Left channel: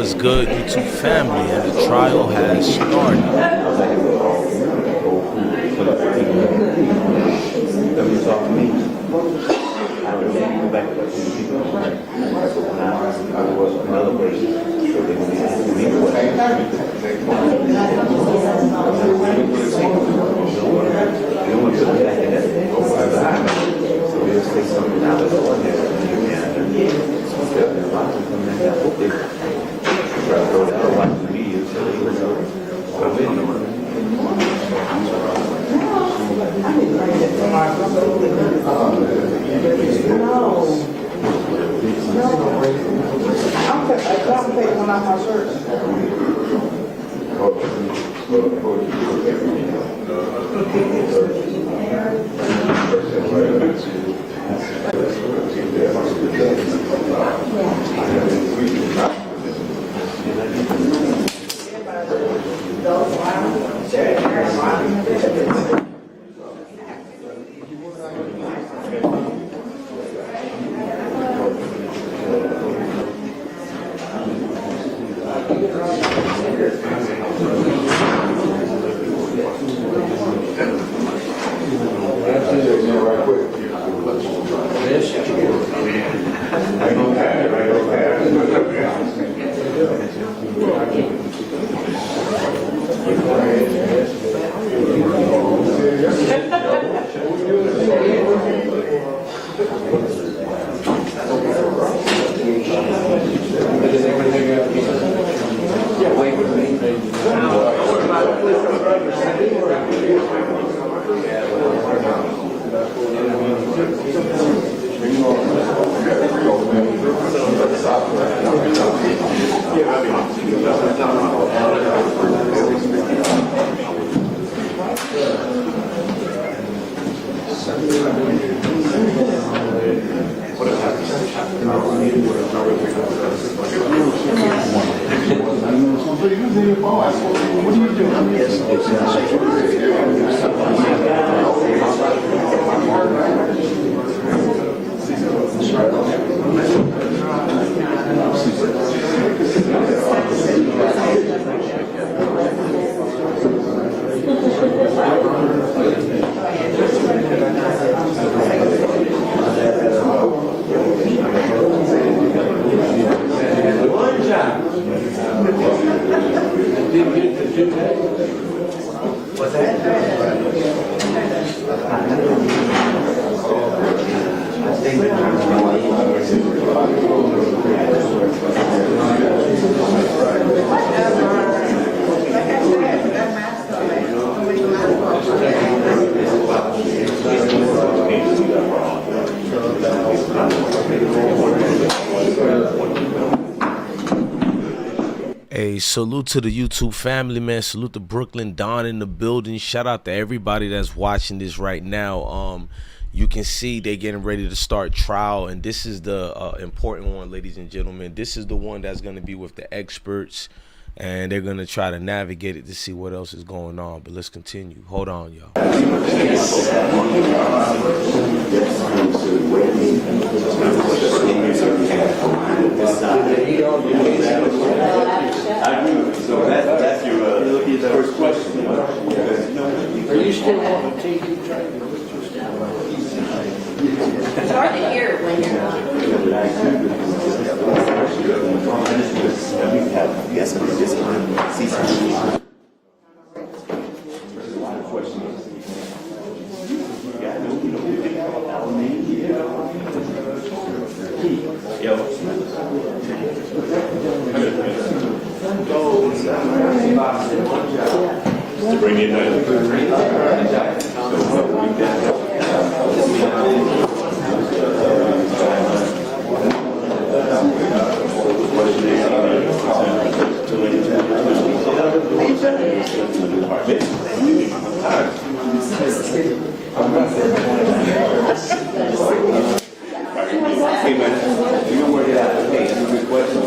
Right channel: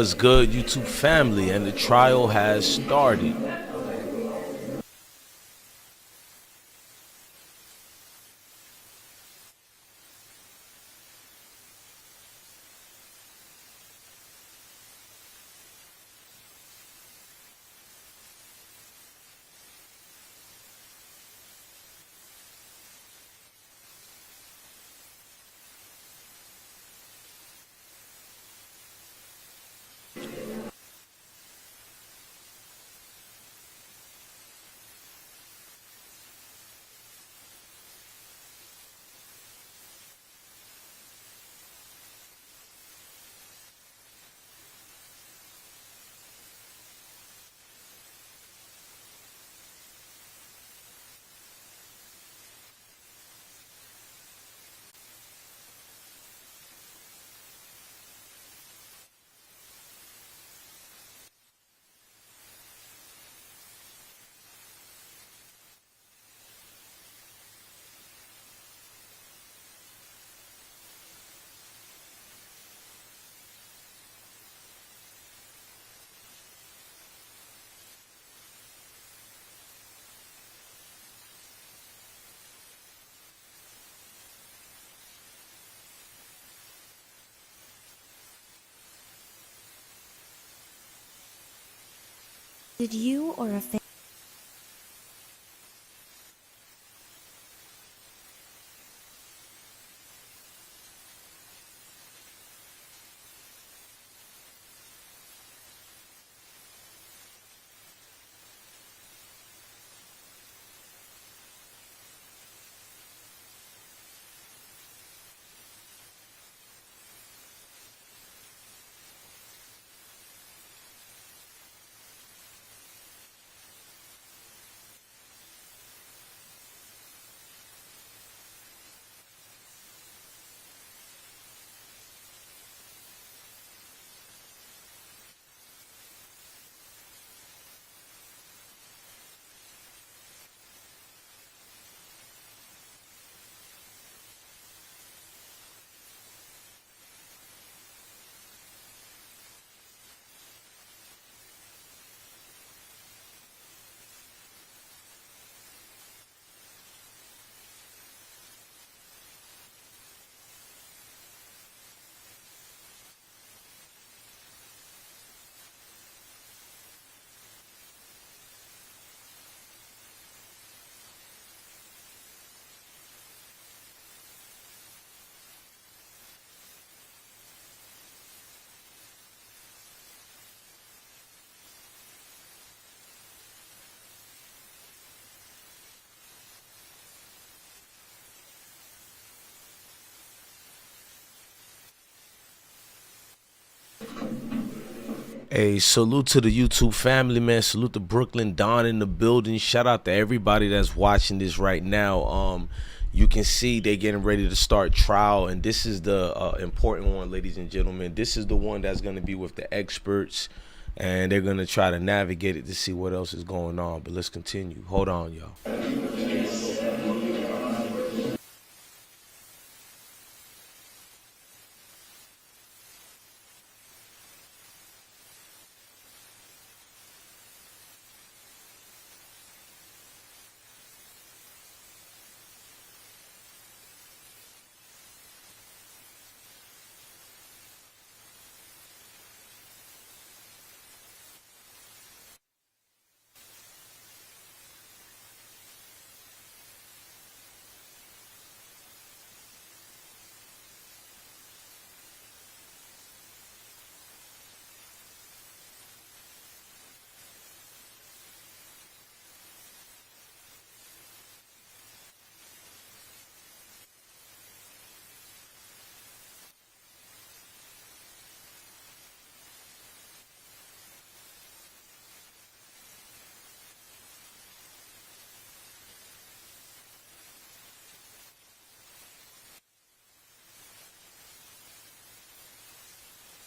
What's good, YouTube family? And the trial has started. Hey, salute to the YouTube family, man. Salute to Brooklyn Don in the building. Shout out to everybody that's watching this right now. You can see they getting ready to start trial, and this is the important one, ladies and gentlemen. This is the one that's going to be with the experts, and they're going to try to navigate it to see what else is going on. But let's continue. Hold on, y'all. So that's your first question. Are you still on TV? It's hard to hear when you're not. Yes, to bring in Hey man, you don't work it out. Hey, that's a good question.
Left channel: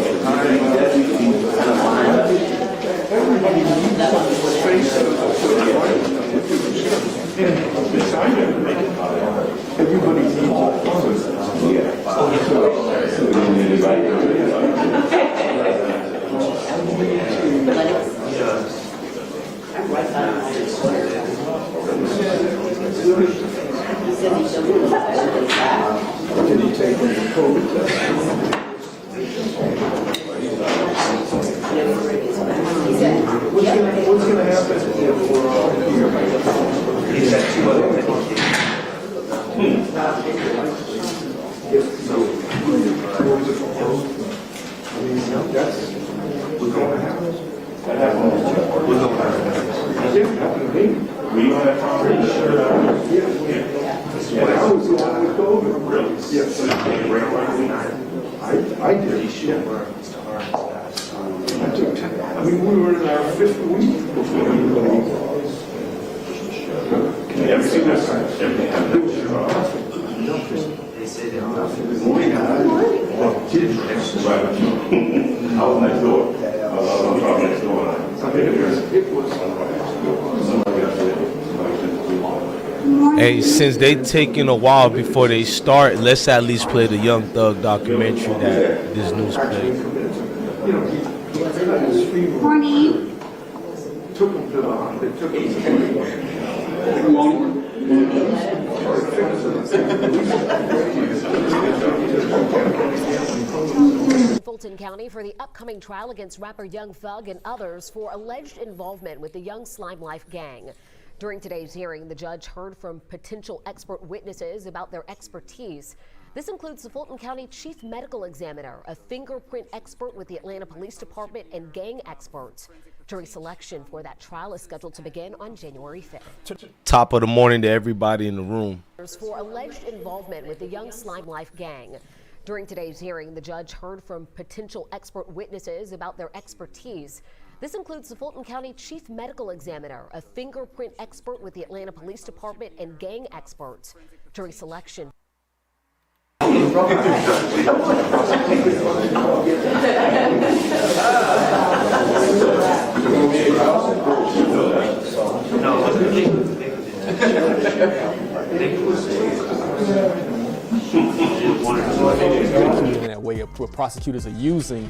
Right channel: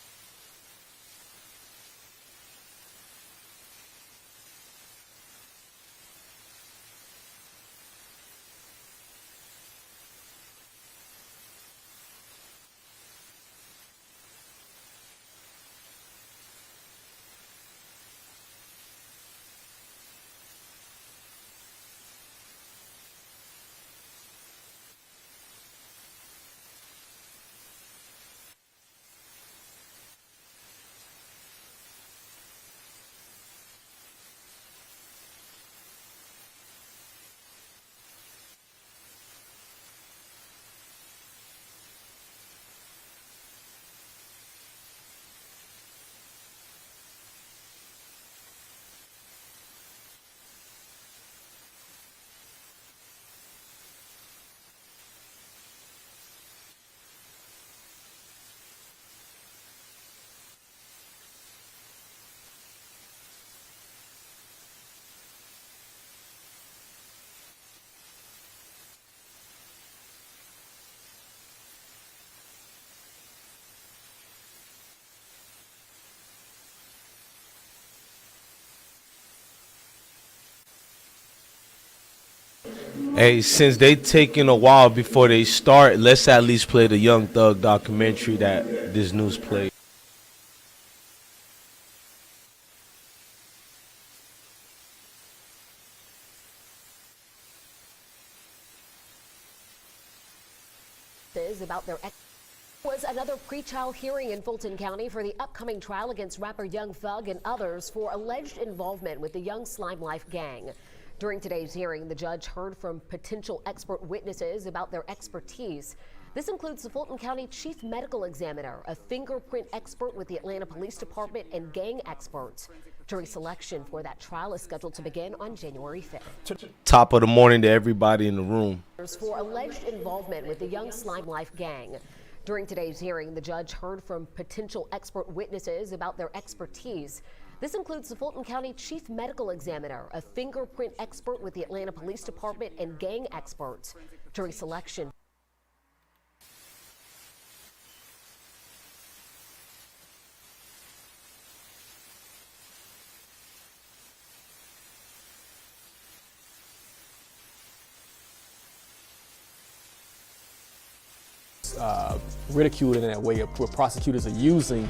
What's going to happen if we're all here? Is that two other things? That's what's going to happen. That happens. What's going to happen? We don't have time. Yeah. I was the one with COVID. Really? Yes. I did. I took 10. I mean, we were in our 5th week before anybody. Everything was they say they're not. Good morning. I was next door. Next door. It was. Hey, since they taking a while before they start, let's at least play the Young Thug documentary that this news played. Morning. In Fulton County for the upcoming trial against rapper Young Thug and others for alleged involvement with the Young Slime Life gang. During today's hearing, the judge heard from potential expert witnesses about their expertise. This includes the Fulton County Chief Medical Examiner, a fingerprint expert with the Atlanta Police Department, and gang experts. Jury selection for that trial is scheduled to begin on January 5th. Top of the morning to everybody in the room. For alleged involvement with the Young Slime Life gang. During today's hearing, the judge heard from potential expert witnesses about their expertise. This includes the Fulton County Chief Medical Examiner, a fingerprint expert with the Atlanta Police Department, and gang experts. Jury selection. Ridiculed in that way of what prosecutors are using.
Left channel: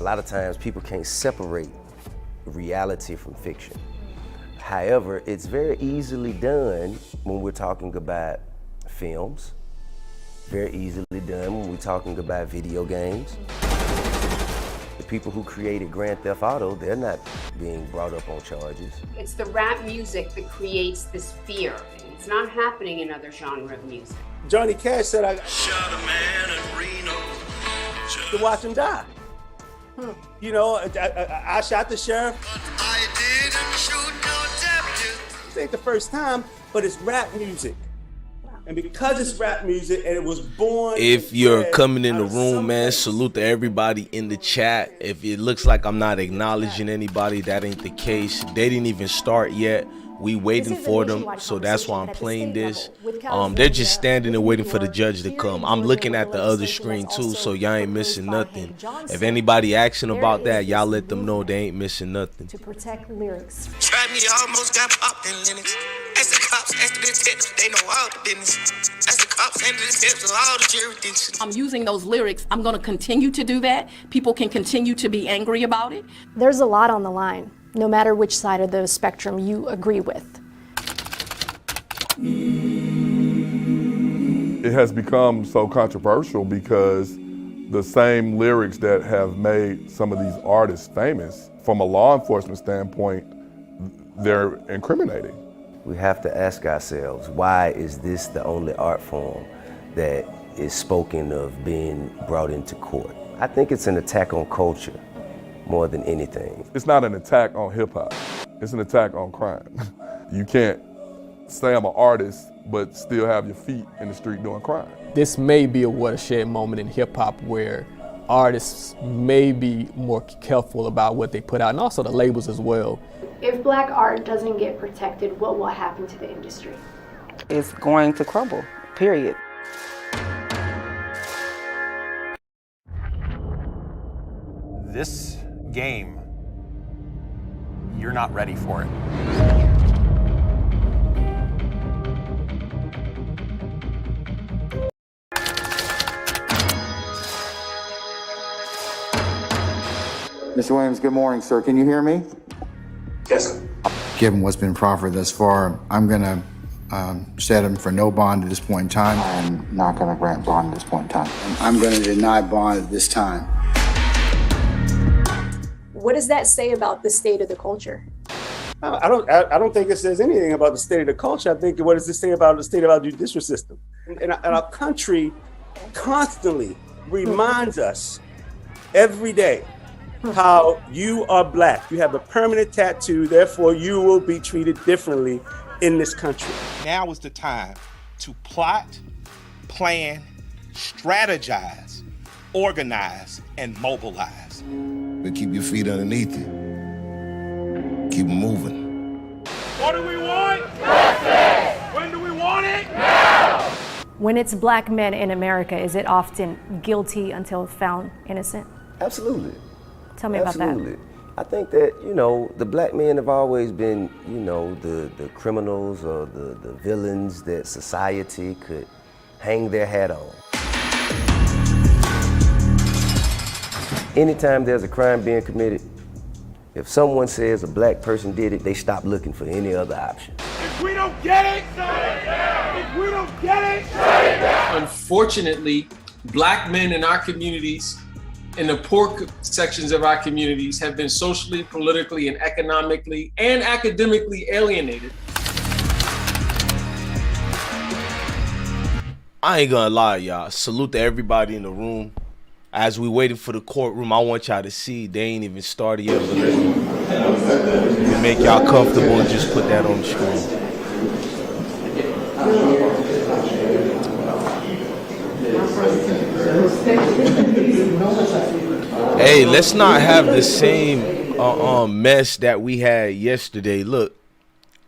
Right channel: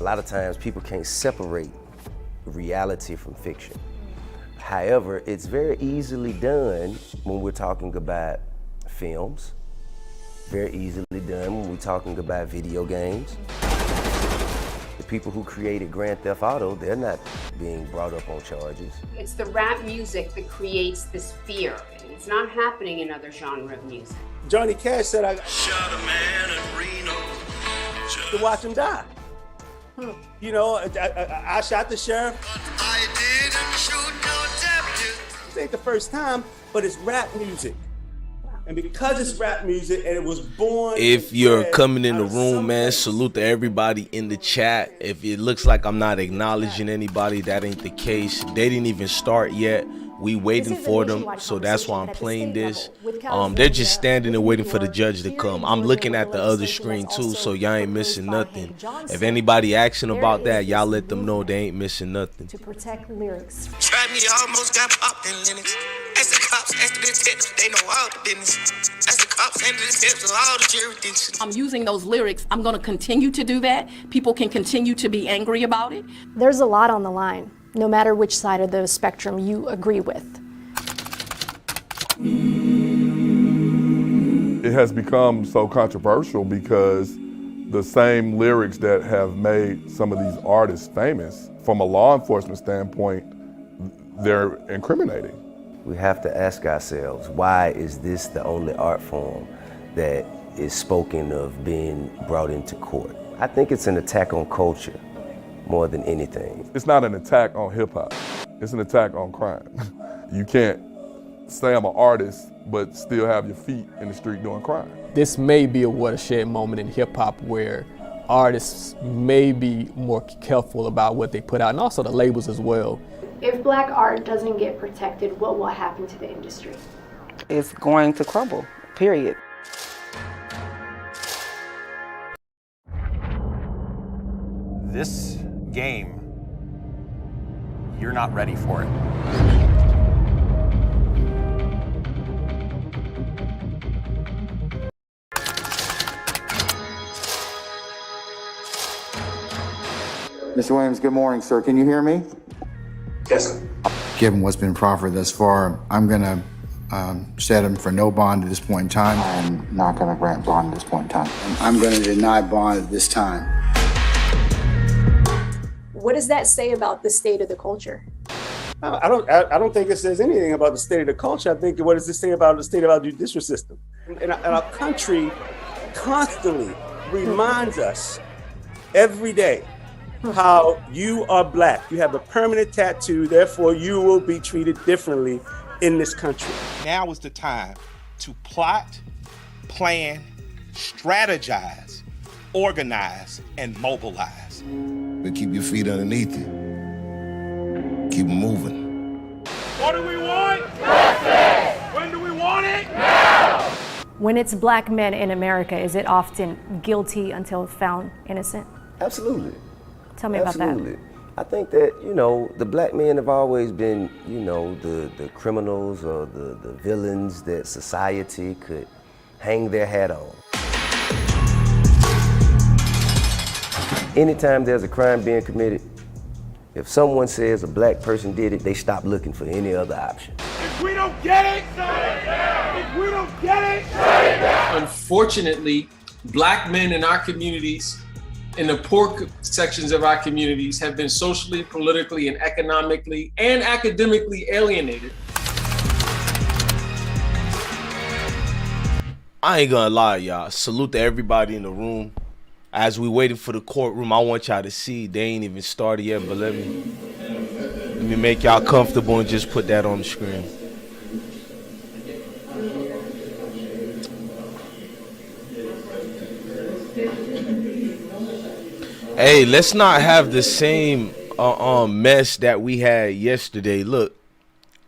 A lot of times people can't separate reality from fiction. However, it's very easily done when we're talking about films, very easily done when we're talking about video games. The people who created Grand Theft Auto, they're not being brought up on charges. It's the rap music that creates this fear. It's not happening in other genre of music. Johnny Cash said, I shot a man in Reno to watch him die. You know, I shot the sheriff. I didn't shoot no deputy. This ain't the first time, but it's rap music. And because it's rap music and it was born. If you're coming in the room, man, salute to everybody in the chat. If it looks like I'm not acknowledging anybody, that ain't the case. They didn't even start yet. We waiting for them, so that's why I'm playing this. They're just standing there waiting for the judge to come. I'm looking at the other screen too, so y'all ain't missing nothing. If anybody asking about that, y'all let them know they ain't missing nothing. To protect lyrics. Tried me, almost got popped in Linux. As the cops, as the detectives, they know all the business. As the cops and the detectives, all the jurisdictions. I'm using those lyrics. I'm going to continue to do that. People can continue to be angry about it. There's a lot on the line, no matter which side of the spectrum you agree with. It has become so controversial because the same lyrics that have made some of these artists famous, from a law enforcement standpoint, they're incriminating. We have to ask ourselves, why is this the only art form that is spoken of being brought into court? I think it's an attack on culture more than anything. It's not an attack on hip hop, it's an attack on crime. You can't say I'm an artist, but still have your feet in the street doing crime. This may be a watershed moment in hip hop where artists may be more careful about what they put out, and also the labels as well. If black art doesn't get protected, what will happen to the industry? It's going to crumble, period. This game, you're not ready for it. Mr. Williams, good morning, sir. Can you hear me? Yes, sir. Given what's been proffered thus far, I'm going to set him for no bond at this point in time. I'm not going to grant bond at this point in time. I'm going to deny bond at this time. What does that say about the state of the culture? I don't think it says anything about the state of the culture. I think what does it say about the state of our judicial system? And our country constantly reminds us every day how you are black. You have a permanent tattoo, therefore you will be treated differently in this country. Now is the time to plot, plan, strategize, organize, and mobilize. But keep your feet underneath you. Keep them moving. What do we want? Justice! When do we want it? Now! When it's black men in America, is it often guilty until found innocent? Absolutely. Tell me about that. Absolutely. I think that, the black men have always been, the criminals or the villains that society could hang their hat on. Anytime there's a crime being committed, if someone says a black person did it, they stop looking for any other option. If we don't get it, shut it down. If we don't get it, shut it down. Unfortunately, black men in our communities, in the poor sections of our communities, have been socially, politically, and economically and academically alienated. I ain't gonna lie, y'all. Salute to everybody in the room. As we waiting for the courtroom, I want y'all to see they ain't even started yet, but let me make y'all comfortable and just put that on the screen. Hey, let's not have the same mess that we had yesterday. Look,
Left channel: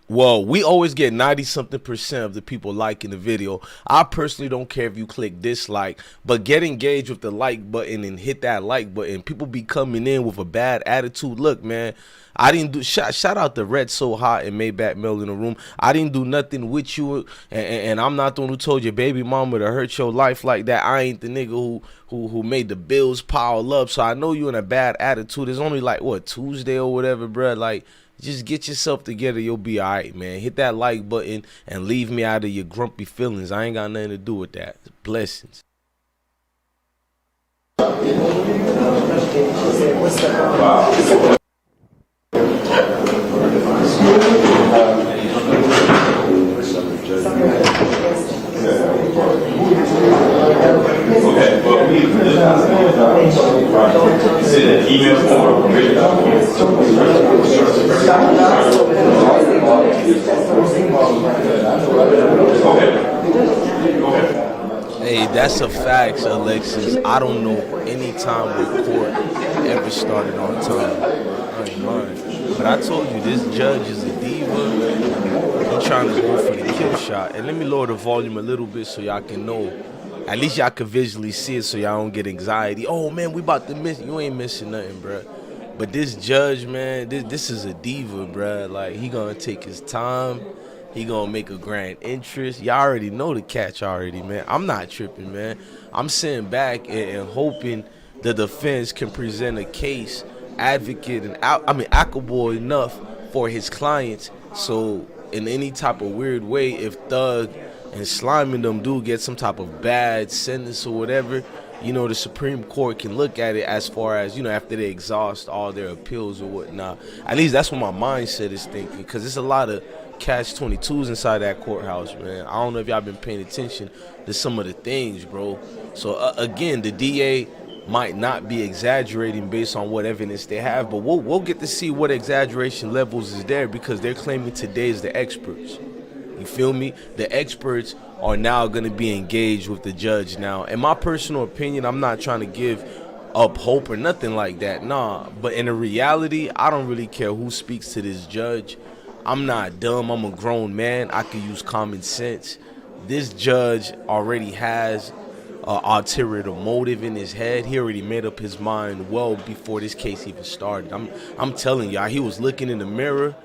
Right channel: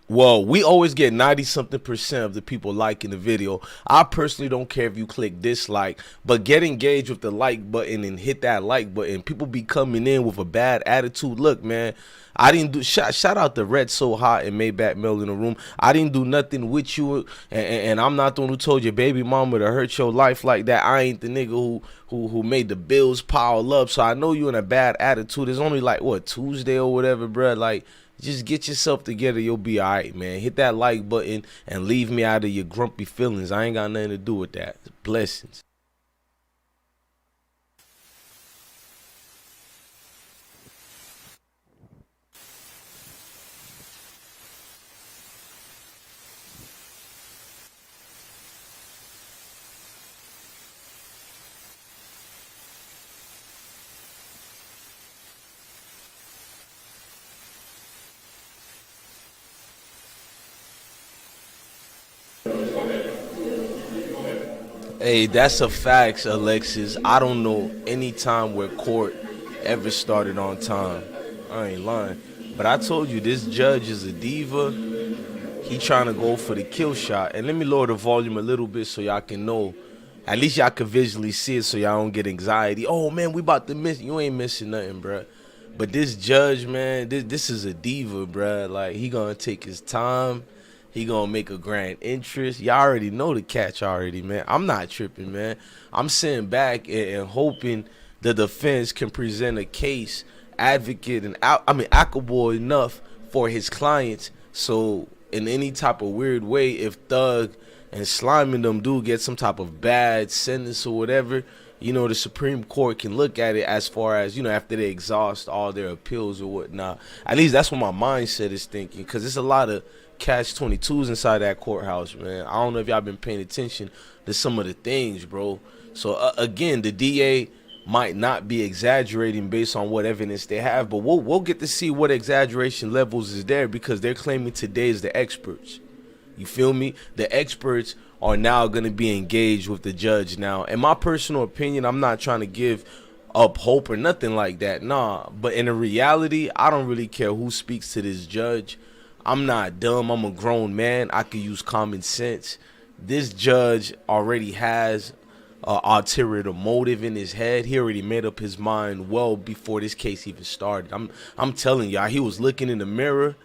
well, we always get 90-something% of the people liking the video. I personally don't care if you click dislike, but get engaged with the like button and hit that like button. People be coming in with a bad attitude. Look, man, I didn't do shout out to Red So Hot and Maybach Mel in the room. I didn't do nothing with you, and I'm not the one who told your baby mama to hurt your life like that. I ain't the nigga who made the bills pile up. So I know you in a bad attitude. It's only like what, Tuesday or whatever, bruh. Like, just get yourself together. You'll be all right, man. Hit that like button and leave me out of your grumpy feelings. I ain't got nothing to do with that. Blessings. Hey, that's a fact, Alexis. I don't know any time where court ever started on time. I ain't lying. But I told you, this judge is a diva. He trying to go for the kill shot. And let me lower the volume a little bit so y'all can know. At least y'all can visually see it so y'all don't get anxiety. Oh, man, we about to miss. You ain't missing nothing, bruh. But this judge, man, this is a diva, bruh. Like, he gonna take his time. He gonna make a grand interest. Y'all already know the catch already, man. I'm not tripping, man. I'm sitting back and hoping the defense can present a case, advocate, and applicable enough for his clients. So in any type of weird way, if Thug and Slime and them do get some type of bad sentence or whatever, the Supreme Court can look at it as far as, after they exhaust all their appeals or whatnot. At least that's what my mindset is thinking, because there's a lot of catch-22s inside that courthouse, man. I don't know if y'all been paying attention to some of the things, bro. So, again, the DA might not be exaggerating based on what evidence they have, but we'll get to see what exaggeration levels is there, because they're claiming today is the experts. You feel me? The experts are now going to be engaged with the judge now. In my personal opinion, I'm not trying to give up hope or nothing like that, nah. But in reality, I don't really care who speaks to this judge. I'm not dumb. I'm a grown man. I can use common sense. This judge already has ulterior motive in his head. He already made up his mind well before this case even started. I'm telling y'all, he was looking in the mirror.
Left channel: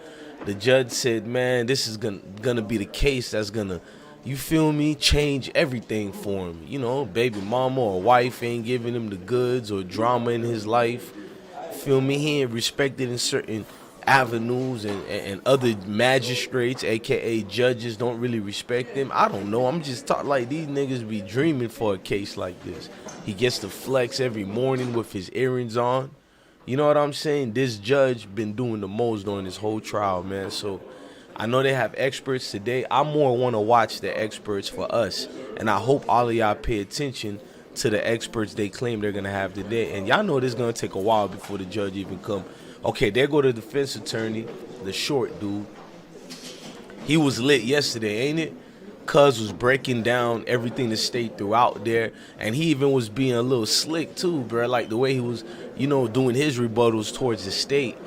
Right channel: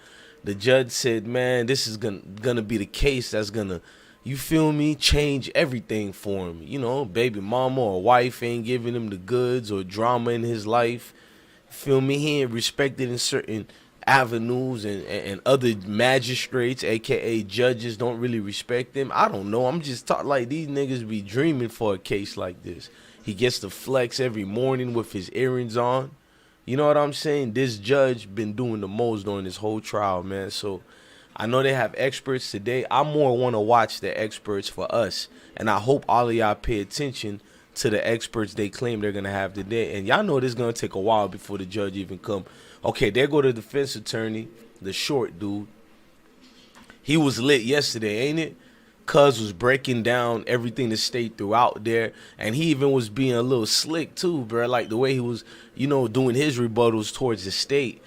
The judge said, man, this is gonna be the case that's gonna, you feel me, change everything for him. Baby mama or wife ain't giving him the goods or drama in his life. Feel me? He ain't respected in certain avenues and other magistrates, aka judges, don't really respect him. I don't know. I'm just talking like these niggas be dreaming for a case like this. He gets to flex every morning with his earrings on. You know what I'm saying? This judge been doing the most during this whole trial, man. So I know they have experts today. I more want to watch the experts for us. And I hope all of y'all pay attention to the experts they claim they're going to have today. And y'all know this is going to take a while before the judge even come. Okay, there go the defense attorney, the short dude. He was lit yesterday, ain't it? Cuz was breaking down everything the state threw out there. And he even was being a little slick too, bro. Like the way he was, you know, doing his rebuttals towards the state.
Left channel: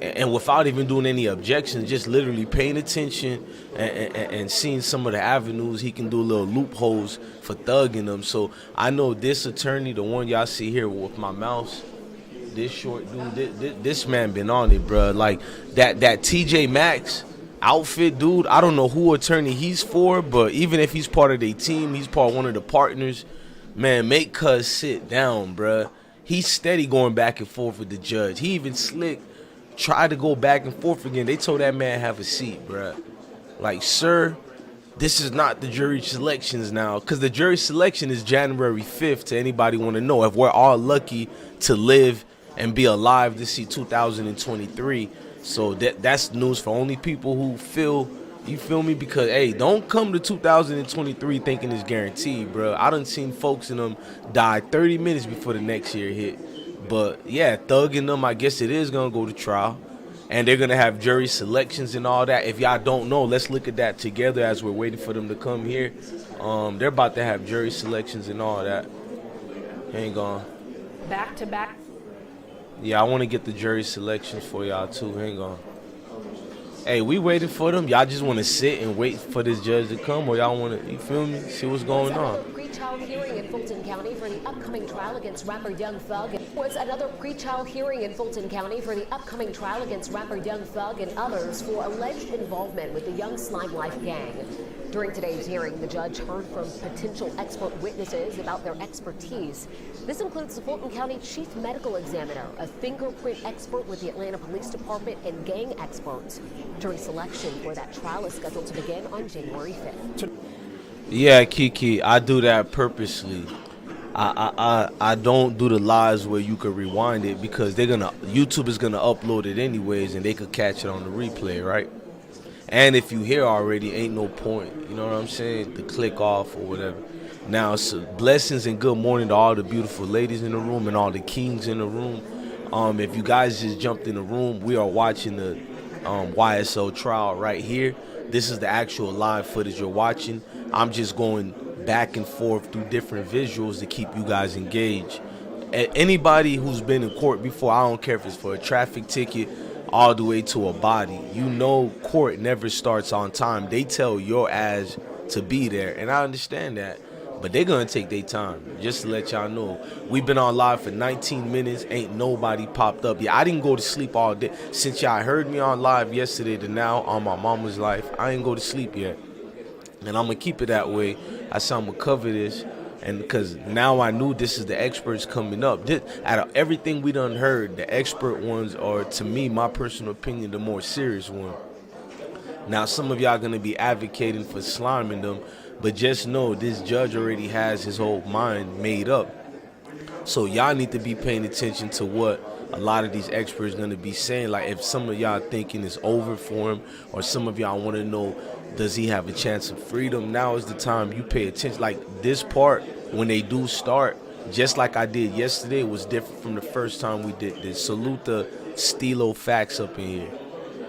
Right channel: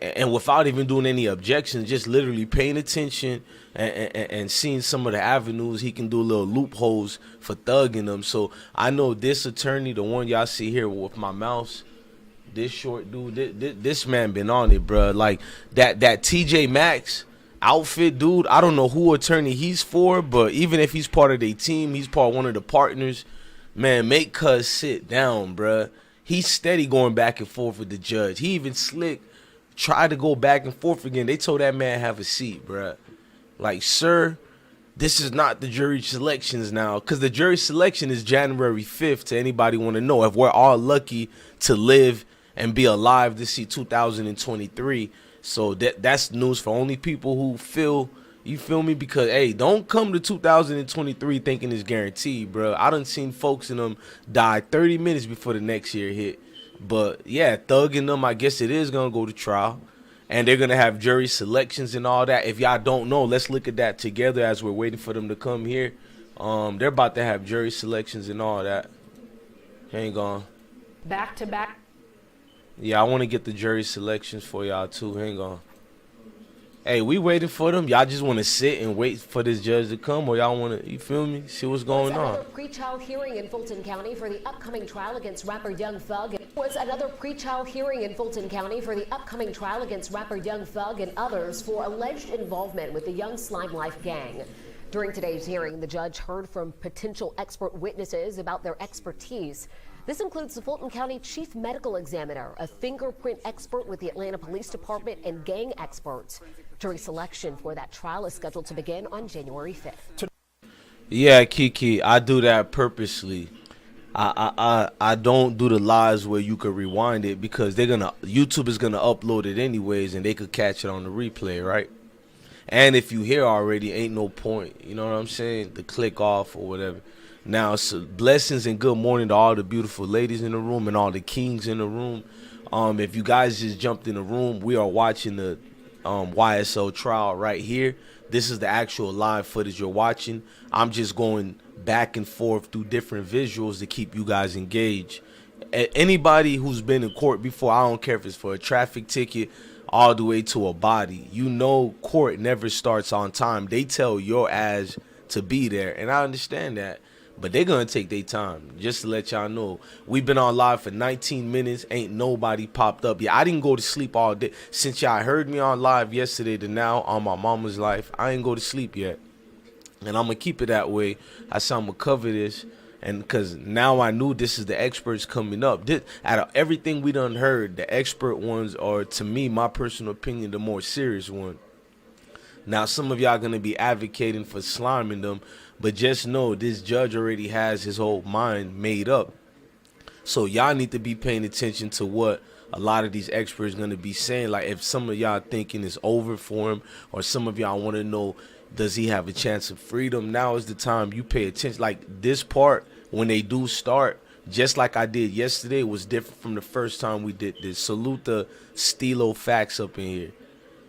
And without even doing any objections, just literally paying attention and seeing some of the avenues he can do little loopholes for thugging them. So I know this attorney, the one y'all see here with my mouse, this short dude, this man been on it, bro. Like that TJ Maxx outfit, dude. I don't know who attorney he's for, but even if he's part of their team, he's part of one of the partners. Man, make Cuz sit down, bro. He's steady going back and forth with the judge. He even slick. Tried to go back and forth again. They told that man have a seat, bruh. Like, sir, this is not the jury selections now. Because the jury selection is January 5th to anybody want to know. If we're all lucky to live and be alive to see 2023. So that's news for only people who feel, you feel me? Because, hey, don't come to 2023 thinking it's guaranteed, bruh. I done seen folks in them die 30 minutes before the next year hit. But, yeah, thugging them, I guess it is going to go to trial. And they're going to have jury selections and all that. If y'all don't know, let's look at that together as we're waiting for them to come here. They're about to have jury selections and all that. Hang on. Back to back. Yeah, I want to get the jury selections for y'all, too. Hang on. Hey, we waiting for them. Y'all just want to sit and wait for this judge to come, or y'all want to, you feel me, see what's going on? Pre-trial hearing in Fulton County for the upcoming trial against rapper Young Thug. Was another pre-trial hearing in Fulton County for the upcoming trial against rapper Young Thug and others for alleged involvement with the Young Slime Life gang. During today's hearing, the judge heard from potential expert witnesses about their expertise. This includes the Fulton County Chief Medical Examiner, a fingerprint expert with the Atlanta Police Department, and gang experts. Jury selection for that trial is scheduled to begin on January 5th. Yeah, Kiki, I do that purposely. I don't do the lives where you could rewind it because YouTube is gonna upload it anyways, and they could catch it on the replay, right? And if you hear already, ain't no point. You know what I'm saying? To click off or whatever. Now, so blessings and good morning to all the beautiful ladies in the room and all the kings in the room. If you guys just jumped in the room, we are watching the YSL trial right here. This is the actual live footage you're watching. I'm just going back and forth through different visuals to keep you guys engaged. Anybody who's been in court before, I don't care if it's for a traffic ticket all the way to a body, you know court never starts on time. They tell your ass to be there, and I understand that. But they're going to take their time, just to let y'all know. We've been on live for 19 minutes. Ain't nobody popped up yet. I didn't go to sleep all day. Since y'all heard me on live yesterday to now on my mama's life, I ain't go to sleep yet. And I'm going to keep it that way. I said I'm going to cover this. And because now I knew this is the experts coming up. Out of everything we done heard, the expert ones are, to me, my personal opinion, the more serious one. Now, some of y'all going to be advocating for sliming them. But just know this judge already has his whole mind made up. So y'all need to be paying attention to what a lot of these experts going to be saying. Like if some of y'all thinking it's over for him, or some of y'all want to know, does he have a chance of freedom? Now is the time you pay attention. Like this part, when they do start, just like I did yesterday, was different from the first time we did this. Salute the Stilo facts up in here.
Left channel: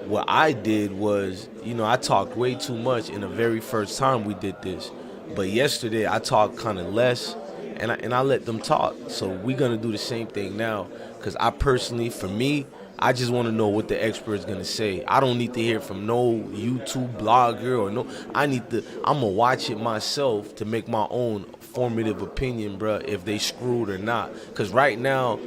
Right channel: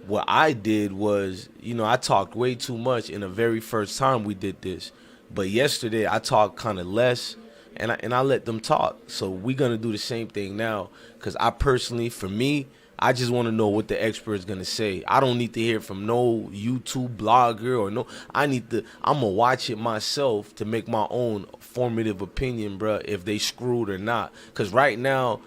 What I did was, you know, I talked way too much in the very first time we did this. But yesterday I talked kind of less, and I let them talk. So we're going to do the same thing now, because I personally, for me, I just want to know what the expert is going to say. I don't need to hear from no YouTube blogger or no. I'm going to watch it myself to make my own formative opinion, bro, if they screwed or not. Because right now,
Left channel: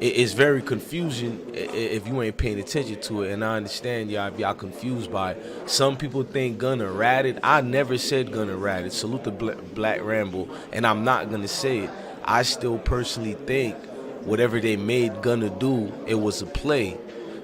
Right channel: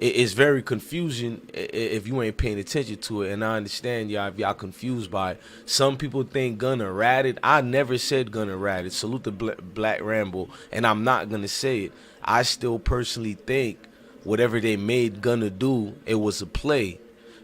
it's very confusing if you ain't paying attention to it, and I understand y'all if y'all confused by it. Some people think Gunna ratted. I never said Gunna ratted. Salute the Black Ramble, and I'm not gonna say it. I still personally think whatever they made Gunna do, it was a play.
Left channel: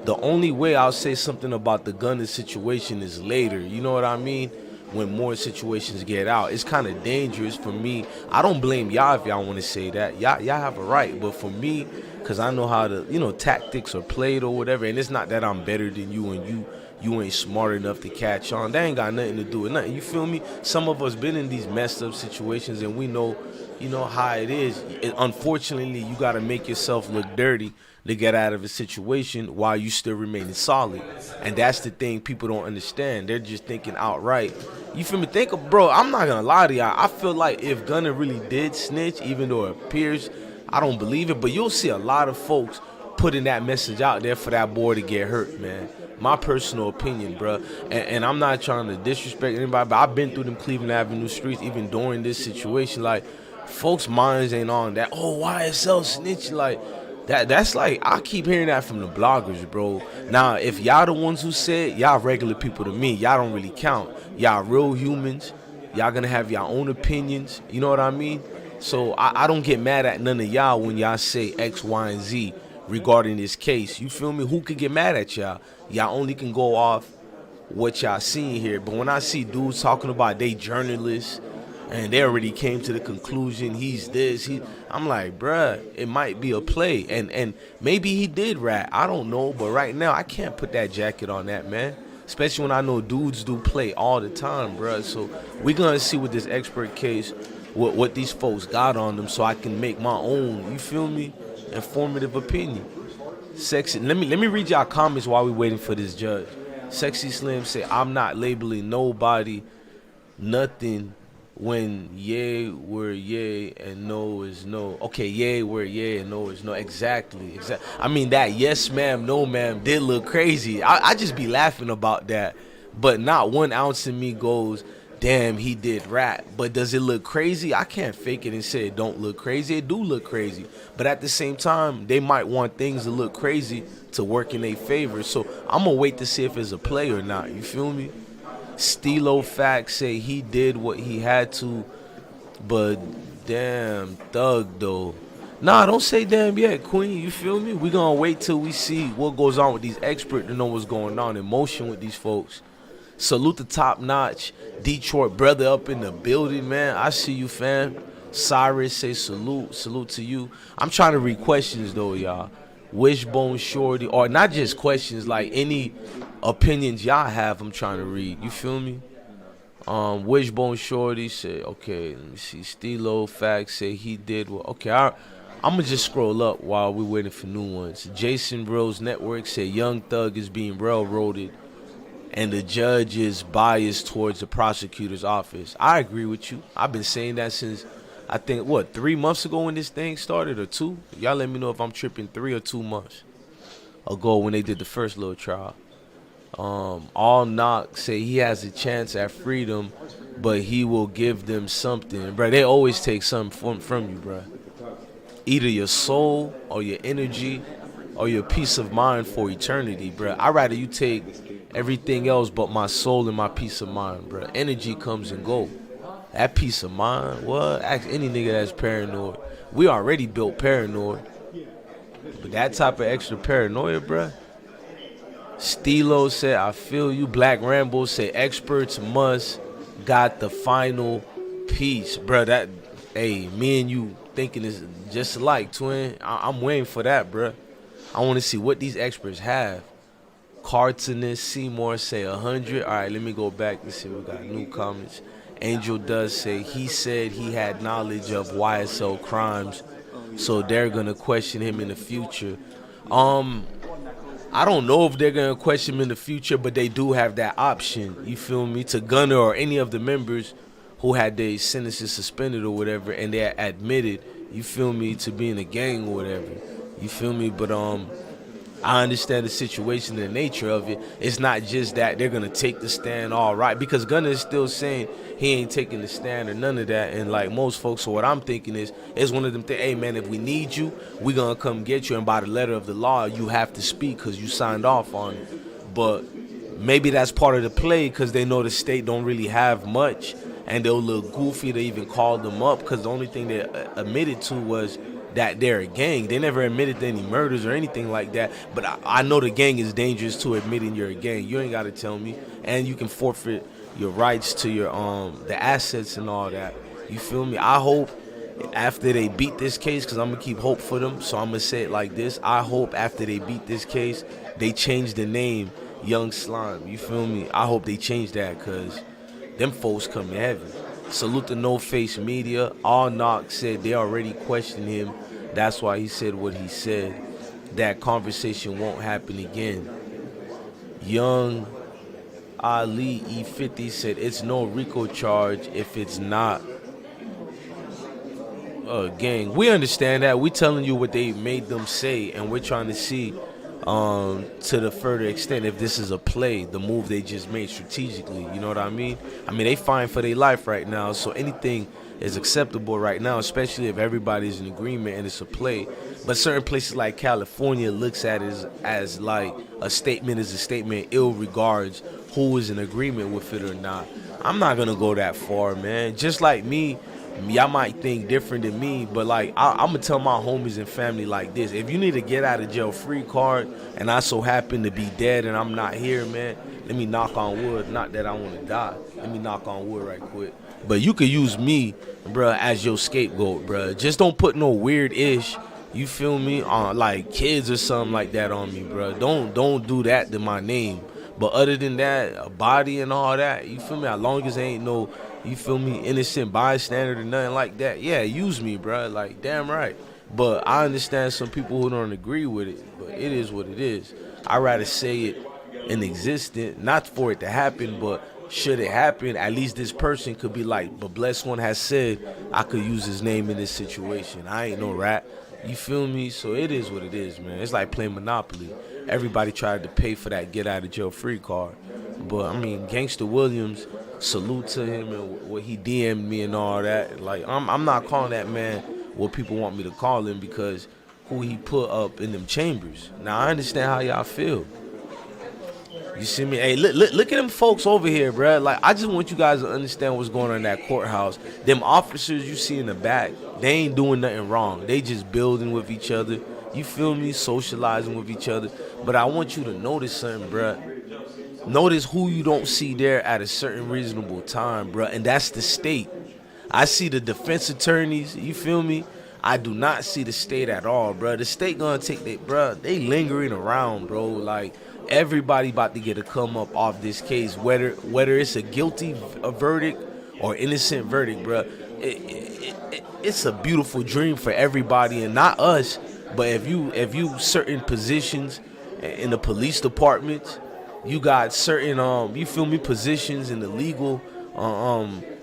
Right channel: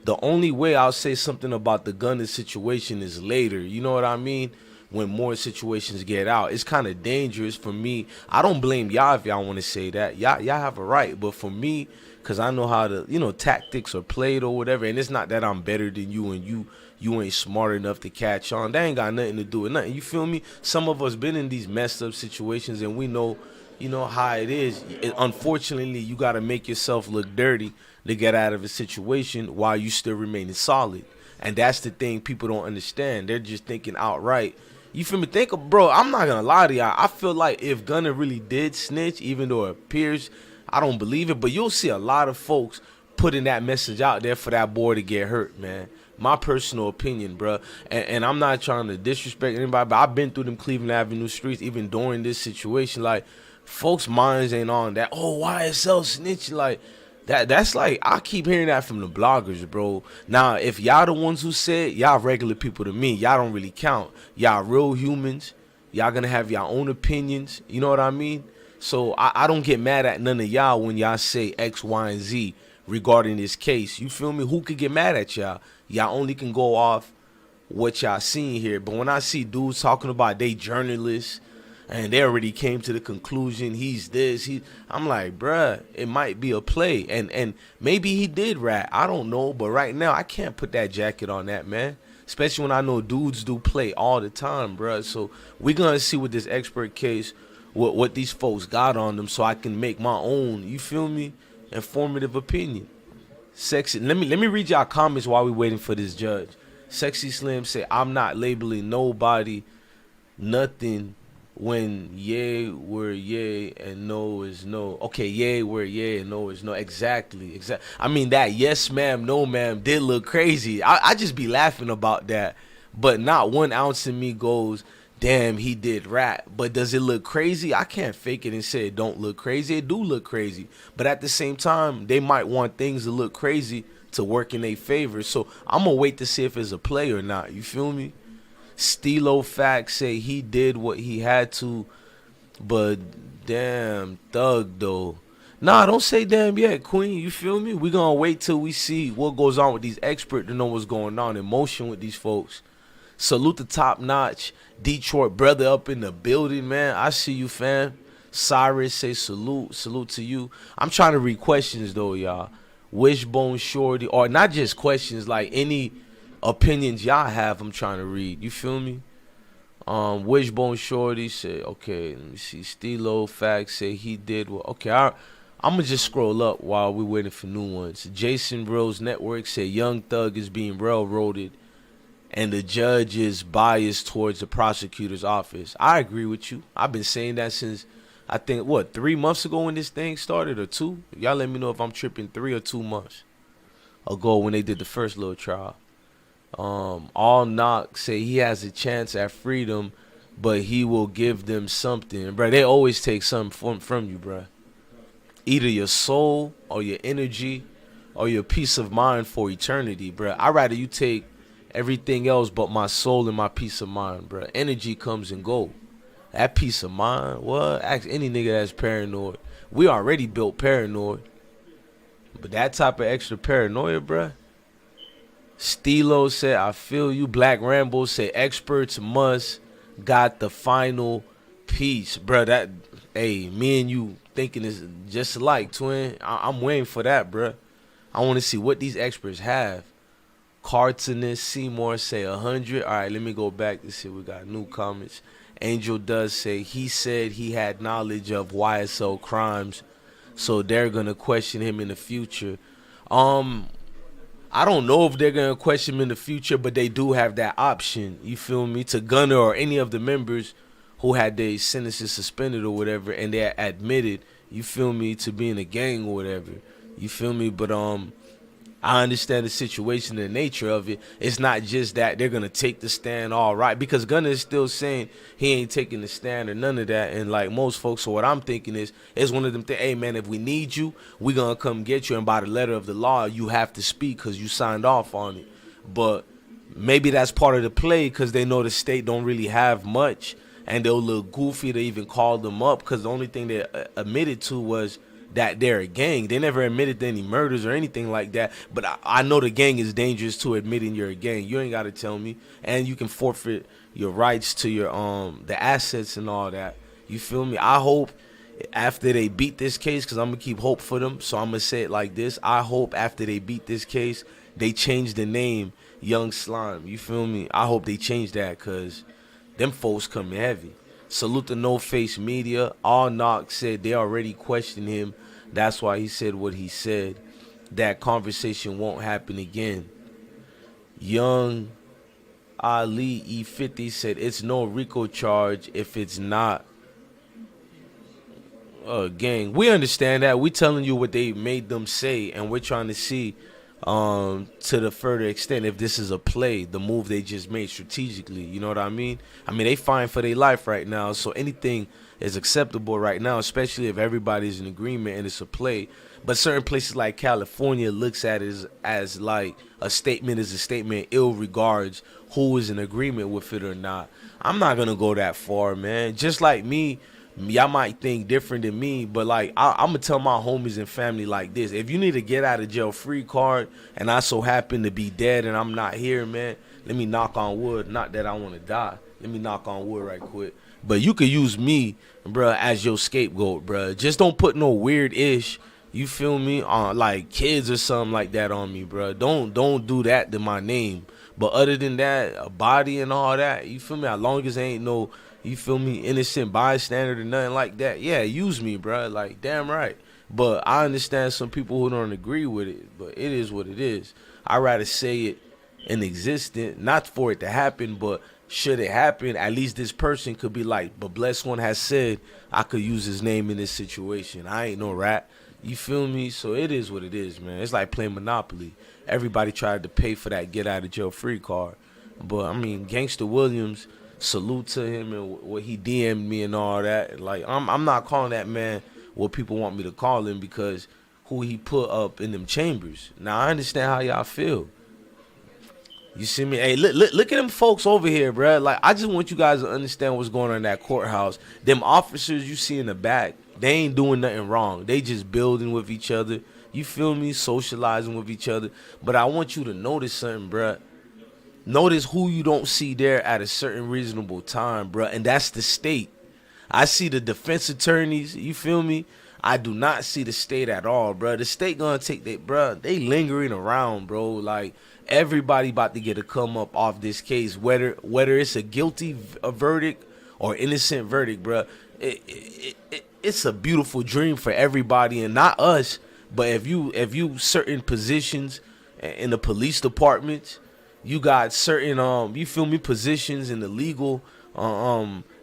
The only way I'll say something about the Gunna situation is later. You know what I mean? When more situations get out, it's kind of dangerous for me. I don't blame y'all if y'all want to say that. Y'all have a right, but for me, because I know how the tactics are played or whatever, and it's not that I'm better than you and you ain't smart enough to catch on. That ain't got nothing to do with nothing. You feel me? Some of us been in these messed up situations, and we know, how it is. Unfortunately, you got to make yourself look dirty to get out of a situation while you still remaining solid. And that's the thing people don't understand. They're just thinking outright. You feel me? Bro, I'm not gonna lie to y'all. I feel like if Gunna really did snitch, even though it appears, I don't believe it, but you'll see a lot of folks putting that message out there for that boy to get hurt, man. My personal opinion, bro. And I'm not trying to disrespect anybody, but I've been through them Cleveland Avenue streets, even during this situation. Like, folks' minds ain't on that. Oh, YSL snitching, like. That's like, I keep hearing that from the bloggers, bro. Now, if y'all the ones who said, y'all regular people to me, y'all don't really count. Y'all real humans. Y'all gonna have your own opinions. You know what I mean? So I don't get mad at none of y'all when y'all say X, Y, and Z regarding this case. You feel me? Who could get mad at y'all? Y'all only can go off what y'all seen here. But when I see dudes talking about they journalists, and they already came to the conclusion he's this, I'm like, bruh, it might be a play. And maybe he did rat. I don't know. But right now, I can't put that jacket on that, man. Especially when I know dudes do play all the time, bruh. So we're going to see with this expert case, what these folks got on them, so I can make my own, you feel me, informative opinion. Sexy. Let me read y'all comments while we waiting for this judge. Sexy Slim say, I'm not labeling nobody nothing when yay where yay and no is no. Okay, yay where yay and no is no. Exactly. I mean, that yes ma'am, no ma'am did look crazy. I just be laughing about that. But not 1 ounce in me goes, damn, he did rap. But does it look crazy? I can't fake it and say it don't look crazy. It do look crazy. But at the same time, they might want things to look crazy to work in their favor. So I'm going to wait to see if it's a play or not. You feel me? Stilo Facts say he did what he had to, but damn, Thug though. Nah, don't say damn yet, Queen. You feel me? We gonna wait till we see what goes on with these experts to know what's going on in motion with these folks. Salute the top notch Detroit brother up in the building, man. I see you, fam. Cyrus say salute to you. I'm trying to read questions though, y'all. Wishbone Shorty, or not just questions, like any opinions y'all have, I'm trying to read. You feel me? Wishbone Shorty say, okay, let me see. Stilo Facts say he did what. Okay, I'm gonna just scroll up while we're waiting for new ones. Jason Rose Network say Young Thug is being railroaded and the judge is biased towards the prosecutor's office. I agree with you. I've been saying that since, I think, 3 months ago when this thing started, or 2? Y'all let me know if I'm tripping. 3 or 2 months ago when they did the first little trial. All Knock say he has a chance at freedom, but he will give them something. Bro, they always take something from you, bro. Either your soul or your energy or your peace of mind for eternity, bro. I'd rather you take everything else but my soul and my peace of mind, bro. Energy comes and go. That peace of mind, what? Ask any nigga that's paranoid. We already built paranoid. But that type of extra paranoia, bro. Stilo said, I feel you. Black Rambo said, experts must got the final piece. Bro, that, hey, me and you thinking is just alike, twin. I'm waiting for that, bro. I want to see what these experts have. Cartoonist Seymour say 100. All right, let me go back to see. We got new comments. Angel does say he said he had knowledge of YSL crimes, so they're going to question him in the future. I don't know if they're going to question him in the future, but they do have that option, you feel me, to Gunna or any of the members who had their sentences suspended or whatever, and they admitted, you feel me, to being a gang or whatever, you feel me, but I understand the situation and the nature of it. It's not just that they're going to take the stand all right, because Gunna is still saying he ain't taking the stand or none of that. And like most folks, so what I'm thinking is one of them things, hey, man, if we need you, we're going to come get you. And by the letter of the law, you have to speak because you signed off on it. But maybe that's part of the play because they know the state don't really have much. And they'll look goofy to even call them up because the only thing they admitted to was that they're a gang. They never admitted to any murders or anything like that. But I know the gang is dangerous to admitting you're a gang. You ain't got to tell me. And you can forfeit your rights to your the assets and all that. You feel me? I hope after they beat this case, because I'm going to keep hope for them, so I'm going to say it like this. I hope after they beat this case, they change the name Young Slime. You feel me? I hope they change that, because them folks coming heavy. Salute the No Face Media. All Knock said they already questioned him. That's why he said what he said. That conversation won't happen again. Young Ali E50 said it's no RICO charge if it's not a gang. We understand that. We telling you what they made them say, and we're trying to see to the further extent if this is a play, the move they just made strategically. You know what I mean? I mean, they fighting for their life right now, so anything is acceptable right now, especially if everybody's in agreement and it's a play. But certain places like California looks at it as like a statement is a statement, ill regards who is in agreement with it or not. I'm not gonna go that far, man. Just like me, y'all might think different than me, but like I'm gonna tell my homies and family like this: if you need a get out of jail free card, and I so happen to be dead and I'm not here, man, let me knock on wood. Not that I want to die. Let me knock on wood right quick. But you could use me, bruh, as your scapegoat, bruh. Just don't put no weird ish, you feel me, on like kids or something like that on me, bruh. Don't do that to my name. But other than that, a body and all that, you feel me? As long as there ain't no, you feel me, innocent bystander or nothing like that, yeah, use me, bruh. Like, damn right. But I understand some people who don't agree with it, but it is what it is. I'd rather say it in existence, not for it to happen, but should it happen, at least this person could be like, but Blessed One has said I could use his name in this situation. I ain't no rat. You feel me? So it is what it is, man. It's like playing Monopoly. Everybody tried to pay for that get out of jail free card. But I mean, Gangsta Williams, salute to him and what he DM'd me and all that. Like, I'm not calling that man what people want me to call him, because who he put up in them chambers. Now I understand how y'all feel. You see me? Hey, look at them folks over here, bruh. Like, I just want you guys to understand what's going on in that courthouse. Them officers you see in the back, they ain't doing nothing wrong. They just building with each other. You feel me? Socializing with each other. But I want you to notice something, bruh. Notice who you don't see there at a certain reasonable time, bruh. And that's the state. I see the defense attorneys. You feel me? I do not see the state at all, bruh. The state gonna take that, bruh. They lingering around, bro. Like, everybody about to get a come up off this case, whether it's a guilty verdict or innocent verdict, bruh. It's a beautiful dream for everybody, and not us, but if you certain positions in the police department, you got certain you feel me, positions in the legal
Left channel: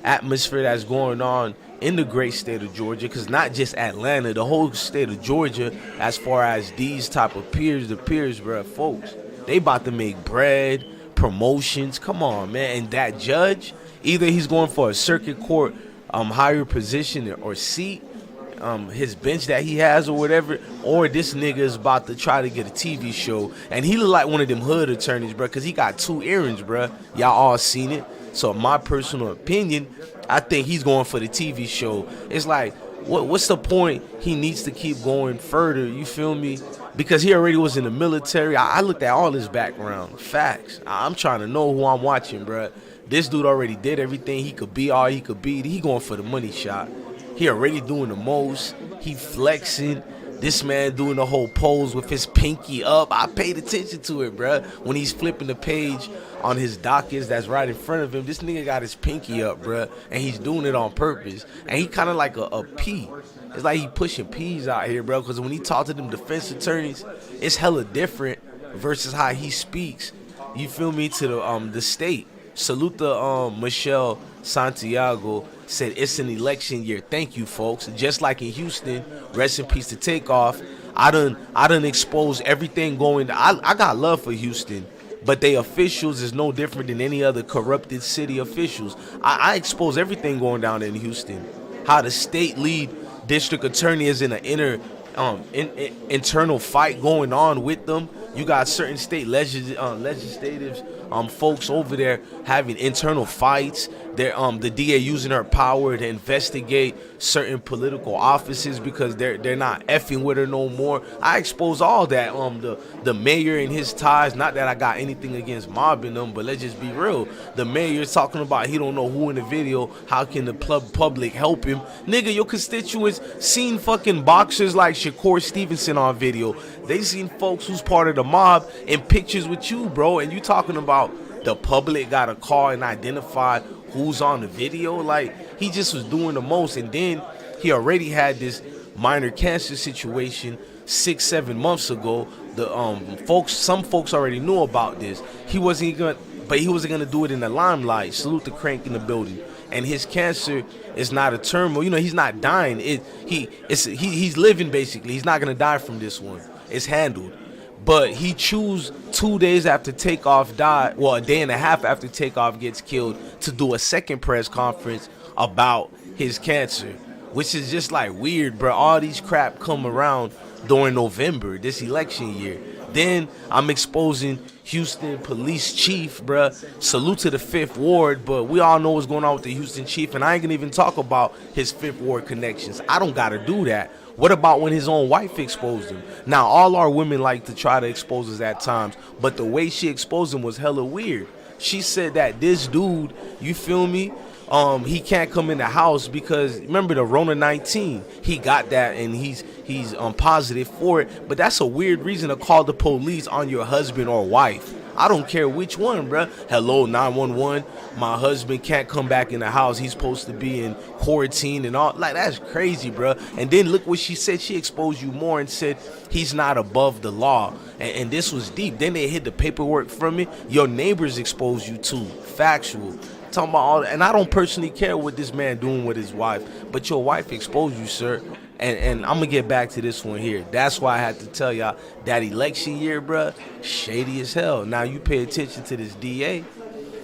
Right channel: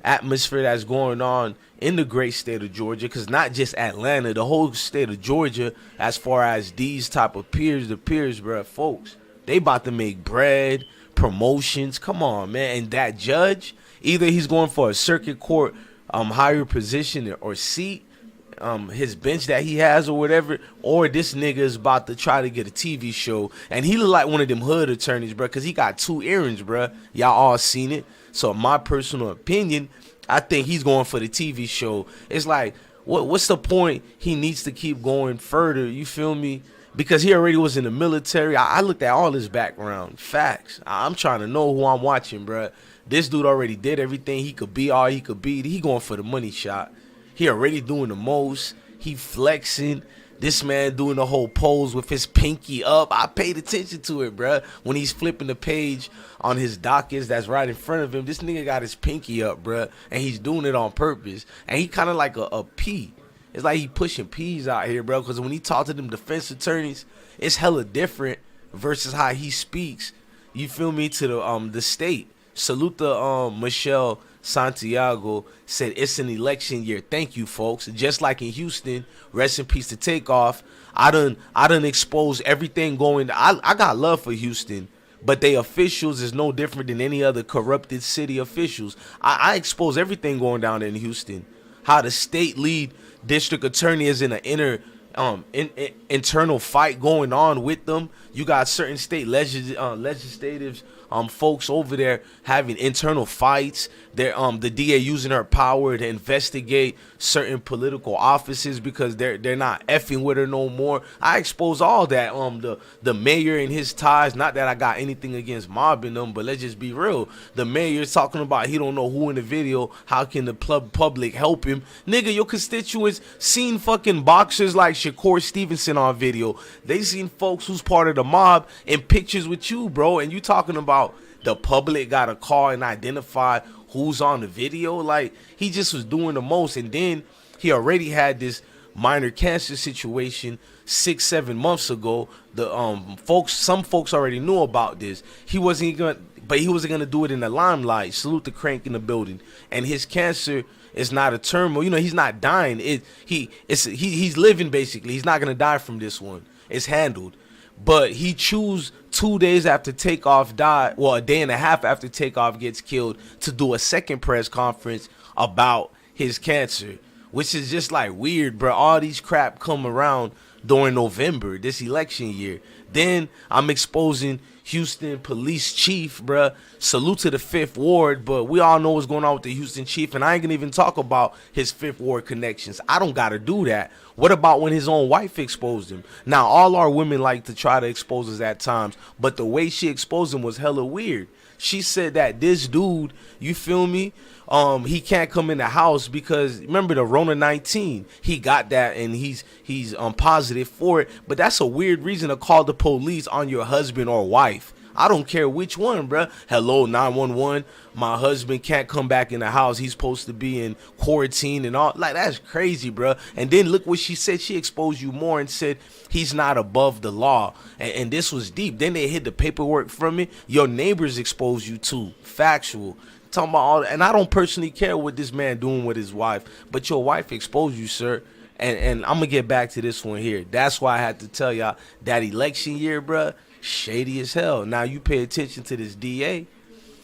atmosphere that's going on in the great state of Georgia, because not just Atlanta, the whole state of Georgia, as far as these type of peers, bruh, folks, they about to make bread, promotions. Come on, man. And that judge, either he's going for a circuit court higher position or seat, his bench that he has or whatever, or this nigga is about to try to get a TV show. And he look like one of them hood attorneys, bro, because he got 2 earrings, bro. Y'all all seen it. So in my personal opinion, I think he's going for the TV show. It's like, what's the point? He needs to keep going further, you feel me? Because he already was in the military. I looked at all his background. Facts. I'm trying to know who I'm watching, bro. This dude already did everything he could be, all he could be. He going for the money shot. He already doing the most. He flexing. This man doing the whole pose with his pinky up. I paid attention to it, bro. When he's flipping the page on his dockets that's right in front of him, this nigga got his pinky up, bro. And he's doing it on purpose. And he kind of like a P. It's like he pushing P's out here, bro. Because when he talk to them defense attorneys, it's hella different versus how he speaks. You feel me? To the state. Salute the Michelle Santiago said it's an election year. Thank you, folks. Just like in Houston, rest in peace to Takeoff. I done exposed everything going. I got love for Houston, but they officials is no different than any other corrupted city officials. I expose everything going down in Houston. How the state lead district attorney is in an internal fight going on with them. You got certain state legislators folks over there having internal fights. They're the DA using her power to investigate certain political offices because they're not effing with her no more. I expose all that. The mayor and his ties. Not that I got anything against mobbing them, but let's just be real. The mayor's talking about he don't know who in the video. How can the public help him? Nigga, your constituents seen fucking boxers like Shakur Stevenson on video. They seen folks who's part of the mob in pictures with you, bro. And you talking about the public got to call and identify who's on the video. Like, he just was doing the most. And then he already had this minor cancer situation 6-7 months ago. The some folks already knew about this. He wasn't gonna do it in the limelight. Salute the Crank in the building. And his cancer is not a terminal. You know, he's not dying. He's living basically. He's not gonna die from this one. It's handled. But he chose 2 days after Takeoff died, well, a day and a half after Takeoff gets killed, to do a second press conference about his cancer, which is just like weird, bro. All these crap come around during November, this election year. Then I'm exposing Houston police chief, bruh. Salute to the 5th Ward, but we all know what's going on with the Houston chief, and I ain't gonna even talk about his 5th Ward connections. I don't gotta do that. What about when his own wife exposed him? Now, all our women like to try to expose us at times, but the way she exposed him was hella weird. She said that this dude, you feel me, he can't come in the house because, remember the Rona 19, he got that and he's positive for it. But that's a weird reason to call the police on your husband or wife. I don't care which one, bruh. Hello, 911. My husband can't come back in the house. He's supposed to be in quarantine and all. Like, that's crazy, bruh. And then look what she said. She exposed you more and said he's not above the law. And this was deep. Then they hid the paperwork from it. Your neighbors exposed you too. Factual. Talking about all that. And I don't personally care what this man doing with his wife, but your wife exposed you, sir. And I'm gonna get back to this one here. That's why I had to tell y'all that election year, bruh, shady as hell. Now you pay attention to this DA.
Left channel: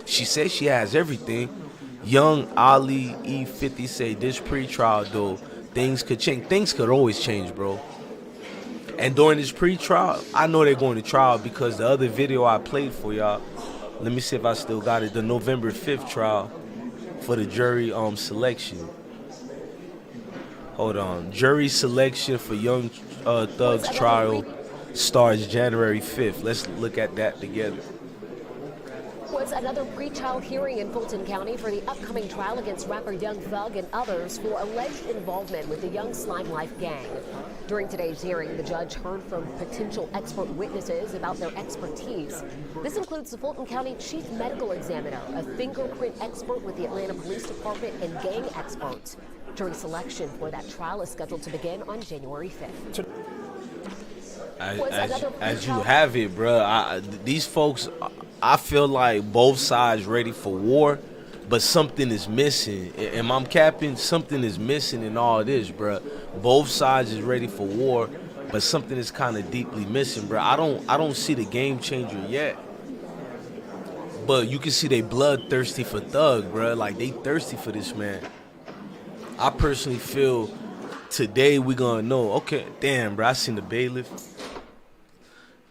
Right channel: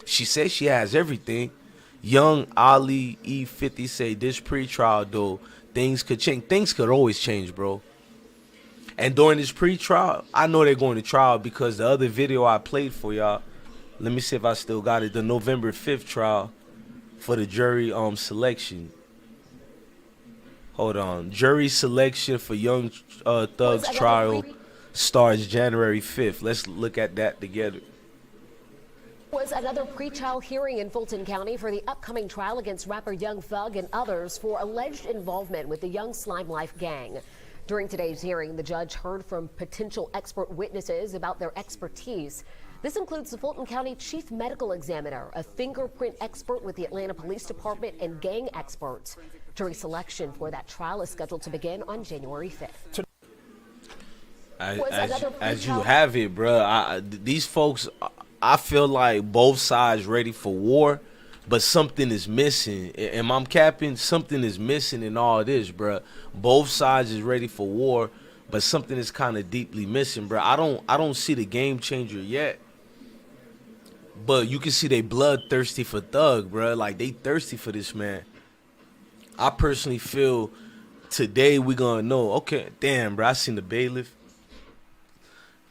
She says she has everything. Young Ali E50 say this pre-trial though, things could change. Things could always change, bro. And during this pre-trial, I know they're going to trial because the other video I played for y'all, let me see if I still got it, the November 5th trial for the jury selection. Hold on. Jury selection for Young Thug's trial starts January 5th. Let's look at that together. Was another pre-trial hearing in Fulton County for the upcoming trial against rapper Young Thug and others for alleged involvement with the Young Slime Life gang. During today's hearing, the judge heard from potential expert witnesses about their expertise. This includes the Fulton County Chief Medical Examiner, a fingerprint expert with the Atlanta Police Department, and gang experts. Jury selection for that trial is scheduled to begin on January 5th. As you have it, bro, these folks, I feel like both sides ready for war, but something is missing. Am I capping? Something is missing in all this, bro. Both sides is ready for war, but something is kind of deeply missing, bro. I don't see the game changer yet, but you can see they bloodthirsty for Thug, bro. Like, they thirsty for this man. I personally feel today we gonna know. Okay, damn, bro. I seen the bailiff.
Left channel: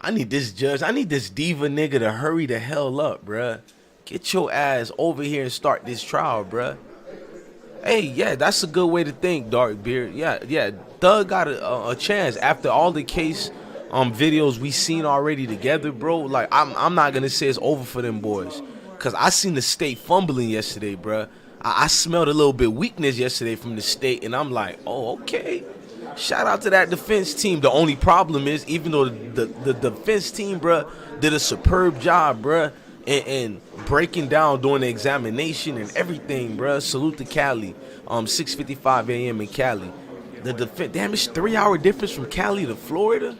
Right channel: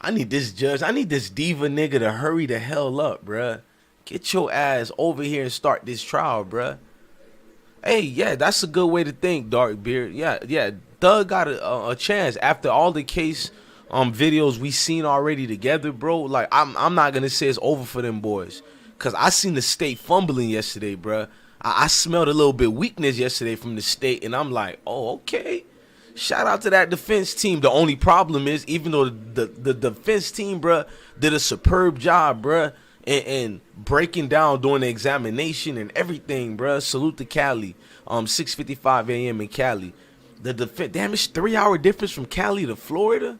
I need this judge. I need this diva nigga to hurry the hell up, bruh. Get your ass over here and start this trial, bruh. Hey, yeah, that's a good way to think, Darkbeard. Yeah. Thug got a chance after all the case videos we seen already together, bro. Like, I'm not gonna say it's over for them boys, cause I seen the state fumbling yesterday, bruh. I smelled a little bit weakness yesterday from the state, and I'm like, oh, okay. Shout out to that defense team. The only problem is, even though the defense team, bruh, did a superb job, bruh, and breaking down during the examination and everything, bruh. Salute to Cali. 6:55 a.m. in Cali. The defense, damn, it's 3-hour difference from Cali to Florida.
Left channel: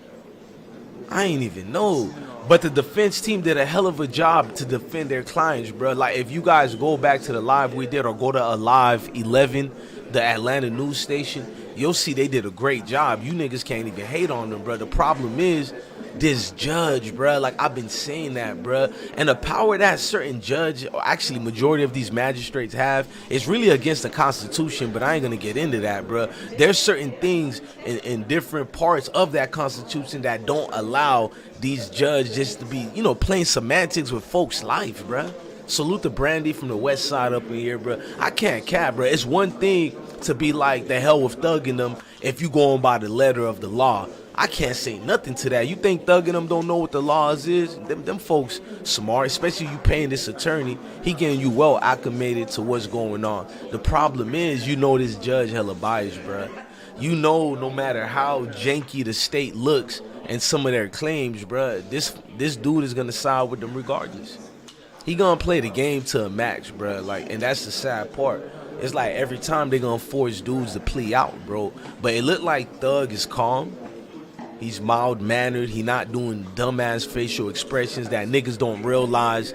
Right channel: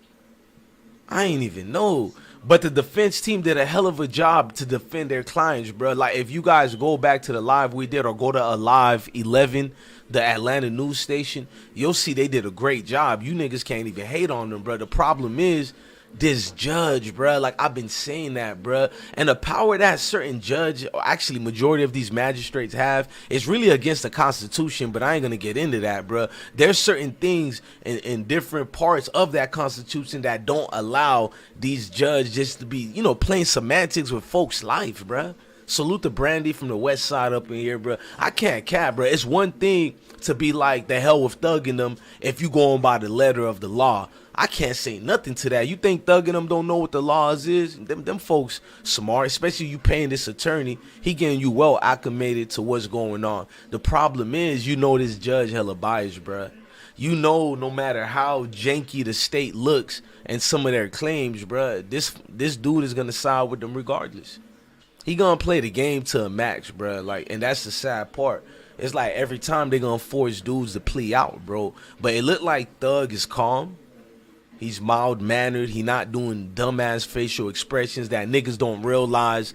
I ain't even know. But the defense team did a hell of a job to defend their clients, bro. Like, if you guys go back to the live we did or go to Alive 11, the Atlanta news station, you'll see they did a great job. You niggas can't even hate on them, bro. The problem is this judge, bruh. Like, I've been saying that, bruh. And the power that certain judge, or actually majority of these magistrates have, is really against the Constitution, but I ain't gonna get into that, bruh. There's certain things in different parts of that Constitution that don't allow these judges just to be, you know, playing semantics with folks' life, bruh. Salute to Brandy from the west side up in here, bruh. I can't cap, bruh. It's one thing to be like, the hell with thugging them if you going by the letter of the law. I can't say nothing to that. You think thugging them don't know what the laws is? Them folks smart, especially you paying this attorney. He getting you well acclimated to what's going on. The problem is, you know, this judge hella biased, bruh. You know, no matter how janky the state looks and some of their claims, bruh, this dude is gonna side with them regardless. He gonna play the game to a max, bruh. Like, and that's the sad part. It's like every time they gonna force dudes to plea out, bro. But it looked like Thug is calm. He's mild-mannered. He not doing dumbass facial expressions that niggas don't realize.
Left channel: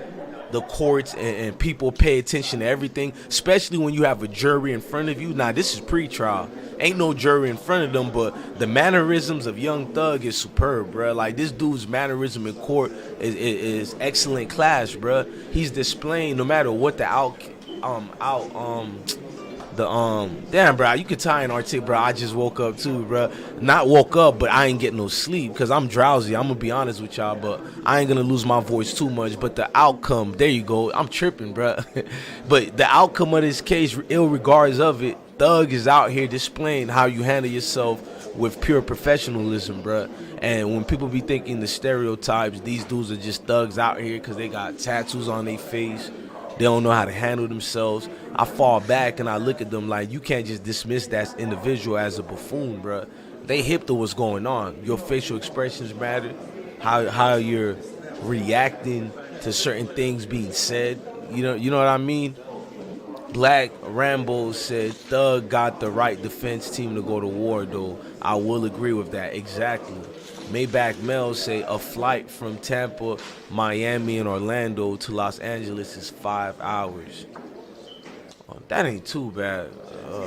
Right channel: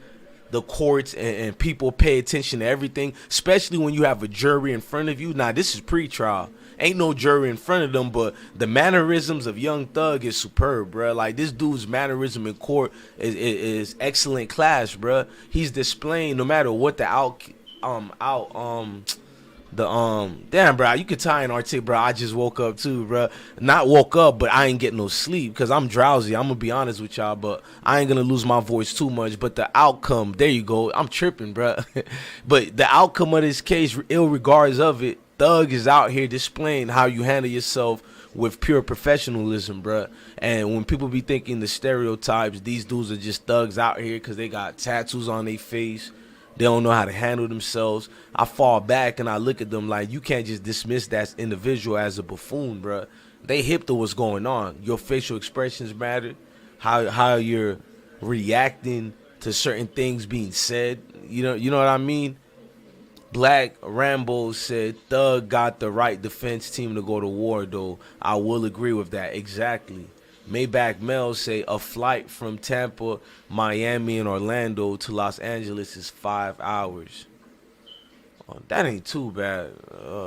The courts and people pay attention to everything, especially when you have a jury in front of you. Now, this is pre-trial. Ain't no jury in front of them, but the mannerisms of Young Thug is superb, bruh. Like, this dude's mannerism in court is excellent class, bruh. He's displaying, no matter what the damn, bro, you could tie an article, bro. I just woke up too, bro. Not woke up, but I ain't getting no sleep because I'm drowsy. I'm gonna be honest with y'all, but I ain't gonna lose my voice too much. But the outcome, there you go. I'm tripping, bro. But the outcome of this case, irregardless of it, Thug is out here displaying how you handle yourself with pure professionalism, bro. And when people be thinking the stereotypes, these dudes are just thugs out here because they got tattoos on their face. They don't know how to handle themselves. I fall back and I look at them like, you can't just dismiss that individual as a buffoon, bro. They hip to what's going on. Your facial expressions matter. How you're reacting to certain things being said. You know what I mean? Black Rambo said Thug got the right defense team to go to war, though. I will agree with that. Exactly. Maybach Mel say a flight from Tampa, Miami, and Orlando to Los Angeles is 5 hours. Oh, that ain't too bad.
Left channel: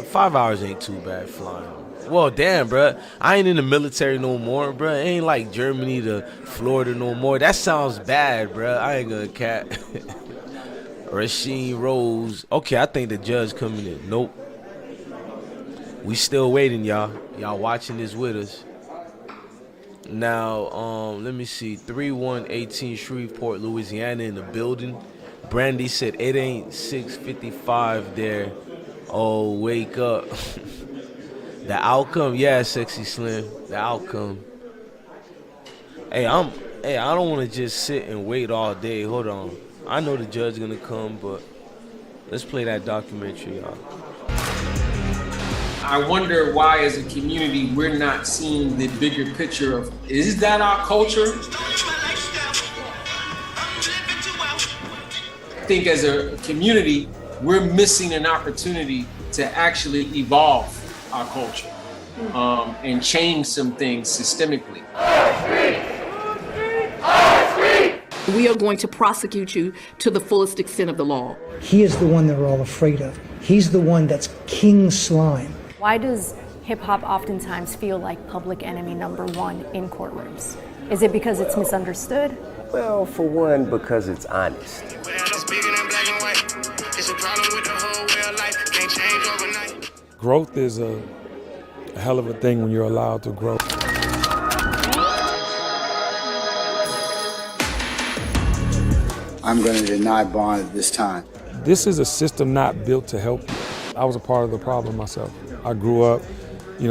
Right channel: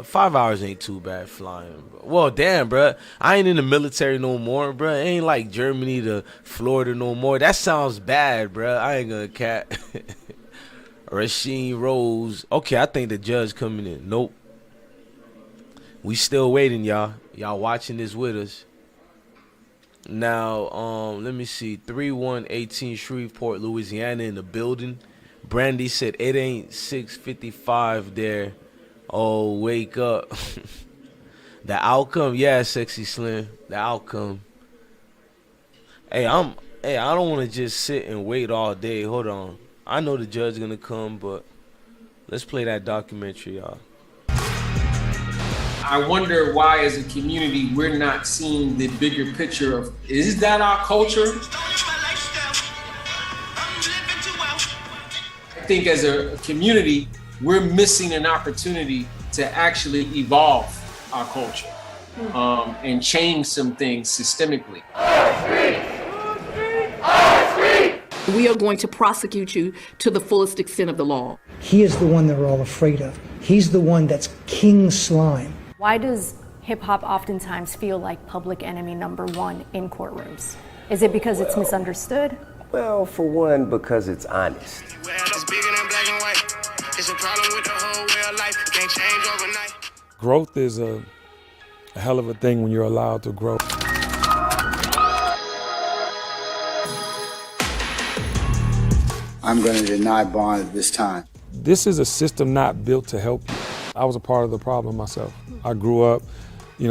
5 hours ain't too bad flying. Well, damn, bruh. I ain't in the military no more, bruh. It ain't like Germany to Florida no more. That sounds bad, bruh. I ain't gonna cat. Rasheen Rose. Okay, I think the judge coming in. Nope. We still waiting, y'all. Y'all watching this with us. Now, let me see. 3118 Shreveport, Louisiana in the building. Brandy said it ain't 6:55 there. Oh, wake up. The outcome, yeah, Sexy Slim. The outcome. Hey, I don't want to just sit and wait all day. Hold on. I know the judge gonna come, but let's play that documentary, y'all. I wonder why, as a community, we're not seeing the bigger picture of, is that our culture? I think as a community, we're missing an opportunity to actually evolve our culture and change some things systemically. We are going to prosecute you to the fullest extent of the law. He is the one they're all afraid of. He's the one that's King Slime. Why does hip-hop oftentimes feel like public enemy number one in courtrooms? Is it because it's misunderstood? Well, for one, because it's honest. Growth is a hell of a thing when you're allowed to grow. I'm going to deny bond at this time. This is a system not built to help you. I was a part of the problem myself. I grew up,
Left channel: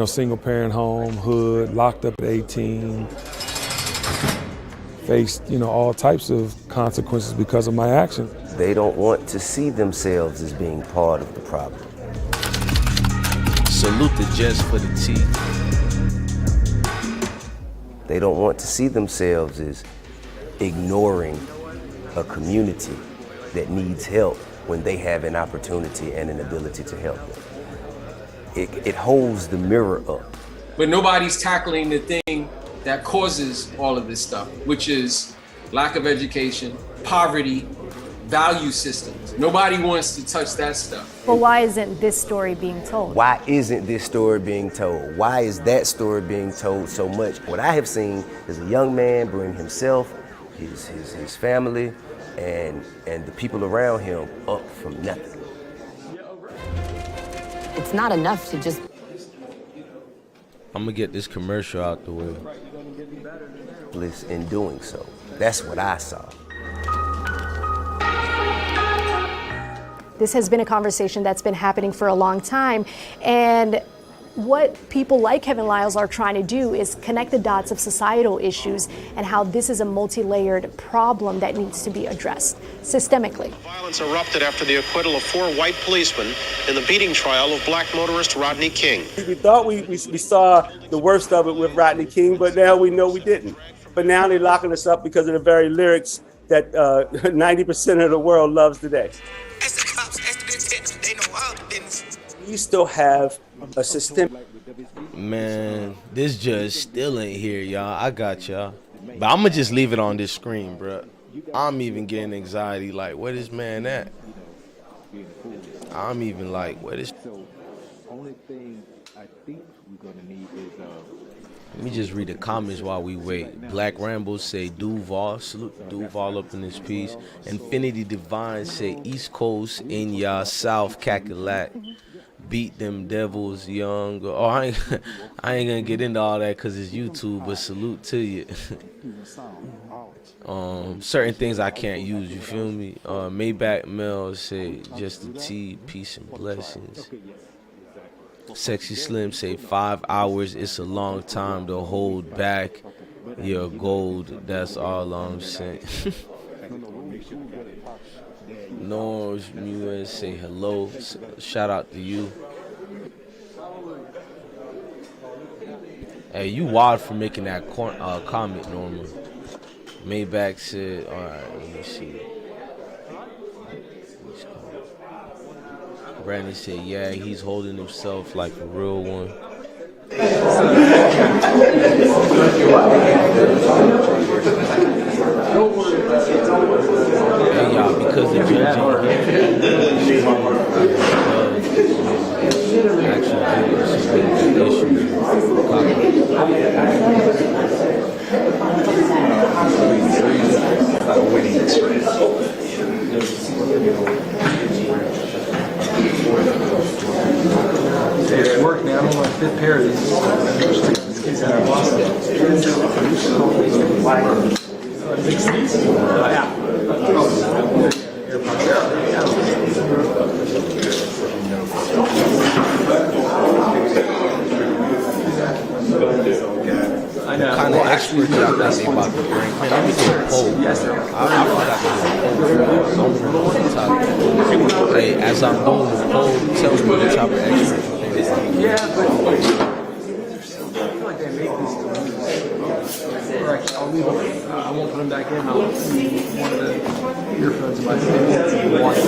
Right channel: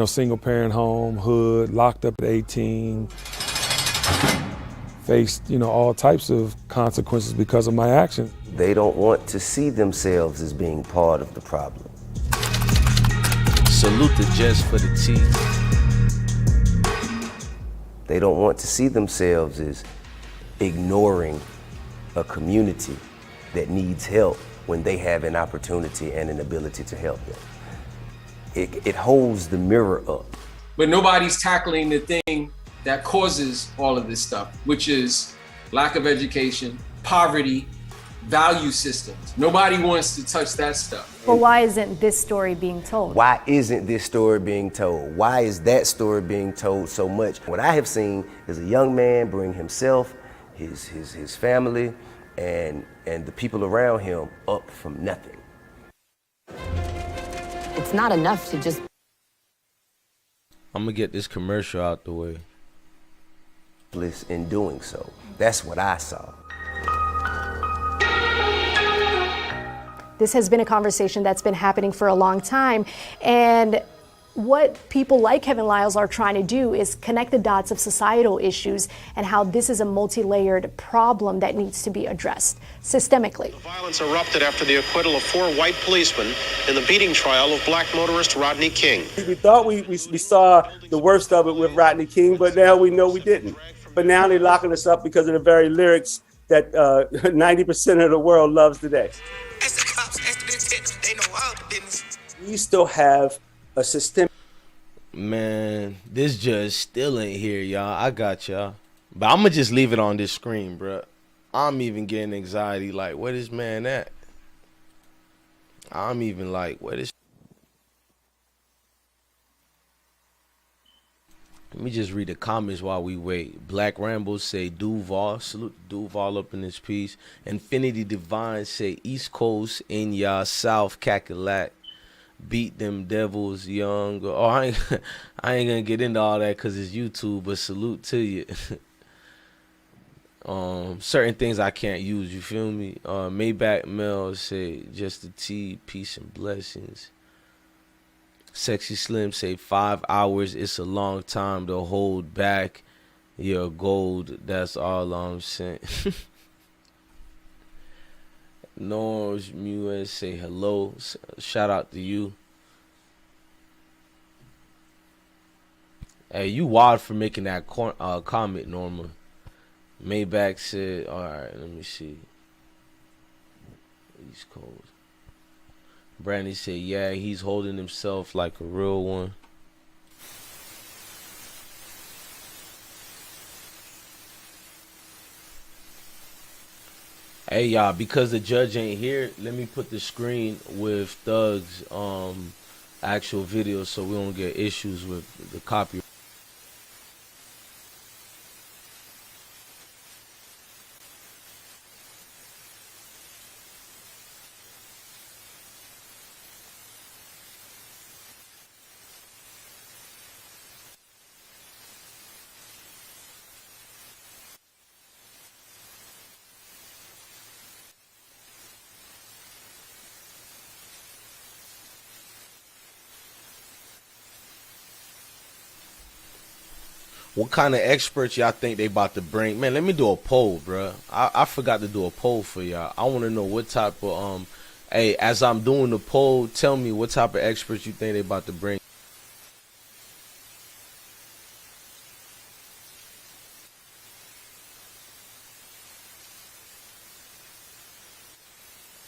single parent home, hood, locked up at 18, faced, all types of consequences because of my actions. They don't want to see themselves as being part of the problem. Salute the Jess for the tea. They don't want to see themselves as ignoring a community that needs help when they have an opportunity and an ability to help them. It holds the mirror up. But nobody's tackling the thing that causes all of this stuff, which is lack of education, poverty, value systems. Nobody wants to touch that stuff. But why isn't this story being told? Why isn't this story being told? Why is that story being told so much? What I have seen is a young man bring himself, his family, and the people around him up from nothing. It's not enough to just... I'm gonna get this commercial out the way. Bliss in doing so. That's what I saw. This has been a conversation that's been happening for a long time, and what people like Kevin Liles are trying to do is connect the dots of societal issues and how this is a multi-layered problem that needs to be addressed systemically. Violence erupted after the acquittal of 4 white policemen in the beating trial of black motorist Rodney King. We thought we saw the worst of it with Rodney King, but now we know we didn't. But now they're locking us up because of the very lyrics that 90% of the world loves today. We still have a system. Man, this judge still ain't here, y'all. I got y'all. But I'm going to just leave it on this screen, bro. I'm even getting anxiety. Like, where this man at? I'm even like, where this... Let me just read the comments while we wait. Black Rambo say Duval. Salute Duval up in this piece. Infinity Divine say East Coast in y'all South Cackalack. Beat them devils young. Oh, I ain't gonna get into all that because it's YouTube, but salute to you. Certain things I can't use, you feel me? Maybach Mel say just the tea, peace and blessings. Sexy Slim say 5 hours, it's a long time to hold back your gold. That's all I'm saying. Norms Mewes say hello. Shout out to you. Hey, you wild for making that comment, Norma. Maybach said, all right, let me see. Brandy said, yeah, he's holding himself like a real one. Hey, y'all, because the judge ain't here, the screen with Doug's actual video, so we don't get issues with copy. It's work now. I'm on my 5th pair of these. What kind of experts y'all think they about to bring? Man, let me do a poll, bro. I forgot to do a poll for y'all. I want to know what type of... hey, as I'm doing the poll, tell me what type of experts you think they about to bring. I won't put them back in. I'll one of the earphones in my face and watch it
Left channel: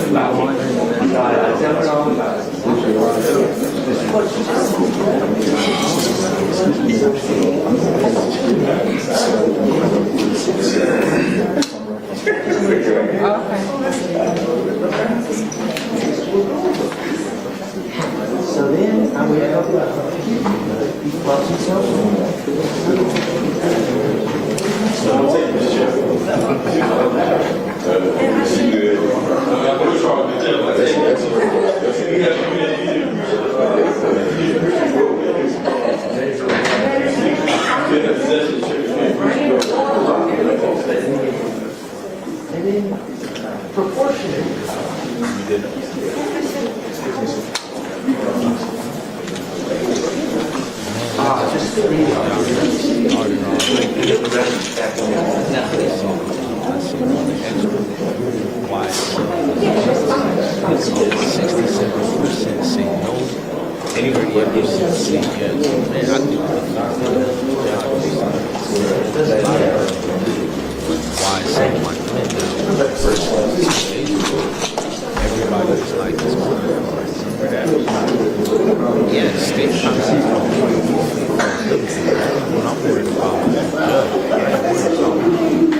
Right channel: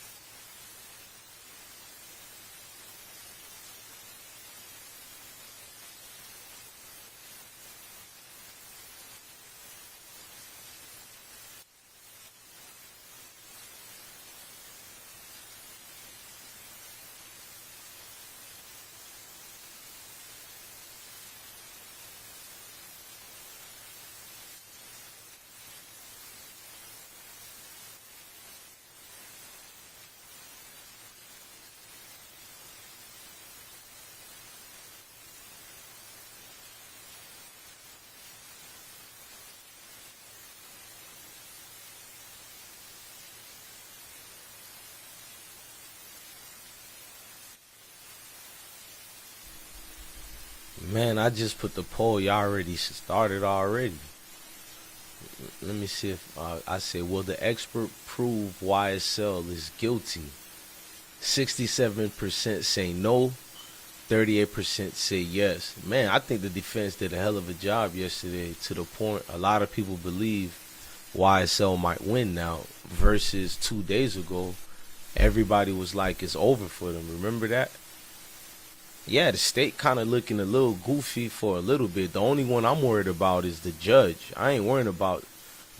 So then I would help Man, I just put the poll. Y'all already started already. Let me see. I say, will the expert prove YSL is guilty? 67% say no. 38% say yes. Man, I think the defense did a hell of a job yesterday. A lot of people believe YSL might win now versus 2 days ago. Everybody was like, it's over for him. Remember? remember that? Yeah, the state kind of looking a little goofy for a little bit. The only one I'm worried about is the judge. I ain't worried about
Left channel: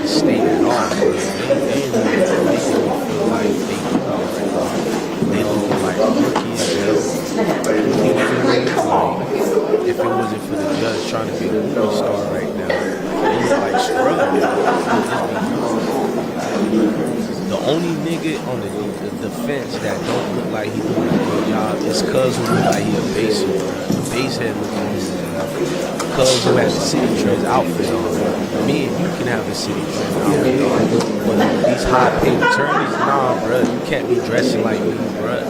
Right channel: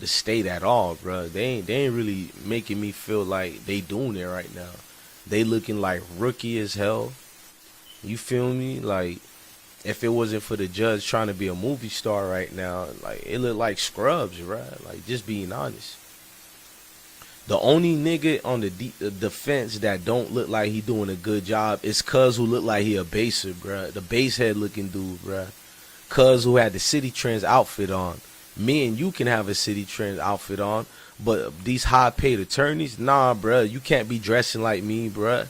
the state at all, bro. They ain't really making me feel like they doing it right now. They looking like rookie as hell. You feel me? Like, if it wasn't for the judge trying to be a movie star right now, like, they look like scrubs, you know? Just being honest. The only nigga on the defense that don't look like he doing a good job is Cuz, who look like he a baser, bro. The base head looking dude, bro. Cuz, who had the City Trends outfit on. Me and you can have a City Trends outfit on, but these high-paid attorneys, nah, bro. You can't be dressing like me, bro.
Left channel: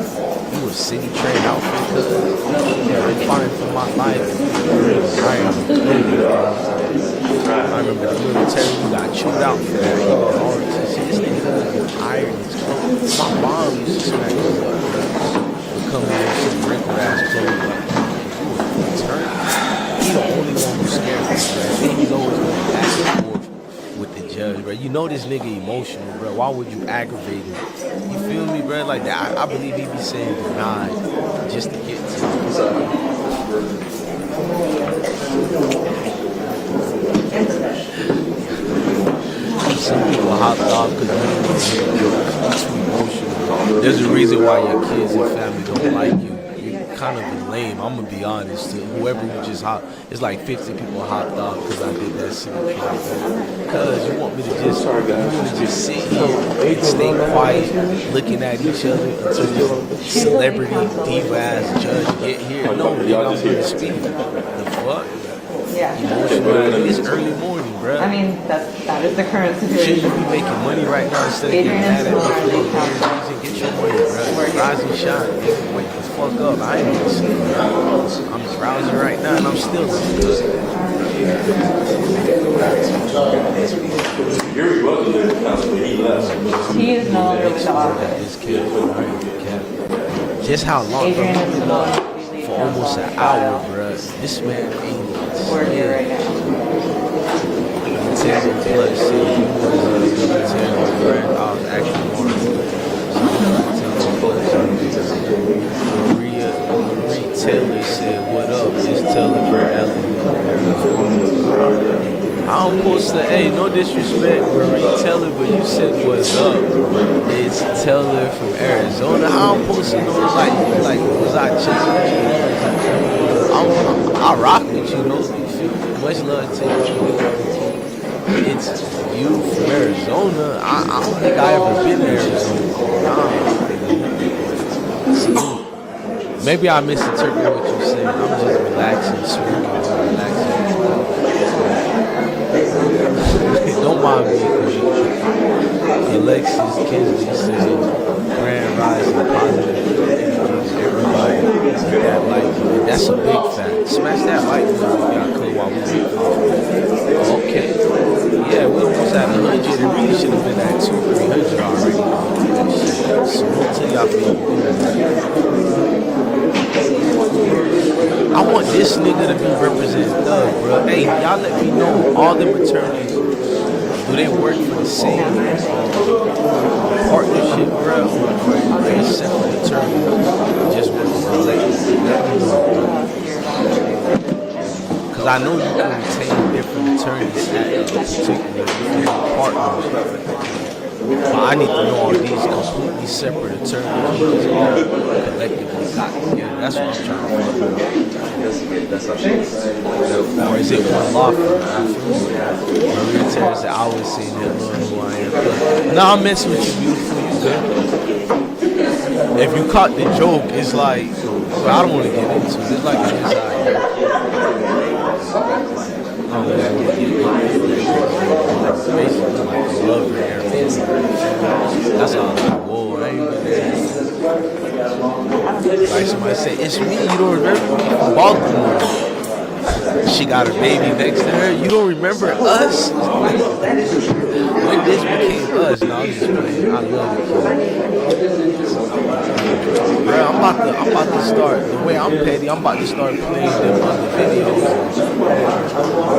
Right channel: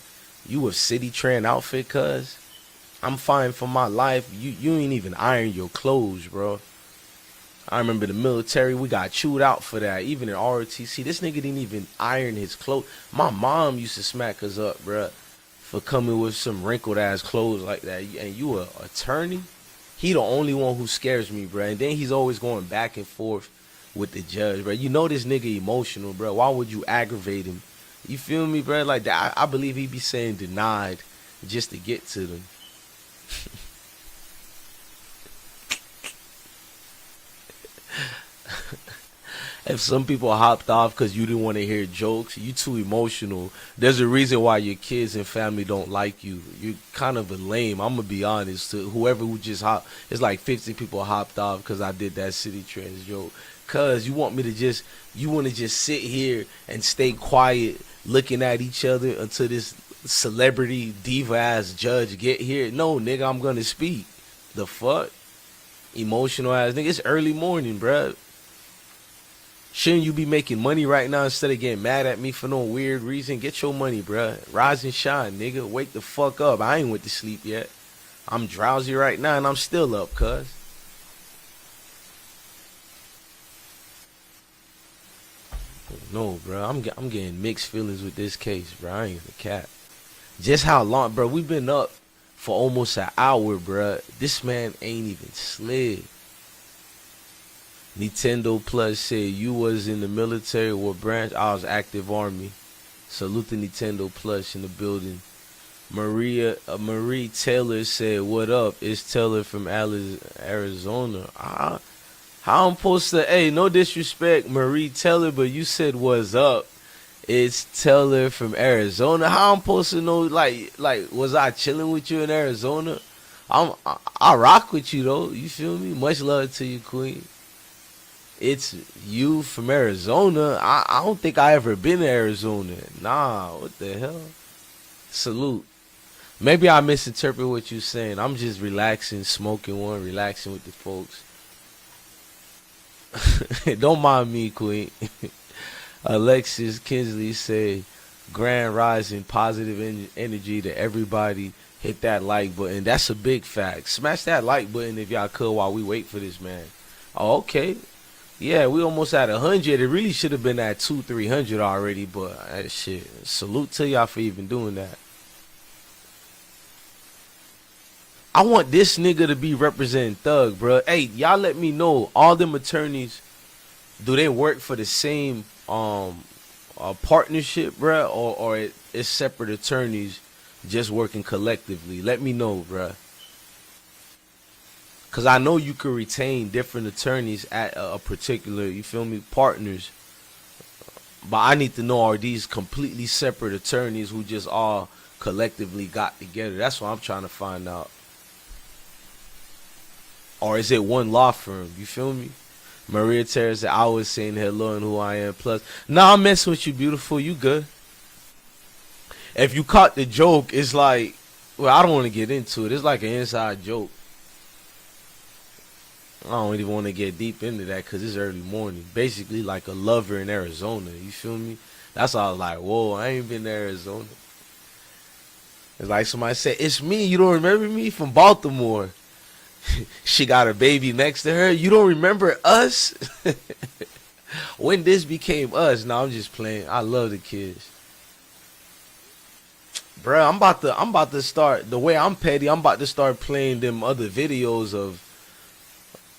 You a City Trend outfit, Cuz? I'm fighting for my life. You don't even iron your clothes, bro. I remember the military, we got chewed out for that. Even in ROTC, this nigga didn't even iron his clothes. My mom used to smack us up, bro, for coming in some wrinkled ass clothes like that. And you an attorney? He the only one who scares me, bro. And then he's always going back and forth with the judge, bro. You know this nigga emotional, bro. Why would you aggravate him? You feel me, bro? Like that, I believe he be saying denied just to get to him. Some people hopped off because you didn't want to hear jokes. You're too emotional. There's a reason why your kids and family don't like you. You're kind of lame. I'm going to be honest. To whoever who just hopped, it's like 50 people hopped off because I did that City Trends. Because you want me to just, you want to just sit here and stay quiet looking at each other until this celebrity diva-ass judge get here. No, nigga, I'm going to speak. The fuck? Yeah. Emotional ass. It's early morning, bro. I mean, that is the current situation. Shouldn't you be making money right now instead of getting mad at me for no weird reason? Get your money, bro. Rise and shine, nigga. Wake the fuck up. I ain't even sleep yet. I'm drowsy right now and I'm still up, cuz. I'm mixed feelings at this case, bro. I ain't even cap. Just how long, bro? We've been up for almost an hour, bruh. This man ain't even slid. Nintendo Plus said you was in the military with Brand. I was active army. So Nintendo Plus, I'm doing it. Marie Taylor said, "What up? It's Taylor from Arizona." I'm supposed to, hey, no disrespect, Marie Taylor, but you said what's up. It's Taylor from Arizona. How I'm supposed to know, like, was I chilling with you in Arizona? I rock with you though, you feel me? Much love to you, Tweet. It's you from Arizona. I don't think I ever been to Arizona. Nah, man. Salute. Maybe I misinterpret what you're saying. I'm just relaxing, smoking, or relaxing. Don't mind me, Queen. Alexis Kinsley said, "Grand rising, positive energy to everybody. Hit that like button." That's a big fact. Smash that like button if y'all could while we wait for this man. Oh, okay. Yeah, we almost at 100. It really should have been at 200-300 already. That shit. Salute to y'all for even doing that. I want this nigga to be representing Thug, bro. Hey, y'all let me know. All them attorneys, do they work for the same partnership, bro, or they're separate attorneys just working collectively? Let me know, bro. Because I know you can retain different attorneys at a particular partners. But I need to know, are these completely separate attorneys who just all collectively got together? That's what I'm trying to find out. Or is it one law firm? You feel me? Maria Terra said, "I was saying hello and who I am." Plus, nah, I'm messing with you, beautiful. You good? If you caught the joke, it's like, well, I don't want to get into it. It's like an inside joke. I don't really want to get deep into that because it's basically like a lover in Arizona. You feel me? That's all like, whoa, I ain't been there. Like somebody said, "It's me. You don't remember me from Baltimore." She got her baby next to her. You don't remember us? When this became us? No, I'm just playing. I love the kid. Bro, I'm about to start, the way I'm petty, I'm about to start playing them other videos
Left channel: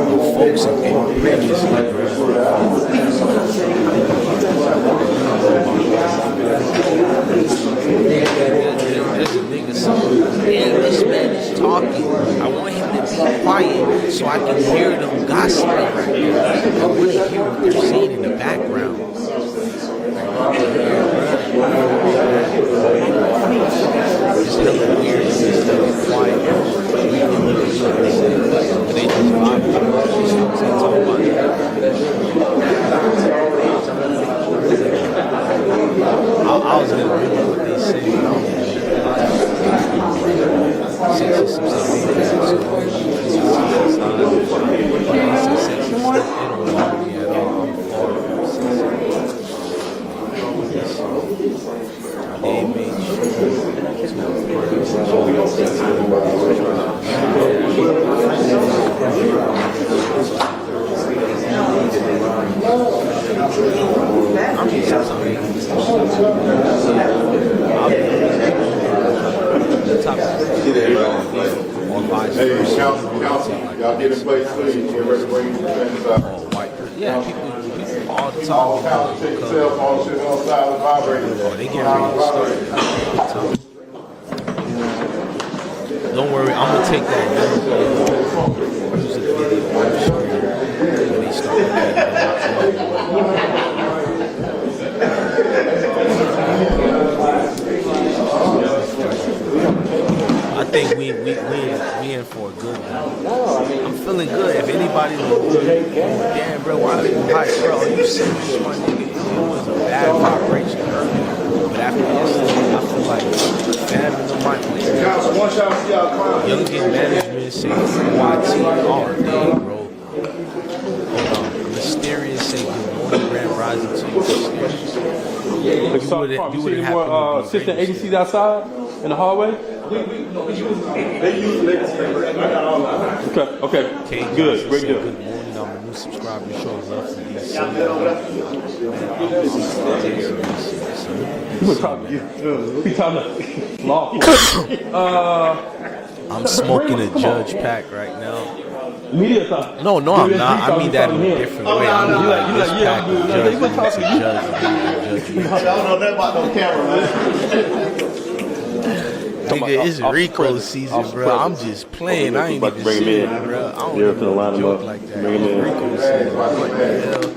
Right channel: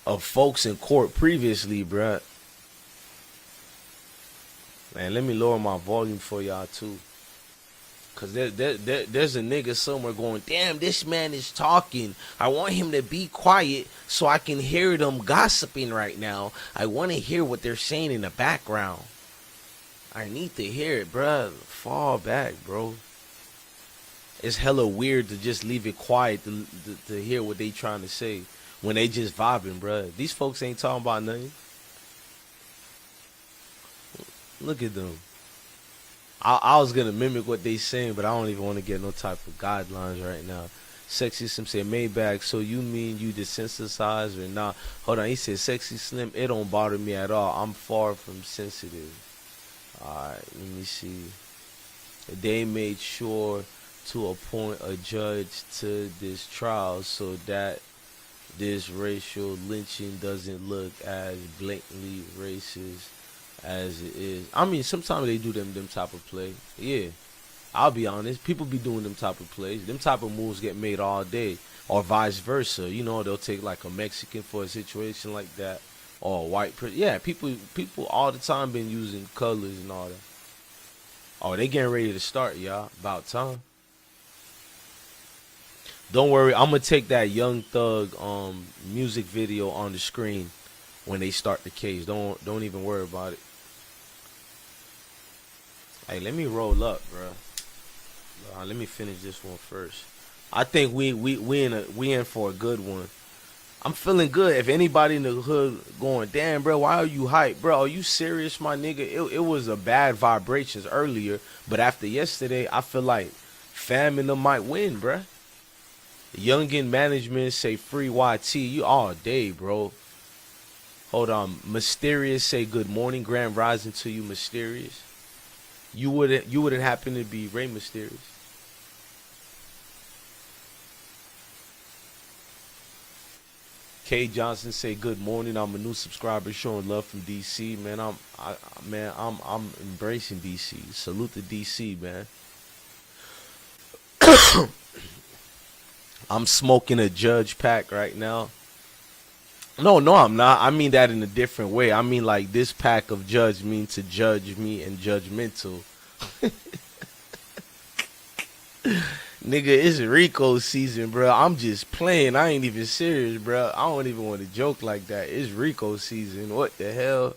of folks in court previously, bro. And let me know about one. there's a nigga somewhere. Damn, this man is talking. I want him to be quiet so I can hear them gossiping right now. I want to hear what they're saying in the background. I need to hear it, bruh. All that, bro. It's hella weird to just leave it quiet, bro. We hear what they trying to say when they just vibing, bro. These folks ain't talking about nothing. Look at them. I was gonna mimic what they say, but I don't even want to put the top. Sexy, some say Maybach, so you need sexy size or not. Oh no, he said sexy slip. It don't bother me at all. I'm far from sensitive. They made sure to appoint the judge to this trial so that I mean, sometimes they can just on top of it. Yeah, I'll be honest. People who go on top of it, the top of it is all day, or vice versa. You know, they'll take like a Mexican for a situation, or a white person. Yeah, people all the time be doing color. Oh, they getting ready to start, y'all. Tell me. Don't worry, I'm gonna take that Young Thug music video on the screen when they start the case. Don't even worry about it. I think we in for a good one. I'm feeling good. If anybody looks good, going, damn, bro, why are you hyped, bro? Are you serious, my nigga? It was a bad vibration earlier, but after yesterday, I feel like fam and them might win. Youngin management say free YT all day, bro. Hold on, Mysterious say good morning, Grand Rising to you, Mysterious. You wouldn't happen to be assistant agencies outside in the hallway. Okay. K. Johnson said good morning. I'm a new subscriber showing love from DC. Man, I'm embracing DC. Salute to DC, man. I'm smoking a Judge pack right now. No, I'm not. I mean that in a different way. I mean like this pack of Judge means to judge me and judgmental. Nigga, it's Rico season, bro. I'm just playing. I ain't even serious, bro. I don't even want to joke like that. It's Rico season. What the hell?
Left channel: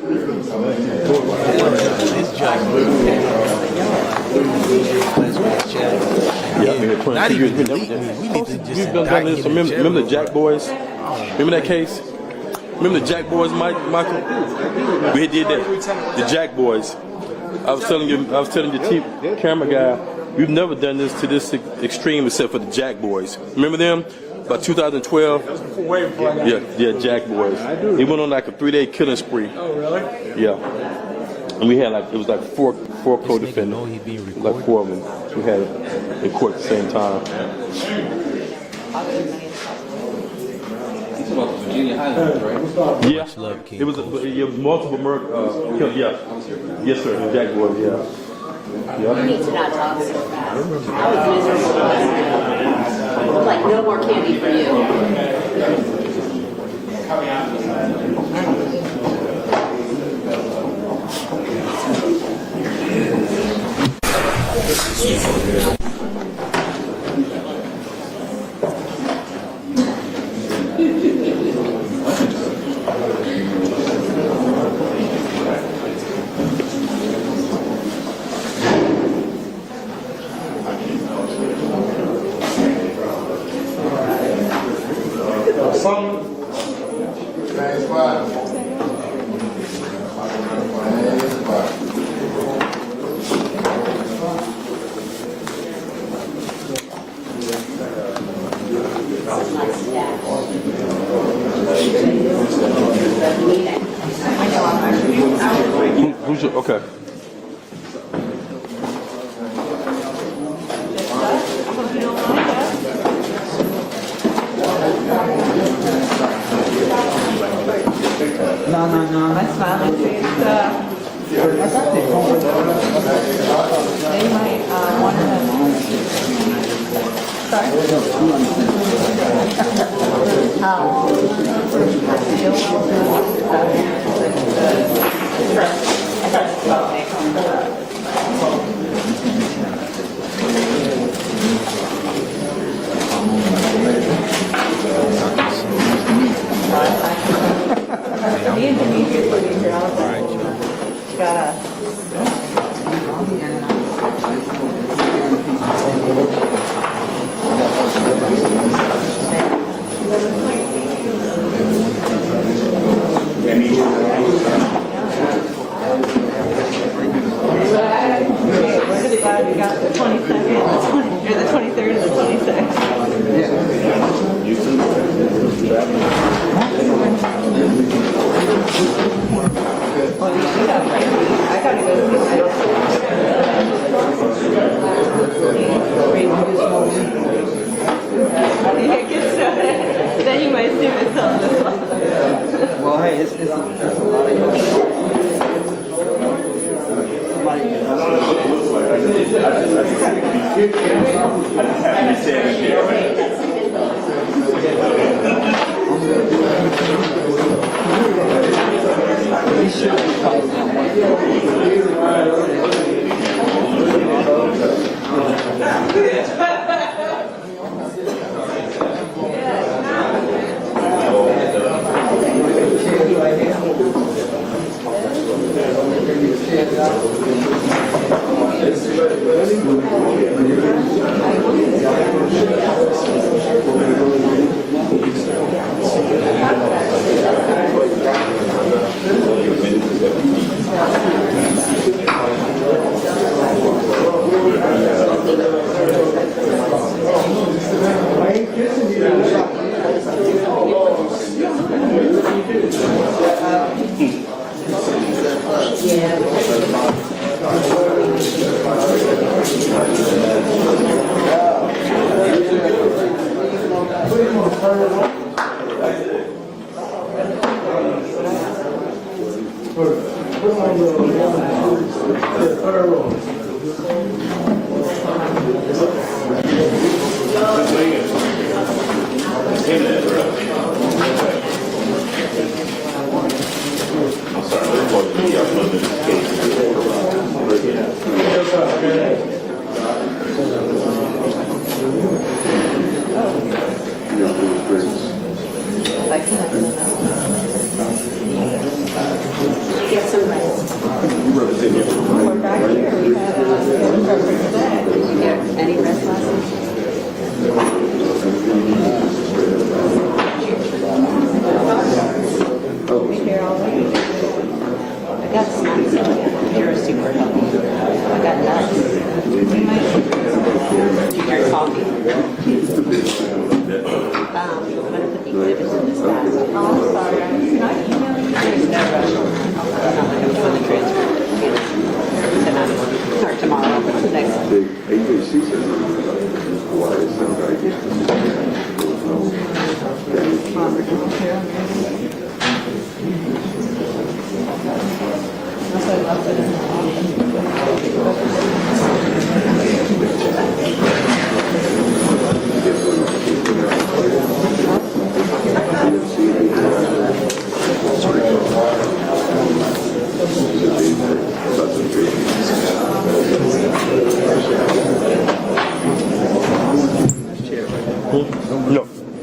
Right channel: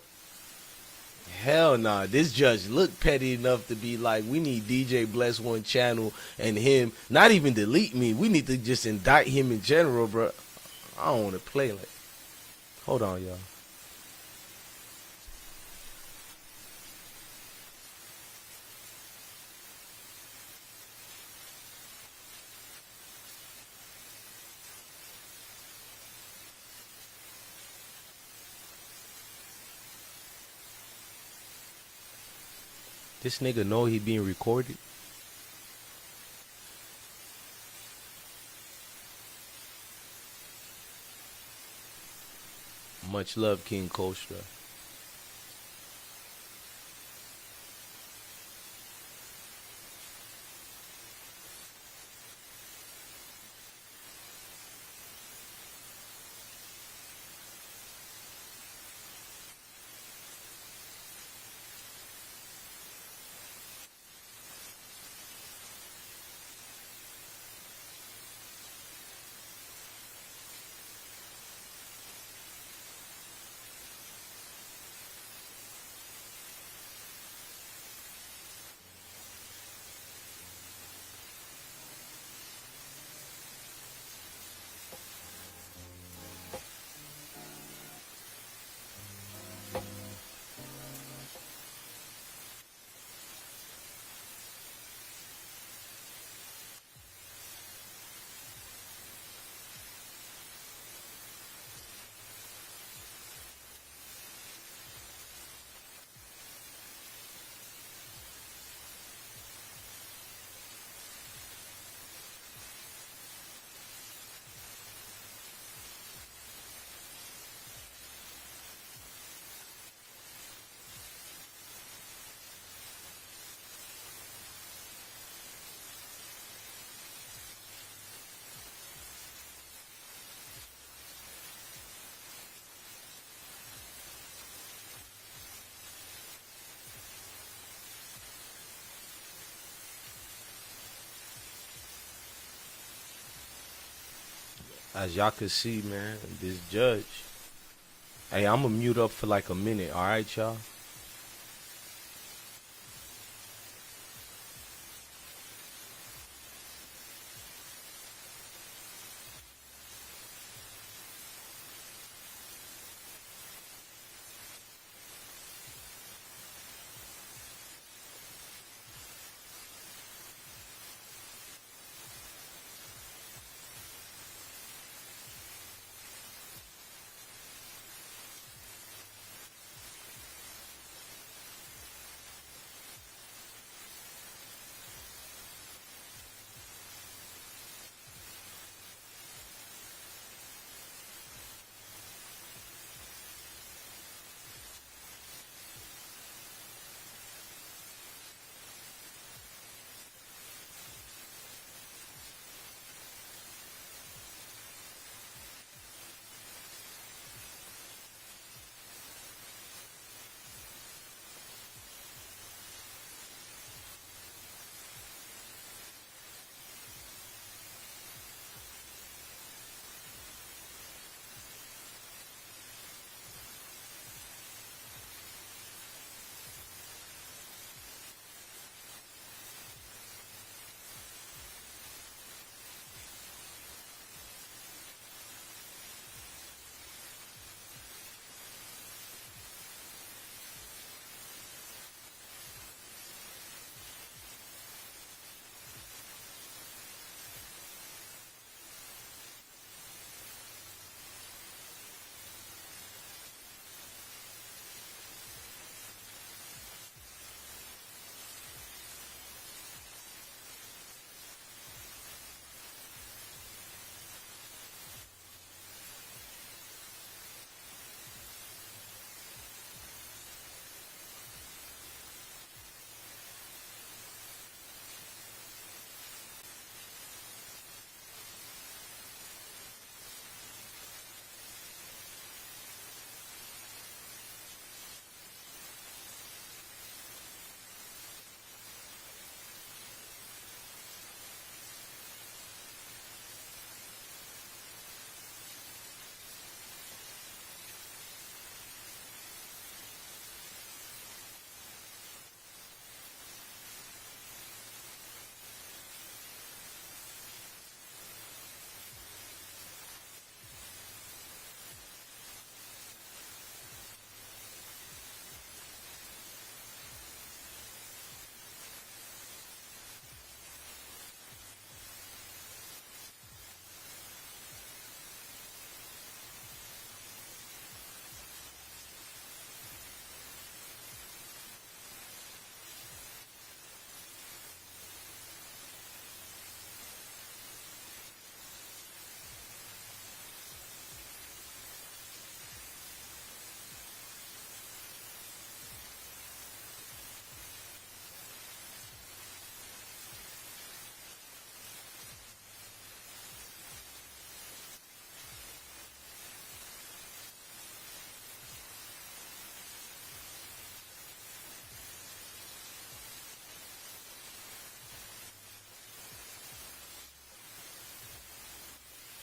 Hell nah. This judge look petty enough to be like, we need DJ Bless on his channel and him not even delete me. We need to just indict him in general, Remember the Jack Boys? Remember that case? Remember the Jack Boys, Michael? We did that. The Jack Boys. I was telling your camera guy, we've never done this to this extreme except for the Jack Boys. Remember them? About 2012? Yeah, Jack Boys. He went on like a 3-day killing spree. Oh, really? Yeah. And we had it was like four co-defendants. This nigga know he being recorded? Like 4 of them. We had it in court at the same time. Yeah. Much love, King. It was multiple murder. Yeah. Yes, sir. Jack Boys, yeah. You need to not talk so fast. I was miserable. Like, no more candy for you. Okay. No, that's fine. They might want to. like a minute. All right, y'all. We got the 22nd, the 23rd, and the 26th. I gotta go then you might see myself this one. Well, hey, it's a lot of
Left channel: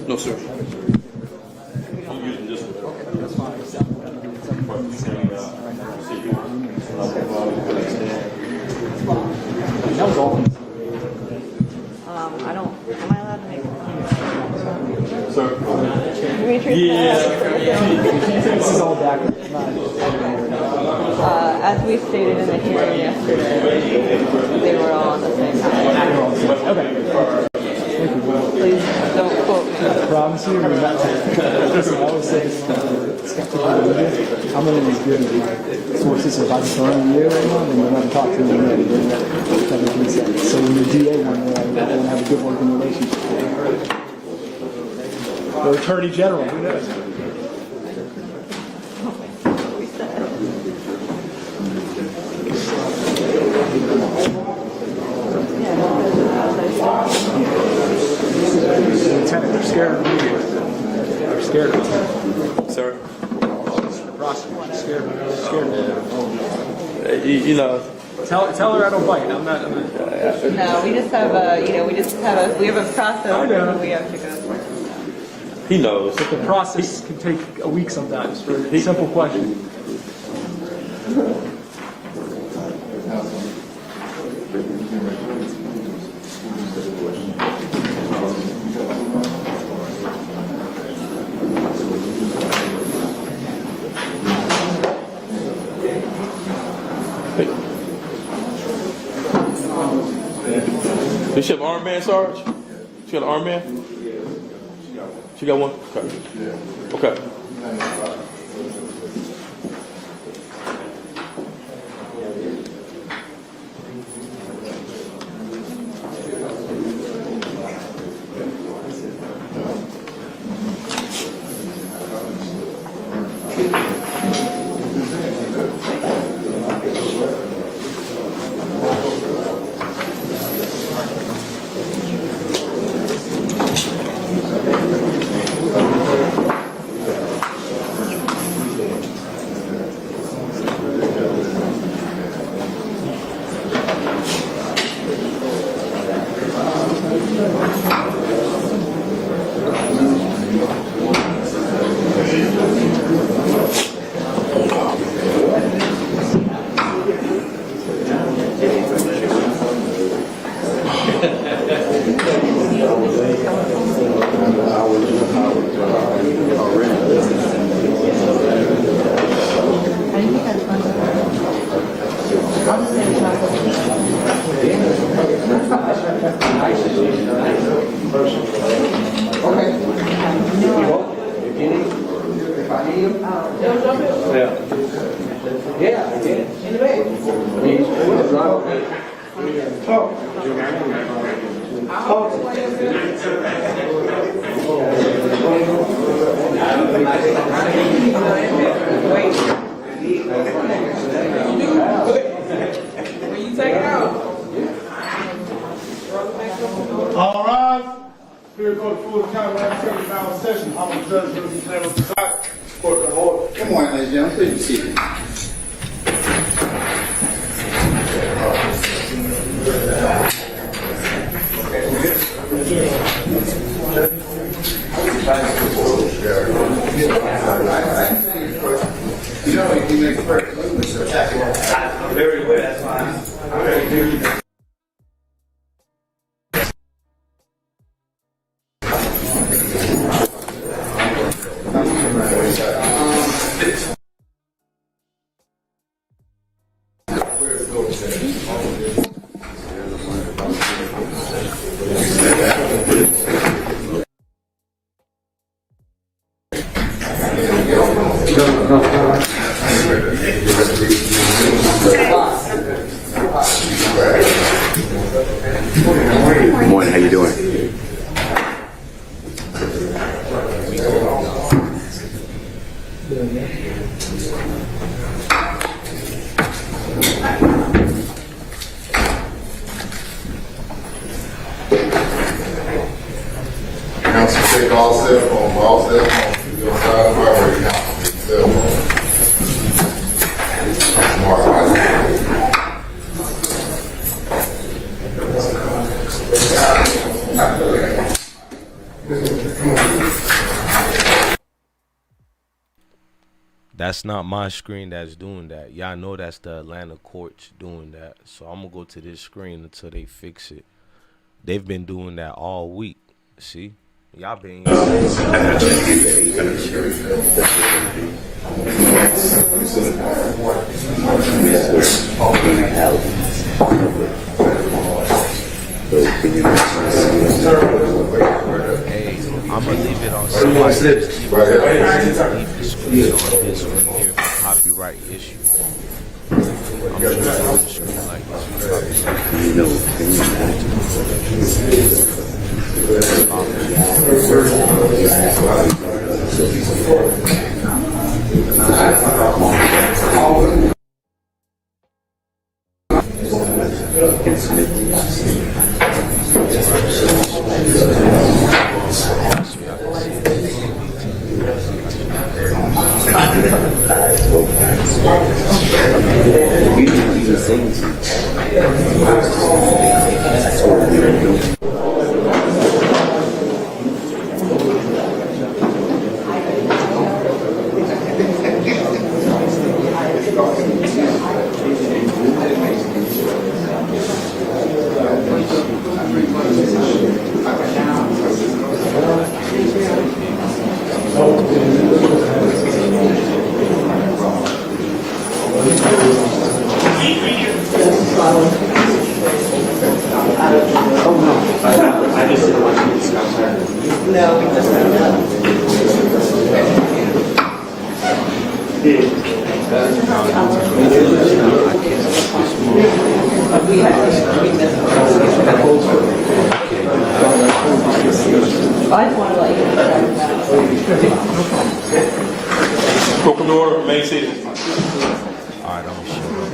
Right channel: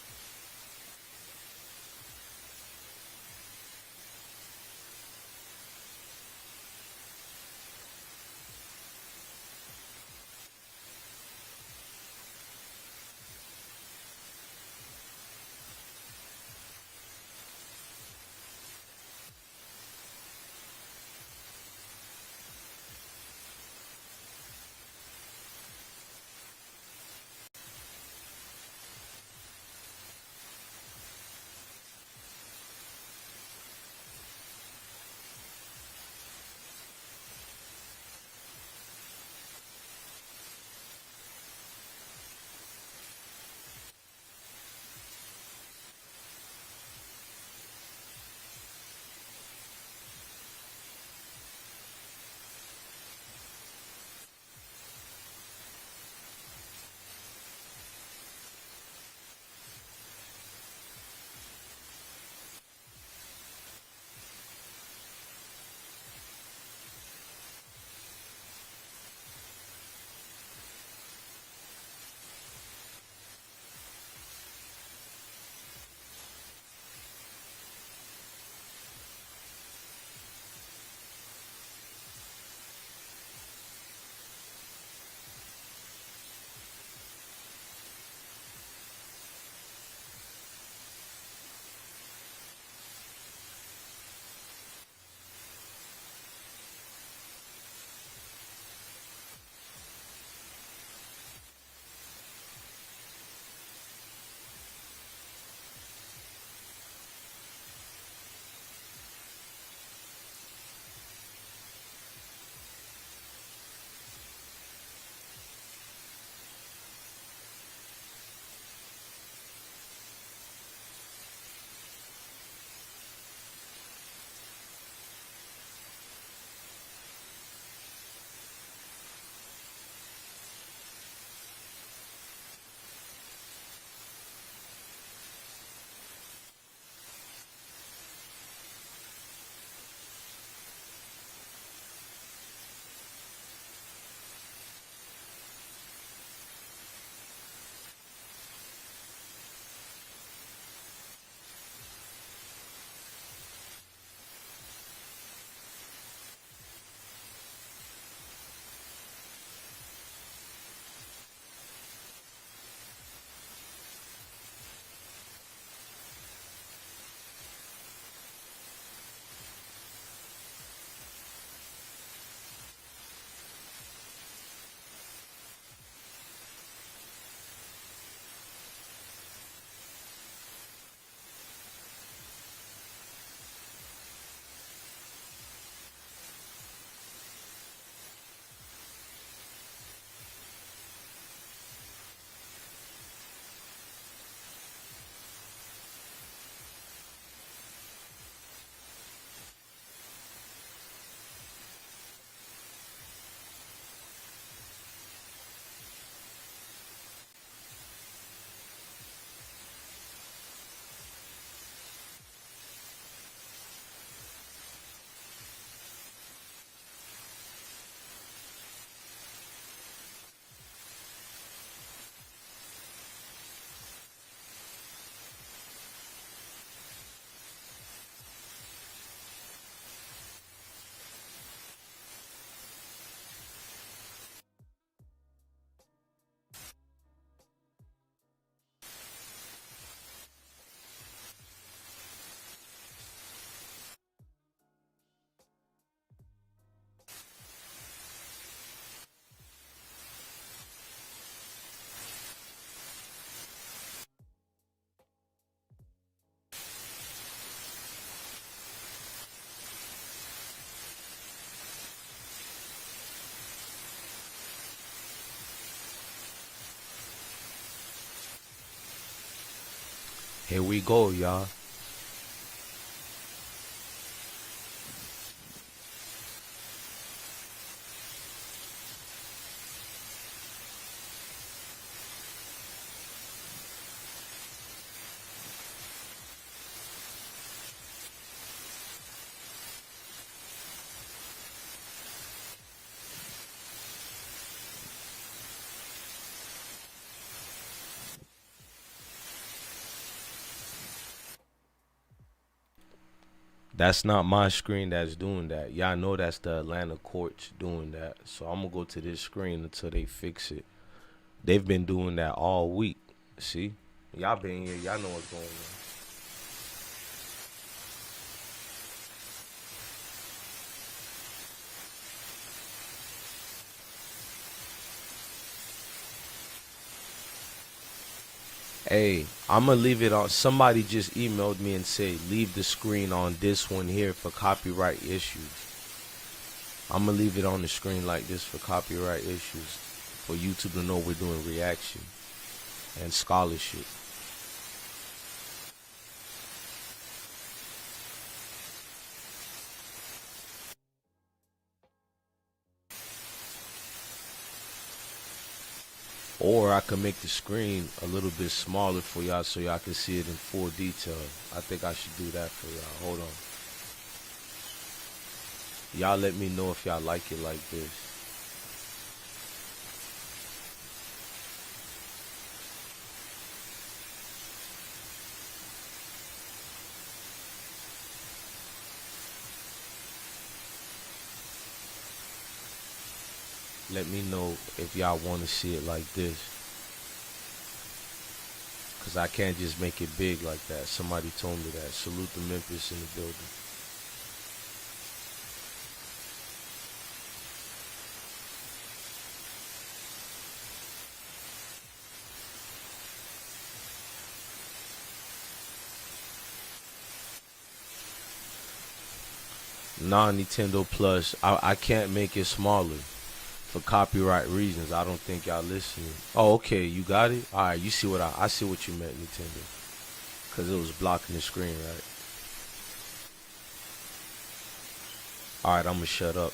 No, sir. That was all. I don't, am I allowed to make Sir? This is all back. as we stated in the hearing yesterday, they were all on the same time. Okay. Please don't quote me. I promise you, we're not listen, I always say this skeptical religion. I'm going to be good at my sources. If I'm throwing you right now, then you're going to talk to me later. So when you're DA one way, I want to have a good working relationship. Or Attorney General, who knows? Lieutenant, they're scared of the media. They're scared of it. Sir? Prosecutors, scared of it. You know. Tell her I don't bite. I'm not. No, we just have we have a process that we have to go through. He knows. But the process can take a week sometimes for a simple question. Does she have an armband, Sarge? She got an armband? She got one? Okay. Okay. All right. Here goes the full county administrative now session. I'm the judge of the Pineda presiding. Court of order. Good morning, ladies and gentlemen. Please be seated. Very well, that's fine. Good morning, how you doing? Here we go, y'all. Counsel, take all cell phones, You're on side of the highway, counsel, take cell phones. That's not my screen that's doing that. Y'all know that's the Atlanta courts doing that. So I'm gonna go to this screen until they fix it. They've been doing that all week. See? Y'all been Hey, I'm gonna leave it on. Somebody just emailed me and said leave the screen on this one here for copyright issue. I'm gonna leave it on the screen like this for copyright issue. So y'all can see it in more detail. I think I should have Oh, no. non Nintendo Plus. I can't make it small. Copyright. Oh, okay. You got it. All right, I see what you Court in order, main seated. All right, I'm gonna shut up.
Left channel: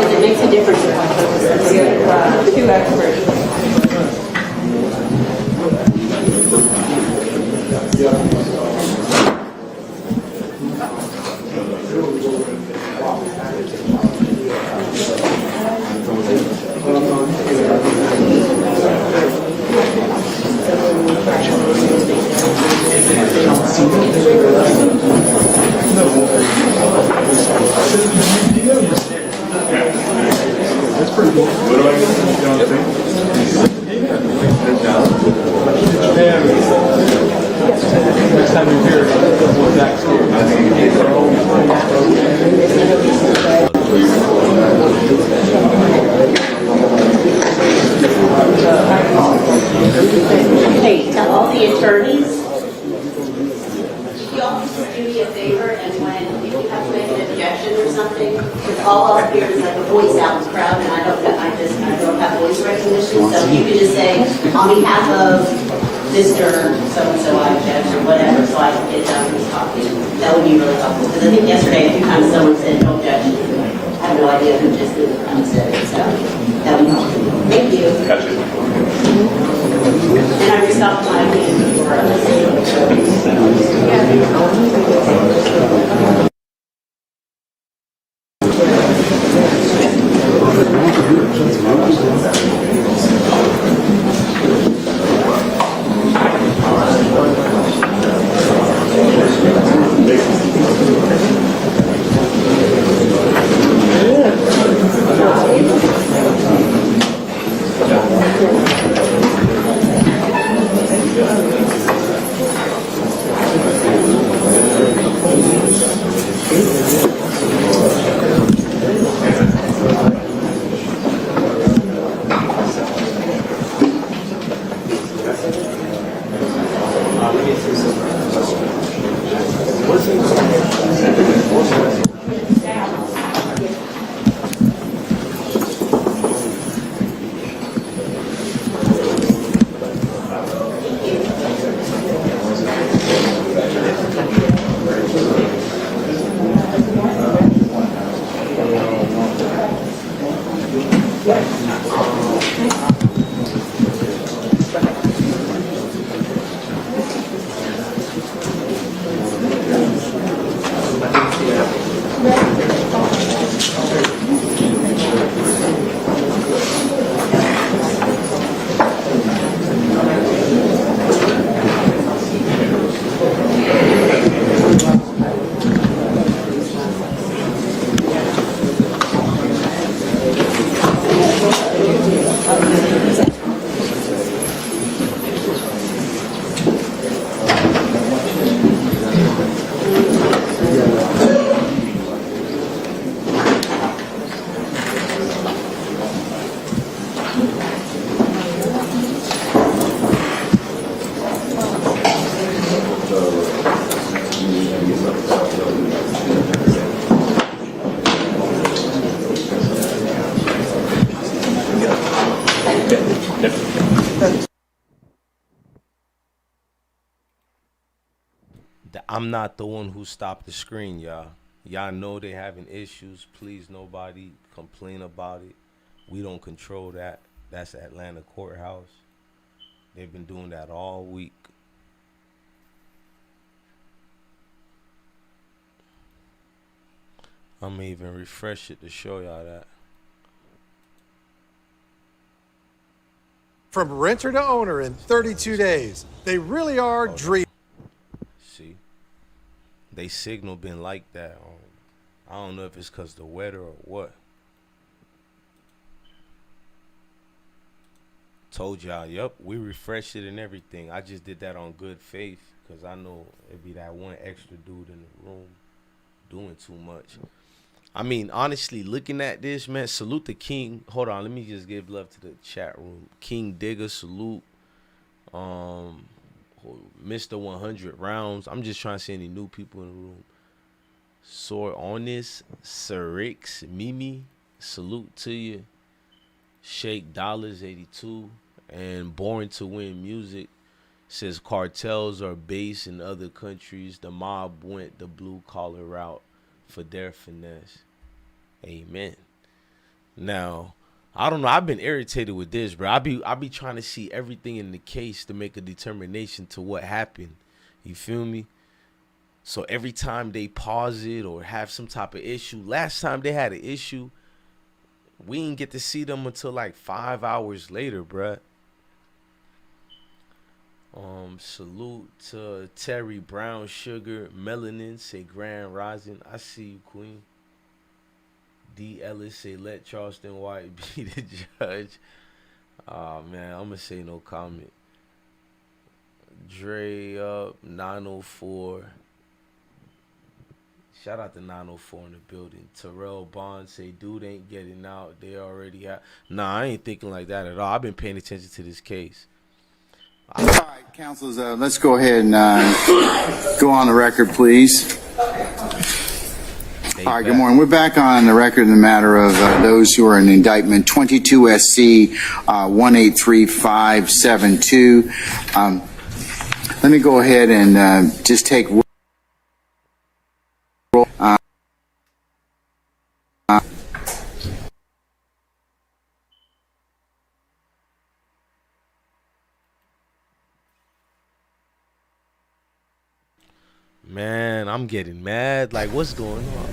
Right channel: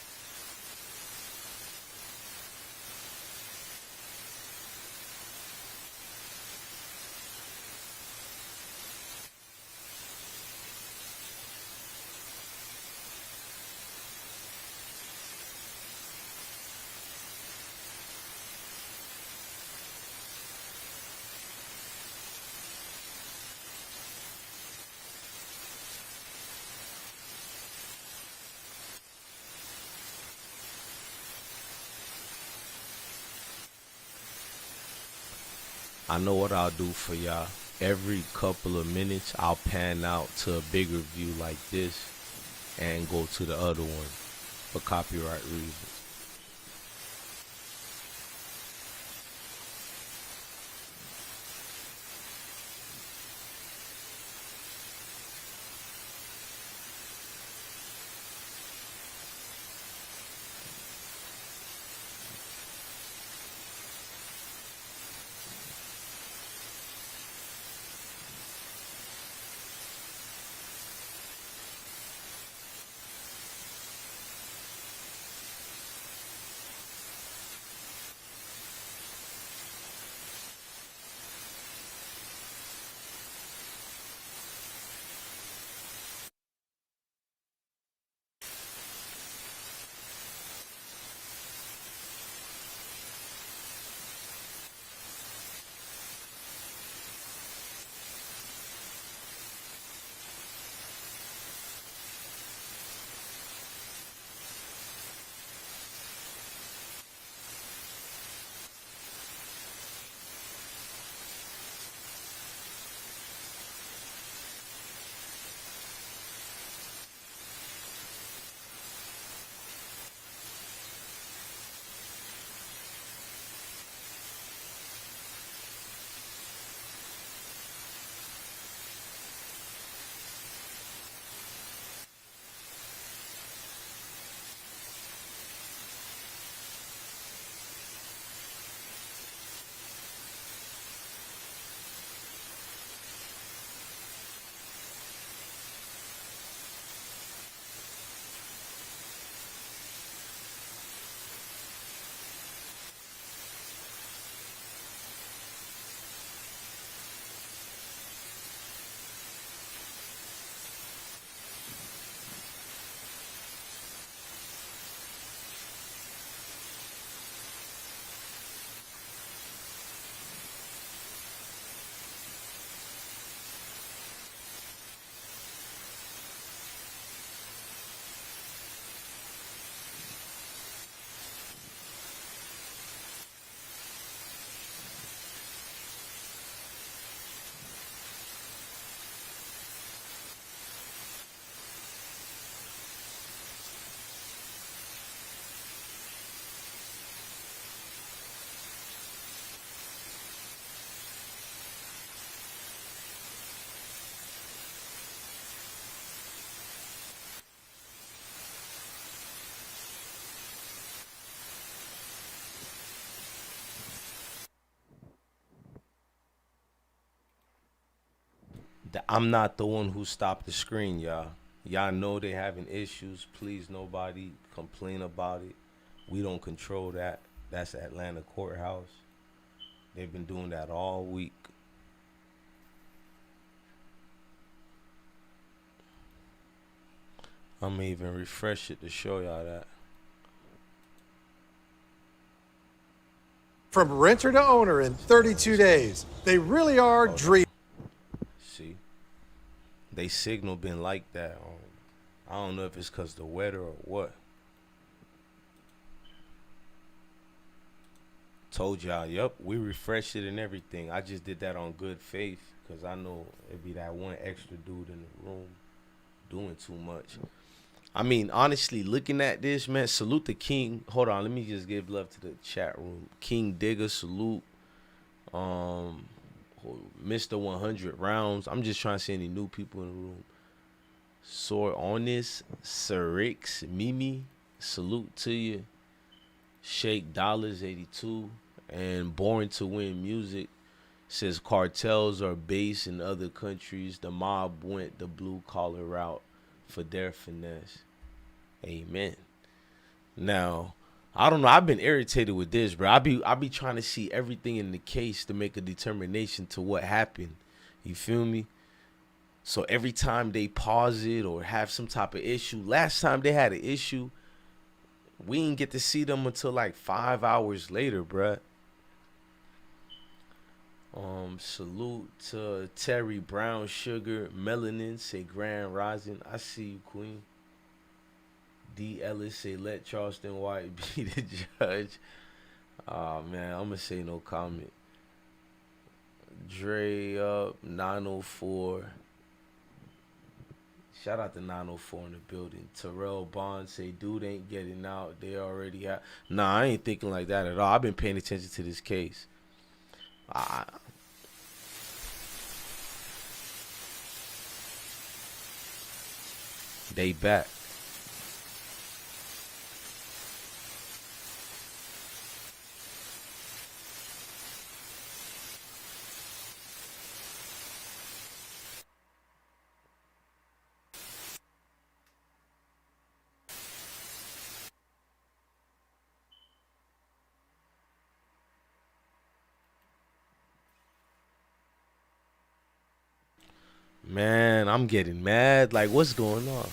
Because it makes a difference if I put two experts. That's pretty cool. What do I get? You know what next time you're here, we'll back Hey, to all the attorneys, y'all just do me a favor, and when if you have to make an objection or something, because all up here is like a voice out crowd, and I don't have voice recognition, so you can just say, on behalf of Mr. So-and-so, I object, or whatever, so I can get down and talk to you. That would be really helpful, because I think yesterday a few times someone said no objection. I have no idea who just said it, so that would be helpful. Thank you. And I restocked my hand before I I'm not the one who stopped the screen, y'all. Y'all know they having issues. Please, nobody complain about it. We don't control that. That's Atlanta courthouse. They've been doing that all week. I'm gonna even refresh it to show y'all that. From renter to owner in 32 days. They really are dreaming. See, they signal been like that. I don't know if it's because the weather or what. Told y'all, yep, we refreshed it and everything. I just did that on good faith because I know it'd be that one extra dude in the room doing too much. I mean, honestly, looking at this, man, salute the king. Hold on, let me just give love to the chat room. King Digger, salute. Mr. 100 rounds. I'm just trying to see any new people in the room. Soar Honest, Sirix, Mimi, salute to you. Shake Dollars 82 and Born to Win Music says cartels are based in other countries. The mob went the blue collar route for their finesse. Amen. Now, I don't know. I've been irritated with this, bro. I be trying to see everything in the case to make a determination to what happened. You feel me? So every time they pause it or have some type of issue, last time they had an issue, we didn't get to see them until like 5 hours later, bruh. Salute to Terry Brown Sugar, Melanin, say Grand Rising. I see you, Queen. D. Ellis say let Charleston White be the judge. Oh man, I'm gonna say no comment. Dre up 904. Shout out to 904 in the building. Terrell Bond say, dude ain't getting out. They already have. Nah, I ain't thinking like that at all. I've been paying attention to this case. All right, counsels, let's go ahead and go on the record, please. All right, good morning. We're back on the record in the matter of those who are in indictment 22 SC 183572. Let me go ahead and just take Man, I'm getting mad. Like, what's going on?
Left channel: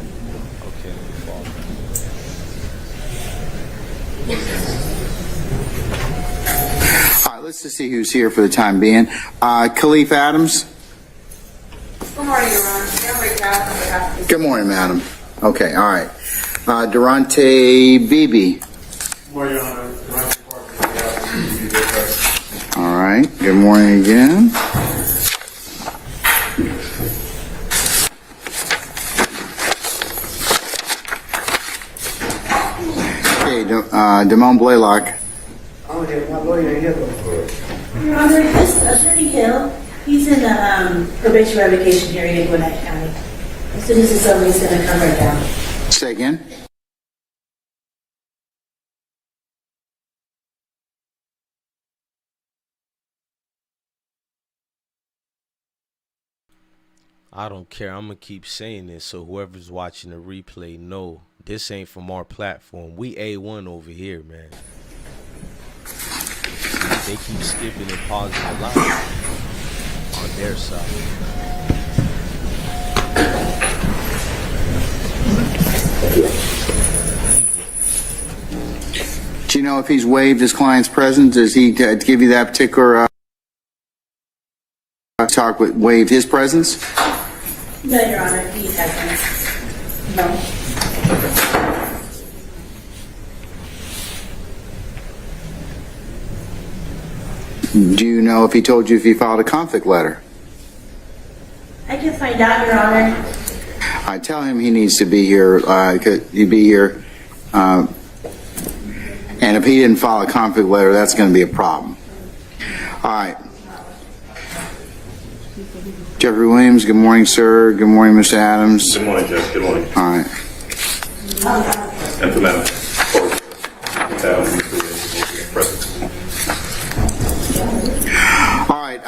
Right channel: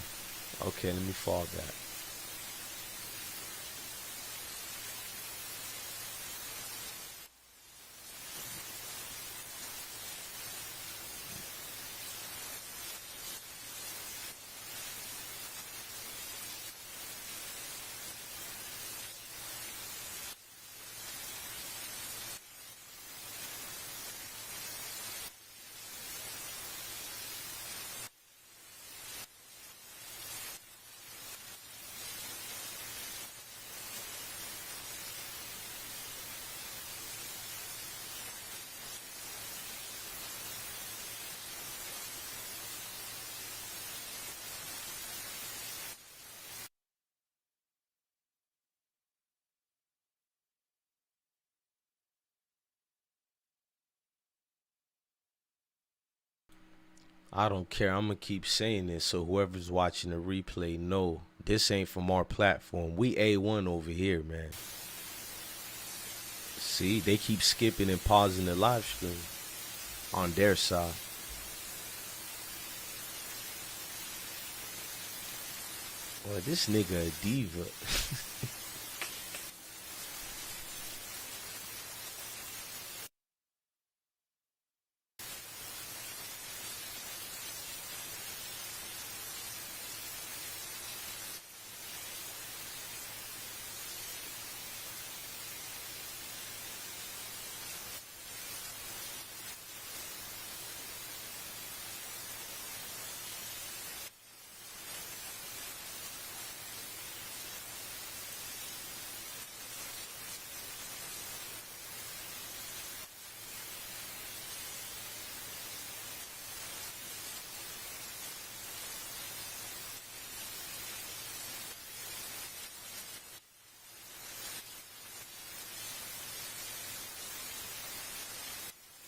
Okay, let me fall back. All right, let's just see who's here for the time being. Khalif Adams. Good morning, Your Honor. Good morning, madam. Okay, all right. Durante Beebe. Good morning, Your Honor. All right, good morning again. Damone Blaylock. Your Honor, this Attorney Hill, he's in a probation revocation hearing in Gwinnett County. As soon as it's over, he's going to come right down. Say again. I don't care. I'm going to keep saying this so whoever's watching the replay know this ain't from our platform. We A1 over here, man. See, they keep skipping and pausing a lot on their side. Do you know if he's waived his client's presence? Does he give you that particular talk with waived his presence? No, Your Honor, he hasn't. No. Do you know if he told you if he filed a conflict letter? I can find out, Your Honor. I tell him he needs to be here. He'd be here, and if he didn't file a conflict letter, that's going to be a problem. All right. Jeffrey Williams, good morning, sir. Good morning, Mr. Adams. Good morning, Judge. Good morning. All right. And the matter.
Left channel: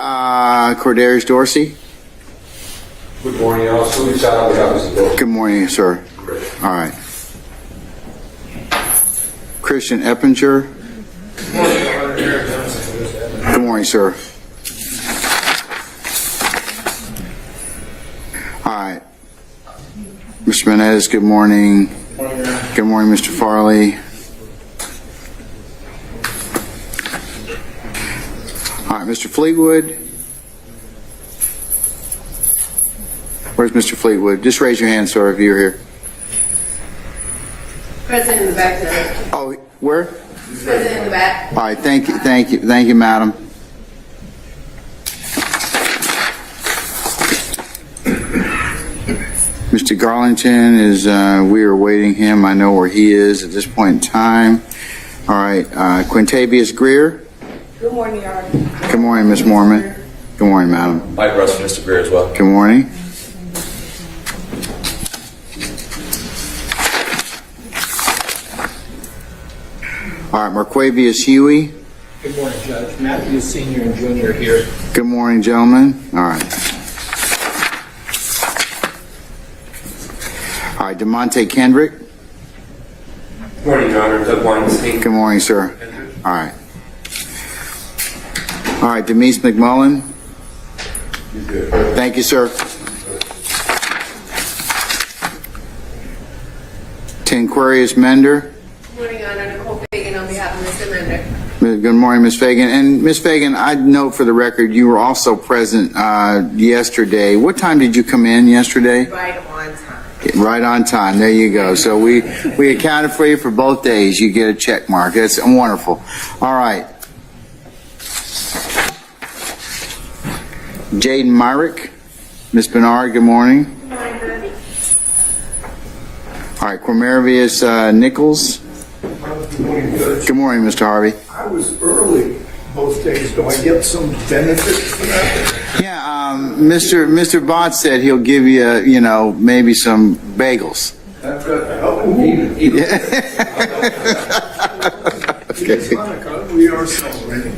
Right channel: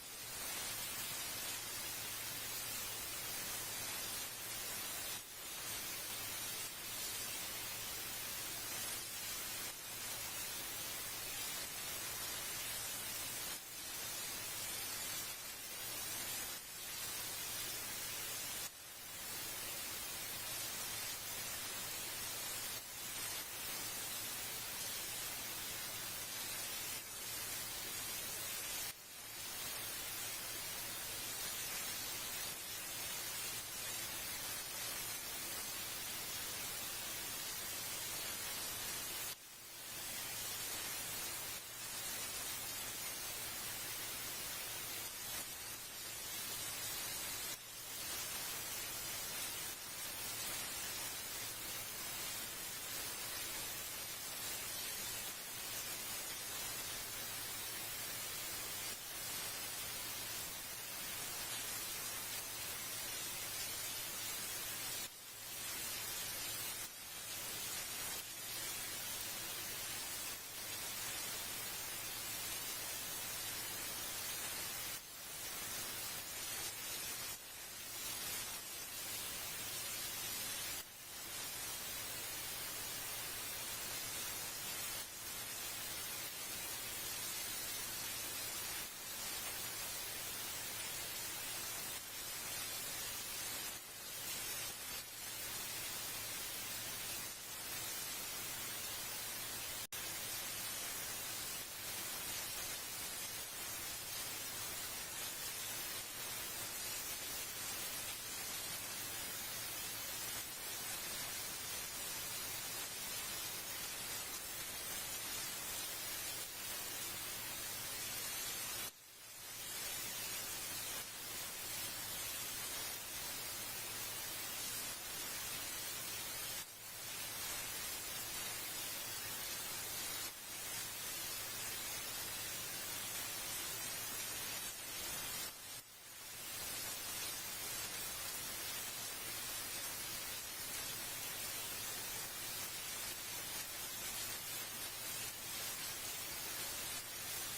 All right, Cordarius Dorsey. morning, y'all. Salute, shout out to Mr. Bill. Good morning, sir. All right. Christian Eppinger. Good morning, sir. All right. Mr. Menendez, good morning. Good morning, Mr. Farley. All right, Mr. Fleetwood. Where's Mr. Fleetwood? Just raise your hand, sir, if you're here. President in the back there. Oh, where? President in the back. All right, thank you, madam. Mr. Garlington is, we are awaiting him. I know where he is at this point in time. All right, Quintavious Greer. Good morning, Your Honor. Good morning, Ms. Mormon. Good morning, madam. Mike Russell, Mr. Greer as well. Good morning. All right, Marquavius Huey. Good morning, Judge. Matthew Sr. and Jr. here. Good morning, gentlemen. All right. All right, DeMonte Kendrick. Good morning, Your Honor. Doug Weinstein. Good morning, sir. All right. All right, Demise McMullen. Thank you, sir. Tenquarius Mender. Good morning, Your Honor. Nicole Fagan on behalf of Mr. Mender. Good morning, Ms. Fagan. And Ms. Fagan, I'd note for the record, you were also present yesterday. What time did you come in yesterday? Right on time. Right on time. There you go. So we accounted for you for both days. You get a check mark. That's wonderful. All right. Jaden Myrick. Ms. Bernard, good morning. Good morning, Judge. All right. Cormerivius Nichols. Good morning, Judge. Good morning, Mr. Harvey. I was early both days. Do I get some benefit for that? Yeah, Mr. Bott said he'll give you, maybe some bagels. That's good. It's Hanukkah. We are celebrating.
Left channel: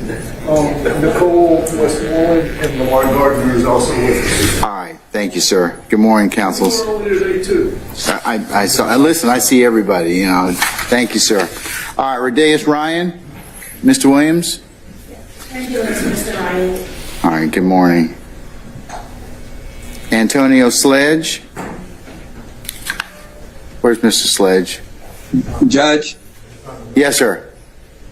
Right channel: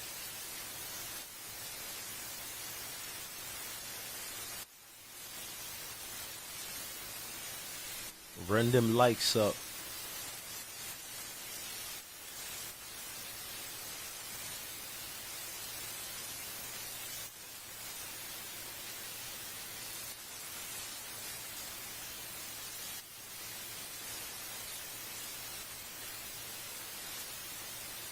Nicole Westmoreland and Lamar Gardner is also with us. All right, thank you, sir. Good morning, counsels. We're early today, too. I saw. Listen, I see everybody. Thank you, sir. All right, Rodeus Ryan, Mr. Williams. Thank you, Mr. Ryan. All right, good morning. Antonio Sledge. Where's Mr. Sledge? Judge? Yes, sir.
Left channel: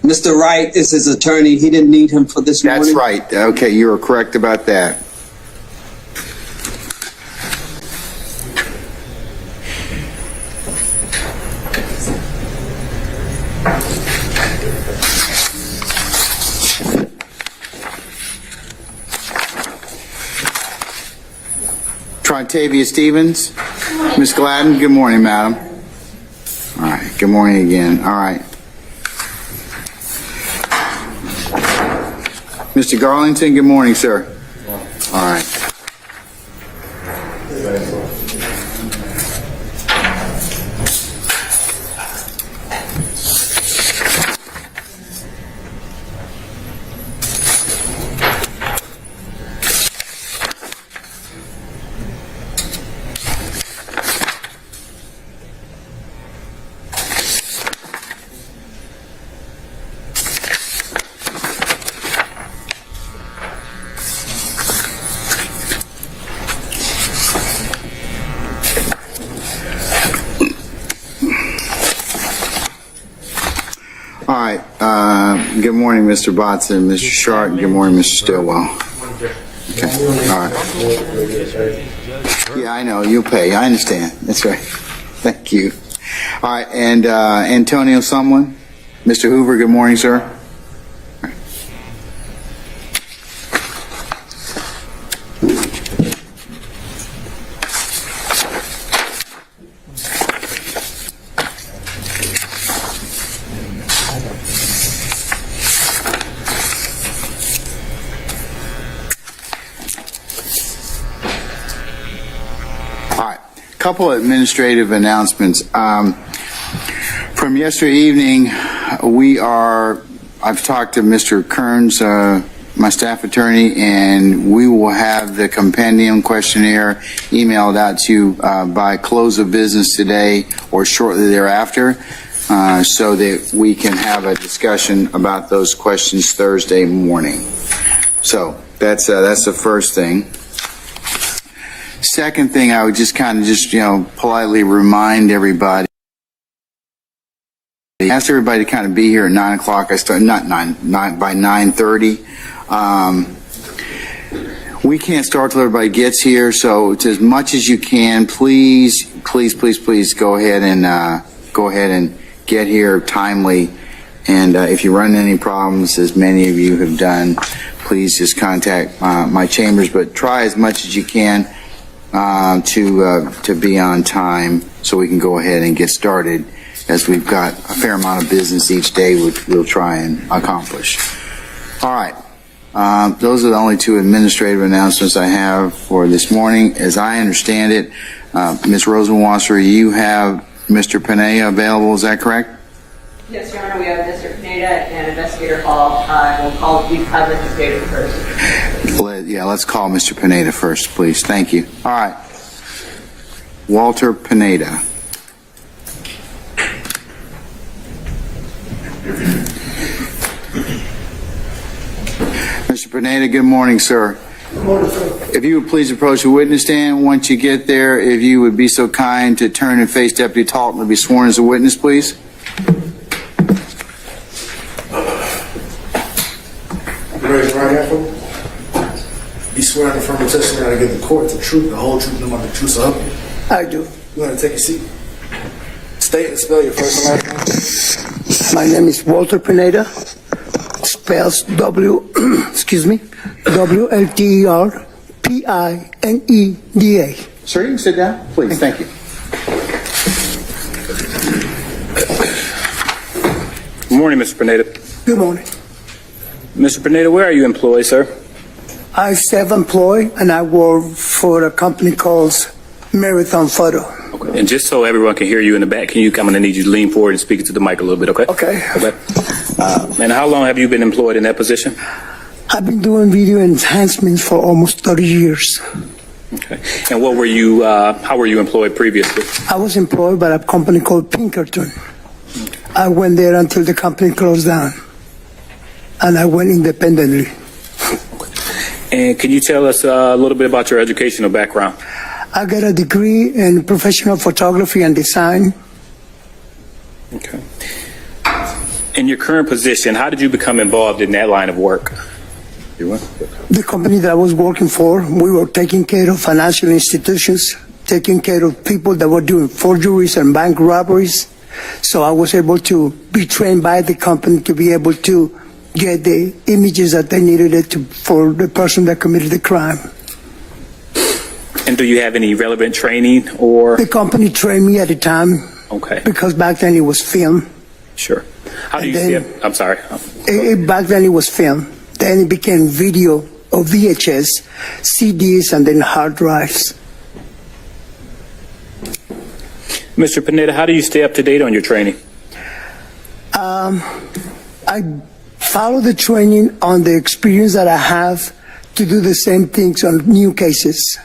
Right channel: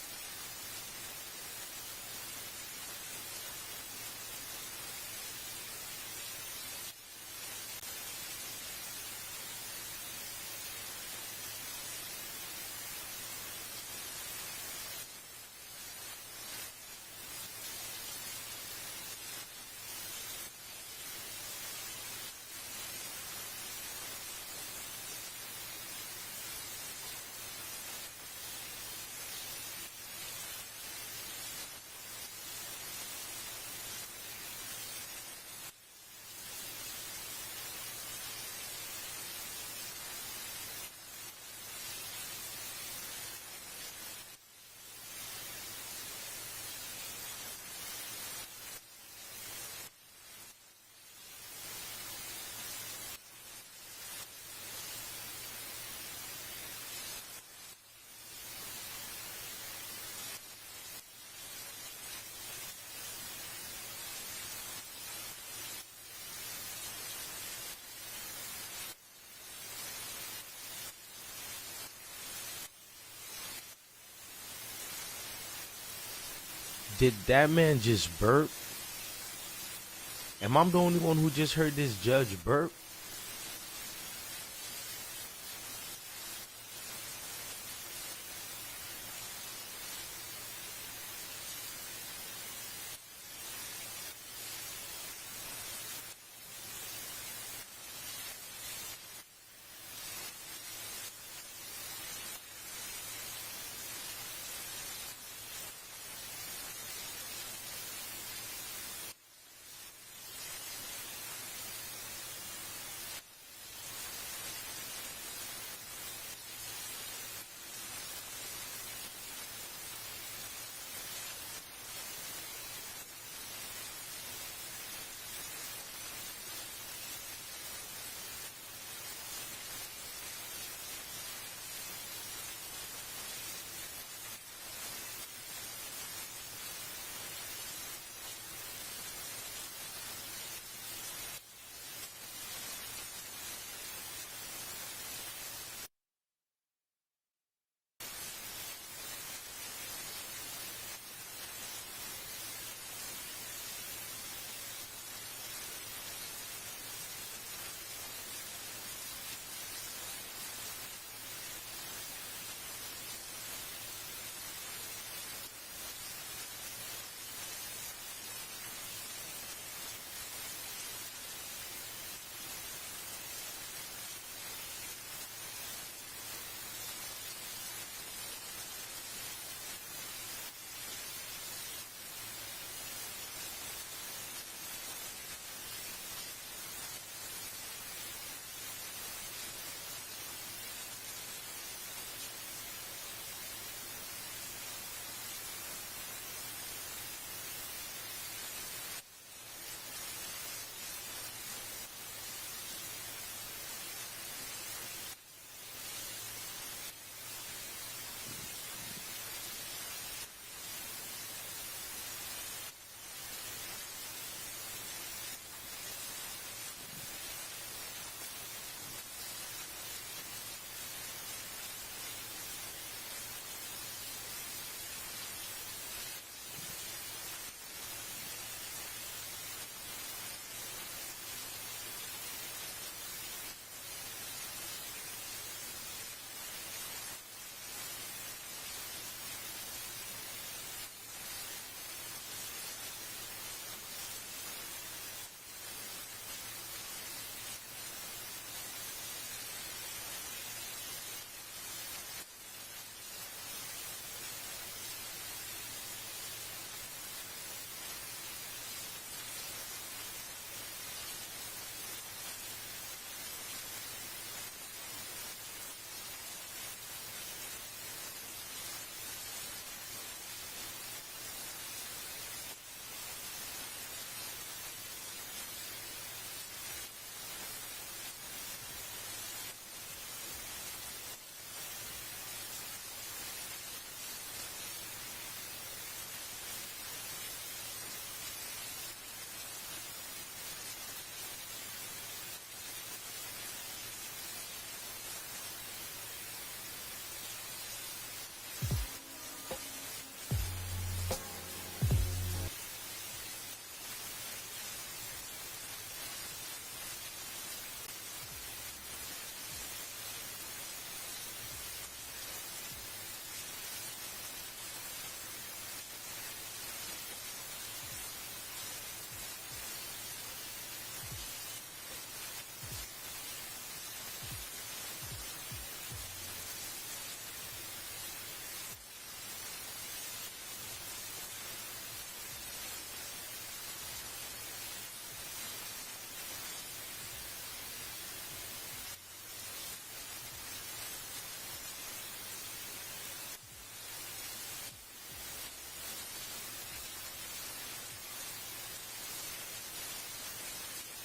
Mr. Wright is his attorney. He didn't need him for this morning. That's right. Okay, you are correct about that. Trontavia Stevens. Ms. Gladden, good morning, madam. All right, good morning again. All right. Mr. Garlington, good morning, sir. All right. All right. Good morning, Mr. Botson, Mr. Sharp. Good morning, Mr. Stillwell. Okay. All right. I'm the only one who just heard this judge. Yeah, I know. You'll pay. I understand. That's right. Thank you. All right. And Antonio Sumlin. Mr. Hoover, good morning, sir. Couple of administrative announcements. From yesterday evening, I've talked to Mr. Kearns, my staff attorney, and we will have the compendium questionnaire emailed out to you by close of business today or shortly thereafter, so that we can have a discussion about those questions Thursday morning. So that's the first thing. Second thing, I would just politely remind everybody. Ask everybody to kind of be here at 9 o'clock. I start by 9:30. We can't start till everybody gets here, so it's as much as you can, please go ahead and get here timely. And if you run into any problems, as many of you have done, please just contact my chambers. But try as much as you can to be on time, so we can go ahead and get started, as we've got a fair amount of business each day, which we'll try and accomplish. All right. Those are the only two administrative announcements I have for this morning. As I understand it, Ms. Rosenwasser, you have Mr. Pineda available, is that correct? Yes, Your Honor, we have Mr. Pineda and Investigator Hall. We have Investigator first. Let's call Mr. Pineda first, please. Thank you. All right. Walter Pineda. Mr. Pineda, good morning, sir. Good morning, sir. If you would please approach the witness stand. Once you get there, if you would be so kind to turn and face Deputy Talton to be sworn as a witness, please. Raise your right hand for me. Be sworn to affirm the testimony I give the court the truth, the whole truth, and nothing but the truth, so help you. I do. You want to take a seat? State and spell your first and last name. My name is Walter Pineda. Spells WLTER PINEDA. Sir, you can sit down, please. Thank you. Good morning, Mr. Pineda. Good morning. Mr. Pineda, where are you employed, sir? I'm self-employed, and I work for a company called Marathon Photo. Okay. And just so everyone can hear you in the back, I'm going to need you to lean forward and speak into the mic a little bit, okay? Okay. And how long have you been employed in that position? I've been doing video enhancements for almost 30 years. Okay. And what were you? How were you employed previously? I was employed by a company called Pinkerton. I went there until the company closed down, and I went independently. And can you tell us a little bit about your educational background? I got a degree in professional photography and design. Okay. In your current position, how did you become involved in that line of work? The company that I was working for, we were taking care of financial institutions, taking care of people that were doing forgeries and bank robberies. So I was able to be trained by the company to be able to get the images that they needed for the person that committed the crime. And do you have any relevant training or? The company trained me at the time. Okay. Because back then it was film. Sure. How do you see it? I'm sorry. Back then it was film. Then it became video or VHS, CDs, and then hard drives. Mr. Pineda, how do you stay up to date on your training? I follow the training on the experience that I have to do the same things on new cases.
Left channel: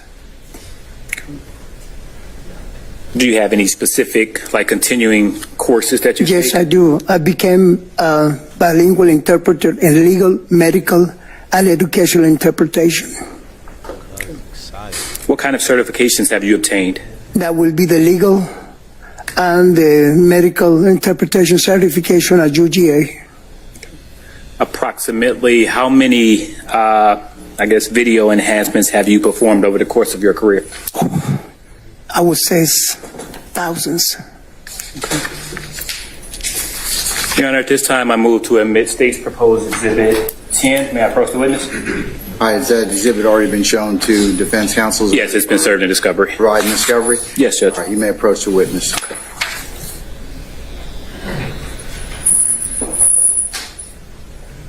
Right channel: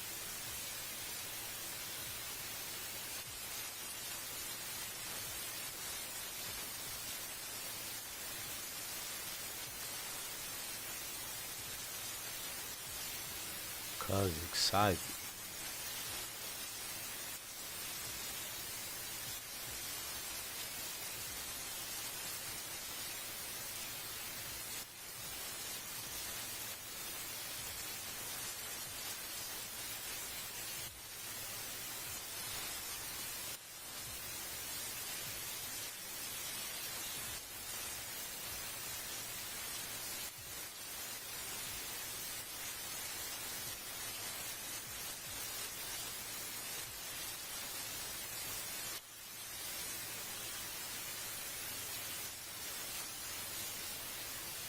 Do you have any specific, continuing courses that you take? Yes, I do. I became a bilingual interpreter in legal, medical, and educational interpretation. What kind of certifications have you obtained? That will be the legal and the medical interpretation certification at UGA. Approximately how many, video enhancements have you performed over the course of your career? I would say thousands. Your Honor, at this time, I move to admit State's proposed Exhibit 10. May I approach the witness? Has that exhibit already been shown to defense counsel? Yes, it's been served in discovery. Right in discovery? Yes, Judge. All right, you may approach the witness. Okay.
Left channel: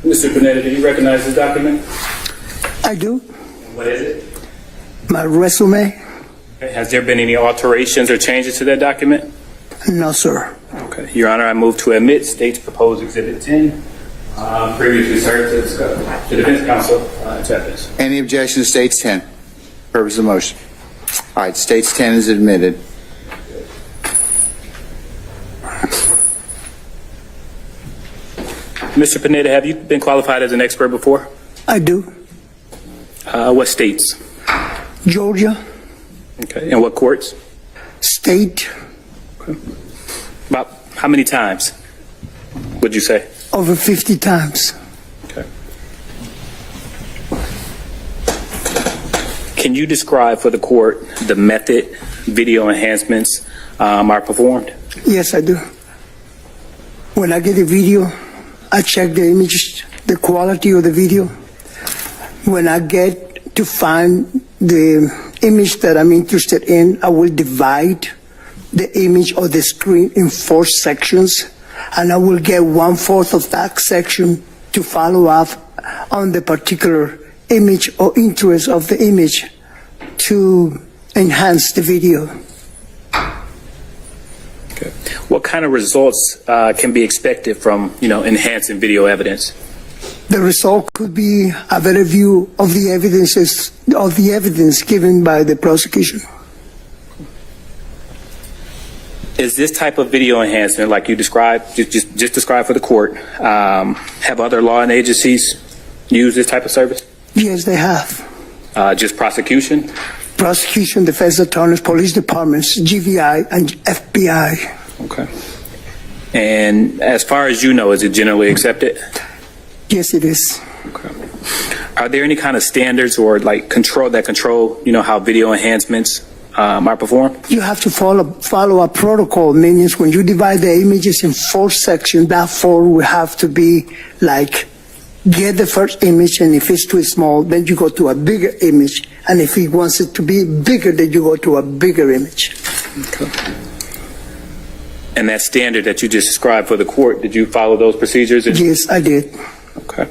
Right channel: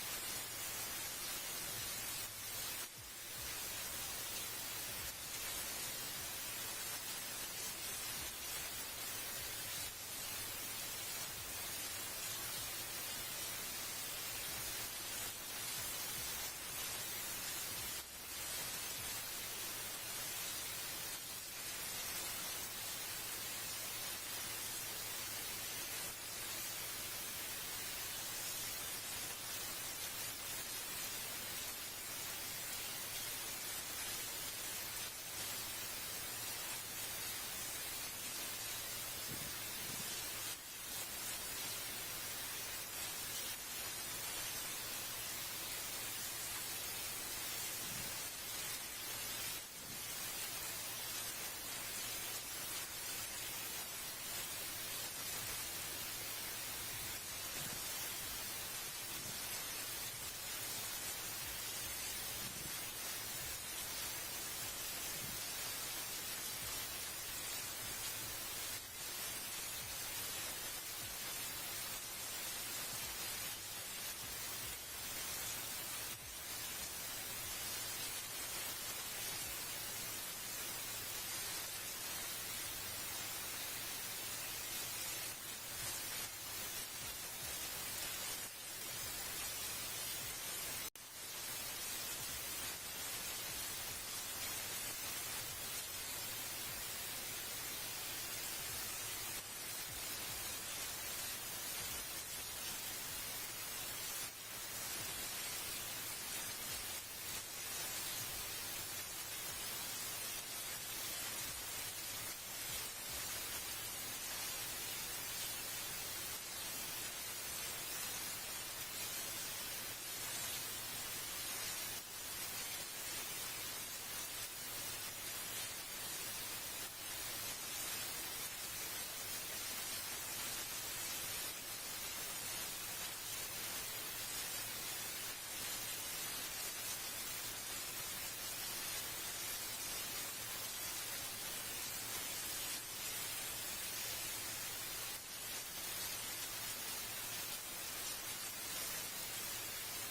Mr. Pineda, do you recognize this document? I do. What is it? My resume? Has there been any alterations or changes to that document? No, sir. Okay. Your Honor, I move to admit State's proposed Exhibit 10. Previously served to defense counsel to evidence. Any objection to States 10? Purpose of the motion. All right, States 10 is admitted. Mr. Pineda, have you been qualified as an expert before? I do. What states? Georgia. Okay. And what courts? State. Okay. About how many times would you say? Over 50 times. Okay. Can you describe for the court the method video enhancements are performed? Yes, I do. When I get a video, I check the images, the quality of the video. When I get to find the image that I'm interested in, I will divide the image or the screen in 4 sections, and I will get 1/4 of that section to follow up on the particular image or interest of the image to enhance the video. Okay. What kind of results can be expected from, enhancing video evidence? The result could be a better view of the evidence given by the prosecution. Is this type of video enhancement, like you described, just described for the court, have other law and agencies used this type of service? Yes, they have. Just prosecution? Prosecution, defense attorneys, police departments, GVI, and FBI. Okay. And as far as you know, is it generally accepted? Yes, it is. Okay. Are there any kind of standards or control, how video enhancements are performed? You have to follow a protocol, meaning when you divide the images in 4 sections, that 4 will have to be get the first image, and if it's too small, then you go to a bigger image, and if he wants it to be bigger, then you go to a bigger image. Okay. And that standard that you just described for the court, did you follow those procedures? Yes, I did. Okay.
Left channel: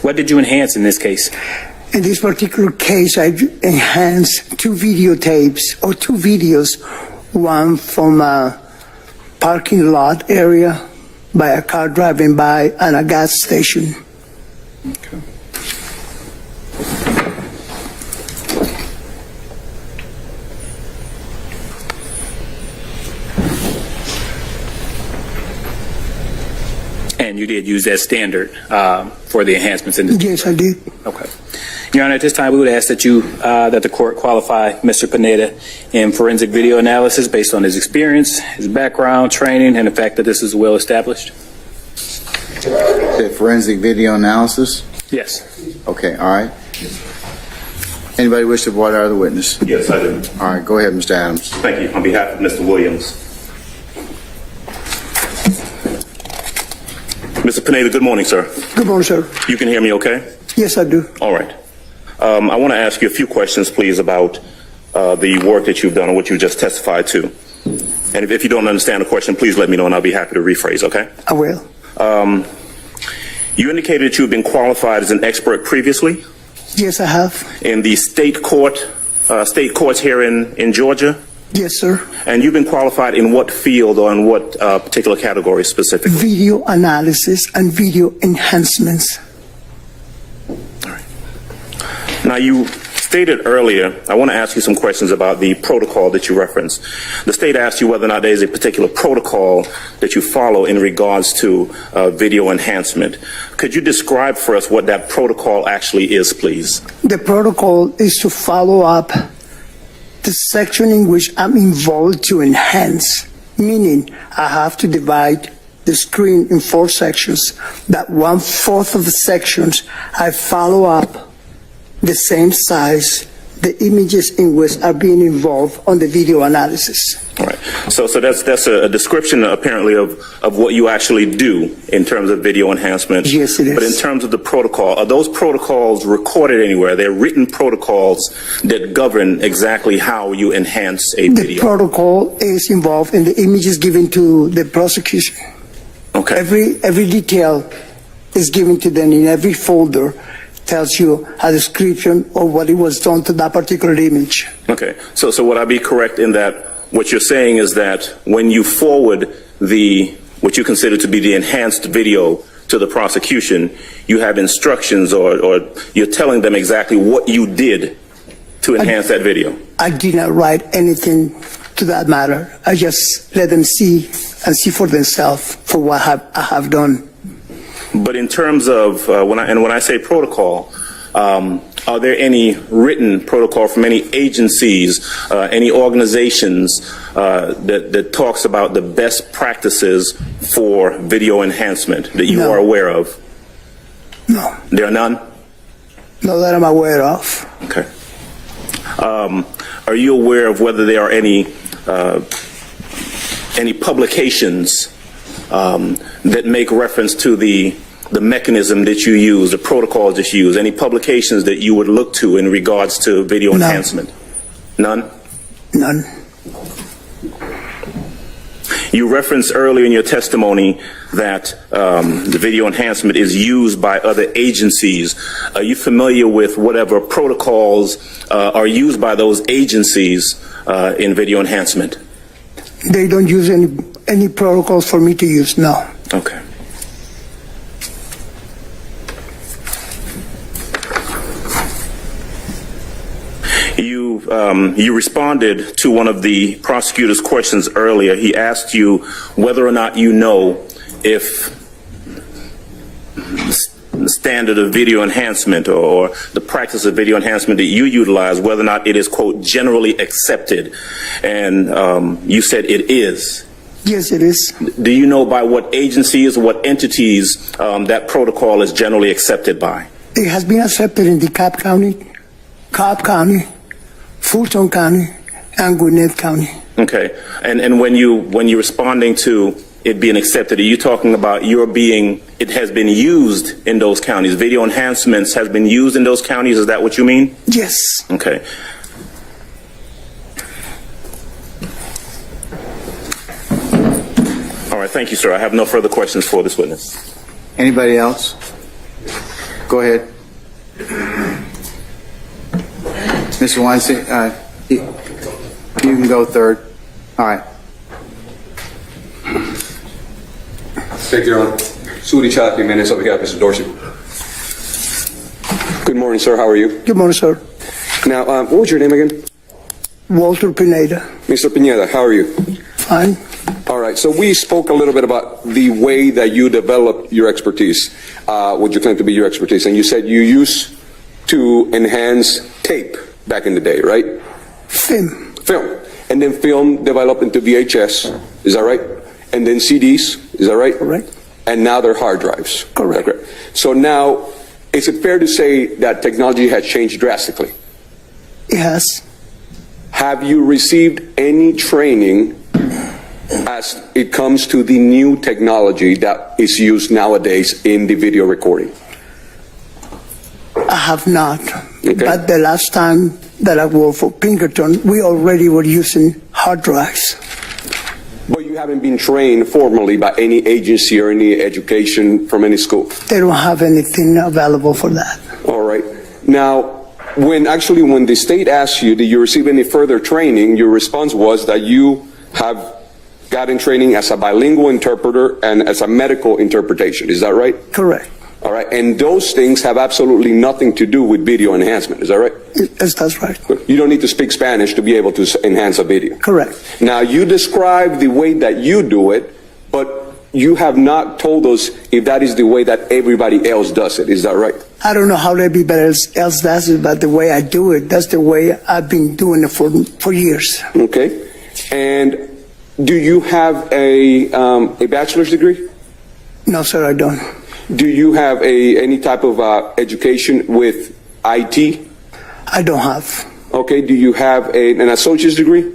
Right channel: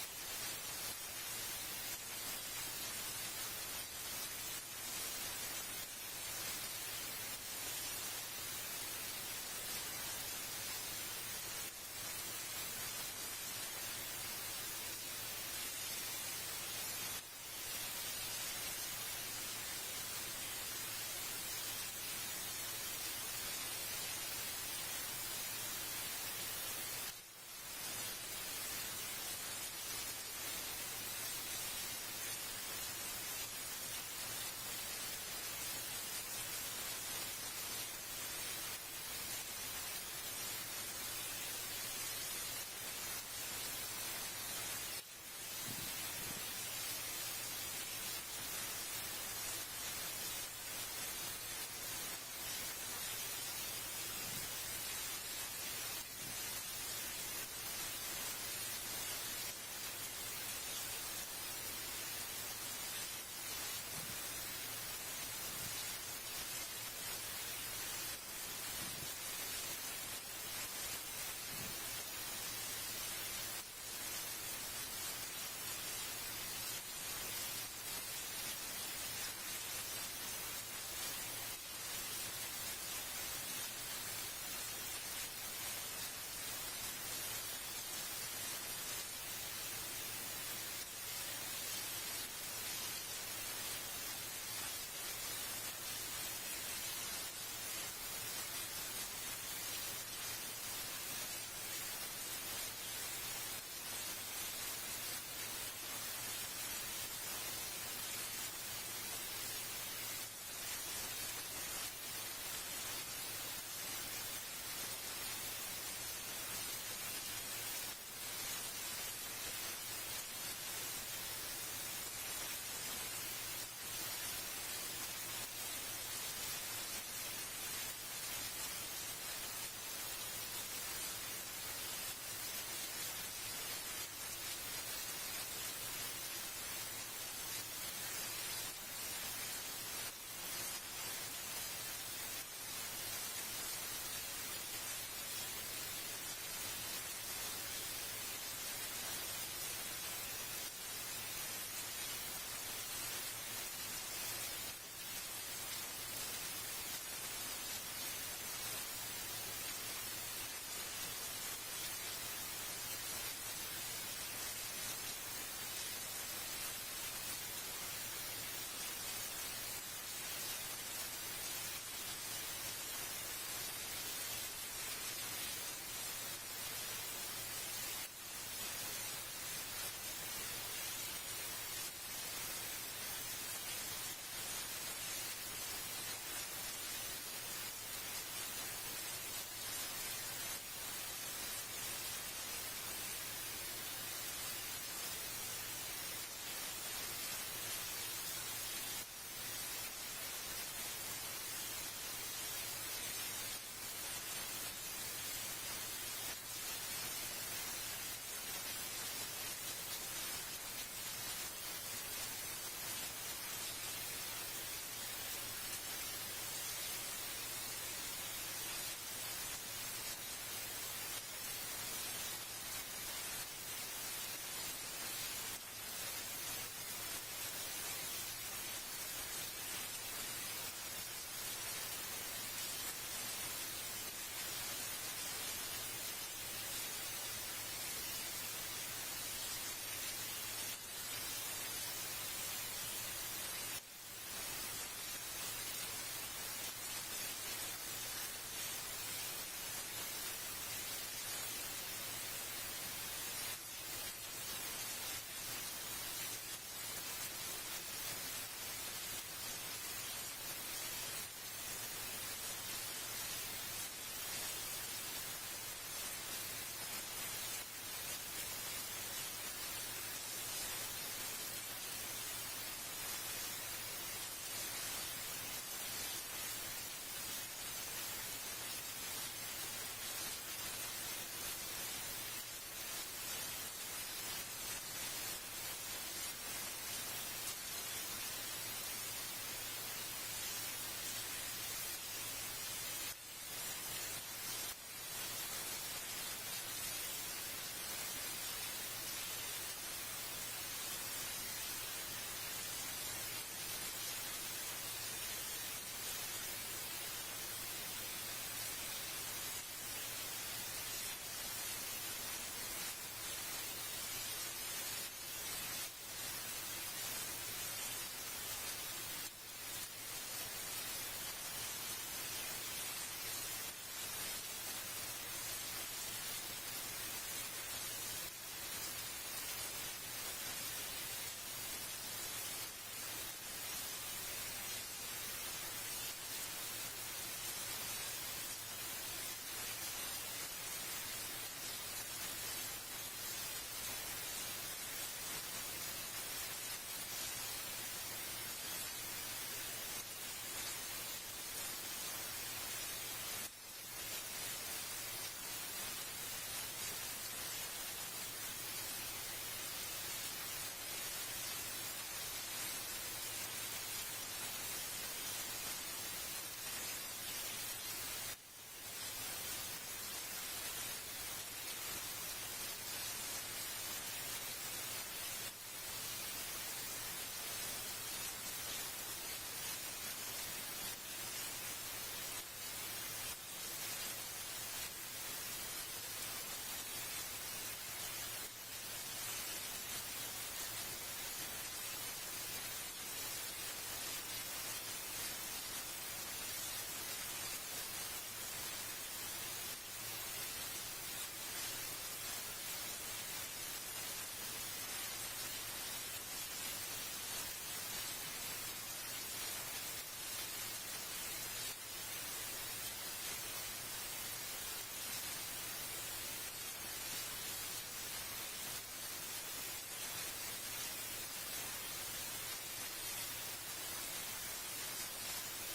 What did you enhance in this case? In this particular case, I enhanced 2 videotapes or 2 videos, one from a parking lot area by a car driving by and a gas station. Okay. And you did use that standard for the enhancements in this case? Yes, I did. Okay. Your Honor, at this time, we would ask that that the court qualify Mr. Pineda in forensic video analysis based on his experience, his background, training, and the fact that this is well established. The forensic video analysis? Yes. Okay, all right. Anybody wish to voir dire the witness? Yes, I do. All right, go ahead, Mr. Adams. Thank you. On behalf of Mr. Williams. Mr. Pineda, good morning, sir. Good morning, sir. You can hear me okay? Yes, I do. All right. I want to ask you a few questions, please, about the work that you've done and what you just testified to. And if you don't understand the question, please let me know and I'll be happy to rephrase, okay? I will. You indicated that you've been qualified as an expert previously? Yes, I have. In the state courts here in Georgia? Yes, sir. And you've been qualified in what field or in what particular category specifically? Video analysis and video enhancements. All right. Now, you stated earlier, I want to ask you some questions about the protocol that you referenced. The state asked you whether or not there is a particular protocol that you follow in regards to video enhancement. Could you describe for us what that protocol actually is, please? The protocol is to follow up the section in which I'm involved to enhance, meaning I have to divide the screen in 4 sections. That 1/4 of the sections, I follow up the same size, the images in which are being involved on the video analysis. All right. So that's a description apparently of what you actually do in terms of video enhancement. Yes, it is. But in terms of the protocol, are those protocols recorded anywhere? They're written protocols that govern exactly how you enhance a video. The protocol is involved in the images given to the prosecution. Okay. Every detail is given to them in every folder. Tells you a description of what it was done to that particular image. Okay. So would I be correct in that what you're saying is that when you forward what you consider to be the enhanced video to the prosecution, you have instructions or you're telling them exactly what you did to enhance that video? I did not write anything to that matter. I just let them see and see for themselves for what I have done. But in terms of when I say protocol, are there any written protocol from any agencies, any organizations that talks about the best practices for video enhancement that you are aware of? No. There are none? Not that I'm aware of. Okay. Are you aware of whether there are any publications that make reference to the mechanism that you use, the protocols that you use, any publications that you would look to in regards to video enhancement? None? None. You referenced earlier in your testimony that the video enhancement is used by other agencies. Are you familiar with whatever protocols are used by those agencies in video enhancement? They don't use any protocols for me to use, no. Okay. You responded to one of the prosecutor's questions earlier. He asked you whether or not you know if the standard of video enhancement or the practice of video enhancement that you utilize, whether or not it is, quote, generally accepted. And you said it is. Yes, it is. Do you know by what agencies or what entities that protocol is generally accepted by? It has been accepted in the Cobb County, Fulton County, and Gwinnett County. Okay. And when you're responding to it being accepted, are you talking about it has been used in those counties? Video enhancements has been used in those counties? Is that what you mean? Yes. Okay. All right. Thank you, sir. I have no further questions for this witness. Anybody else? Go ahead. Mr. Weinstein, you can go third. All right. Thank you, Your Honor. Sudi Chad, Pineda, on behalf of Mr. Dorsey. Good morning, sir. How are you? Good morning, sir. Now, what was your name again? Walter Pineda. Mr. Pineda, how are you? Fine. All right. So we spoke a little bit about the way that you develop your expertise, what you claim to be your expertise, and you said you used to enhance tape back in the day, right? Film. And then film developed into VHS, is that right? And then CDs, is that right? Correct. And now they're hard drives. Correct. Okay. So now, is it fair to say that technology has changed drastically? It has. Have you received any training as it comes to the new technology that is used nowadays in the video recording? I have not. Okay. But the last time that I worked for Pinkerton, we already were using hard drives. But you haven't been trained formally by any agency or any education from any school? They don't have anything available for that. All right. Now, when the state asked you, did you receive any further training, your response was that you have gotten training as a bilingual interpreter and as a medical interpretation. Is that right? Correct. All right. And those things have absolutely nothing to do with video enhancement. Is that right? Yes, that's right. You don't need to speak Spanish to be able to enhance a video. Correct. Now, you describe the way that you do it, but you have not told us if that is the way that everybody else does it. Is that right? I don't know how everybody else does it, but the way I do it, that's the way I've been doing it for years. Okay. And do you have a bachelor's degree? No, sir, I don't. Do you have any type of education with IT? I don't have. Okay. Do you have an associate's degree?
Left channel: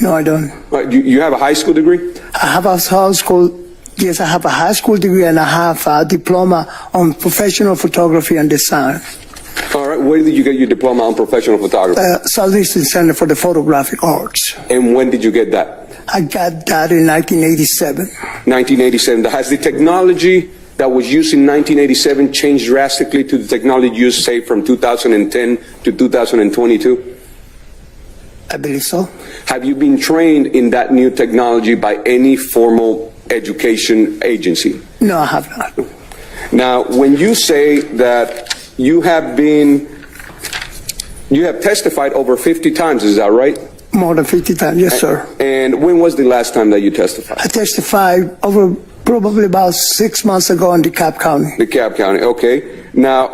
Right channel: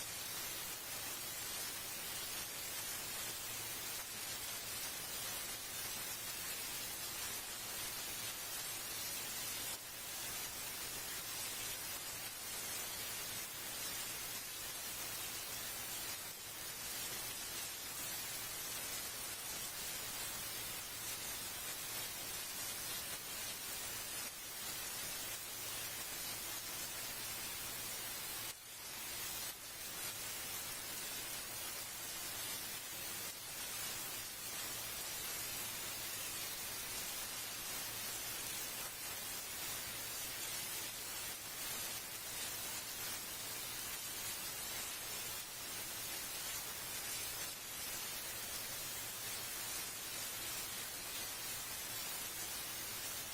No, I don't. Do you have a high school degree? I have a high school. Yes, I have a high school degree and I have a diploma on professional photography and design. All right. Where did you get your diploma on professional photography? Southeastern Center for the Photographic Arts. And when did you get that? I got that in 1987. 1987. Has the technology that was used in 1987 changed drastically to the technology used, say, from 2010 to 2022? I believe so. Have you been trained in that new technology by any formal education agency? No, I have not. Now, when you say that you have testified over 50 times, is that right? More than 50 times, yes, sir. And when was the last time that you testified? I testified over probably about 6 months ago in DeKalb County. DeKalb County, okay. Now,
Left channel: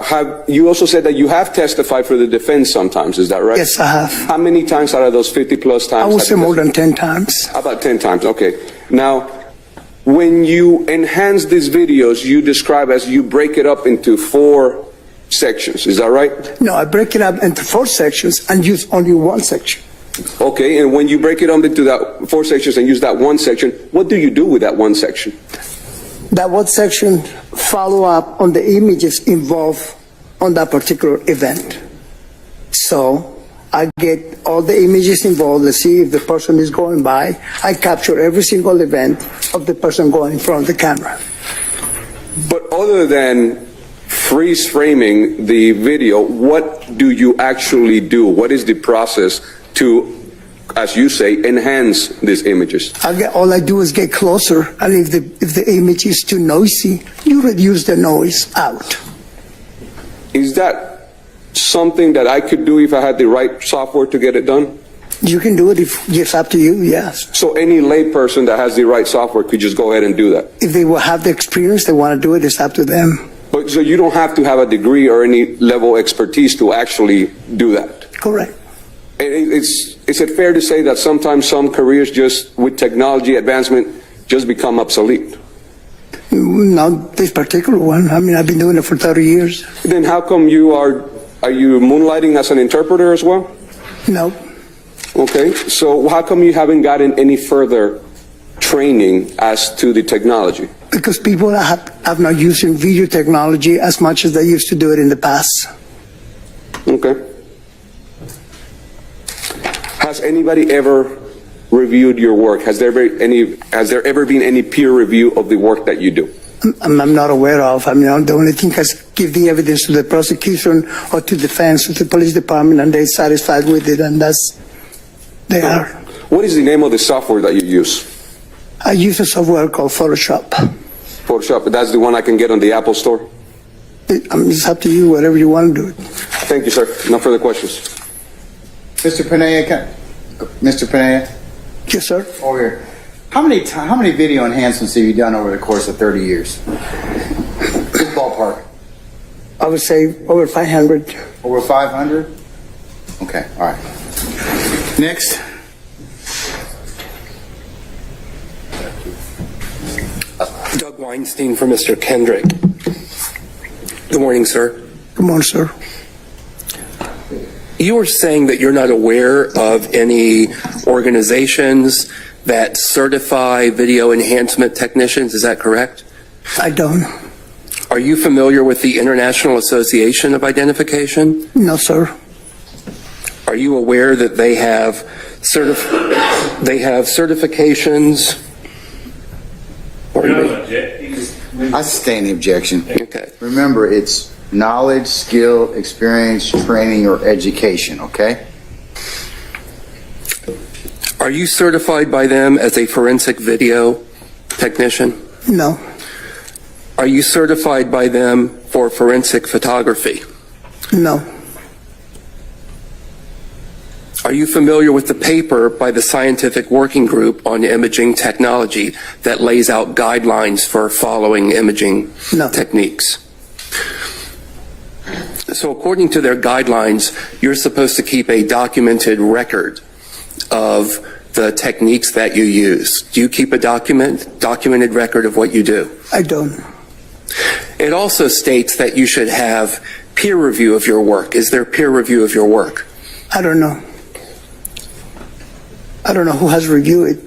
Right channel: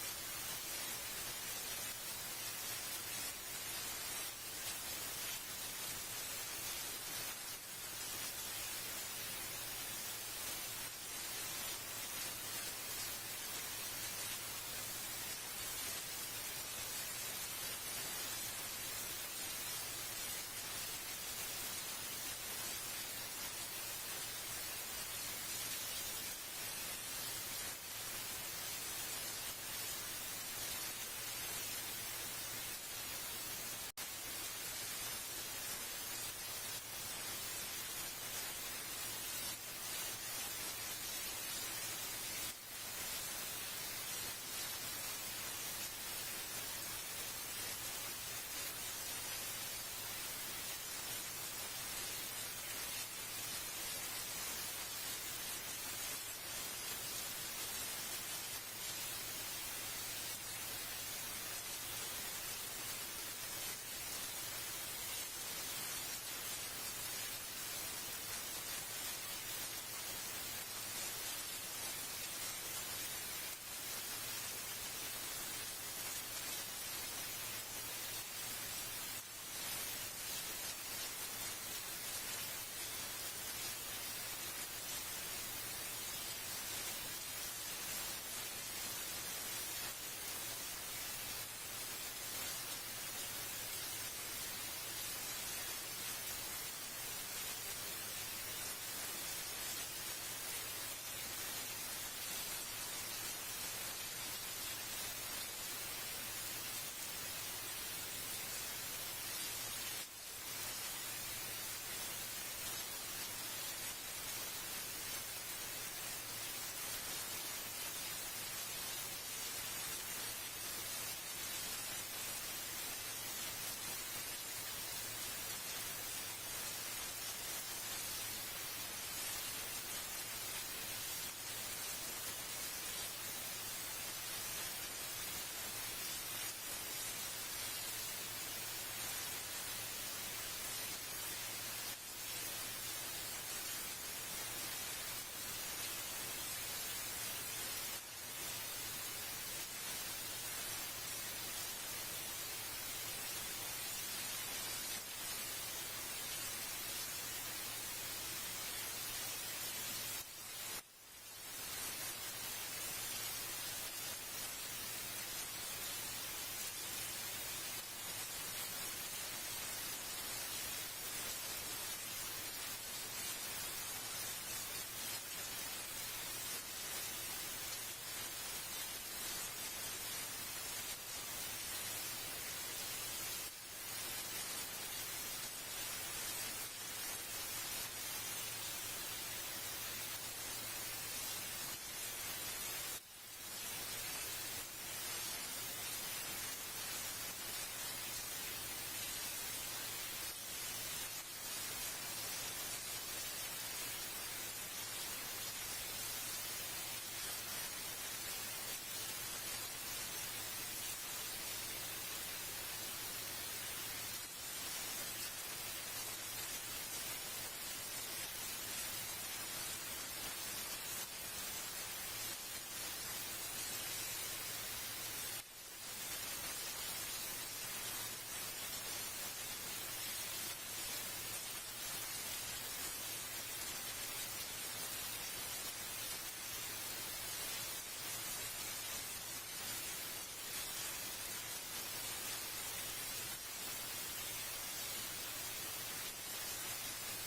you also said that you have testified for the defense sometimes, is that right? Yes, I have. How many times out of those 50 plus times? I would say more than 10 times. About 10 times, okay. Now, when you enhance these videos, you describe as you break it up into 4 sections, is that right? No, I break it up into 4 sections and use only one section. Okay, and when you break it up into that 4 sections and use that one section, what do you do with that one section? That one section follow up on the images involved on that particular event. So I get all the images involved to see if the person is going by. I capture every single event of the person going in front of the camera. But other than freeze framing the video, what do you actually do? What is the process to, as you say, enhance these images? All I do is get closer, and if the image is too noisy, you reduce the noise out. Is that something that I could do if I had the right software to get it done? You can do it if it's up to you, yes. So any layperson that has the right software could just go ahead and do that? If they will have the experience, they want to do it, it's up to them. But so you don't have to have a degree or any level of expertise to actually do that? Correct. Is it fair to say that sometimes some careers just with technology advancement just become obsolete? Not this particular one. I mean, I've been doing it for 30 years. Then how come are you moonlighting as an interpreter as well? No. Okay, so how come you haven't gotten any further training as to the technology? Because people have not using video technology as much as they used to do it in the past. Okay. Has anybody ever reviewed your work? Has there ever been any peer review of the work that you do? I'm not aware of. I mean, the only thing is give the evidence to the prosecution or to defense or to the police department, and they're satisfied with it, and they are. What is the name of the software that you use? I use a software called Photoshop. Photoshop, that's the one I can get on the Apple Store? It's up to you, whatever you want to do it. Thank you, sir. No further questions. Mr. Pineda, Yes, sir. Over here. How many video enhancements have you done over the course of 30 years? Just ballpark. I would say over 500. Over 500? Okay, all right. Next. Doug Weinstein for Mr. Kendrick. Good morning, sir. Good morning, sir. You were saying that you're not aware of any organizations that certify video enhancement technicians. Is that correct? I don't. Are you familiar with the International Association of Identification? No, sir. Are you aware that they have certifications? I sustain the objection. Okay. Remember, it's knowledge, skill, experience, training, or education, okay? Are you certified by them as a forensic video technician? No. Are you certified by them for forensic photography? No. Are you familiar with the paper by the Scientific Working Group on Imaging Technology that lays out guidelines for following imaging techniques? So according to their guidelines, you're supposed to keep a documented record of the techniques that you use. Do you keep a documented record of what you do? I don't. It also states that you should have peer review of your work. Is there peer review of your work? I don't know. I don't know who has reviewed it.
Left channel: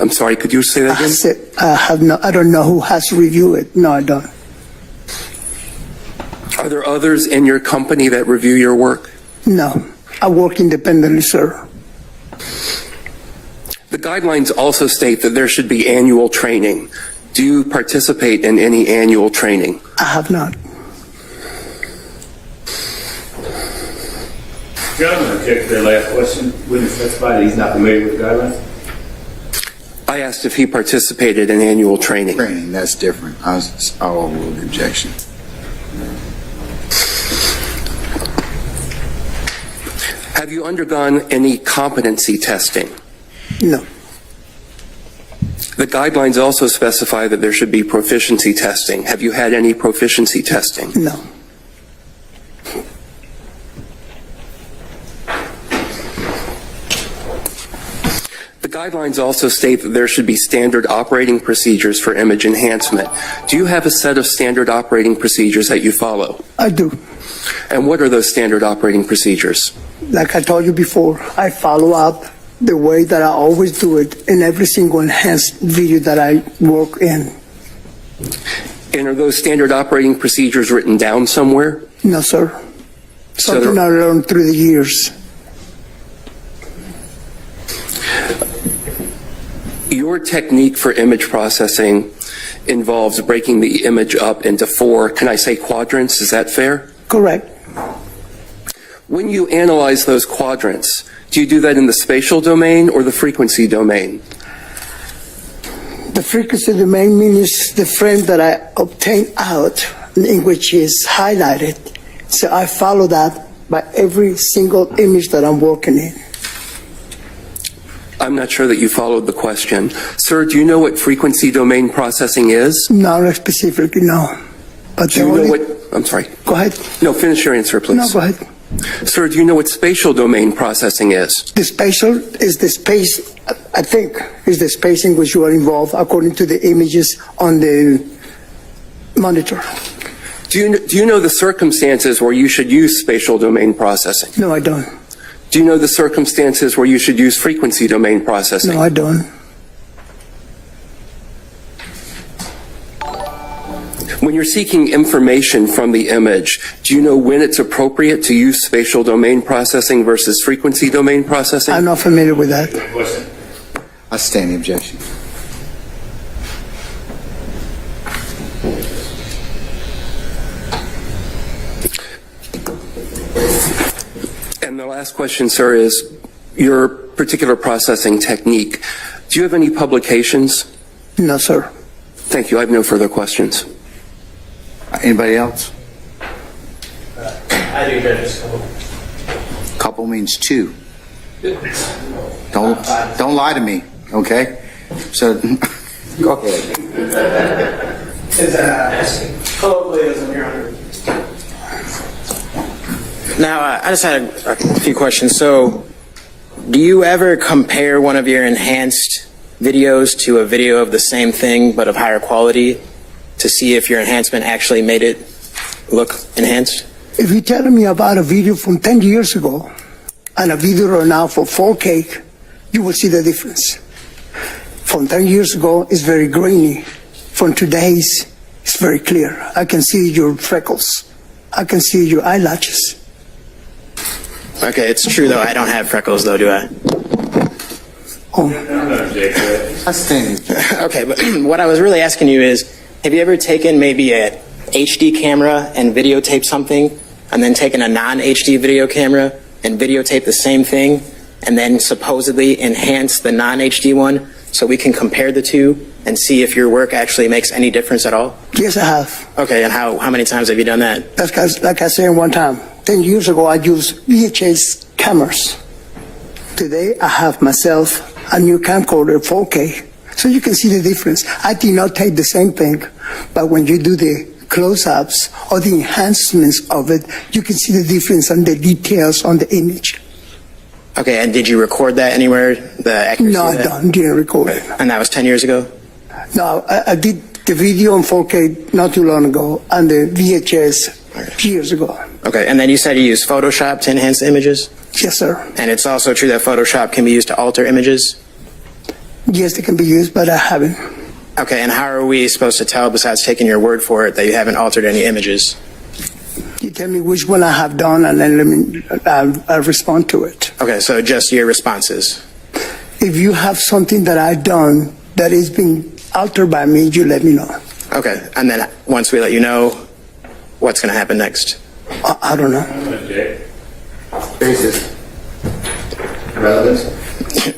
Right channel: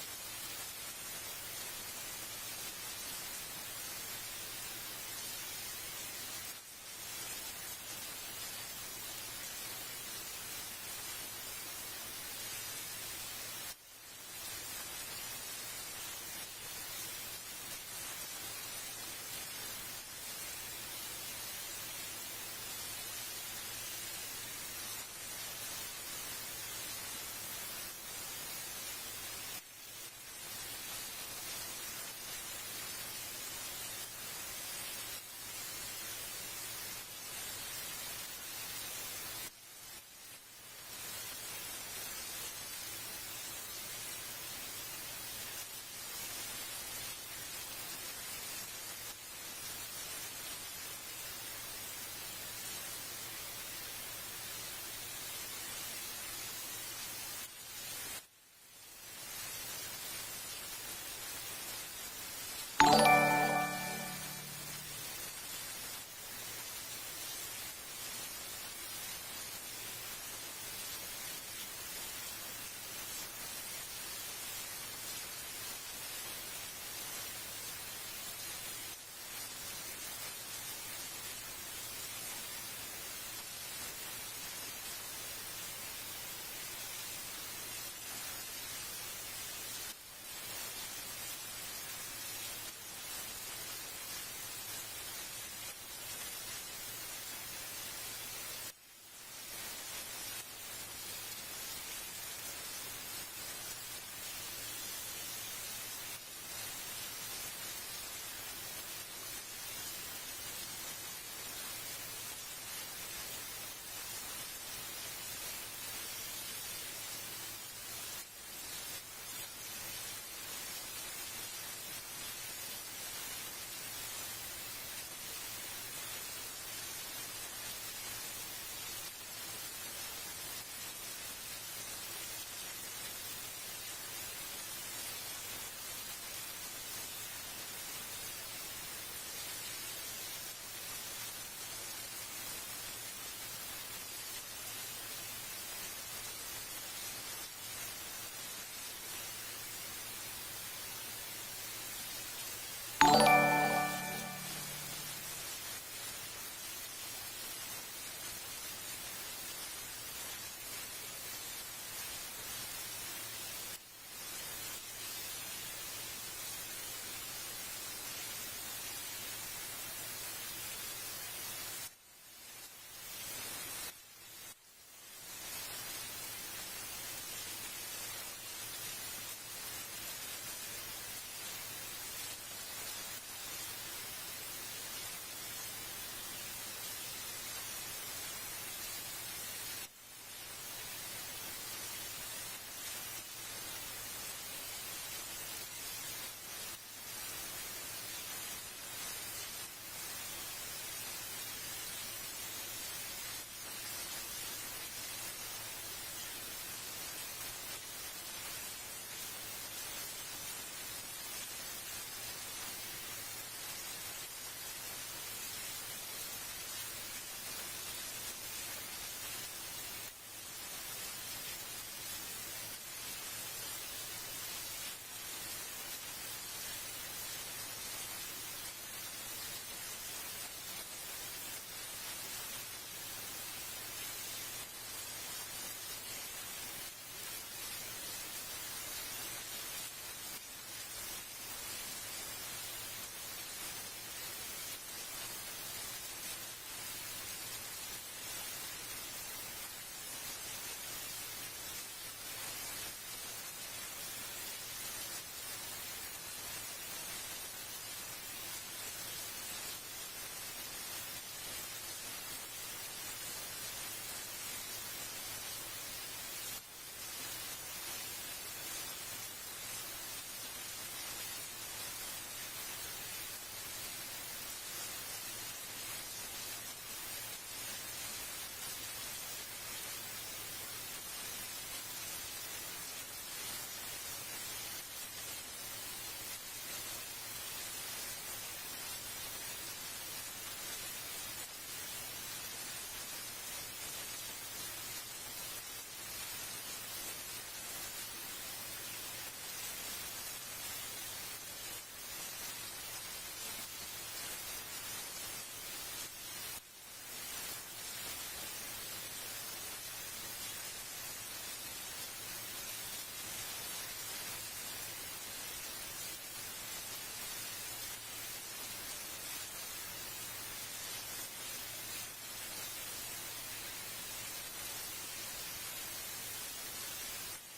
I'm sorry, could you say that again? I don't know who has reviewed it. No, I don't. Are there others in your company that review your work? No. I work independently, sir. The guidelines also state that there should be annual training. Do you participate in any annual training? I have not. Gentlemen, object to their last question. Witness testified that he's not familiar with the guidelines? I asked if he participated in annual training. Training, that's different. I'll overrule the objection. Have you undergone any competency testing? No. The guidelines also specify that there should be proficiency testing. Have you had any proficiency testing? No. The guidelines also state that there should be standard operating procedures for image enhancement. Do you have a set of standard operating procedures that you follow? I do. And what are those standard operating procedures? Like I told you before, I follow up the way that I always do it in every single enhanced video that I work in. And are those standard operating procedures written down somewhere? No, sir. Something I learned through the years. Your technique for image processing involves breaking the image up into 4, can I say quadrants? Is that fair? Correct. When you analyze those quadrants, do you do that in the spatial domain or the frequency domain? The frequency domain means the frame that I obtain out, in which is highlighted. So I follow that by every single image that I'm working in. I'm not sure that you followed the question. Sir, do you know what frequency domain processing is? Not specifically, no. But do you know what, I'm sorry. Go ahead. No, finish your answer, please. No, go ahead. Sir, do you know what spatial domain processing is? The spatial is the space, I think, is the space in which you are involved according to the images on the monitor. Do you know the circumstances where you should use spatial domain processing? No, I don't. Do you know the circumstances where you should use frequency domain processing? No, I don't. When you're seeking information from the image, do you know when it's appropriate to use spatial domain processing versus frequency domain processing? I'm not familiar with that. I stand the objection. And the last question, sir, is your particular processing technique. Do you have any publications? No, sir. Thank you. I have no further questions. Anybody else? I do, Judge. Couple means 2. Don't lie to me, okay? So, go ahead. It's colloquialism, Your Honor. Now, I just had a few questions. So, do you ever compare one of your enhanced videos to a video of the same thing but of higher quality to see if your enhancement actually made it look enhanced? If you're telling me about a video from 10 years ago and a video right now for 4K, you will see the difference. From 10 years ago, it's very grainy. From today's, it's very clear. I can see your freckles. I can see your eyelashes. Okay, it's true though. I don't have freckles though, do I? Oh. I stand. Okay, but what I was really asking you is, have you ever taken maybe a HD camera and videotaped something, and then taken a non-HD video camera and videotaped the same thing, and then supposedly enhanced the non-HD one so we can compare the two and see if your work actually makes any difference at all? Yes, I have. Okay, and how many times have you done that? That's 'cause, like I said one time, 10 years ago, I used VHS cameras. Today, I have myself a new camcorder, 4K, so you can see the difference. I did not take the same thing, but when you do the close-ups or the enhancements of it, you can see the difference on the details on the image. Okay, and did you record that anywhere, the accuracy No, of that? didn't record it. And that was 10 years ago? No, I did the video on 4K not too long ago, and the VHS years ago. Okay, and then you said you use Photoshop to enhance the images? Yes, sir. And it's also true that Photoshop can be used to alter images? Yes, they can be used, but I haven't. Okay, and how are we supposed to tell, besides taking your word for it, that you haven't altered any images? You tell me which one I have done, and then I'll respond to it. Okay, so just your responses. If you have something that I've done that is being altered by me, you let me know. Okay, and then once we let you know, what's going to happen next? I don't know. Relevance?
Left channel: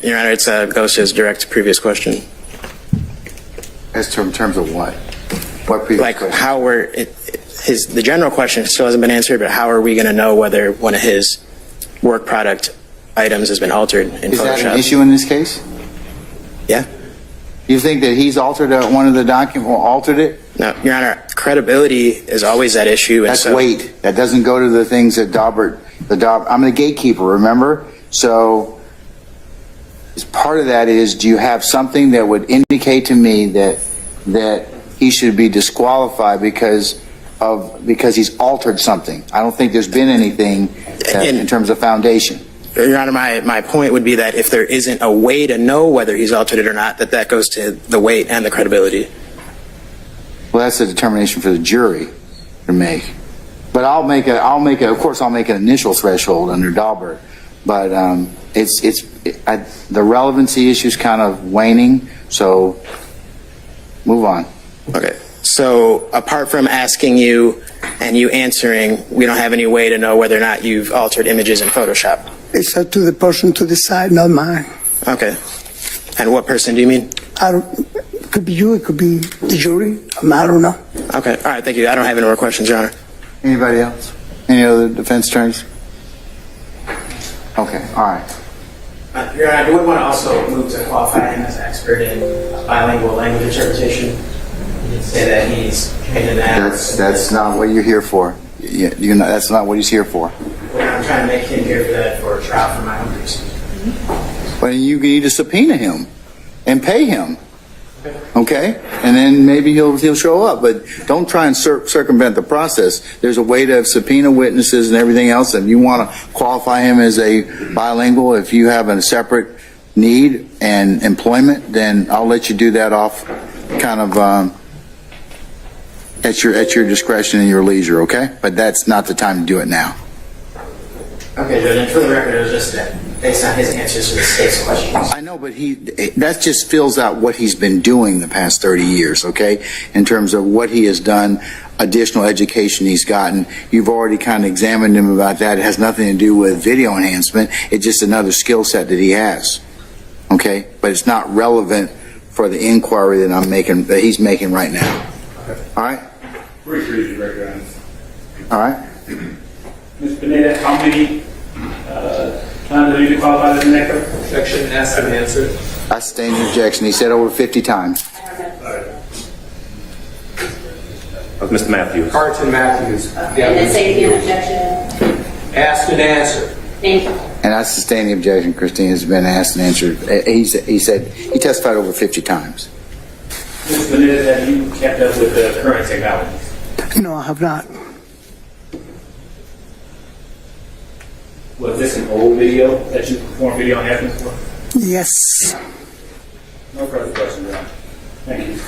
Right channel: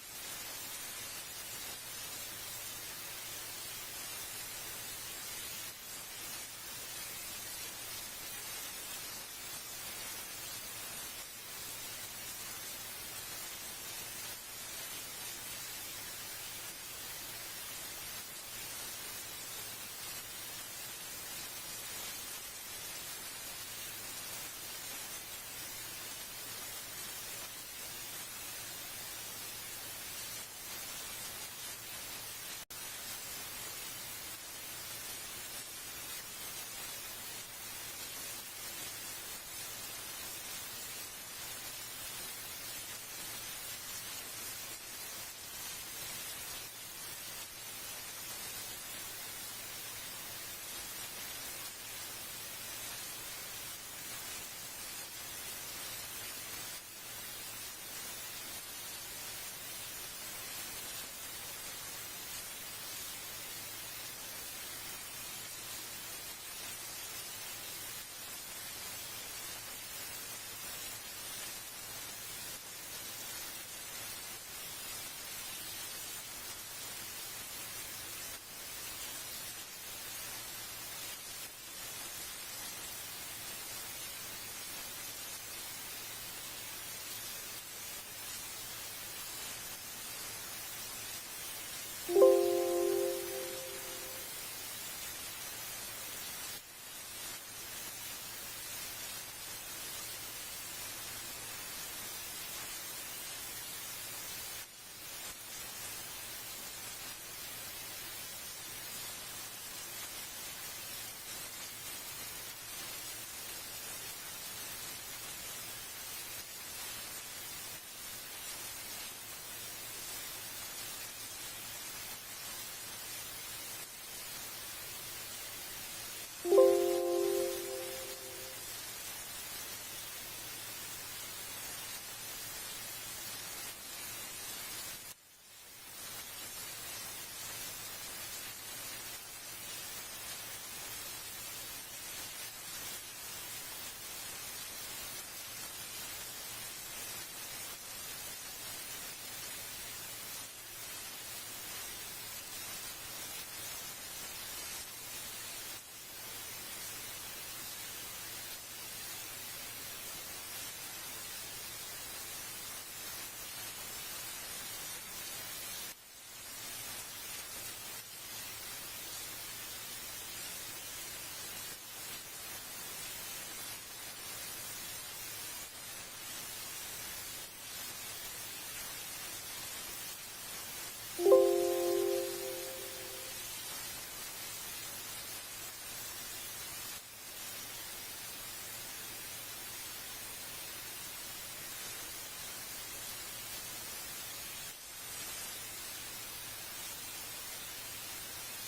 Your Honor, it goes to his direct previous question. As to in terms of what? What Like how the general question still hasn't been answered, but how are we going to know whether one of his work product items has been altered in Is Photoshop? that an issue in this case? Yeah. You think that he's altered one of the documents, or altered it? No, Your Honor, credibility is always that issue. And That's so, weight. That doesn't go to the things that Daubert, I'm the gatekeeper, remember? So as part of that is, do you have something that would indicate to me that he should be disqualified because he's altered something? I don't think there's been anything in terms of foundation. Your Honor, my point would be that if there isn't a way to know whether he's altered it or not, that goes to the weight and the credibility. Well, that's a determination for the jury to make. But I'll make an initial threshold under Daubert. But the relevancy issue is kind of waning. So move on. Okay. So apart from asking you and you answering, we don't have any way to know whether or not you've altered images in Photoshop. It's up to the person to decide, not mine. Okay. And what person do you mean? It could be you, it could be the jury. I don't know. Okay. All right. Thank you. I don't have any more questions, Your Honor. Anybody else? Any other defense attorneys? Okay. All right. Your Honor, I would want to also move to qualify him as an expert in bilingual language interpretation. You did say that he's trained in that. That's not what you're here for. That's not what he's here for. Well, I'm trying to make him here for that for a trial for my own reasons. Well, you need to subpoena him and pay him. Okay? And then maybe he'll show up. But don't try and circumvent the process. There's a way to subpoena witnesses and everything else. And you want to qualify him as a bilingual, if you have a separate need and employment, then I'll let you do that off kind of at your discretion and your leisure, okay? But that's not the time to do it now. Okay, Judge, and for the record, it was just that based on his answers to the state's questions. I know, but that just fills out what he's been doing the past 30 years, okay? In terms of what he has done, additional education he's gotten. You've already kind of examined him about that. It has nothing to do with video enhancement. It's just another skill set that he has, okay? But it's not relevant for the inquiry that he's making right now. All right? All right. Ms. Pineda, how many times have you been qualified as an expert? Objection asked and answered. I sustain the objection. He said over 50 times. Mr. Matthews. Carlton Matthews. And then say again, objection. Asked and answered. Thank you. And I sustain the objection. Christine has been asked and answered. He said he testified over 50 times. Ms. Pineda, have you kept up with the current technologies? No, I have not. Was this an old video that you performed video enhancements for? Yes. No further questions, Your Honor. Thank you.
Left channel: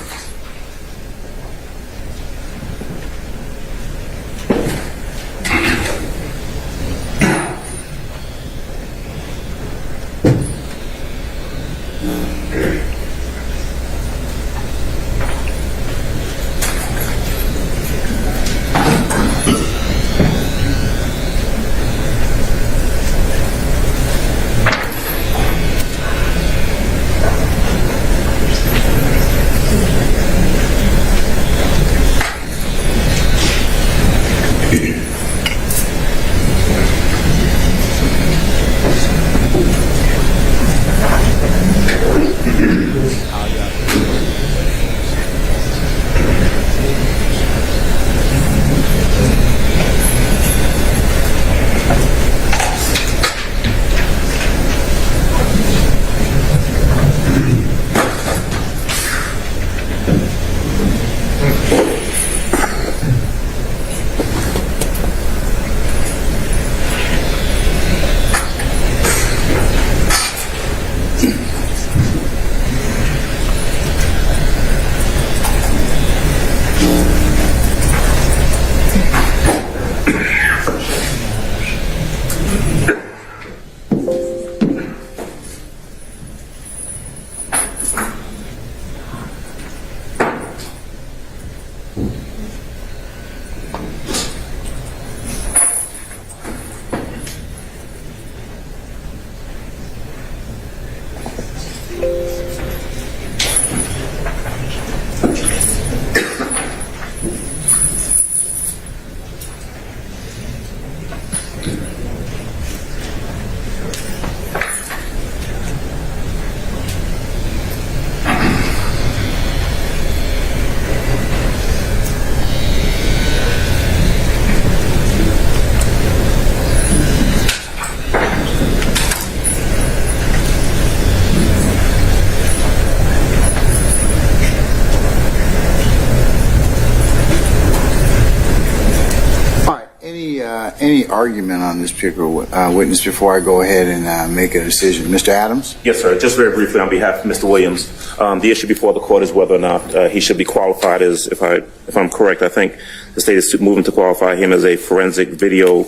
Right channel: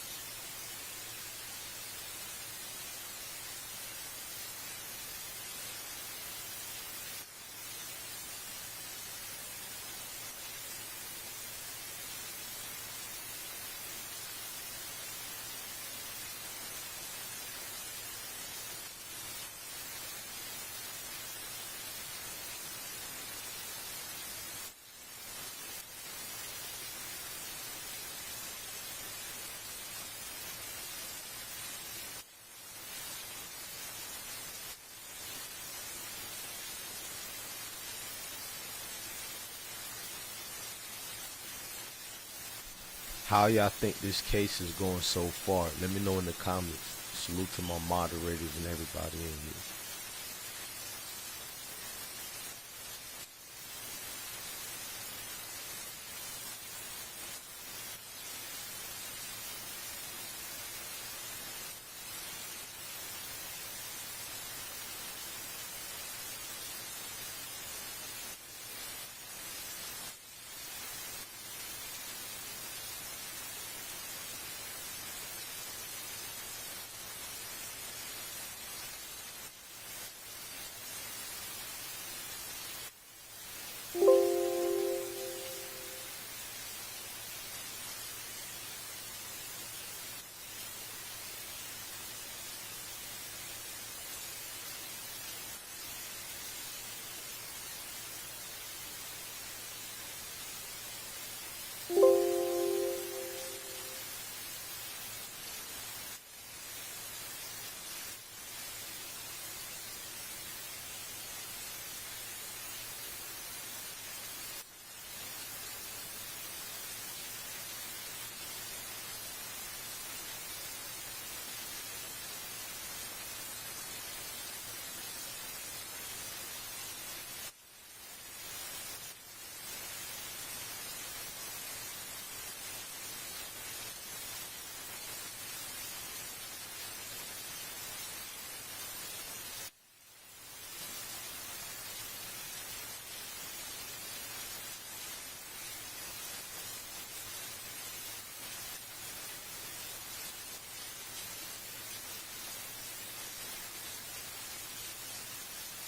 any argument on this particular witness before I go ahead and make a decision? Mr. Adams? Yes, sir. Just very briefly on behalf of Mr. Williams, the issue before the court is whether or not he should be qualified as, if I'm correct, I think the state is moving to qualify him as a forensic video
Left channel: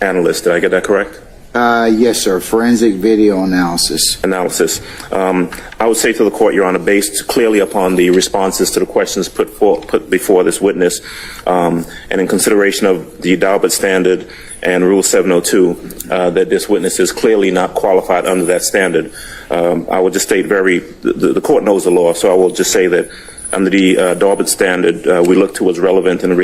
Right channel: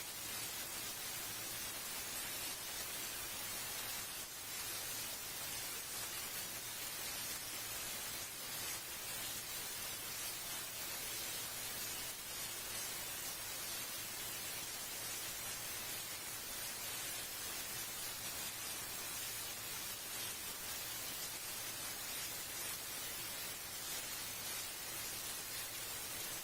analyst. Did I get that correct? Yes, sir. Forensic video analysis. I would say to the court, Your Honor, based clearly upon the responses to the questions put before this witness, and in consideration of the Daubert standard and Rule 702, that this witness is clearly not qualified under that standard. I would just state the court knows the law, so I will just say that under the Daubert standard, we look towards relevance and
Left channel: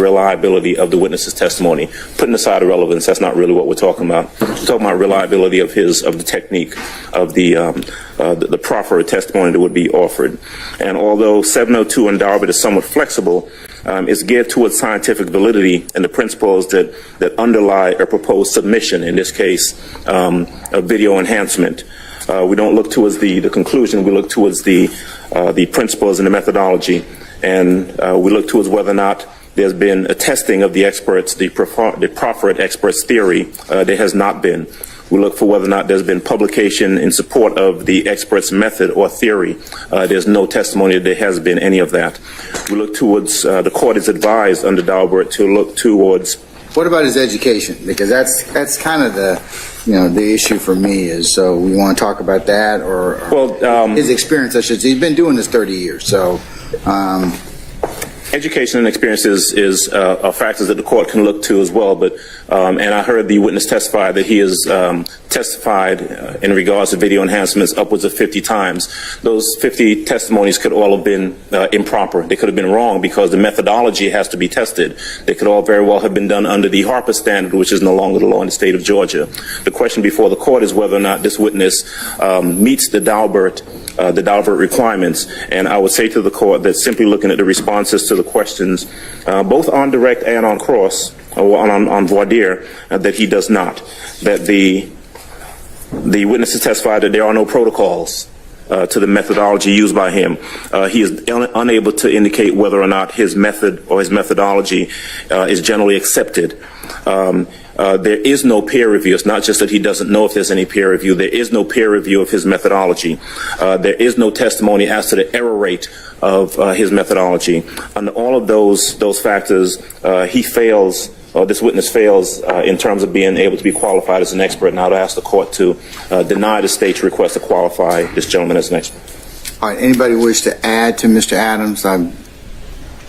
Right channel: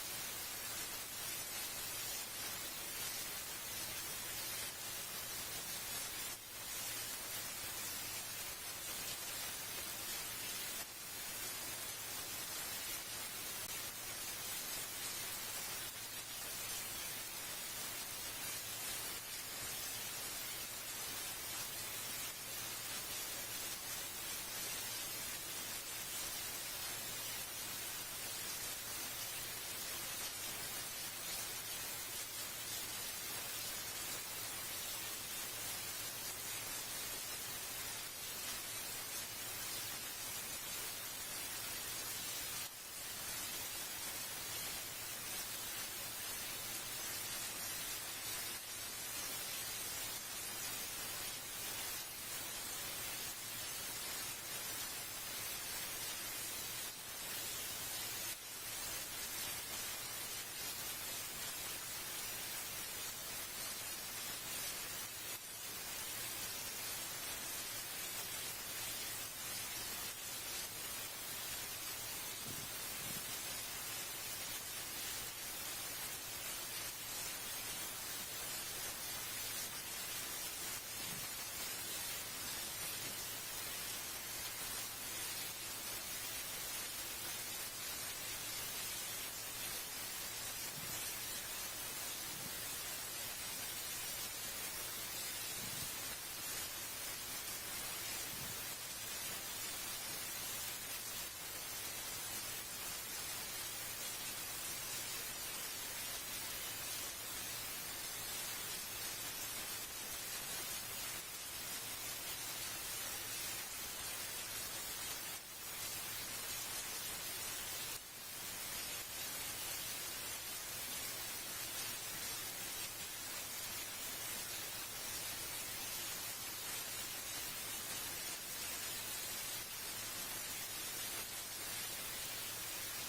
reliability of the witness's testimony. Putting aside relevance, that's not really what we're talking about. We're talking about reliability of the technique, of the proffered testimony that would be offered. And although 702 and Daubert is somewhat flexible, it's geared towards scientific validity and the principles that underlie a proposed submission, in this case, a video enhancement. We don't look towards the conclusion, we look towards the principles and the methodology, and we look towards whether or not there's been a testing of the experts, the proffered experts' theory. There has not been. We look for whether or not there's been publication in support of the expert's method or theory. There's no testimony that there has been any of that. We look towards, the court is advised under Daubert to look towards. What about his education? Because that's kind of the issue for me is, so we want to talk about that or his experience, I should say. He's been doing this 30 years, so. Education and experience is factors that the court can look to as well, but and I heard the witness testify that he has testified in regards to video enhancements upwards of 50 times. Those 50 testimonies could all have been improper. They could have been wrong because the methodology has to be tested. They could all very well have been done under the Harper standard, which is no longer the law in the state of Georgia. The question before the court is whether or not this witness meets the Daubert requirements, and I would say to the court that simply looking at the responses to the questions, both on direct and on cross, or on voir dire, that he does not. That the witnesses testified that there are no protocols to the methodology used by him. He is unable to indicate whether or not his method or his methodology is generally accepted. There is no peer review. It's not just that he doesn't know if there's any peer review. There is no peer review of his methodology. There is no testimony as to the error rate of his methodology. Under all of those factors, he fails, or this witness fails in terms of being able to be qualified as an expert. And I would ask the court to deny the state's request to qualify this gentleman as an expert. All right. Anybody wish to add to Mr. Adams?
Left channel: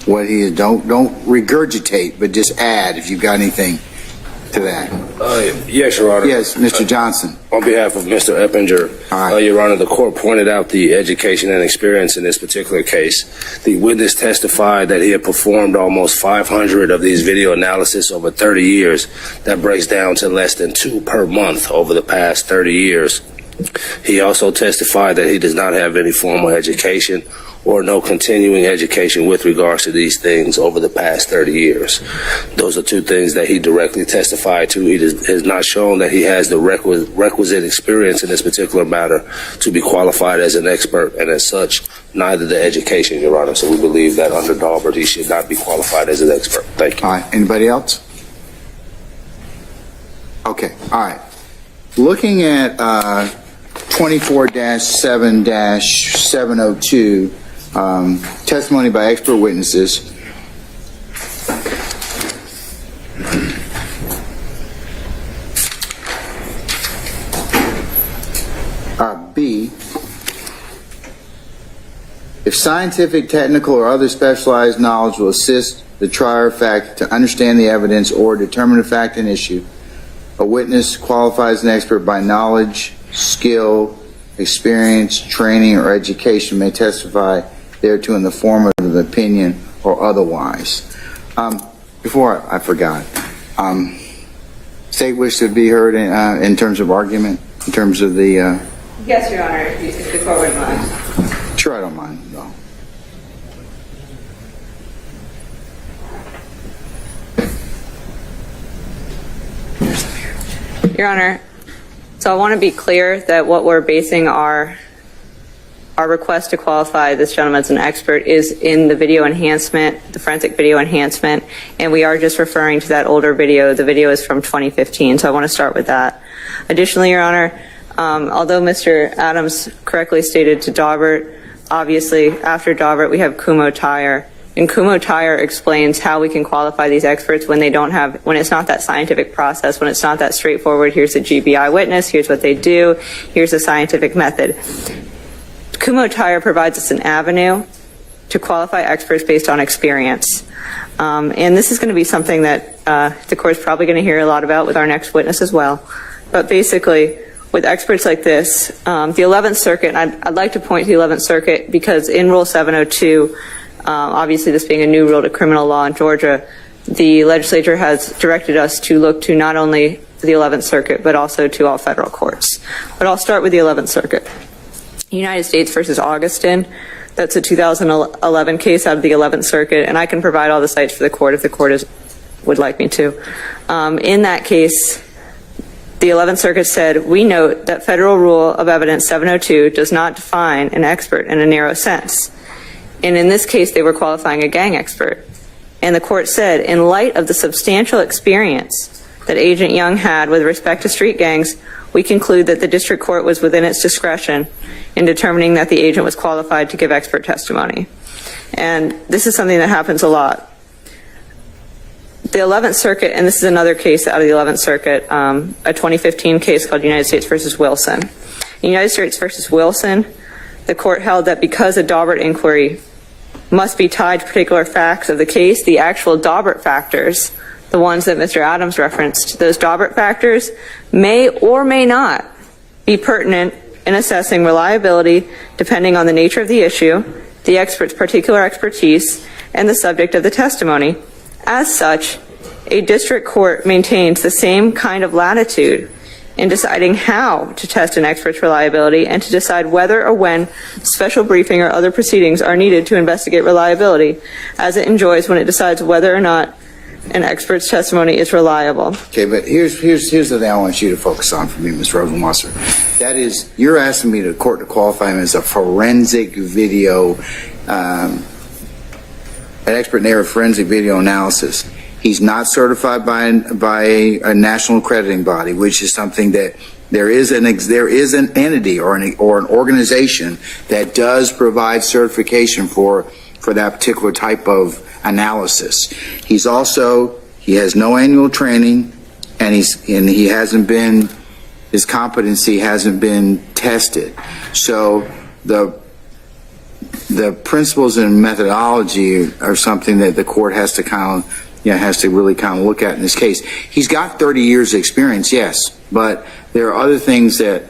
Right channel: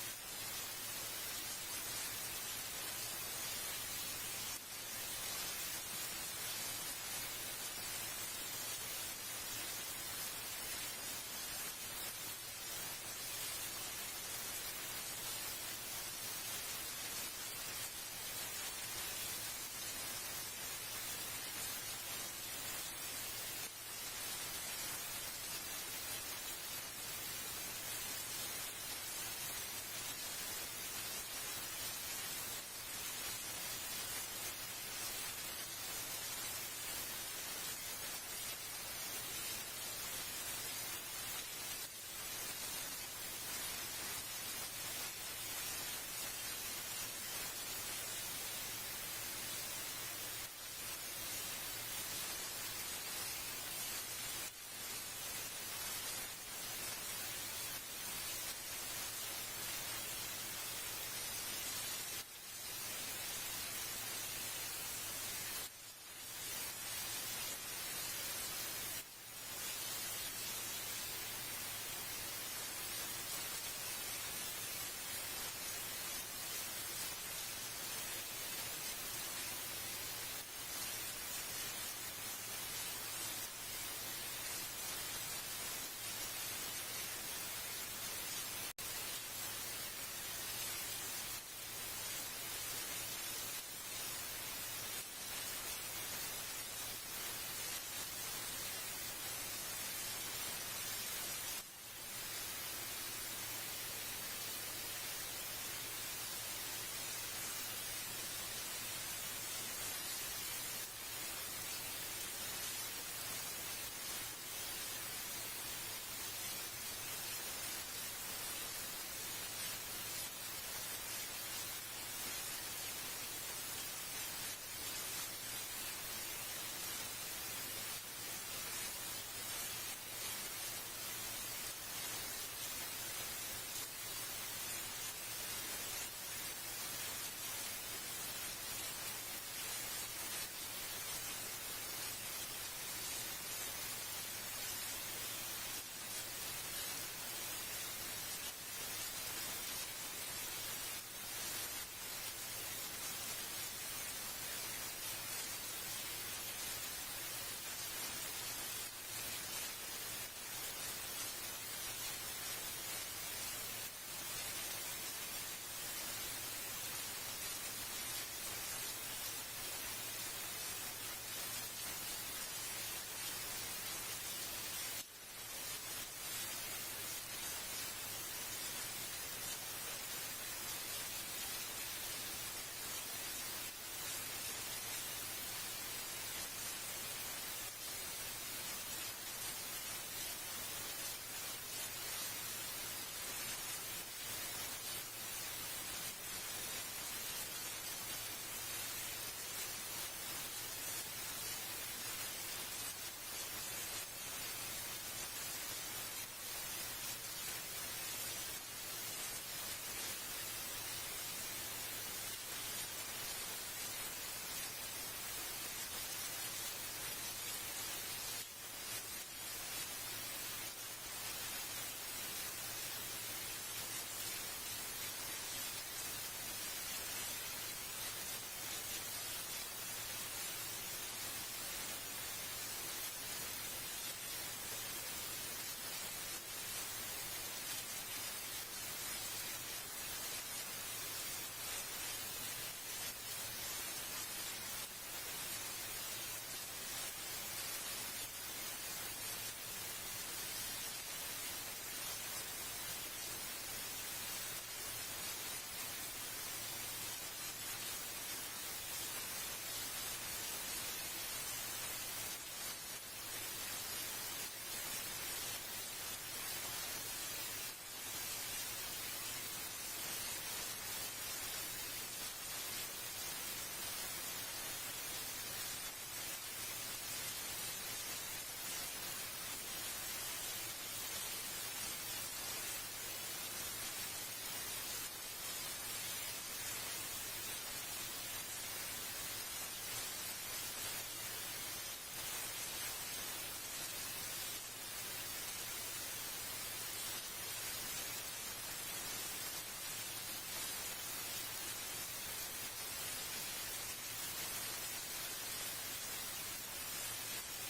What he is? Don't regurgitate, but just add if you've got anything to that. Yes, Your Honor. Yes, Mr. Johnson. On behalf of Mr. Eppinger, Your Honor, the court pointed out the education and experience in this particular case. The witness testified that he had performed almost 500 of these video analysis over 30 years. That breaks down to less than 2 per month over the past 30 years. He also testified that he does not have any formal education or no continuing education with regards to these things over the past 30 years. Those are 2 things that he directly testified to. He has not shown that he has the requisite experience in this particular matter to be qualified as an expert, and as such, neither the education, Your Honor. So we believe that under Daubert, he should not be qualified as an expert. Thank you. All right. Anybody else? Okay. All right. Looking at 24-7-702, testimony by expert witnesses. B, if scientific, technical, or other specialized knowledge will assist the trier of fact to understand the evidence or determine a fact and issue, a witness qualifies as an expert by knowledge, skill, experience, training, or education may testify thereto in the form of an opinion or otherwise. Before I forgot, state wish to be heard in terms of argument, in terms of the... Yes, Your Honor, if the court would mind. Sure, I don't mind. No. Your Honor, so I want to be clear that what we're basing our our request to qualify this gentleman as an expert is in the video enhancement, the forensic video enhancement, and we are just referring to that older video. The video is from 2015, so I want to start with that. Additionally, Your Honor, although Mr. Adams correctly stated to Daubert, obviously after Daubert we have Kumo Tire, and Kumo Tire explains how we can qualify these experts when it's not that scientific process, when it's not that straightforward. Here's a GBI witness, here's what they do, here's a scientific method. Kumo Tire provides us an avenue to qualify experts based on experience. And this is going to be something that the court's probably going to hear a lot about with our next witness as well. But basically, with experts like this, the 11th Circuit, and I'd like to point to the 11th Circuit because in Rule 702, obviously this being a new rule to criminal law in Georgia, the legislature has directed us to look to not only the 11th Circuit, but also to all federal courts. But I'll start with the 11th Circuit. United States versus Augustin, that's a 2011 case out of the 11th Circuit, and I can provide all the cites for the court if the court would like me to. In that case, the 11th Circuit said, we note that Federal Rule of Evidence 702 does not define an expert in a narrow sense. And in this case, they were qualifying a gang expert. And the court said, in light of the substantial experience that Agent Young had with respect to street gangs, we conclude that the district court was within its discretion in determining that the agent was qualified to give expert testimony. And this is something that happens a lot. The 11th Circuit, and this is another case out of the 11th Circuit, a 2015 case called United States versus Wilson. In United States versus Wilson, the court held that because a Daubert inquiry must be tied to particular facts of the case, the actual Daubert factors, the ones that Mr. Adams referenced, those Daubert factors may or may not be pertinent in assessing reliability depending on the nature of the issue, the expert's particular expertise, and the subject of the testimony. As such, a district court maintains the same kind of latitude in deciding how to test an expert's reliability and to decide whether or when special briefing or other proceedings are needed to investigate reliability, as it enjoys when it decides whether or not an expert's testimony is reliable. Okay, but here's the thing I want you to focus on for me, Ms. Rosenwasser. That is, you're asking me to court to qualify him as a forensic video, an expert in the area of forensic video analysis. He's not certified by a national accrediting body, which is something that there is an entity or an organization that does provide certification for that particular type of analysis. He has no annual training, and his competency hasn't been tested. So the principles and methodology are something that the court has to really look at in this case. He's got 30 years of experience, yes, but there are other things that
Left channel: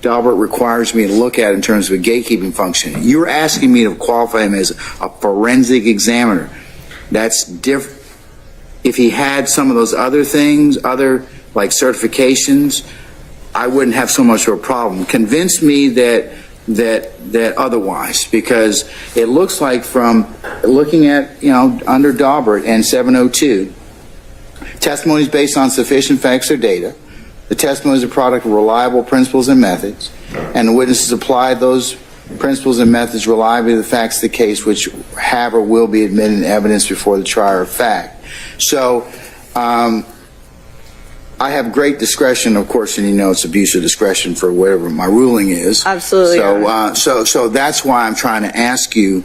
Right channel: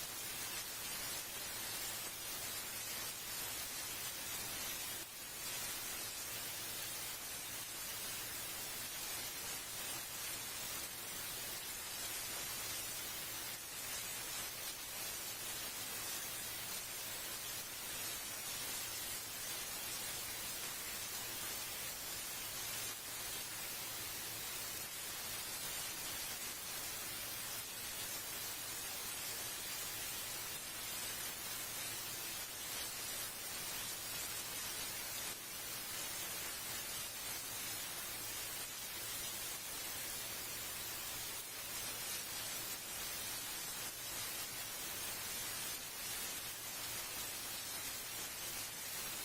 Daubert requires me to look at in terms of a gatekeeping function. You're asking me to qualify him as a forensic examiner. That's different. If he had some of those other things, like certifications, I wouldn't have so much of a problem. Convince me that otherwise, because it looks like from looking at, under Daubert and 702, testimony is based on sufficient facts or data. The testimony is a product of reliable principles and methods, and the witnesses apply those principles and methods reliably to the facts of the case, which have or will be admitted in evidence before the trier of fact. So I have great discretion, of course, and it's abuse of discretion for whatever my ruling is. Absolutely. So that's why I'm trying to ask you,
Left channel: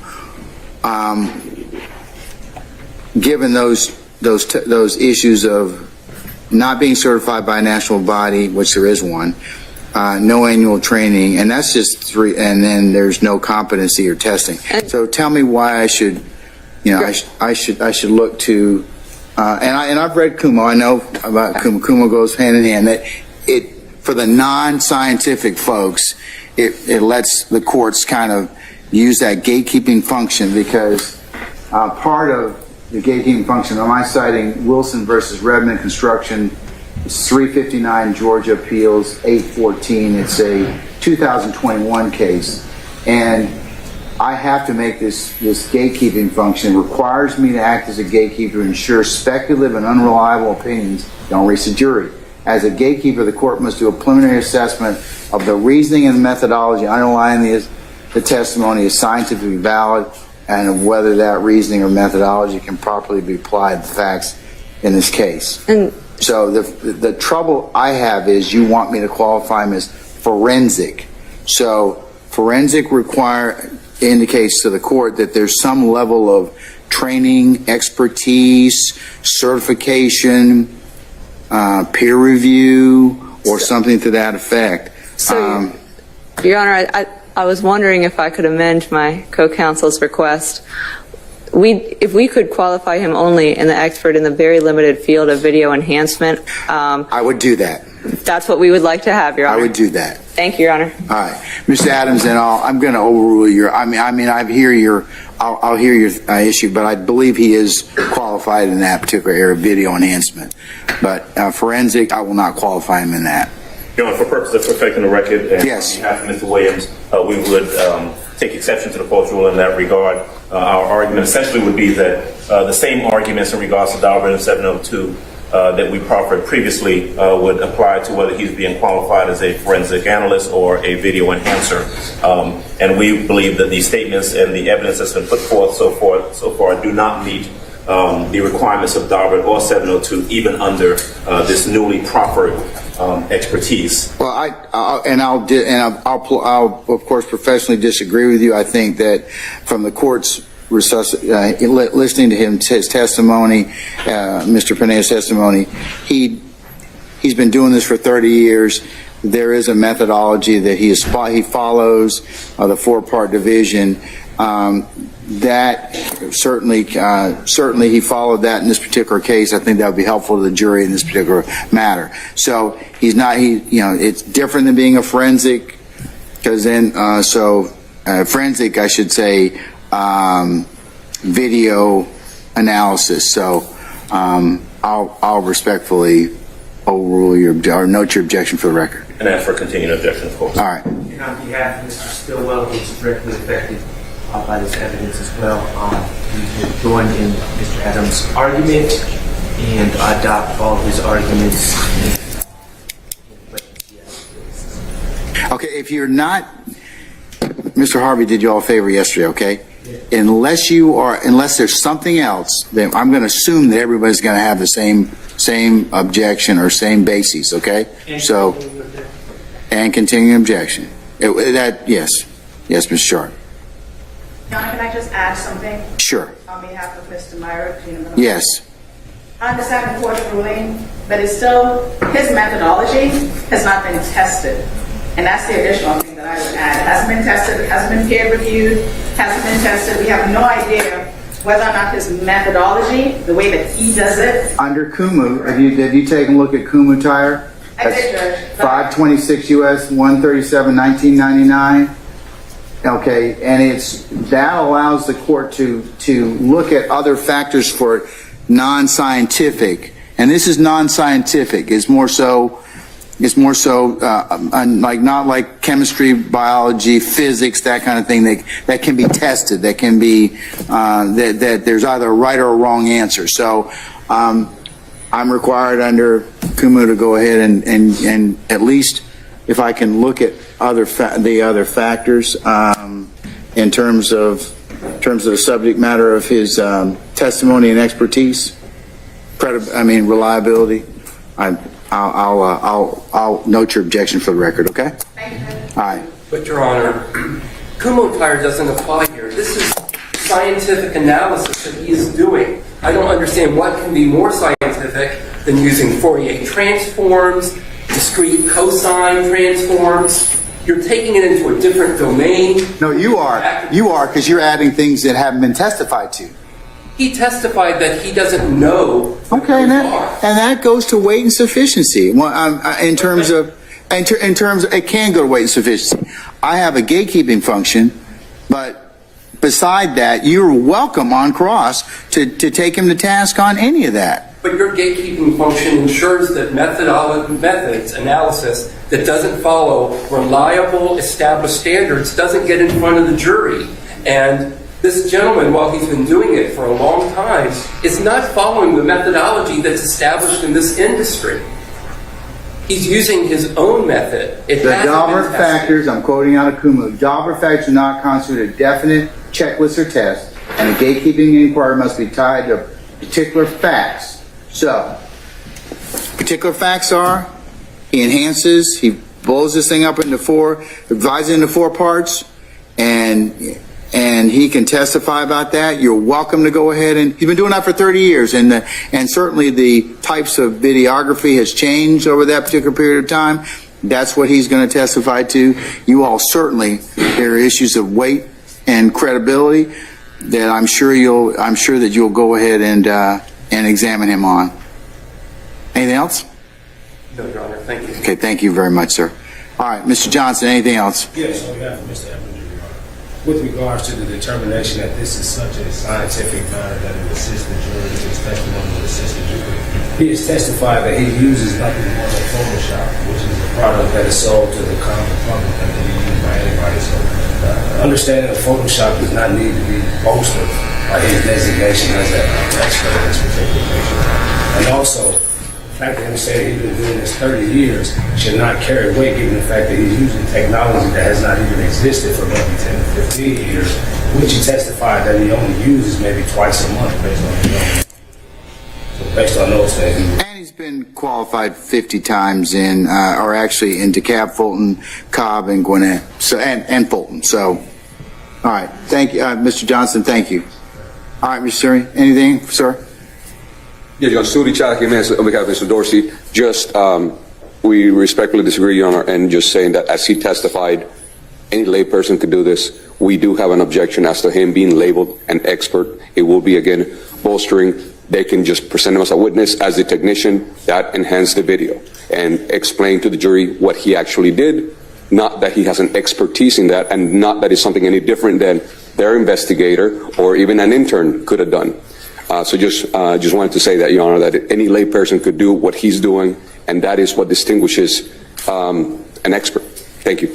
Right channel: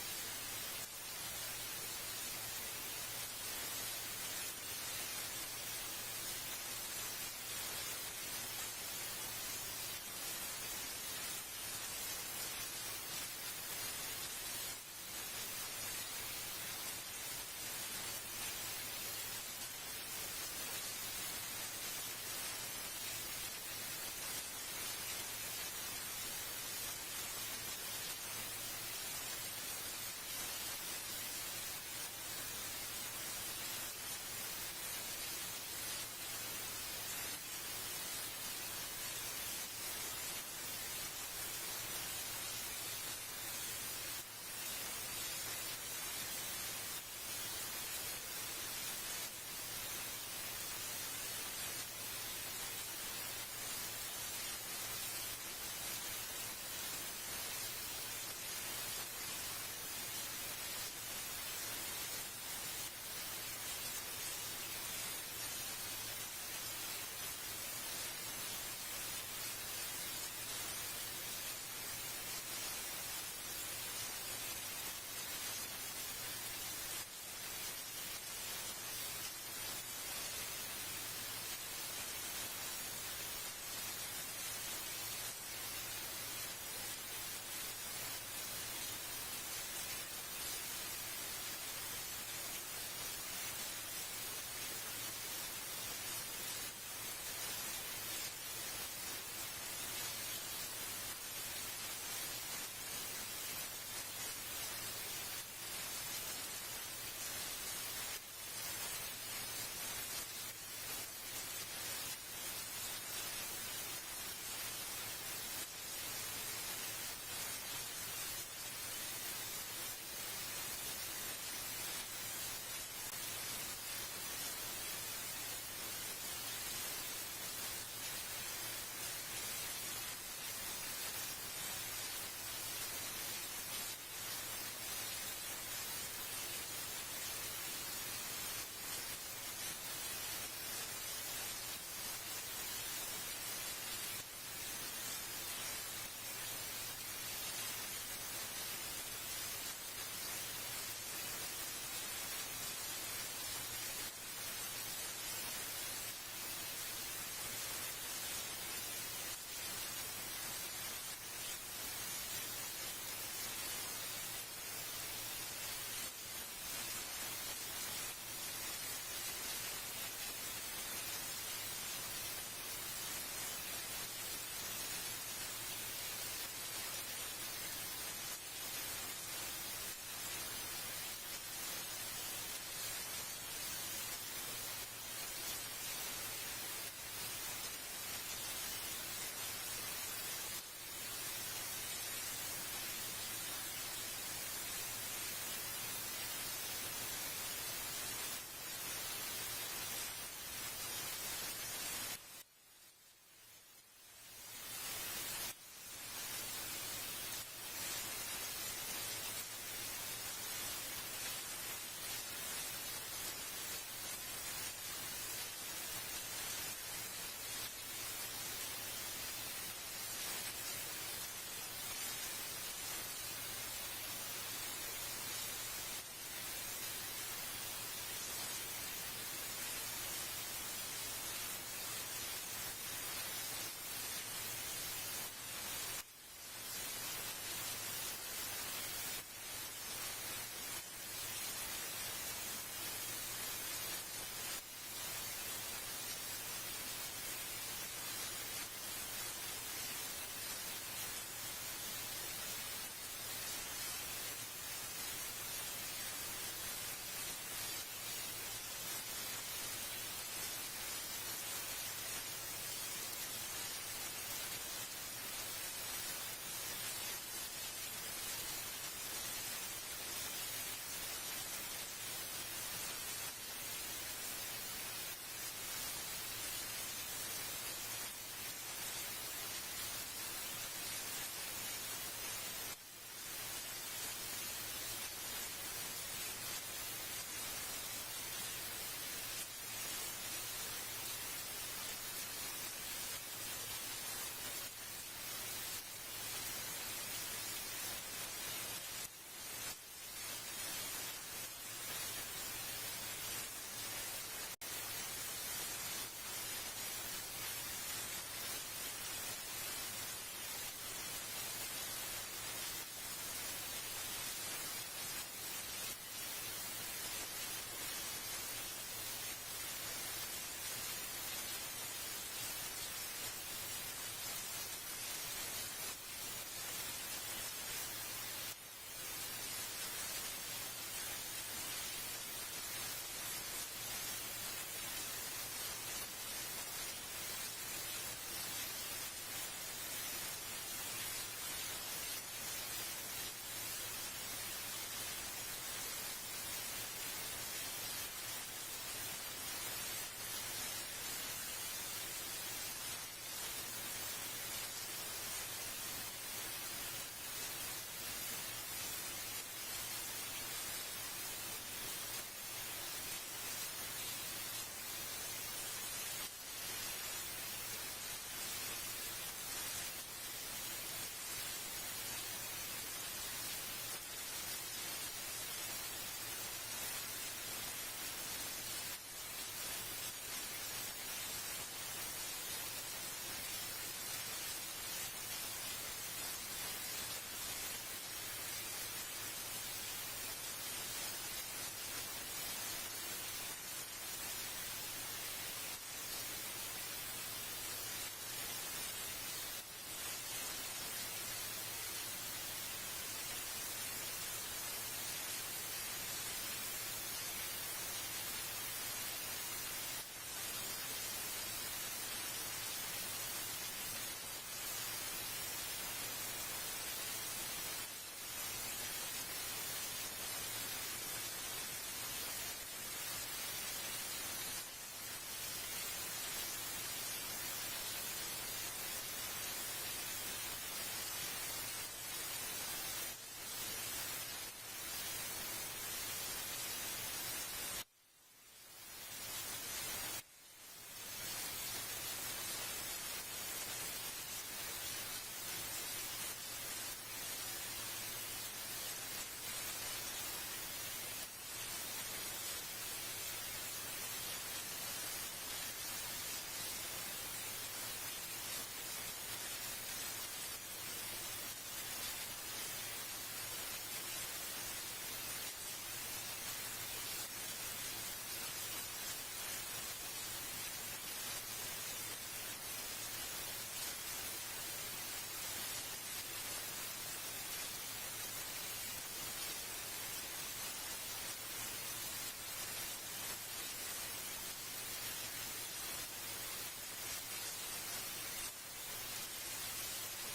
given those issues of not being certified by a national body, which there is one, no annual training, and that's just 3, and then there's no competency or testing. So tell me why I should, I should look to, and I've read Kumo. I know about Kumo. Kumo goes hand in hand. That it, for the non-scientific folks, it lets the courts kind of use that gatekeeping function, because part of the gatekeeping function, am I citing Wilson versus Redmond Construction, 359 Georgia Appeals 814. It's a 2021 case, and I have to make this gatekeeping function. It requires me to act as a gatekeeper to ensure speculative and unreliable opinions don't reach the jury. As a gatekeeper, the court must do a preliminary assessment of the reasoning and methodology underlying the the testimony is scientifically valid and whether that reasoning or methodology can properly be applied to the facts in this case. And so the trouble I have is you want me to qualify him as forensic. So forensic indicates to the court that there's some level of training, expertise, certification, peer review, or something to that effect. So, Your Honor, I was wondering if I could amend my co-counsel's request. If we could qualify him only in the expert in the very limited field of video enhancement. I would do that. That's what we would like to have, Your Honor. I would do that. Thank you, Your Honor. All right, Mr. Adams, and I'm going to overrule your. I hear your. I'll hear your issue, but I believe he is qualified in that particular area of video enhancement. But forensic, I will not qualify him in that. Your Honor, for purposes of perfecting the record, and yes. on behalf of Mr. Williams, we would take exception to the court's rule in that regard. Our argument essentially would be that the same arguments in regards to Daubert and 702 that we proffered previously would apply to whether he's being qualified as a forensic analyst or a video enhancer. And we believe that these statements and the evidence that's been put forth so far do not meet the requirements of Daubert or 702, even under this newly proffered expertise. Well, I'll of course professionally disagree with you. I think that from the court's listening to his testimony, Mr. Pineda's testimony, he's been doing this for 30 years. There is a methodology that he follows, the four-part division. That certainly he followed that in this particular case. I think that would be helpful to the jury in this particular matter. So it's different than being a forensic, because then forensic, I should say, video analysis. So I'll respectfully overrule or note your objection for the record. And ask for continued objection, of course. All right. And on behalf of Mr. Stillwell, who is directly affected by this evidence as well, we will join in Mr. Adams' argument and adopt all of his arguments. Okay, if you're not, Mr. Harvey did you all a favor yesterday, okay? Yeah. Unless there's something else, then I'm going to assume that everybody's going to have the same objection or same basis, okay? And continuing objection. Yes, Ms. Sharp. John, can I just add something? Sure. On behalf of Mr. Myra. Yes. I understand the court's ruling, but it's still, his methodology has not been tested. And that's the additional thing that I would add. It hasn't been tested, it hasn't been peer reviewed, hasn't been tested. We have no idea whether or not his methodology, the way that he does it. Under Kumu, have you taken a look at Kumu Tire? I did, Judge. 526 U.S. 137, 1999. Okay, and that allows the court to look at other factors for non-scientific, and this is non-scientific. It's more so like not like chemistry, biology, physics, that kind of thing that can be tested. That can be that there's either a right or a wrong answer. So I'm required under Kumu to go ahead and at least, if I can look at the other factors in terms of the subject matter of his testimony and expertise, reliability. I'll note your objection for the record. Okay. All right. But Your Honor, Kumu Tire doesn't apply here. This is scientific analysis that he is doing. I don't understand what can be more scientific than using Fourier transforms, discrete cosine transforms. You're taking it into a different domain. No, you are. You are, because you're adding things that haven't been testified to. He testified that he doesn't know. Okay, and that goes to weight and sufficiency. In terms of, it can go to weight and sufficiency. I have a gatekeeping function, but beside that, you're welcome on cross to take him to task on any of that. But your gatekeeping function ensures that methods, analysis, that doesn't follow reliable, established standards doesn't get in front of the jury. And this gentleman, while he's been doing it for a long time, is not following the methodology that's established in this industry. He's using his own method. It The hasn't been Daubert tested. factors, I'm quoting out of Kuma, Daubert factors do not constitute a definite checklist or test, and a gatekeeping inquiry must be tied to particular facts. So, particular facts are, he enhances, he blows this thing up into divides it into 4 parts, and he can testify about that. You're welcome to go ahead, and he's been doing that for 30 years, and certainly the types of videography has changed over that particular period of time. That's what he's going to testify to. You all certainly, there are issues of weight and credibility that I'm sure that you'll go ahead and examine him on. Anything else? No, Your Honor, thank you. Okay, thank you very much, sir. All right, Mr. Johnson, anything else? Yes, on behalf of Mr. Evans, Your Honor. With regards to the determination that this is such a scientific matter that it assists the jury, his testimony will assist the jury. He has testified that he uses nothing more than Photoshop, which is a product that is sold to the common public that can be used by anybody. So, understanding that Photoshop does not need to be bolstered by his designation as an expert in this particular case. And also, the fact that him saying he's been doing this 30 years should not carry weight, given the fact that he's using technology that has not even existed for maybe 10 to 15 years, which he testified that he only uses maybe twice a month based on his own. So based on those things. And he's been qualified 50 times in, or actually in DeKalb, Fulton, Cobb, and Gwinnett, so, and Fulton. So, all right. Thank you, Mr. Johnson. Thank you. All right, Mr. Suri, anything, sir? Yeah, John Suri Chaki, on behalf of Mr. Dorsey, just we respectfully disagree, Your Honor, and just saying that as he testified, any layperson could do this. We do have an objection as to him being labeled an expert. It will be, again, bolstering. They can just present him as a witness, as the technician, that enhance the video, and explain to the jury what he actually did, not that he has an expertise in that, and not that it's something any different than their investigator or even an intern could have done. So just wanted to say that, Your Honor, that any layperson could do what he's doing, and that is what distinguishes an expert. Thank you.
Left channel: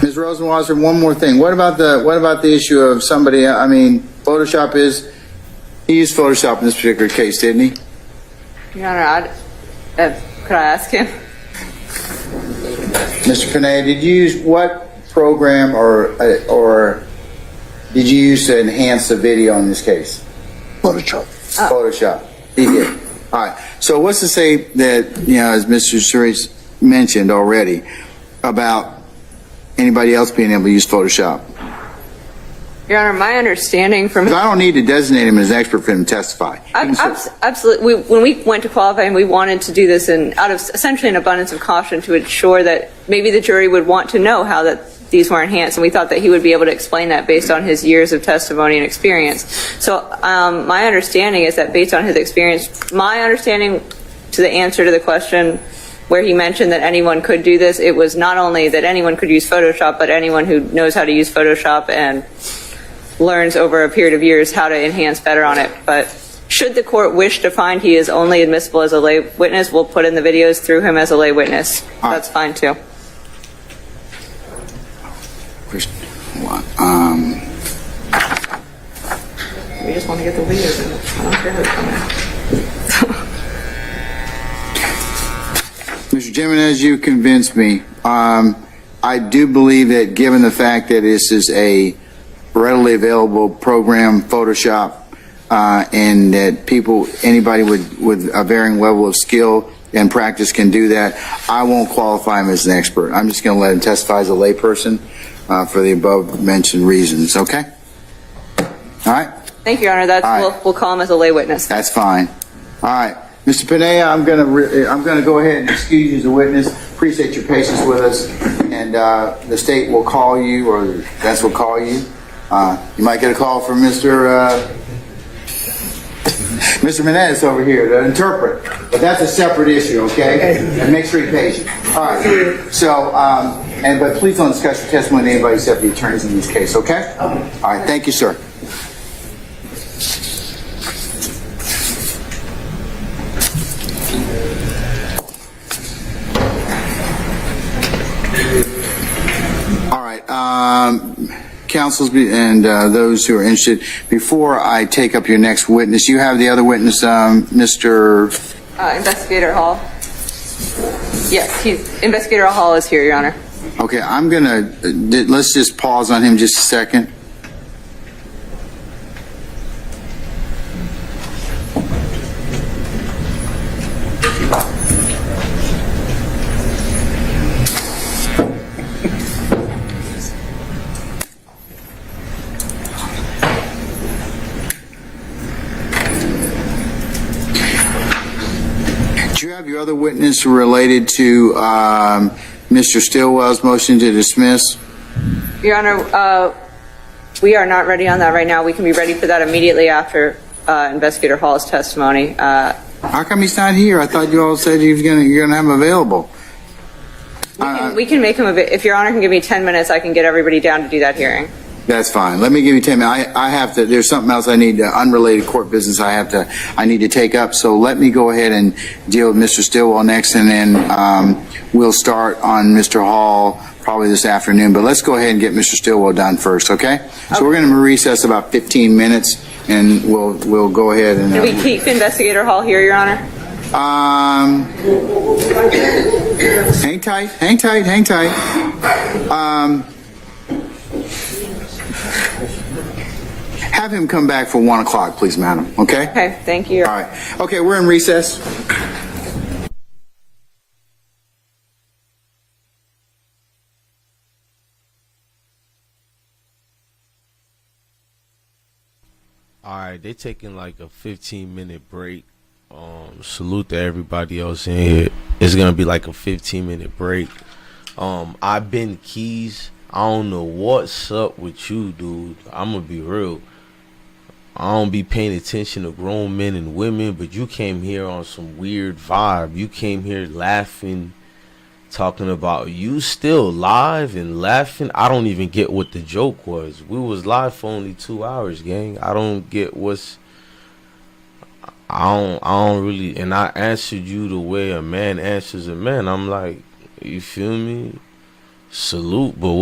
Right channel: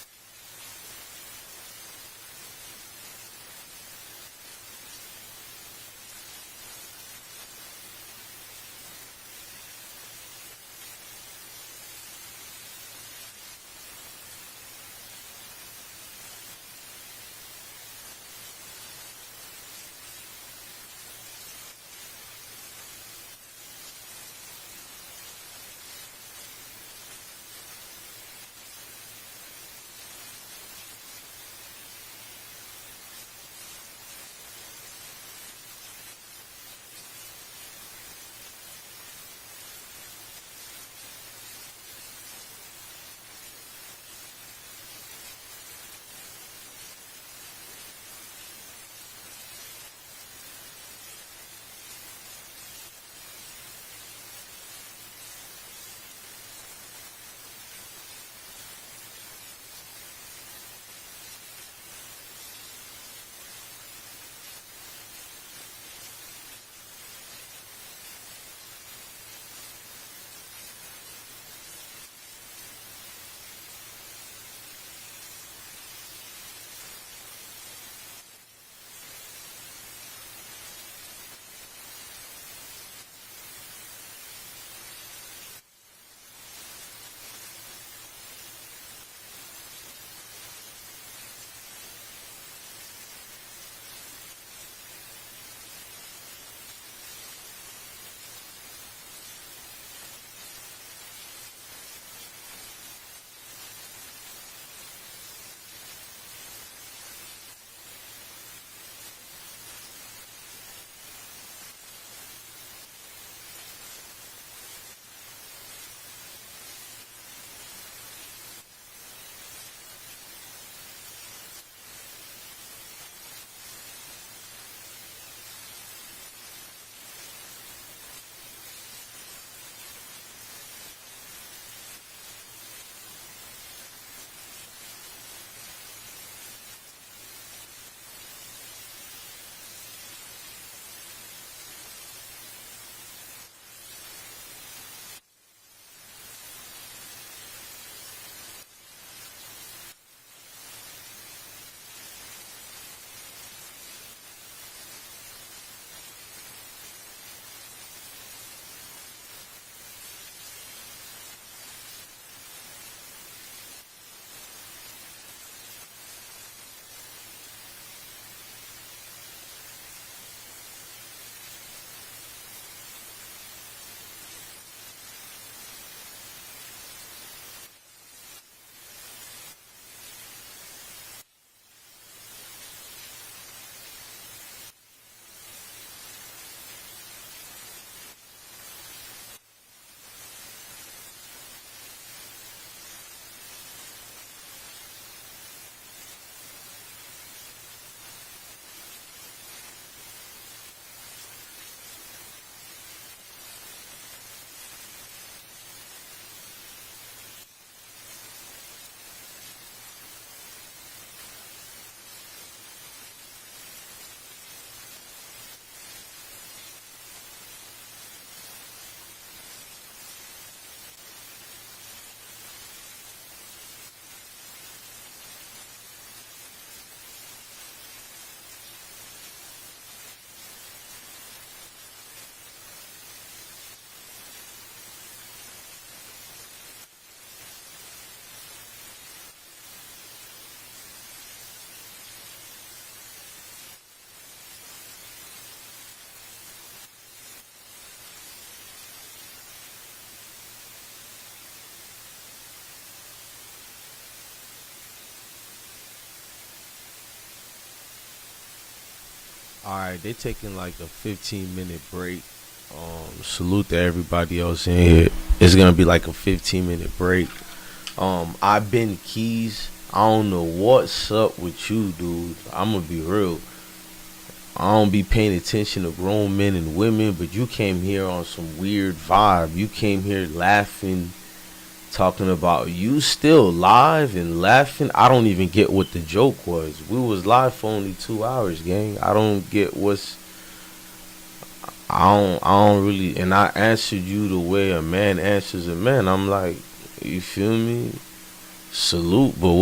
Ms. Rosenwasser, one more thing. What about the issue of somebody? I mean, Photoshop he used Photoshop in this particular case, didn't he? Your Honor, could I ask him? Mr. Pineda, did you use what program or did you use to enhance the video in this case? Photoshop. Photoshop. He did. All right. So what's to say that, as Mr. Suri mentioned already, about anybody else being able to use Photoshop? Your Honor, my understanding from... I don't need to designate him as an expert for him to testify. Absolutely. When we went to qualify, we wanted to do this out of essentially an abundance of caution to ensure that maybe the jury would want to know how that these were enhanced, and we thought that he would be able to explain that based on his years of testimony and experience. So my understanding is that based on his experience, my understanding to the answer to the question where he mentioned that anyone could do this, it was not only that anyone could use Photoshop, but anyone who knows how to use Photoshop and learns over a period of years how to enhance better on it. But should the court wish to find he is only admissible as a lay witness, we'll put in the videos through him as a lay witness. That's fine too. We just want to get the videos in. I don't care who's coming. Mr. Jimenez, you convinced me. I do believe that given the fact that this is a readily available program, Photoshop, and that anybody with a varying level of skill and practice can do that, I won't qualify him as an expert. I'm just going to let him testify as a layperson for the above mentioned reasons. Okay? All right? Thank you, Your Honor. We'll call him as a lay witness. That's fine. All right. Mr. Pineda, I'm going to go ahead and excuse you as a witness. Appreciate your patience with us. And the state will call you, or the defense will call you. You might get a call from Mr. Menendez over here to interpret. But that's a separate issue, okay? And make sure you're patient. All right. So, but please don't discuss your testimony with anybody except the attorneys in this case, okay? All right. Thank you, sir. All right. counsels and those who are interested, before I take up your next witness, you have the other witness, Mr. Investigator Hall. Yes, Investigator Hall is here, Your Honor. Okay, I'm gonna, let's just pause on him just a second. Do you have your other witness related to Mr. Stillwell's motion to dismiss? Your Honor, we are not ready on that right now. We can be ready for that immediately after Investigator Hall's testimony. How come he's not here? I thought you all said you're gonna have him available. We can make him if Your Honor can give me 10 minutes, I can get everybody down to do that hearing. That's fine. Let me give you 10 minutes. I have to, there's something else I need, unrelated court business I need to take up. So let me go ahead and deal with Mr. Stillwell next, and then we'll start on Mr. Hall probably this afternoon. But let's go ahead and get Mr. Stillwell done first, okay? So we're going to recess about 15 minutes, and we'll go ahead and... Can we keep Investigator Hall here, Your Honor? Hang tight. Have him come back for 1 o'clock, please, madam. Okay? Okay, thank you. All right. Okay, we're in recess. All right, they taking like a 15-minute break. Salute to everybody else in here. It's gonna be like a 15-minute break. I've been Keys. I don't know what's up with you, dude. I'm gonna be real. I don't be paying attention to grown men and women, but you came here on some weird vibe. You came here laughing, talking about you still live and laughing. I don't even get what the joke was. We was live for only 2 hours, gang. I don't get what's... I don't really... And I answered you the way a man answers a man. I'm like, you feel me? Salute, but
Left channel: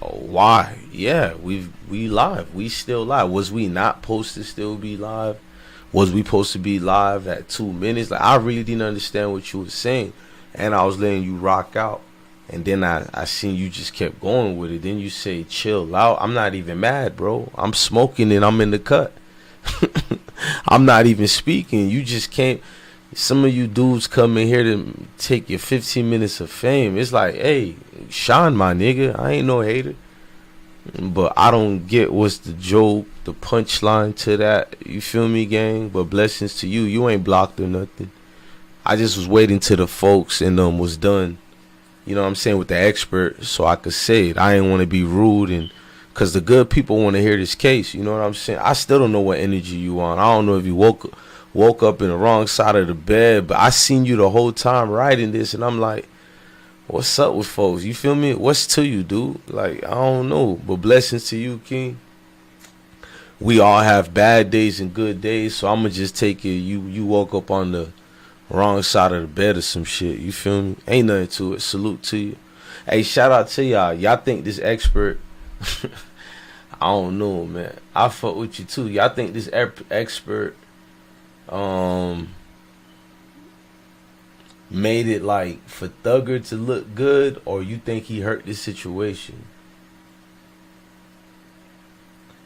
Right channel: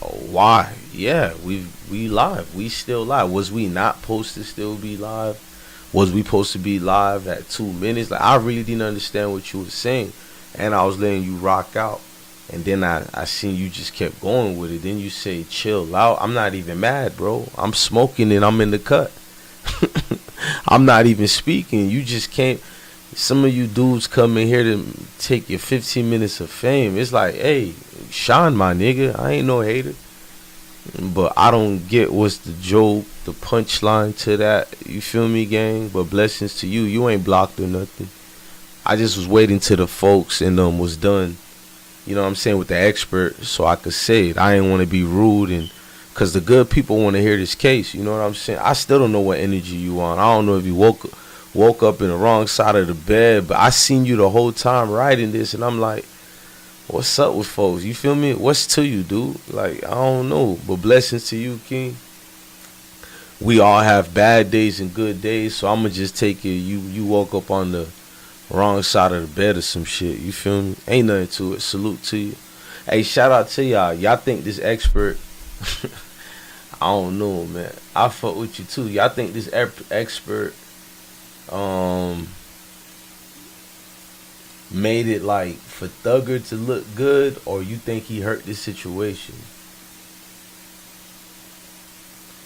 why? Yeah, we live. We still live. Was we not supposed to still be live? Was we supposed to be live at 2 minutes? Like, I really didn't understand what you were saying, and I was letting you rock out, and then I seen you just kept going with it. Then you say chill out. I'm not even mad, bro. I'm smoking and I'm in the cut. I'm not even speaking. You just can't. Some of you dudes come in here to take your 15 minutes of fame. It's like, hey, shine, my nigga. I ain't no hater. But I don't get what's the joke, the punchline to that. You feel me, gang? But blessings to you. You ain't blocked or nothing. I just was waiting till the folks and was done. You know what I'm saying, with the expert, so I could say it. I ain't want to be rude, and because the good people want to hear this case. You know what I'm saying? I still don't know what energy you on. I don't know if you woke up in the wrong side of the bed, but I seen you the whole time writing this, and I'm like, what's up with folks? You feel me? What's to you, dude? Like, I don't know, but blessings to you, King. We all have bad days and good days, so I'm gonna just take it you woke up on the wrong side of the bed or some shit. You feel me? Ain't nothing to it. Salute to you. Hey, shout out to y'all. Y'all think this expert I don't know, man. I fuck with you too. Y'all think this expert made it like for Thugger to look good, or you think he hurt this situation?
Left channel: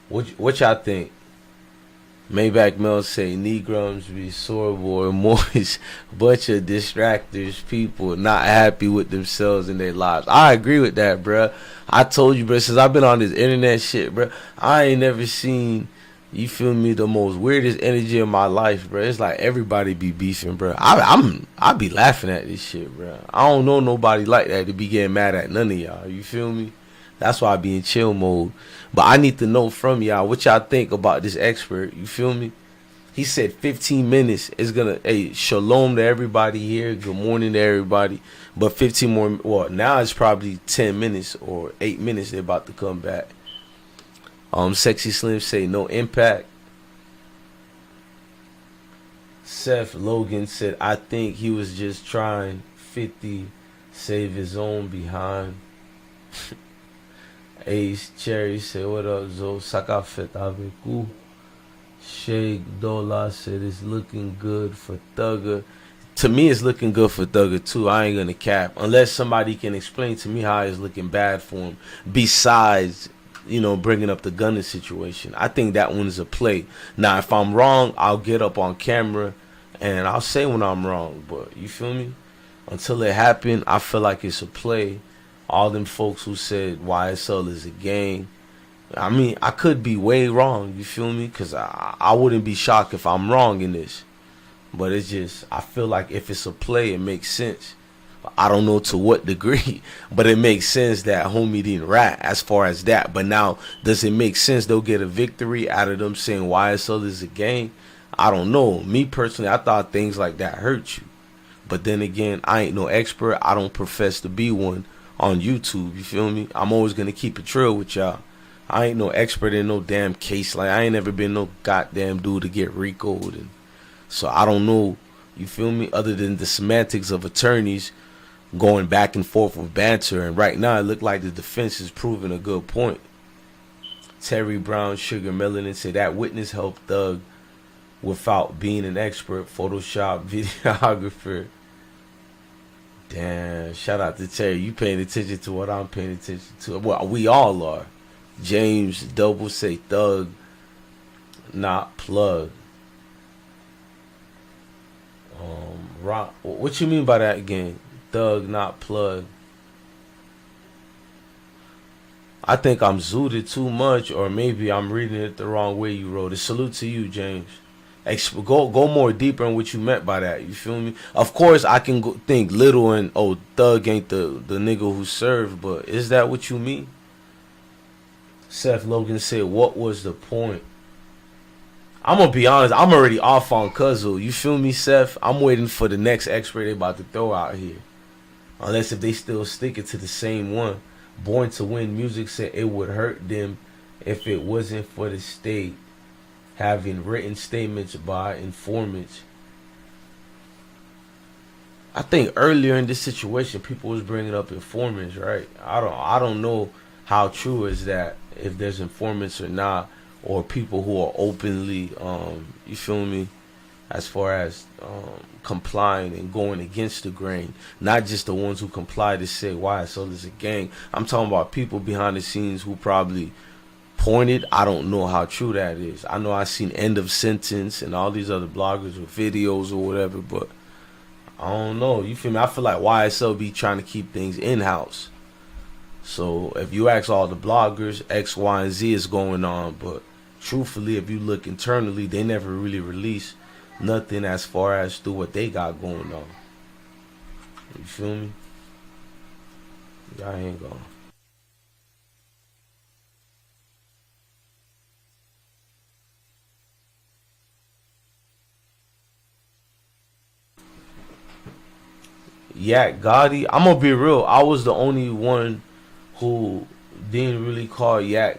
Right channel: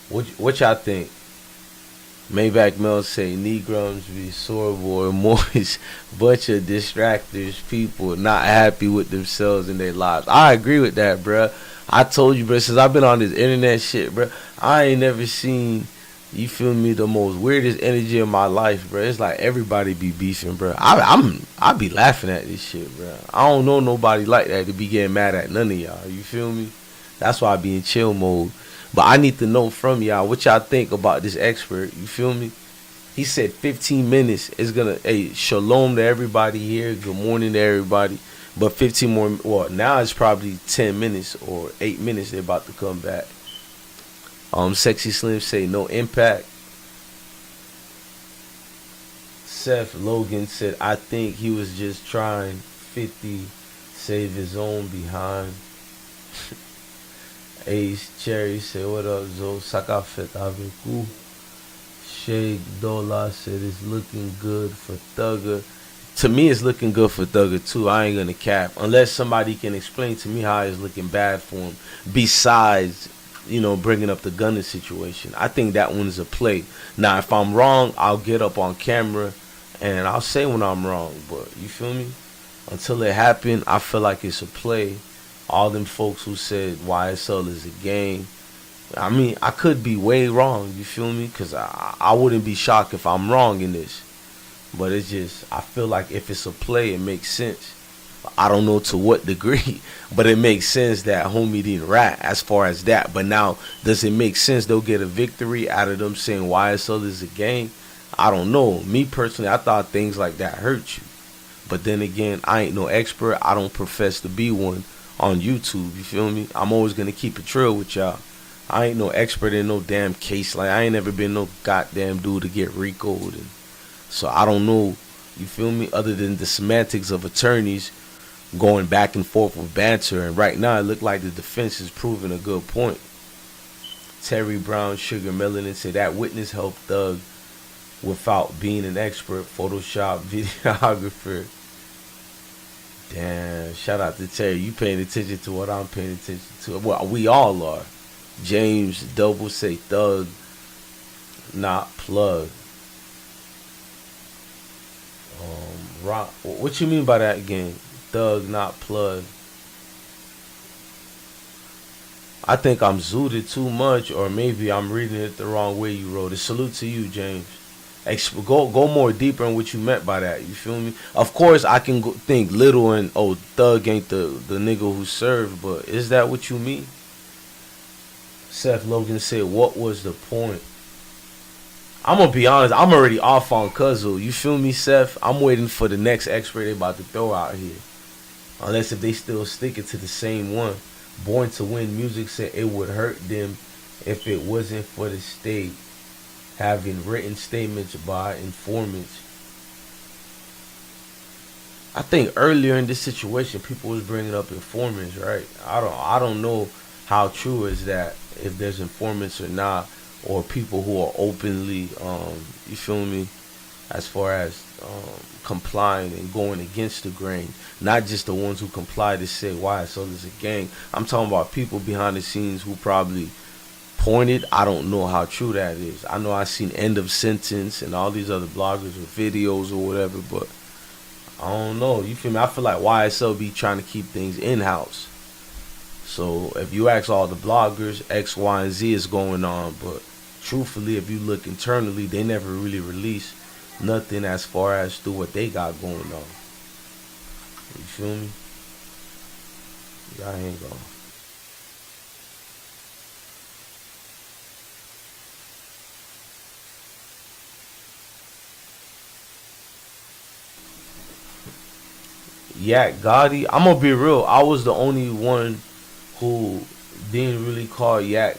What y'all think? Maybach Mel say Negroes be sorrowful and moist, bunch of distractors, people not happy with themselves and their lives. I agree with that, bruh. I told you, bruh, since I've been on this internet shit, bruh, I ain't never seen, you feel me, the most weirdest energy in my life, bruh. It's like everybody be beefing, bruh. I be laughing at this shit, bruh. I don't know nobody like that to be getting mad at none of y'all, you feel me? That's why I be in chill mode. But I need to know from y'all what y'all think about this expert. You feel me? He said 15 minutes is gonna. Hey, shalom to everybody here. Good morning to everybody. But 15 more. Well, now it's probably 10 minutes or 8 minutes. They're about to come back. Sexy Slim say no impact. Seth Logan said I think he was just trying 50 save his own behind. Ace Cherry said, what up, Zo? Sakafet avec vous. Sheikh Dola said, it's looking good for Thugger. To me, it's looking good for Thugger, too. I ain't going to cap. Unless somebody can explain to me how it's looking bad for him. Besides, you know, bringing up the Gunna situation. I think that one's a play. Now, if I'm wrong, I'll get up on camera and I'll say when I'm wrong. But, you feel me? Until it happened, I feel like it's a play. All them folks who said YSL is a gang. I mean, I could be way wrong, you feel me? Because I wouldn't be shocked if I'm wrong in this. But it's just, I feel like if it's a play, it makes sense. I don't know to what degree, but it makes sense that homie didn't rat as far as that. But now, does it make sense they'll get a victory out of them saying YSL is a gang? I don't know. Me personally, I thought things like that hurt you. But then again, I ain't no expert. I don't profess to be one on YouTube, you feel me? I'm always going to keep it real with y'all. I ain't no expert in no damn case. Like, I ain't never been no goddamn dude to get RICO'd. And so I don't know, you feel me, other than the semantics of attorneys going back and forth with banter. And right now, it look like the defense is proving a good point. Terry Brown, Sugar Melanin said that witness helped Thug without being an expert Photoshop videographer. Damn, shout out to Terry. You paying attention to what I'm paying attention to. Well, we all are. James Double say Thug, not plug. Rock. What you mean by that again? Thug, not plug. I think I'm zooted too much, or maybe I'm reading it the wrong way you wrote it. Salute to you, James. Go more deeper in what you meant by that. You feel me? Of course, I can think little and, oh, Thug ain't the nigga who served, but is that what you mean? Seth Logan said, what was the point? I'm going to be honest, I'm already off on Cuzzle. You feel me, Seth? I'm waiting for the next expert they about to throw out here. Unless if they still sticking to the same one. Born to Win Music said it would hurt them if it wasn't for the state having written statements by informants. I think earlier in this situation, people was bringing up informants, right? I don't know how true is that, if there's informants or not, or people who are openly, you feel me, as far as complying and going against the grain. Not just the ones who comply to say why so there's a gang. I'm talking about people behind the scenes who probably pointed. I don't know how true that is. I know I've seen End of Sentence and all these other bloggers with videos or whatever, but I don't know. You feel me? I feel like YSL be trying to keep things in-house. So if you ask all the bloggers, X, Y, and Z is going on, but truthfully, if you look internally, they never really release nothing as far as through what they got going on. You feel me? Y'all ain't going. Yak Gotti, I'm gonna be real. I was the only one who didn't really call Yak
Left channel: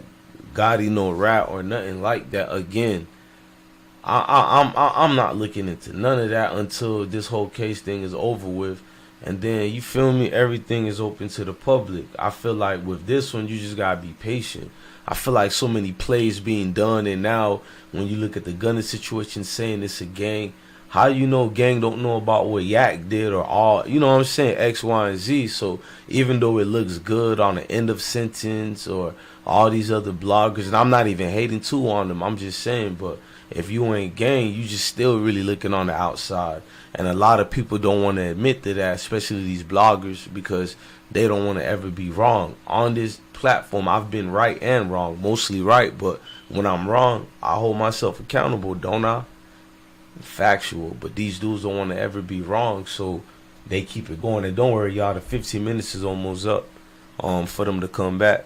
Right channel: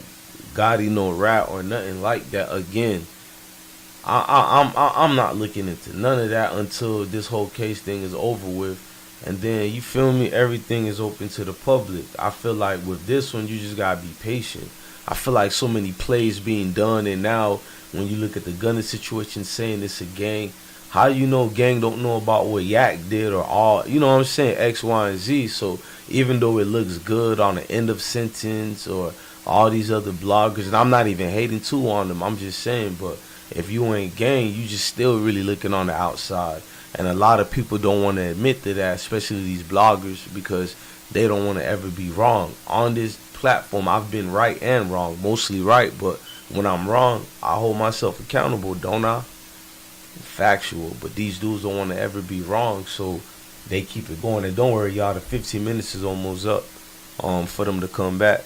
Gotti no rat or nothing like that. Again, I'm not looking into none of that until this whole case thing is over with, and then you feel me, everything is open to the public. I feel like with this one, you just gotta be patient. I feel like so many plays being done, and now when you look at the Gunna situation, saying it's a gang. How do you know gang don't know about what Yak did or all, you know what I'm saying, X, Y, and Z? So even though it looks good on the End of Sentence or all these other bloggers, and I'm not even hating too on them, I'm just saying, but if you ain't gang, you just still really looking on the outside. And a lot of people don't want to admit to that, especially these bloggers, because they don't want to ever be wrong. On this platform, I've been right and wrong, mostly right, but when I'm wrong, I hold myself accountable, don't I? Factual, but these dudes don't want to ever be wrong, so they keep it going. And don't worry, y'all, the 15 minutes is almost up for them to come back.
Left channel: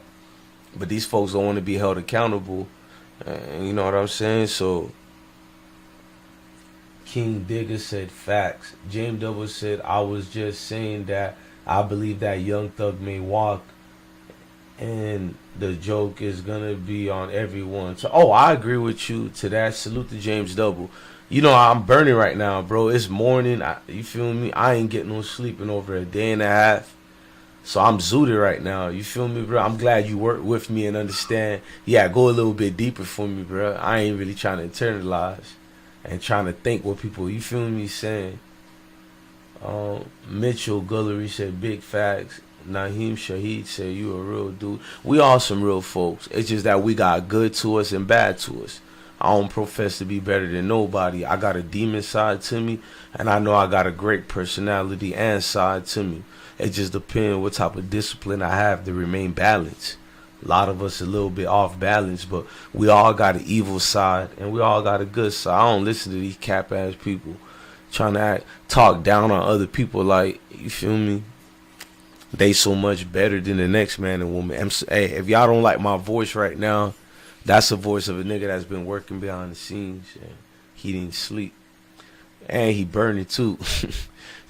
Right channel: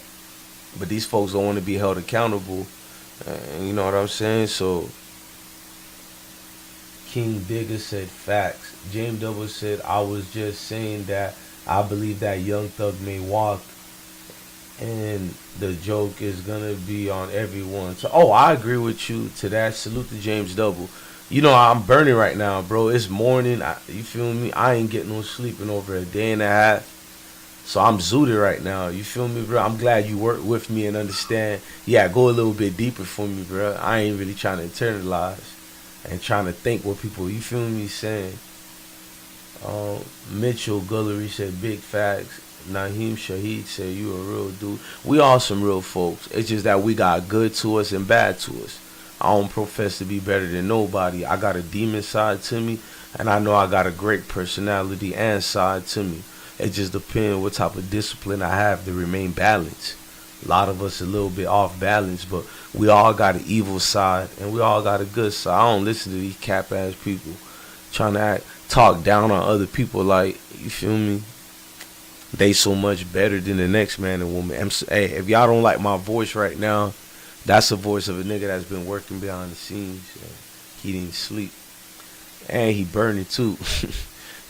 But these folks don't want to be held accountable, you know what I'm saying? So King Digger said facts. James Double said, I was just saying that I believe that Young Thug may walk and the joke is gonna be on everyone. So I agree with you to that. Salute to James Double. You know, I'm burning right now, bro. It's morning. You feel me? I ain't getting no sleep in over a day and a half. So I'm zooted right now. You feel me, bro? I'm glad you work with me and understand. Yeah, go a little bit deeper for me, bro. I ain't really trying to internalize and trying to think what people, you feel me, saying. Mitchell Gullery said big facts. Naheem Shahid said you a real dude. We all some real folks. It's just that we got good to us and bad to us. I don't profess to be better than nobody. I got a demon side to me, and I know I got a great personality and side to me. It just depends what type of discipline I have to remain balanced. A lot of us a little bit off balance, but we all got an evil side and we all got a good side. I don't listen to these cap ass people trying to talk down on other people like, you feel me? They so much better than the next man and woman. Hey, if y'all don't like my voice right now, that's the voice of a nigga that's been working behind the scenes. And he didn't sleep. And he burning too.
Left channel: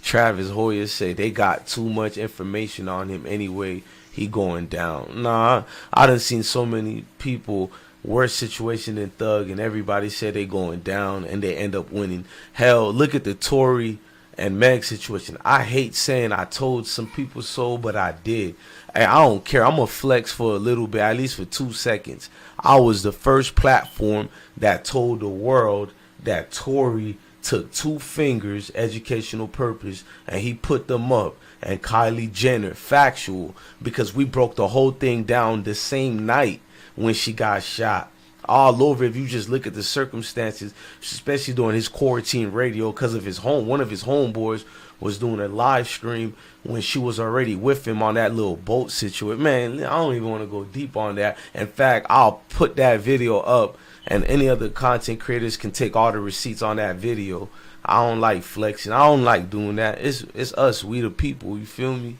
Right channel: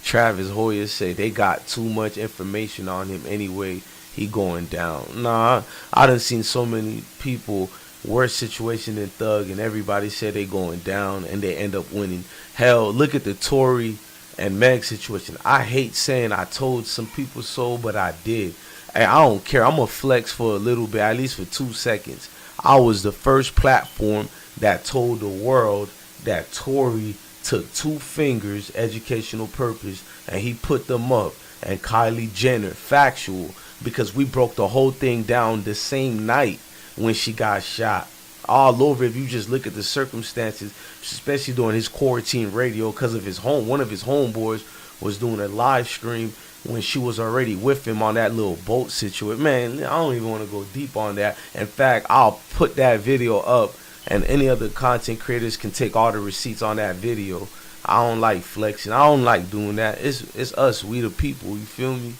Travis Hoyer say they got too much information on him anyway. He going down. Nah, I done seen so many people worse situation than Thug, and everybody said they going down, and they end up winning. Hell, look at the TORY and Meg situation. I hate saying I told some people so, but I did. And I don't care. I'm going to flex for a little bit, at least for 2 seconds. I was the first platform that told the world that TORY took 2 fingers, educational purpose, and he put them up. And Kylie Jenner, factual, because we broke the whole thing down the same night when she got shot. All over, if you just look at the circumstances, especially during his quarantine radio, because of one of his homeboys was doing a live stream when she was already with him on that little boat situation. Man, I don't even want to go deep on that. In fact, I'll put that video up, and any other content creators can take all the receipts on that video. I don't like flexing. I don't like doing that. It's us, we the people, you feel me?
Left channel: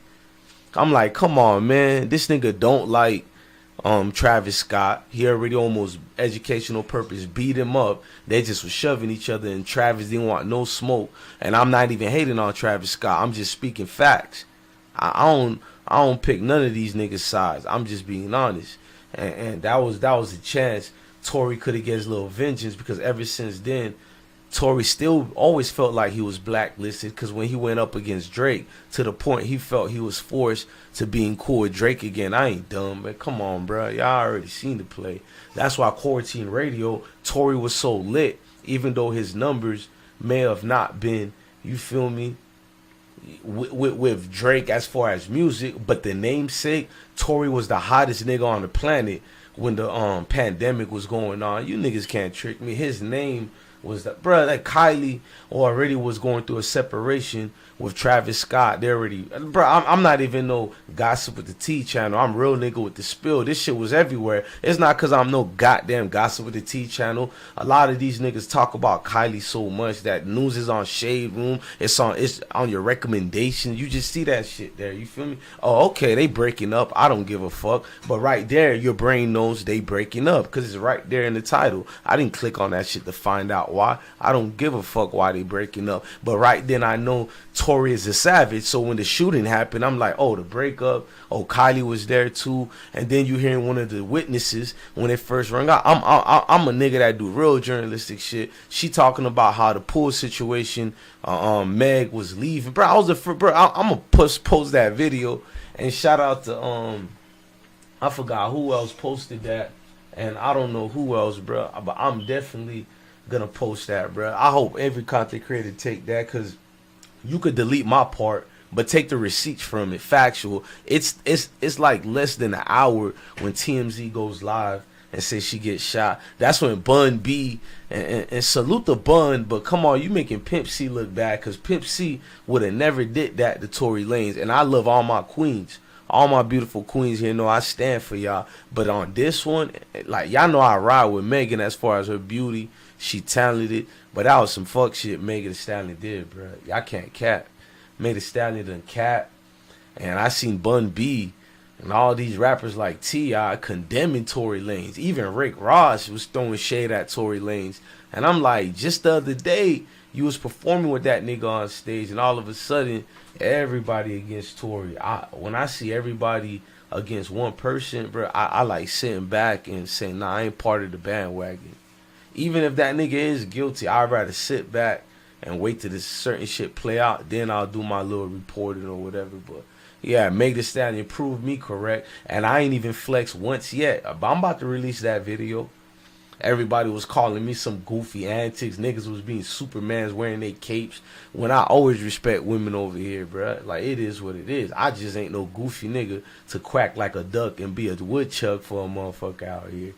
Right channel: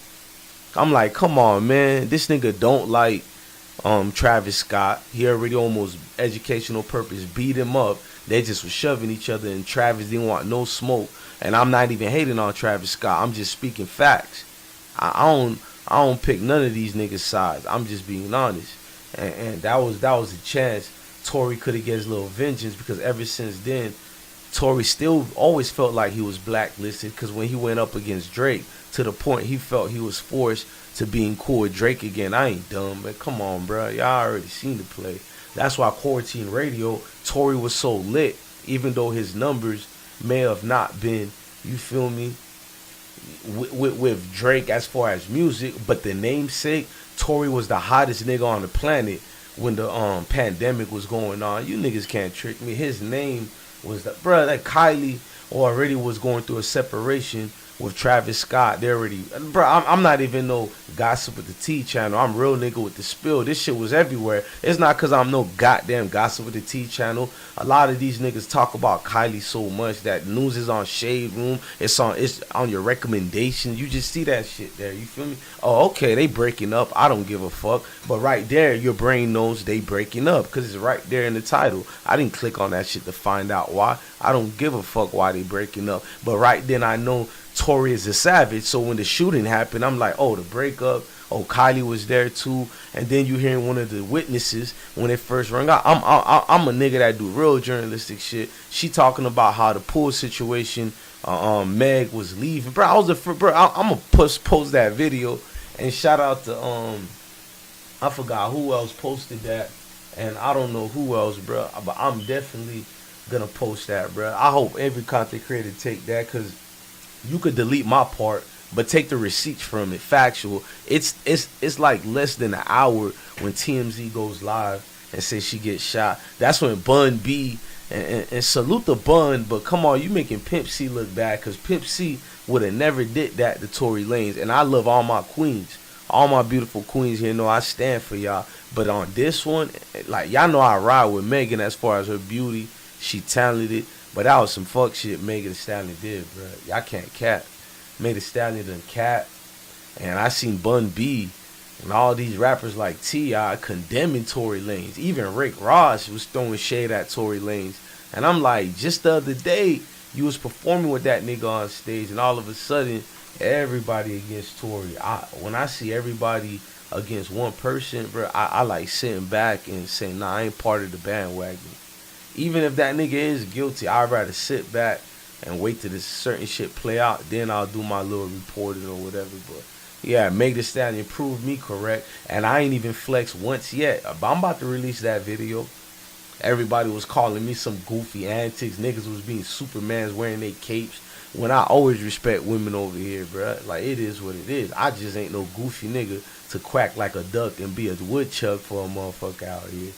I'm like, come on, man. This nigga don't like Travis Scott. He already almost educational purpose beat him up. They just was shoving each other, and Travis didn't want no smoke. And I'm not even hating on Travis Scott. I'm just speaking facts. I don't pick none of these niggas' sides. I'm just being honest. And that was a chance TORY could have get his little vengeance, because ever since then, TORY still always felt like he was blacklisted, because when he went up against Drake, to the point he felt he was forced to being cool with Drake again. I ain't dumb, but come on, bro. Y'all already seen the play. That's why quarantine radio, TORY was so lit, even though his numbers may have not been, you feel me, with Drake as far as music, but the namesake, TORY was the hottest nigga on the planet when the pandemic was going on. You niggas can't trick me. His name was that, bro, that Kylie already was going through a separation with Travis Scott. They already, bro, I'm not even no gossip with the T channel. I'm real nigga with the spill. This shit was everywhere. It's not because I'm no goddamn gossip with the T channel. A lot of these niggas talk about Kylie so much that news is on Shade Room. It's on your recommendation. You just see that shit there. You feel me? Oh, okay, they breaking up. I don't give a fuck. But right there, your brain knows they breaking up because it's right there in the title. I didn't click on that shit to find out why. I don't give a fuck why they breaking up. But right then, I know TORY is a savage, so when the shooting happened, I'm like, oh, the breakup. Oh, Kylie was there too. And then you hearing one of the witnesses when it first rang out. I'm a nigga that do real journalistic shit. She talking about how the pool situation, Meg was leaving. Bro, I'm gonna post that video and shout out to I forgot who else posted that, and I don't know who else, bro. But I'm definitely gonna post that, bro. I hope every content creator take that, cause you could delete my part, but take the receipts from it. Factual. It's like less than an hour when TMZ goes live and says she gets shot. That's when Bun B and salute the Bun, but come on, you making Pimp C look bad, because Pimp C would have never did that to Tory Lanez. And I love all my queens. All my beautiful queens here know I stand for y'all. But on this one, like, y'all know I ride with Megan as far as her beauty. She talented. But that was some fuck shit Megan Thee Stallion did, bro. Y'all can't cap. Megan Thee Stallion done cap. And I seen Bun B and all these rappers like T.I. condemning Tory Lanez. Even Rick Ross was throwing shade at Tory Lanez. And I'm like, just the other day, you was performing with that nigga on stage, and all of a sudden, everybody against Tory. When I see everybody against one person, bro, I like sitting back and saying, nah, I ain't part of the bandwagon. Even if that nigga is guilty, I'd rather sit back and wait till this certain shit play out. Then I'll do my little reporting or whatever. But Yeah, Meg Thee Stallion proved me correct, and I ain't even flexed once yet. But I'm about to release that video. Everybody was calling me some goofy antics. Niggas was being Supermans wearing their capes. When I always respect women over here, bruh. Like, it is what it is. I just ain't no goofy nigga to quack like a duck and be a woodchuck for a motherfucker out here.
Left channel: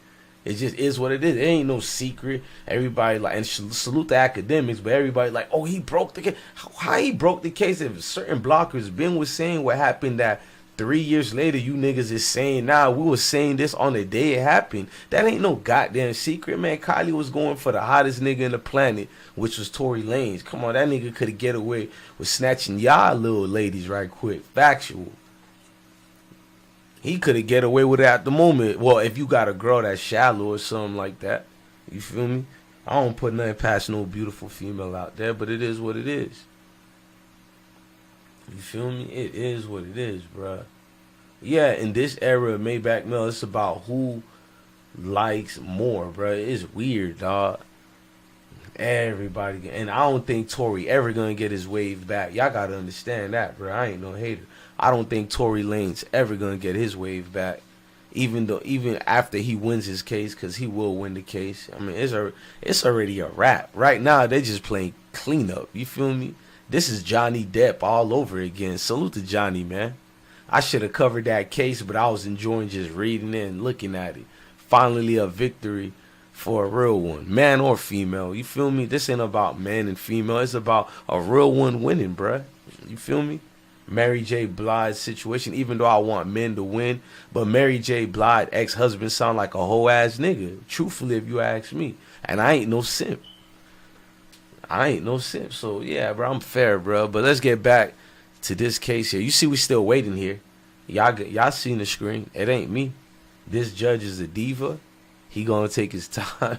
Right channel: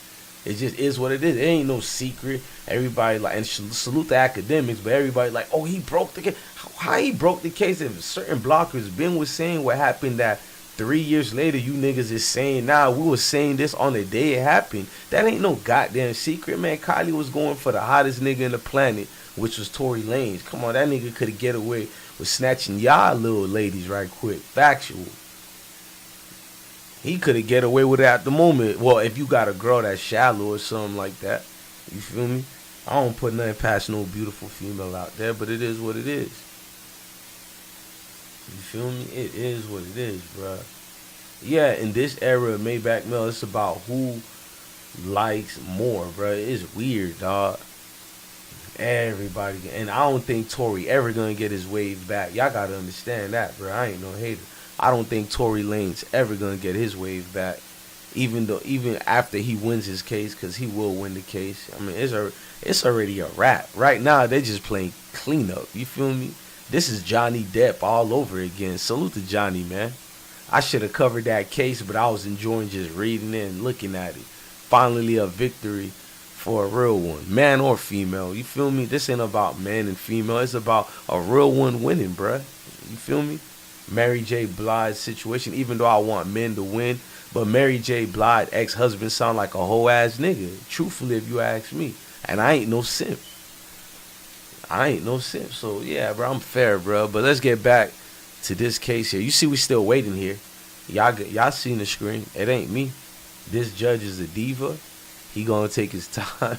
It just is what it is. It ain't no secret. Everybody like, and salute the academics, but everybody like, oh, he broke the case. How he broke the case? If certain blockers been was saying what happened that 3 years later you niggas is saying now, we was saying this on the day it happened. That ain't no goddamn secret, man. Kylie was going for the hottest nigga in the planet, which was Tory Lanez. Come on, that nigga could have get away with snatching y'all little ladies right quick. Factual. He could have get away with it at the moment. Well, if you got a girl that's shallow or something like that. You feel me? I don't put nothing past no beautiful female out there, but it is what it is. You feel me? It is what it is, bruh. Yeah, in this era of Maybach Mill, it's about who likes more, bruh. It's weird, dog. Everybody, and I don't think Tory ever gonna get his wave back. Y'all gotta understand that, bruh. I ain't no hater. I don't think Tory Lanez ever gonna get his wave back, even after he wins his case, because he will win the case. I mean, it's already a wrap. Right now, they just playing cleanup. You feel me? This is Johnny Depp all over again. Salute to Johnny, man. I should have covered that case, but I was enjoying just reading it and looking at it. Finally, a victory for a real one, man or female. You feel me? This ain't about man and female. It's about a real one winning, bruh. You feel me? Mary J. Blige's situation, even though I want men to win, but Mary J. Blige ex-husband sound like a whole ass nigga, truthfully, if you ask me. And I ain't no simp. So yeah, bro, I'm fair, bro. But let's get back to this case here. You see, we still waiting here. Y'all seen the screen. It ain't me. This judge is a diva. He gonna take his time.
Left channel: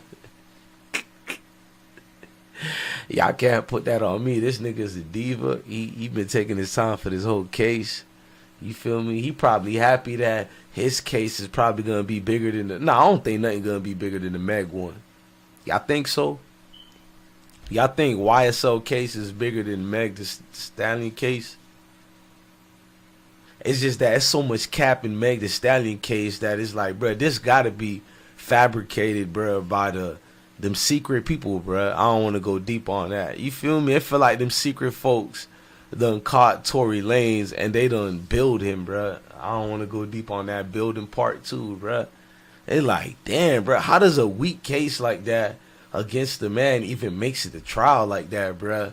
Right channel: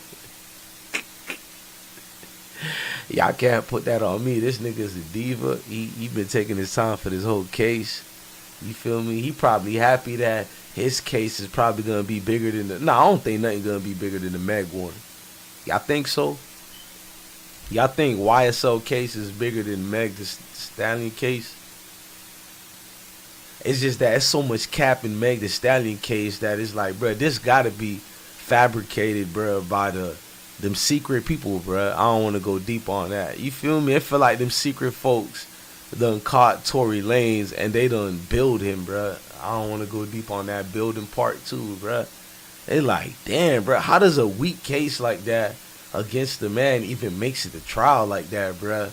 Y'all can't put that on me. This nigga's a diva. He been taking his time for this whole case. You feel me? He probably happy that his case is probably gonna be bigger than the. No, I don't think nothing gonna be bigger than the Meg one. Y'all think so? Y'all think YSL case is bigger than Meg Thee Stallion case? It's just that it's so much cap in Meg Thee Stallion case that it's like, bro, this gotta be fabricated, bro, by them secret people, bro. I don't want to go deep on that. You feel me? It feel like them secret folks done caught Tory Lanez and they done build him, bro. I don't want to go deep on that building part too, bro. They like, damn, bro, how does a weak case like that against the man even makes it to trial like that, bro?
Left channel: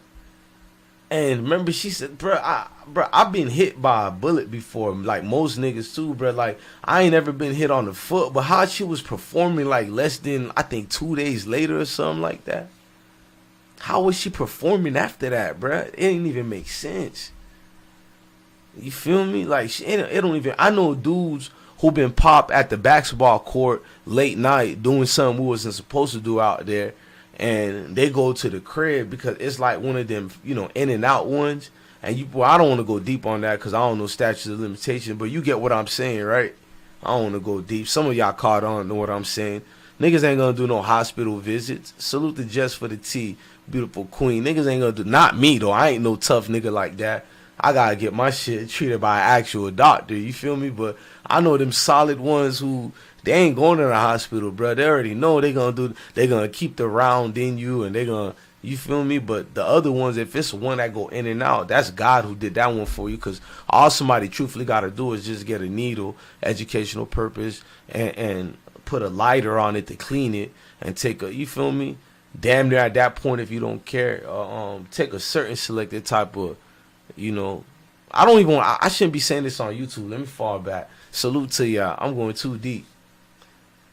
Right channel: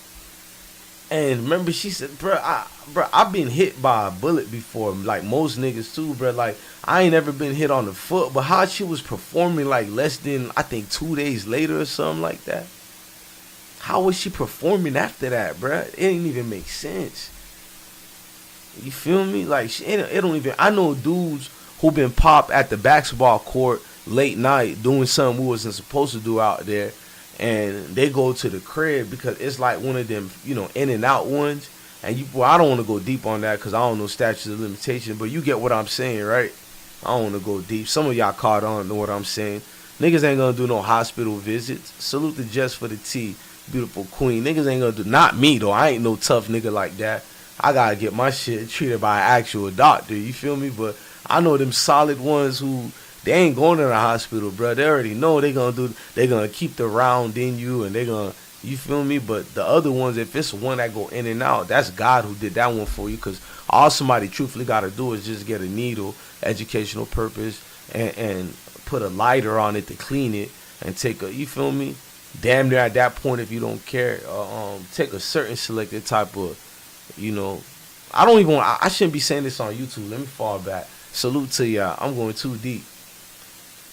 And remember, she said, bro, I've been hit by a bullet before, like most niggas too, bro. Like, I ain't ever been hit on the foot, but how she was performing like less than, I think, 2 days later or something like that. How was she performing after that, bro? It didn't even make sense. You feel me? Like, it don't even, I know dudes who been popped at the basketball court late night doing something we wasn't supposed to do out there, and they go to the crib because it's like one of them, you know, in and out ones. And you, well, I don't want to go deep on that because I don't know statutes of limitation, but you get what I'm saying, right? I don't want to go deep. Some of y'all caught on, know what I'm saying. Niggas ain't gonna do no hospital visits. Salute to Just for the Tea, beautiful queen. Niggas ain't gonna do, not me though. I ain't no tough nigga like that. I gotta get my shit treated by an actual doctor. You feel me? But I know them solid ones who, they ain't going to the hospital, bro. They already know they gonna keep the round in you, and they gonna, you feel me? But the other ones, if it's one that go in and out, that's God who did that one for you. Because all somebody truthfully got to do is just get a needle, educational purpose, and put a lighter on it to clean it, and take a, you feel me? Damn near at that point, if you don't care, take a certain selected type of, you know, I don't even want, I shouldn't be saying this on YouTube. Let me fall back. Salute to y'all. I'm going too deep.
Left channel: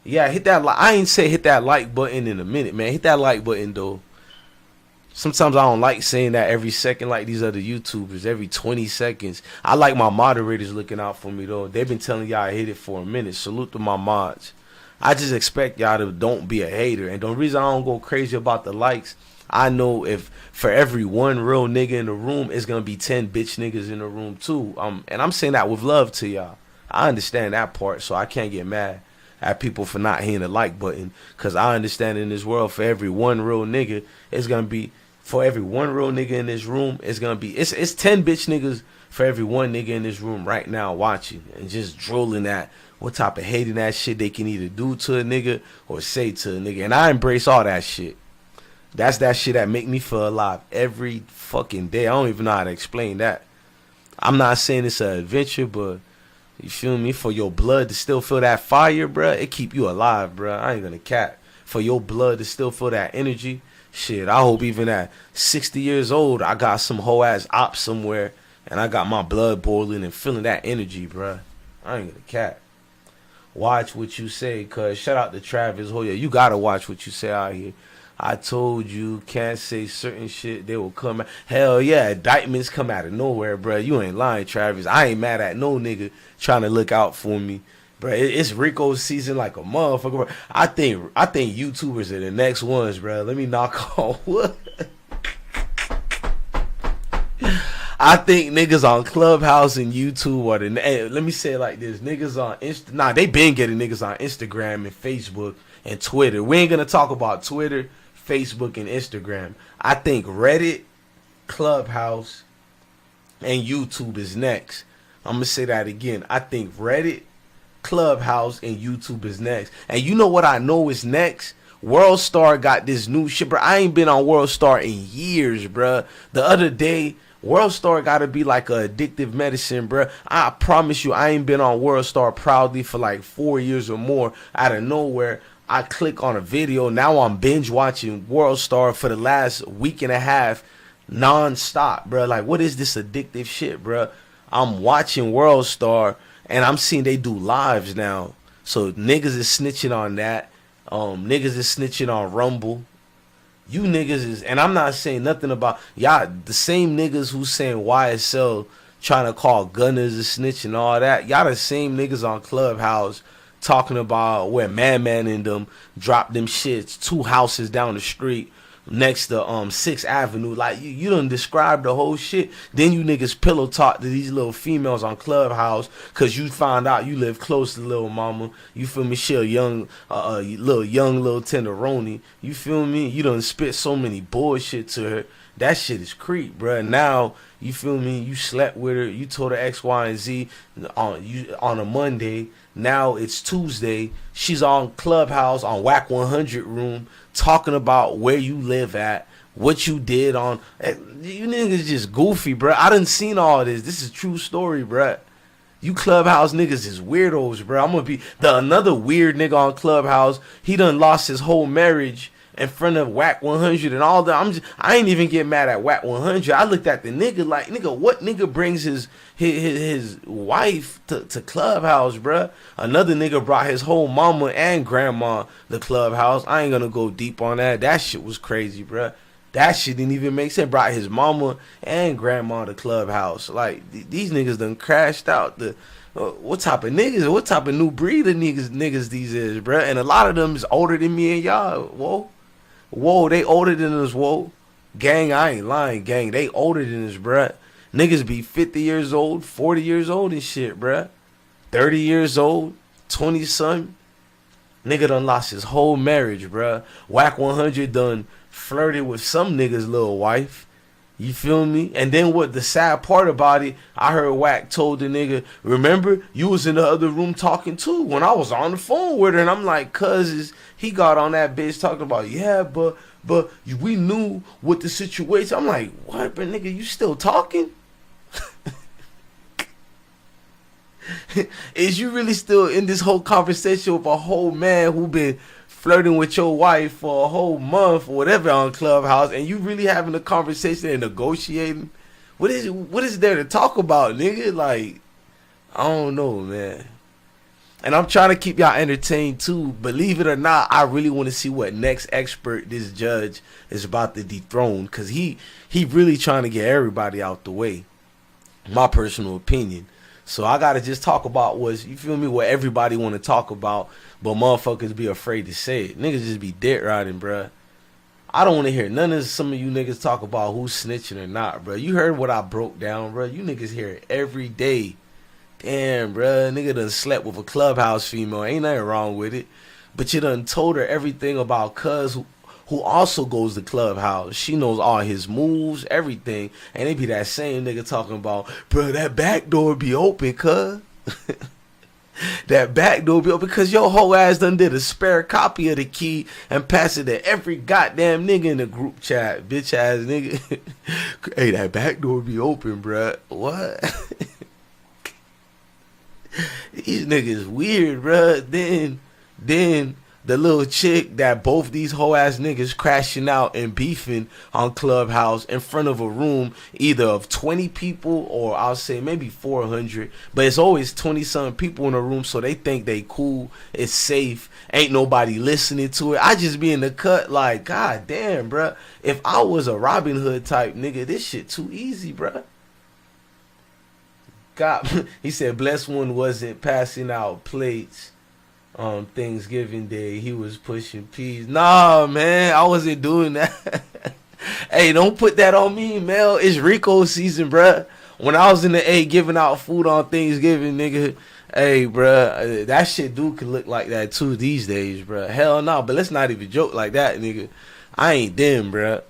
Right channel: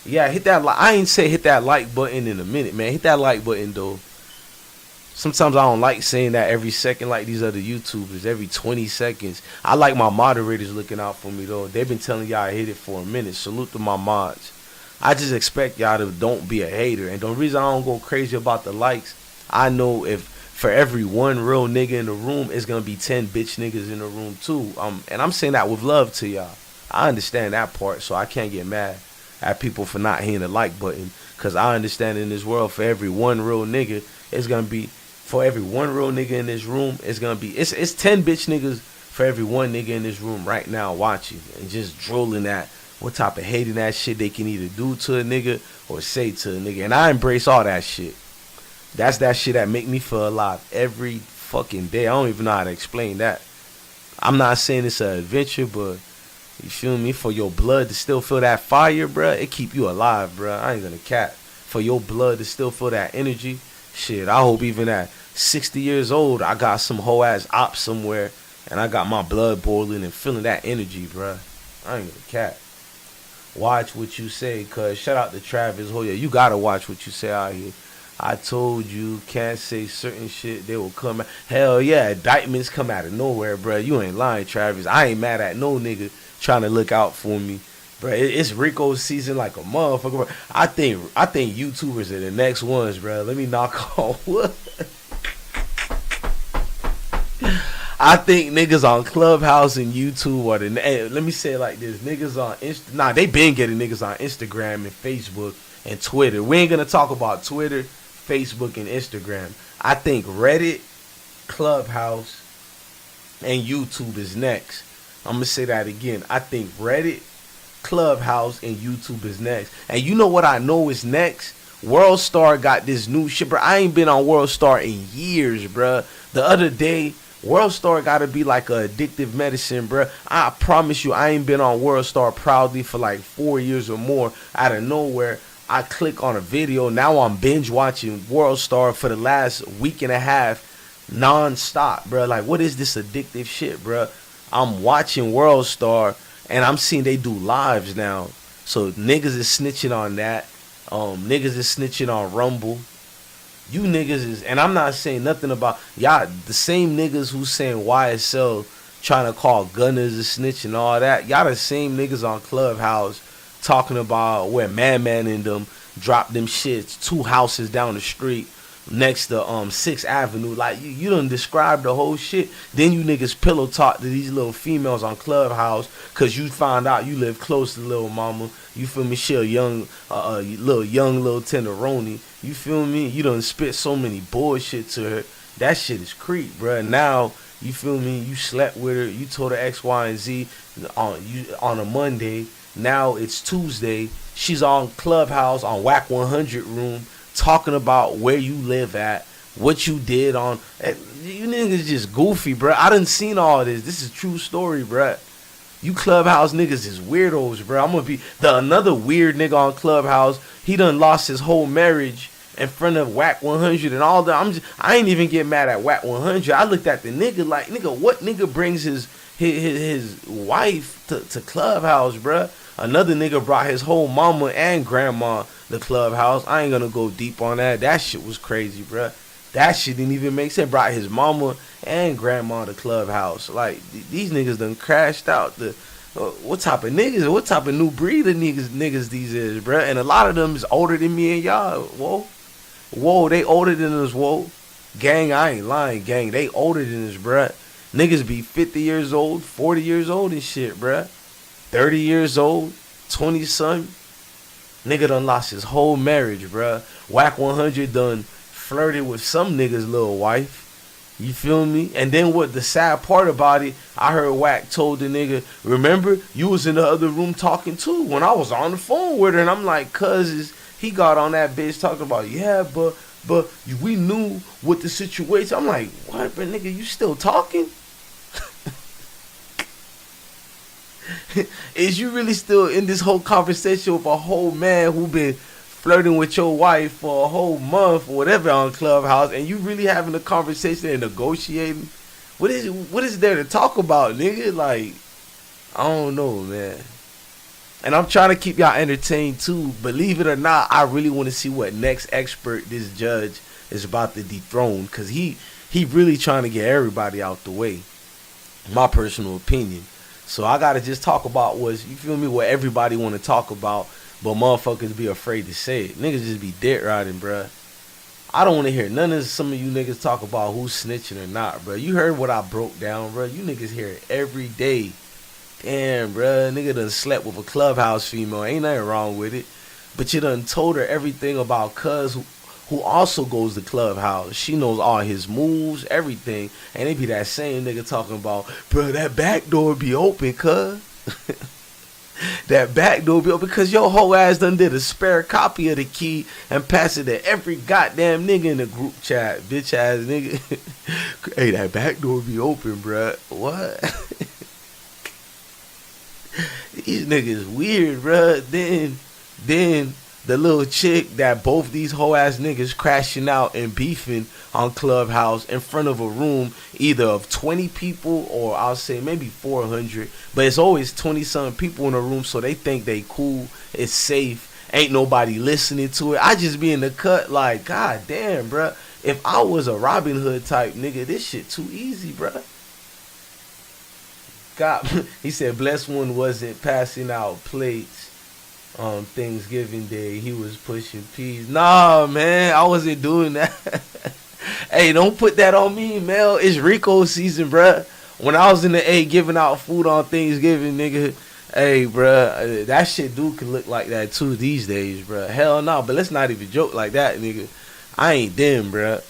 Yeah, hit that like. I ain't say hit that like button in a minute, man. Hit that like button though. Sometimes I don't like saying that every second like these other YouTubers, every 20 seconds. I like my moderators looking out for me though. They've been telling y'all I hit it for a minute. Salute to my mods. I just expect y'all to don't be a hater. And the reason I don't go crazy about the likes, I know if for every one real nigga in the room, it's gonna be 10 bitch niggas in the room too. And I'm saying that with love to y'all. I understand that part, so I can't get mad at people for not hitting the like button, because I understand in this world, for every one real nigga, it's gonna be, for every one real nigga in this room, it's gonna be, it's 10 bitch niggas for every one nigga in this room right now watching and just drooling at what type of hating that shit they can either do to a nigga or say to a nigga. And I embrace all that shit. That's that shit that make me feel alive every fucking day. I don't even know how to explain that. I'm not saying it's an adventure, but you feel me? For your blood to still feel that fire, bruh, it keep you alive, bruh. I ain't gonna cap. For your blood to still feel that energy, shit, I hope even at 60 years old, I got some whole ass op somewhere and I got my blood boiling and feeling that energy, bruh. I ain't gonna cap. Watch what you say, cuz. Shout out to Travis. Oh yeah, you gotta watch what you say out here. I told you, can't say certain shit, they will come out. Hell yeah, indictments come out of nowhere, bruh. You ain't lying, Travis. I ain't mad at no nigga trying to look out for me. Bruh, it's Rico season like a motherfucker, bruh. I think YouTubers are the next ones, bruh. Let me knock on wood. I think niggas on Clubhouse and YouTube are the... Hey, let me say it like this. Niggas on... Nah, they been getting niggas on Instagram and Facebook and Twitter. We ain't gonna talk about Twitter, Facebook, and Instagram. I think Reddit, Clubhouse, and YouTube is next. I'm gonna say that again. I think Reddit, Clubhouse, and YouTube is next. And you know what I know is next? World Star got this new shit, bro. I ain't been on World Star in years, bro. The other day, World Star gotta be like a addictive medicine, bro. I promise you, I ain't been on World Star proudly for like 4 years or more. Out of nowhere, I click on a video. Now I'm binge watching World Star for the last week and a half, non-stop, bro. Like, what is this addictive shit, bro? I'm watching World Star and I'm seeing they do lives now. So niggas is snitching on that. Niggas is snitching on Rumble. You niggas is, and I'm not saying nothing about y'all, the same niggas who saying YSL trying to call Gunna a snitch and all that. Y'all the same niggas on Clubhouse talking about where Man and them dropped them shits 2 houses down the street next to 6th Avenue. Like, you done described the whole shit. Then you niggas pillow talk to these little females on Clubhouse because you found out you live close to little mama. You feel me? She a young little tenderoni. You feel me? You done spit so many bullshit to her. That shit is creep, bruh. Now, you feel me? You slept with her. You told her X, Y, and Z on a Monday. Now it's Tuesday. She's on Clubhouse on Whack 100 room talking about where you live at, what you did on. You niggas just goofy, bruh. I done seen all this. This is true story, bruh. You Clubhouse niggas is weirdos, bruh. I'm gonna be another weird nigga on Clubhouse. He done lost his whole marriage in front of Whack 100 and all that. I ain't even get mad at Whack 100. I looked at the nigga like, nigga, what nigga brings his wife to Clubhouse, bruh? Another nigga brought his whole mama and grandma to Clubhouse. I ain't gonna go deep on that. That shit was crazy, bruh. That shit didn't even make sense. Brought his mama and grandma to Clubhouse. Like, these niggas done crashed out. What type of niggas? What type of new breed of niggas these is, bruh? And a lot of them is older than me and y'all. Whoa, they older than us, whoa. Gang, I ain't lying, gang. They older than us, bruh. Niggas be 50 years old, 40 years old and shit, bruh. 30 years old, 20-something. Nigga done lost his whole marriage, bruh. Whack 100 done flirted with some nigga's little wife. You feel me? And then what the sad part about it, I heard Whack told the nigga, remember, you was in the other room talking too when I was on the phone with her. And I'm like, cuz he got on that bitch talking about, yeah, but we knew what the situation. I'm like, what, but nigga, you still talking? Is you really still in this whole conversation with a whole man who been flirting with your wife for a whole month or whatever on Clubhouse, and you really having a conversation and negotiating? What is there to talk about, nigga? Like, I don't know, man. And I'm trying to keep y'all entertained too. Believe it or not, I really want to see what next expert this judge is about to dethrone, because he really trying to get everybody out the way. My personal opinion. So I gotta just talk about what everybody want to talk about, but motherfuckers be afraid to say it. Niggas just be dead riding, bruh. I don't want to hear none of some of you niggas talk about who's snitching or not, bruh. You heard what I broke down, bruh. You niggas hear it every day. Damn, bruh. Nigga done slept with a Clubhouse female. Ain't nothing wrong with it. But you done told her everything about cuz who also goes to Clubhouse. She knows all his moves, everything. And it be that same nigga talking about, bro, that back door be open, cuz. That back door be open because your whole ass done did a spare copy of the key and passed it to every goddamn nigga in the group chat. Bitch ass nigga. Hey, that back door be open, bruh. What? These niggas weird, bruh. Then the little chick that both these whole ass niggas crashing out and beefing on Clubhouse in front of a room either of 20 people or I'll say maybe 400, but it's always 20 something people in a room, so they think they cool, it's safe, ain't nobody listening to it. I just be in the cut like, god damn, bruh. If I was a Robin Hood type nigga, this shit too easy, bruh. God, he said Blessed One wasn't passing out plates on Thanksgiving Day. He was pushing peas. Nah, man, I wasn't doing that. Hey, don't put that on me, Mel. It's Rico season, bruh. When I was in the A giving out food on Thanksgiving, nigga, hey, bruh, that shit could look like that too these days, bruh. Hell no, but let's not even joke like that, nigga. I ain't them, bruh.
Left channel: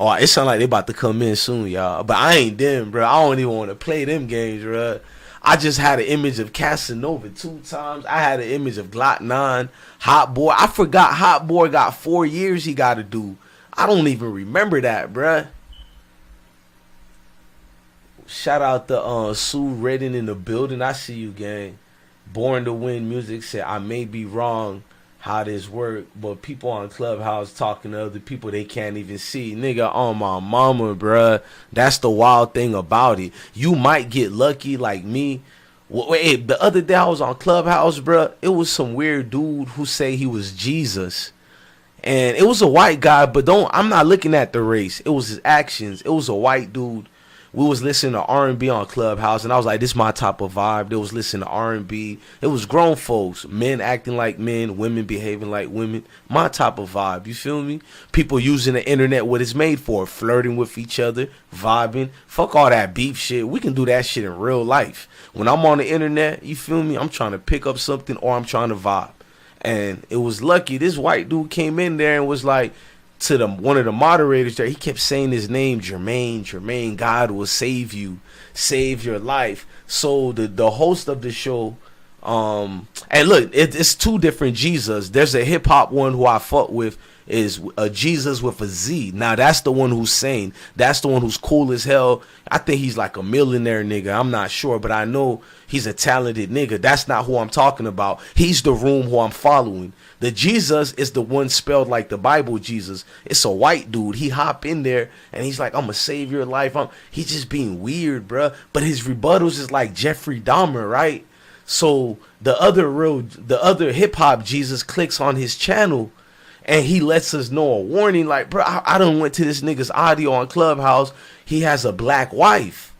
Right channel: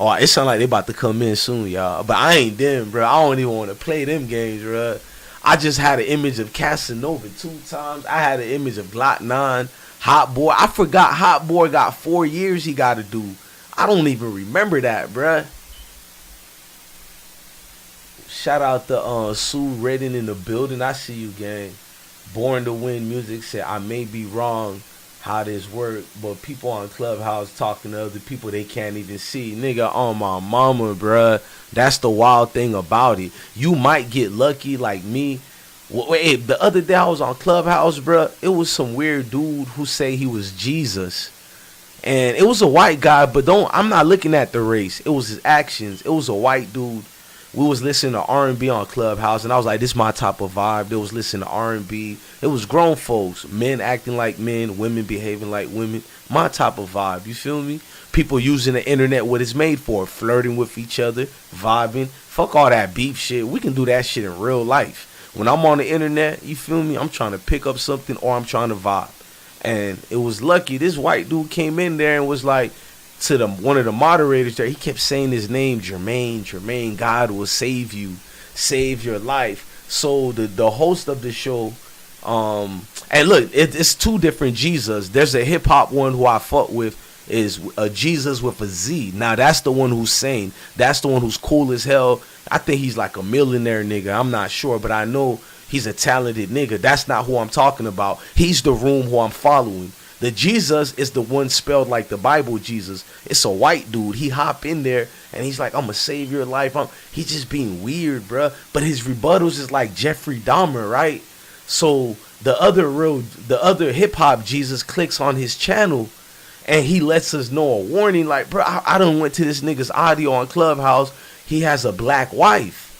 Oh, it sound like they about to come in soon, y'all. But I ain't them, bruh. I don't even want to play them games, bruh. I just had an image of Casanova 2 times. I had an image of Glock 9, Hot Boy. I forgot Hot Boy got 4 years he got to do. I don't even remember that, bruh. Shout out to Sue Redden in the building. I see you, gang. Born to Win Music said, I may be wrong how this work, but people on Clubhouse talking to other people they can't even see. Nigga, on my mama, bruh. That's the wild thing about it. You might get lucky like me. Wait, the other day I was on Clubhouse, bruh. It was some weird dude who say he was Jesus. And it was a white guy, but I'm not looking at the race. It was his actions. It was a white dude. We was listening to R&B on Clubhouse, and I was like, this is my type of vibe. They was listening to R&B. It was grown folks, men acting like men, women behaving like women. My type of vibe, you feel me? People using the internet, what it's made for, flirting with each other, vibing. Fuck all that beef shit. We can do that shit in real life. When I'm on the internet, you feel me? I'm trying to pick up something or I'm trying to vibe. And it was lucky. This white dude came in there and was like, to one of the moderators there, he kept saying his name, Jermaine, God will save you, save your life. So the host of the show, and look, it's 2 different Jesus. There's a hip hop one who I fuck with, is a Jesus with a Z. Now that's the one who's sane. That's the one who's cool as hell. I think he's like a millionaire nigga. I'm not sure, but I know he's a talented nigga. That's not who I'm talking about. He's the room who I'm following. The Jesus is the one spelled like the Bible Jesus. It's a white dude. He hop in there and he's like, I'm gonna save your life. He's just being weird, bruh. But his rebuttals is like Jeffrey Dahmer, right? So the other hip hop Jesus clicks on his channel and he lets us know a warning, like, bro, I done went to this nigga's audio on Clubhouse. He has a black wife.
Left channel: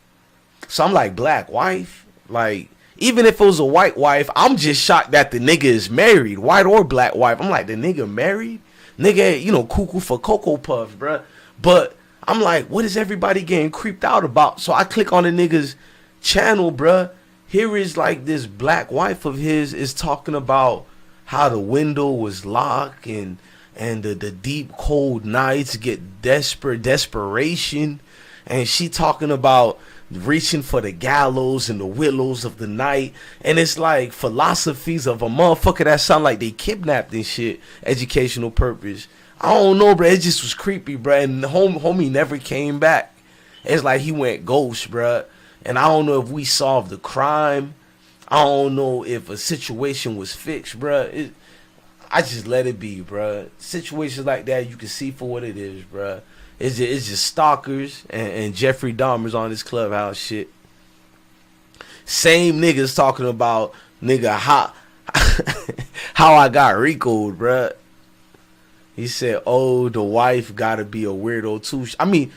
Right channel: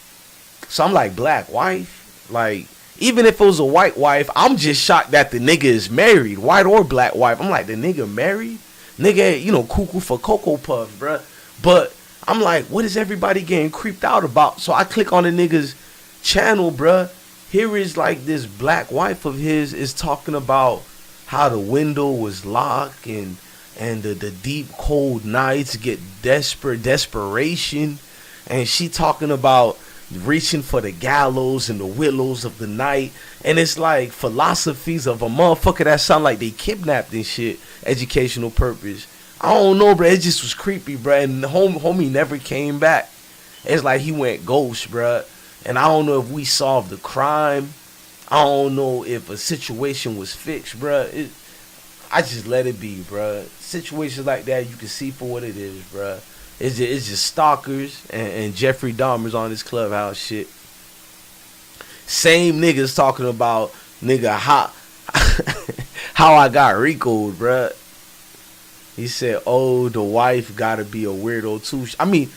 So I'm like, black wife? Like, even if it was a white wife, I'm just shocked that the nigga is married, white or black wife. I'm like, the nigga married? Nigga, you know, cuckoo for Cocoa Puffs, bruh. But I'm like, what is everybody getting creeped out about? So I click on the nigga's channel, bruh. Here is like this black wife of his is talking about how the window was locked and the deep cold nights get desperation. And she talking about reaching for the gallows and the willows of the night, and it's like philosophies of a motherfucker that sound like they kidnapped and shit, educational purpose. I don't know, bro. It just was creepy, bro. And the homie never came back. It's like he went ghost, bro. And I don't know if we solved the crime. I don't know if a situation was fixed, bro. I just let it be, bro. Situations like that you can see for what it is, bro. It's just stalkers and Jeffrey Dahmer's on this Clubhouse shit. Same niggas talking about, nigga, how I got Rico'd, bruh. He said, oh, the wife gotta be a weirdo too. I mean,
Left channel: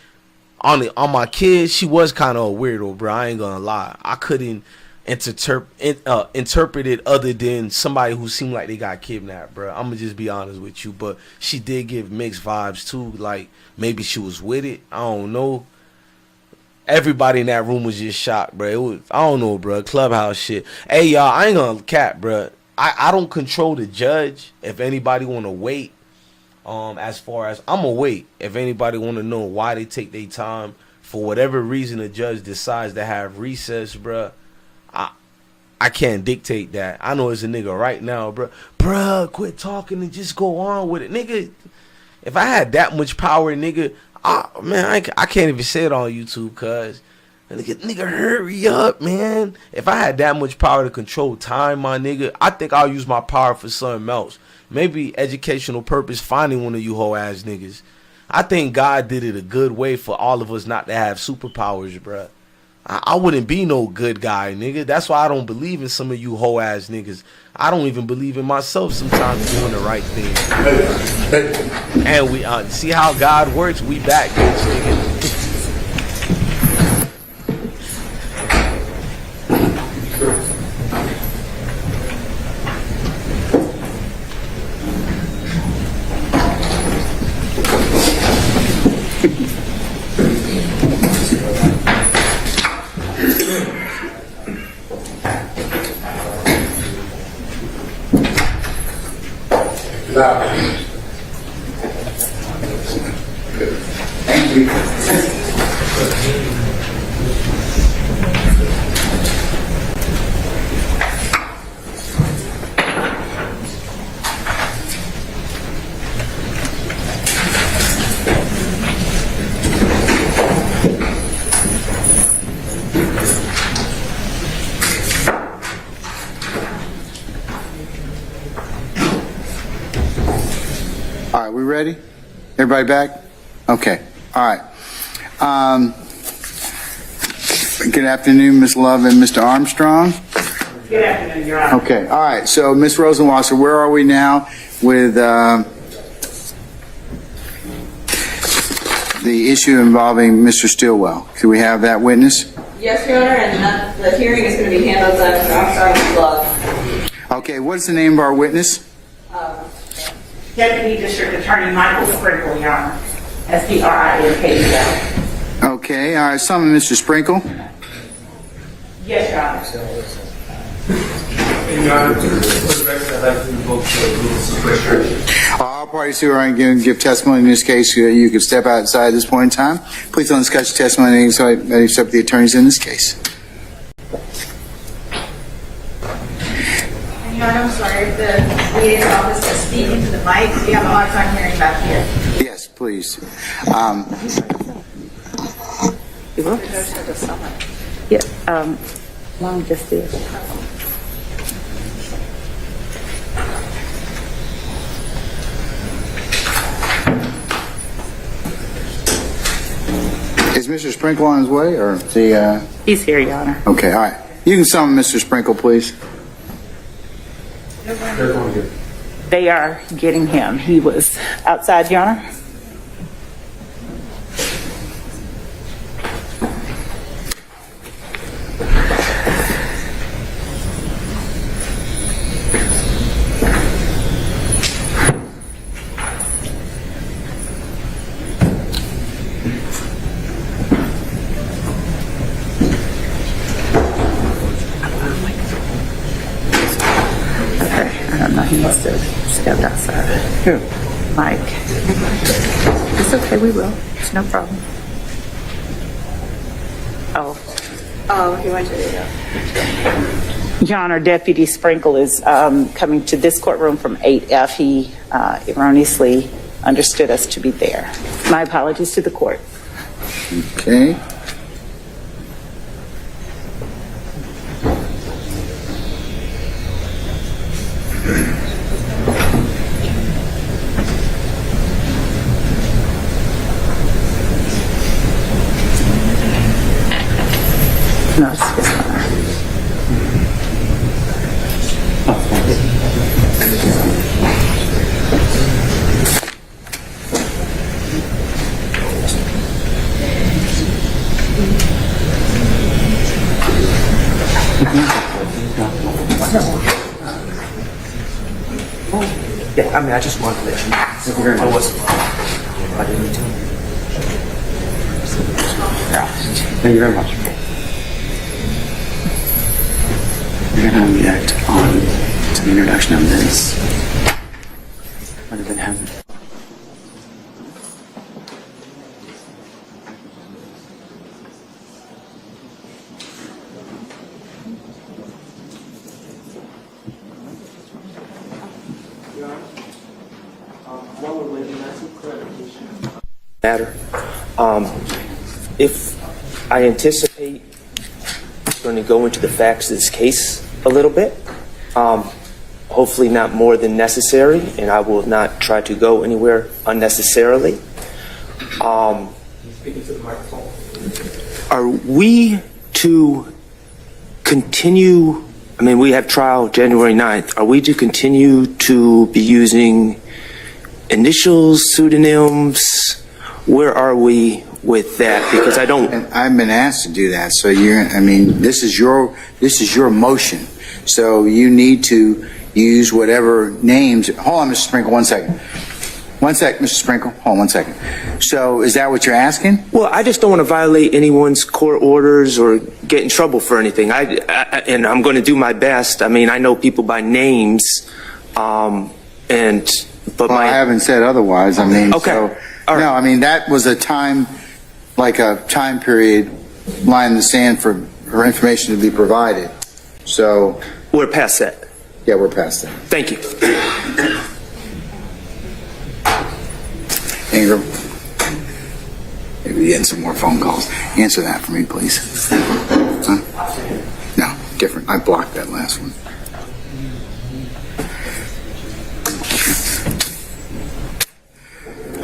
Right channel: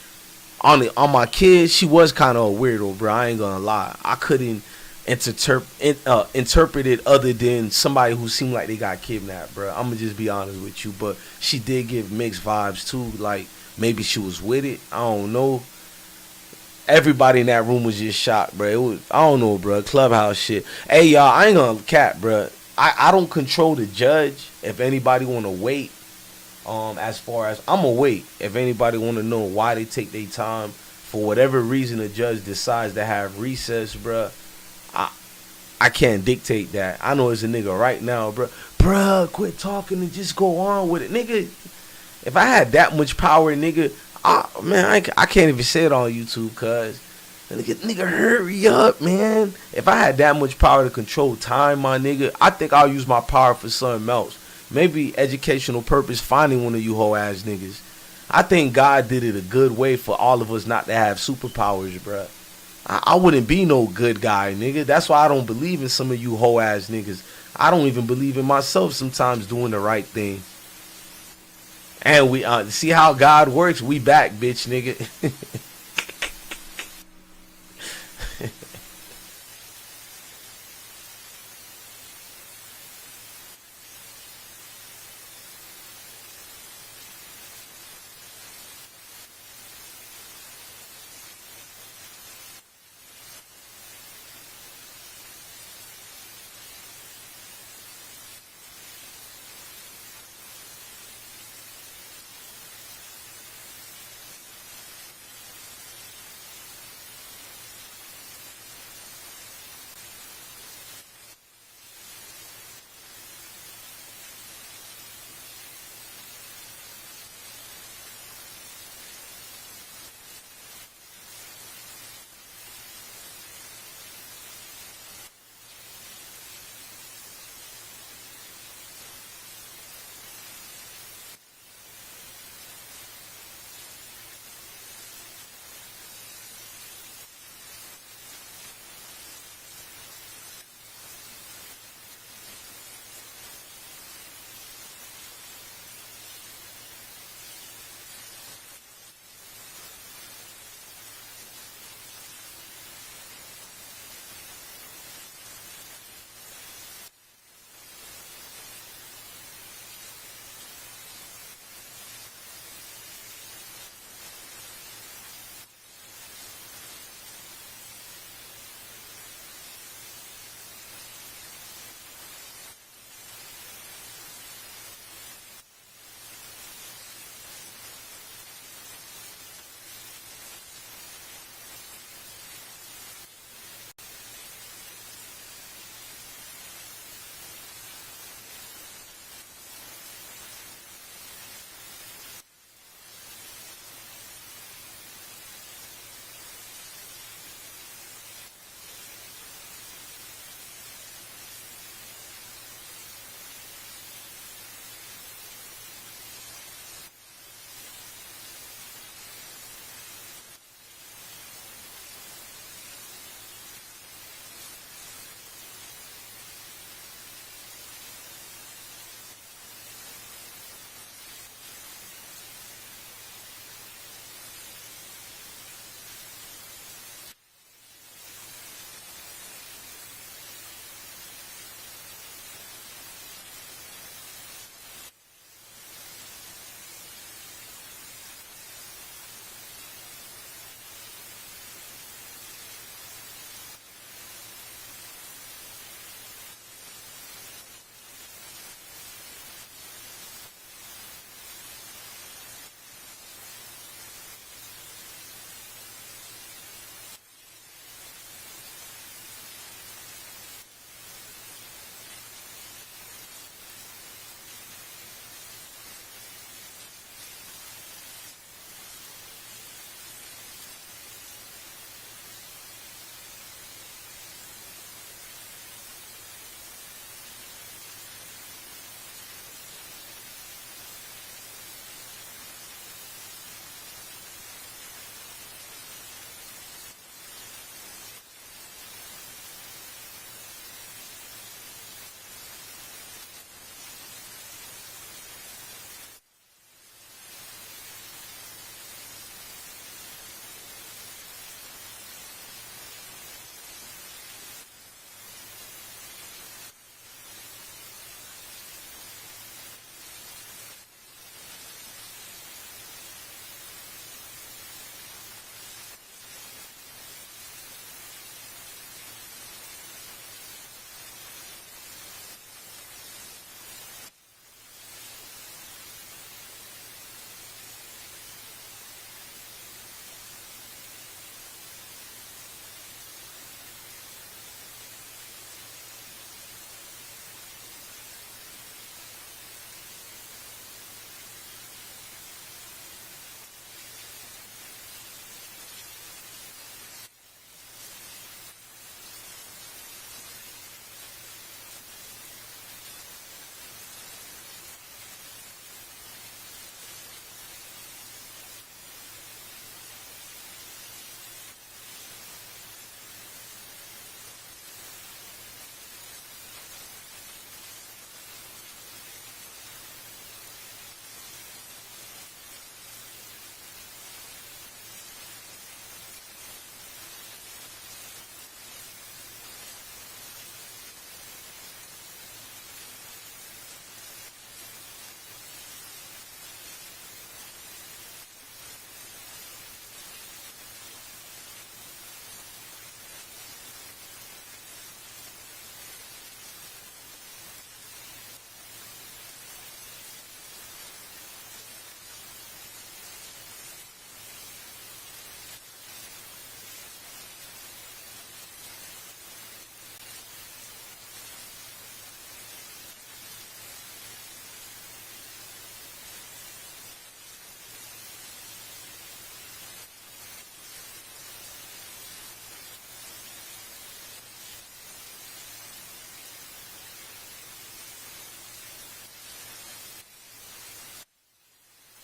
on my kids, she was kind of a weirdo, bro. I ain't gonna lie. I couldn't interpret it other than somebody who seemed like they got kidnapped, bro. I'm gonna just be honest with you. But she did give mixed vibes too, like, maybe she was with it. I don't know. Everybody in that room was just shocked, bro. It was, I don't know, bro. Clubhouse shit. Hey, y'all, I ain't gonna cap, bro. I don't control the judge. If anybody want to wait, As far as I'm gonna wait. If anybody want to know why they take their time, for whatever reason the judge decides to have recess, bruh, I can't dictate that. I know it's a nigga right now, bruh, quit talking and just go on with it, nigga. If I had that much power, nigga, I can't even say it on YouTube, cuz nigga, hurry up, man. If I had that much power to control time, my nigga, I think I'll use my power for something else. Maybe educational purpose, finding one of you whole ass niggas. I think God did it a good way for all of us not to have superpowers, bruh. I wouldn't be no good guy, nigga. That's why I don't believe in some of you whole ass niggas. I don't even believe in myself sometimes doing the right thing. And we see how God works. We back, bitch, nigga. Thank you. All right, we ready? Everybody back? Okay. All right. Good afternoon, Ms. Love and Mr. Armstrong. Good afternoon, Your Honor. Okay. All right. So, Ms. Rosenwasser, where are we now with the issue involving Mr. Stillwell? Can we have that witness? Yes, Your Honor, and the hearing is going to be handled by Mr. Armstrong's Love. Okay. What is the name of our witness? Deputy District Attorney Michael Sprinkle, Your Honor. S-P-R-I-N-K-E-L. Okay. All right. Summon Mr. Sprinkle. Yes, Your Honor. Your Honor, for the record, I'd like to invoke the rules of procedure. All parties who are going to give testimony in this case, you can step outside at this point in time. Please don't discuss your testimony except the attorneys in this case. Your Honor, I'm sorry, if the DA's office can speak into the mic. We have a hard time hearing back here. Yes, please. Yeah, long just do it. Is Mr. Sprinkle on his way, or is he? He's here, Your Honor. Okay, all right. You can summon Mr. Sprinkle, please. They are getting him. He was outside, Your Honor. He must have stepped outside. Who? Mike. It's okay, we will. It's no problem. Oh, he went to the... Your Honor, Deputy Sprinkle is coming to this courtroom from 8F. He erroneously understood us to be there. My apologies to the court. Okay. No, it's his honor. Yeah, I mean, I just wanted to let you know. I wasn't wrong. I didn't mean to. Yeah. Thank you very much. You're going to react on to the introduction of this, rather than him. matter. If I anticipate going to go into the facts of this case a little bit, hopefully not more than necessary, and I will not try to go anywhere unnecessarily. Are we to continue, I mean, we have trial January 9th. Are we to continue to be using initials, pseudonyms? Where are we with that? Because I don't. And I've been asked to do that. So this is your motion. So you need to use whatever names. Hold on, Mr. Sprinkle, 1 second. 1 sec, Mr. Sprinkle. Hold on 1 second. So is that what you're asking? Well, I just don't want to violate anyone's court orders or get in trouble for anything. And I'm going to do my best. I mean, I know people by names, I haven't said otherwise. I mean, okay. So, no, I mean that was a time period, line in the sand for information to be provided. So we're past that. Yeah, we're past that. Thank you. Ingram, maybe getting some more phone calls. Answer that for me, please. Huh? No, different. I blocked that last one.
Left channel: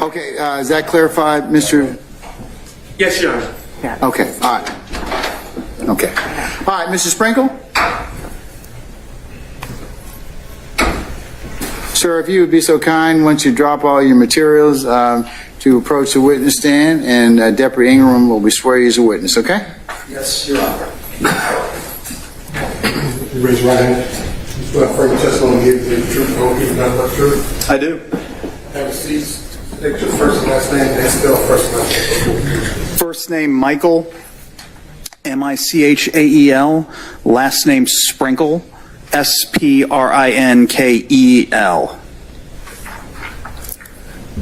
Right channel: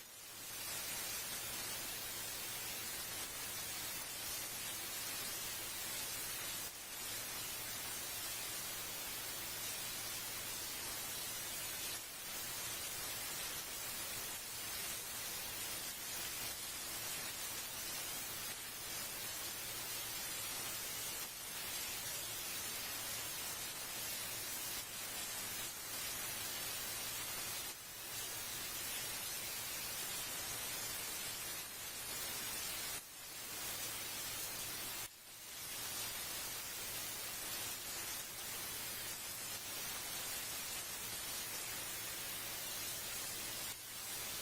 Okay, is that clarified, Mr.? Yes, Your Honor. Okay, all right. Okay. All right, Mr. Sprinkle? Sir, if you would be so kind, once you drop all your materials, to approach the witness stand, and Deputy Ingram will be swearing you as a witness, okay? Yes, Your Honor. You raise your right hand. You swear affirm your testimony to give the truth, the whole truth, and nothing but the truth? I do. Have a seat. Take your first and last name, and spell first and last name. First name Michael, Michael. Last name Sprinkle, Sprinkel.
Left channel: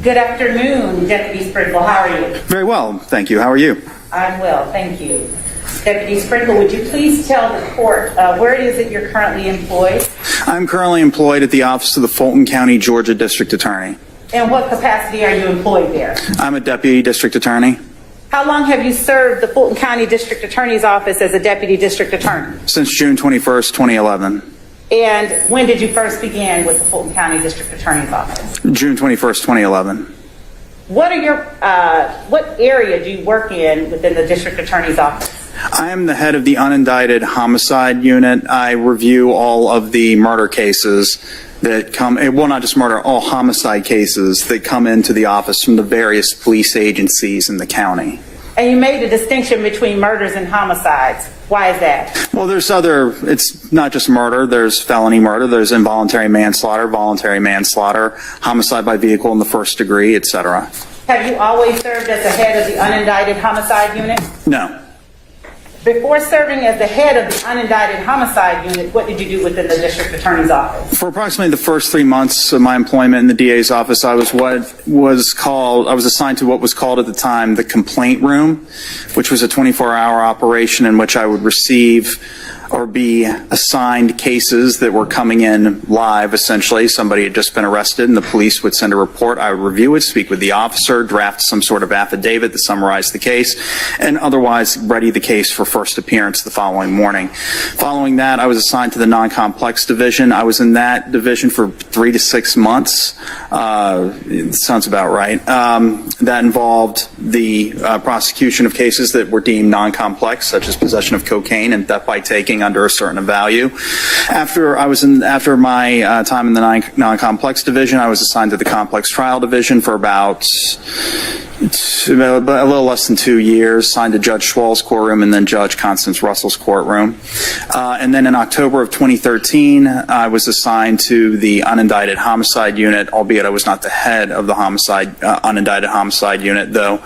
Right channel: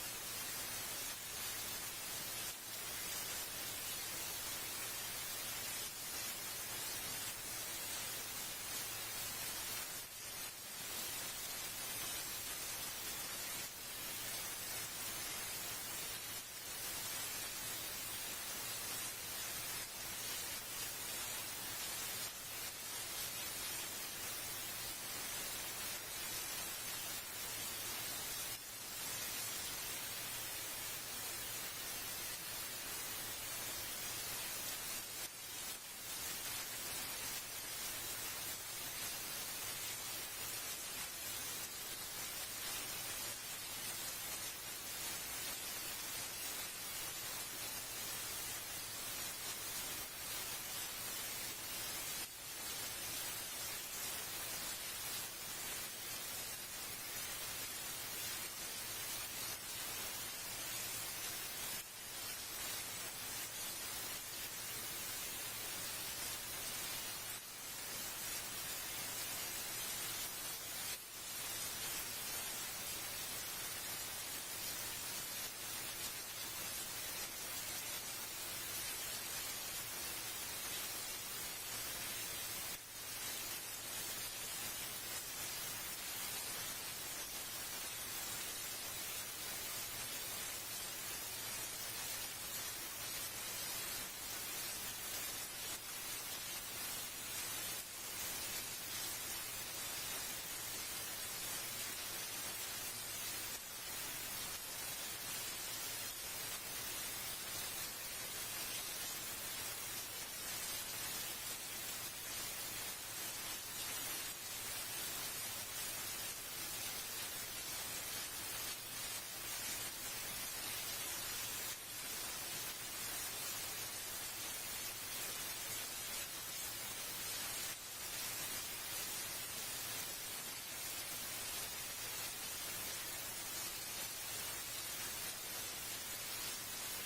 Good afternoon, Deputy Sprinkle. How are you? Very well, thank you. How are you? I'm well, thank you. Deputy Sprinkle, would you please tell the court where it is that you're currently employed? I'm currently employed at the office of the Fulton County, Georgia District Attorney. And what capacity are you employed there? I'm a Deputy District Attorney. How long have you served the Fulton County District Attorney's Office as a Deputy District Attorney? Since June 21st, 2011. And when did you first begin with the Fulton County District Attorney's Office? June 21st, 2011. What area do you work in within the District Attorney's Office? I am the head of the unindicted homicide unit. I review all of the murder cases that come, well, not just murder, all homicide cases that come into the office from the various police agencies in the county. And you made a distinction between murders and homicides. Why is that? Well, it's not just murder. There's felony murder, there's involuntary manslaughter, voluntary manslaughter, homicide by vehicle in the first degree, etc. Have you always served as the head of the unindicted homicide unit? No. Before serving as the head of the unindicted homicide unit, what did you do within the District Attorney's Office? For approximately the first 3 months of my employment in the DA's office, I was assigned to what was called at the time the complaint room, which was a 24-hour operation in which I would receive or be assigned cases that were coming in live, essentially. Somebody had just been arrested and the police would send a report. I would review it, speak with the officer, draft some sort of affidavit that summarized the case, and otherwise ready the case for first appearance the following morning. Following that, I was assigned to the non-complex division. I was in that division for 3 to 6 months. It sounds about right. That involved the prosecution of cases that were deemed non-complex, such as possession of cocaine and theft by taking under a certain value. After my time in the non-complex division, I was assigned to the complex trial division for about a little less than 2 years, assigned to Judge Schwall's courtroom and then Judge Constance Russell's courtroom. And then in October of 2013, I was assigned to the unindicted homicide unit, albeit I was not the head of the unindicted homicide unit, though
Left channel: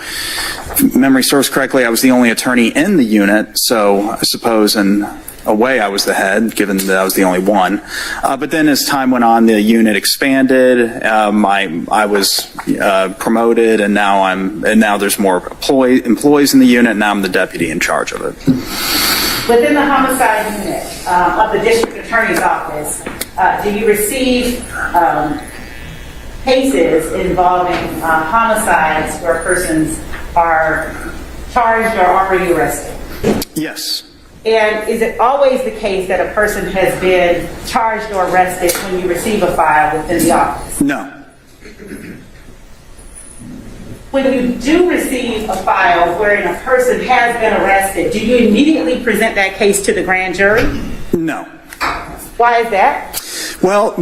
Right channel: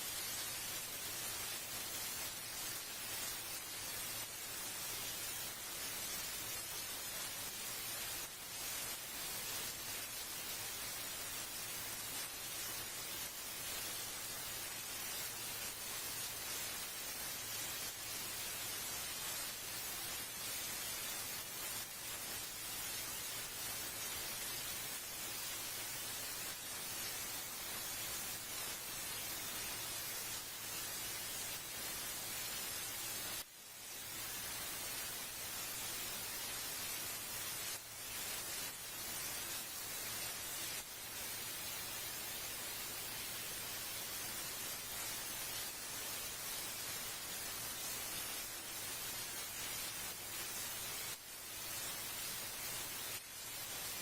if memory serves correctly, I was the only attorney in the unit, so I suppose in a way I was the head, given that I was the only one. But then as time went on, the unit expanded. I was promoted, and now there's more employees in the unit. And now I'm the deputy in charge of it. Within the homicide unit of the District Attorney's Office, do you receive cases involving homicides where persons are charged or already arrested? Yes. And is it always the case that a person has been charged or arrested when you receive a file within the office? No. When you do receive a file wherein a person has been arrested, do you immediately present that case to the grand jury? No. Why is that? Well,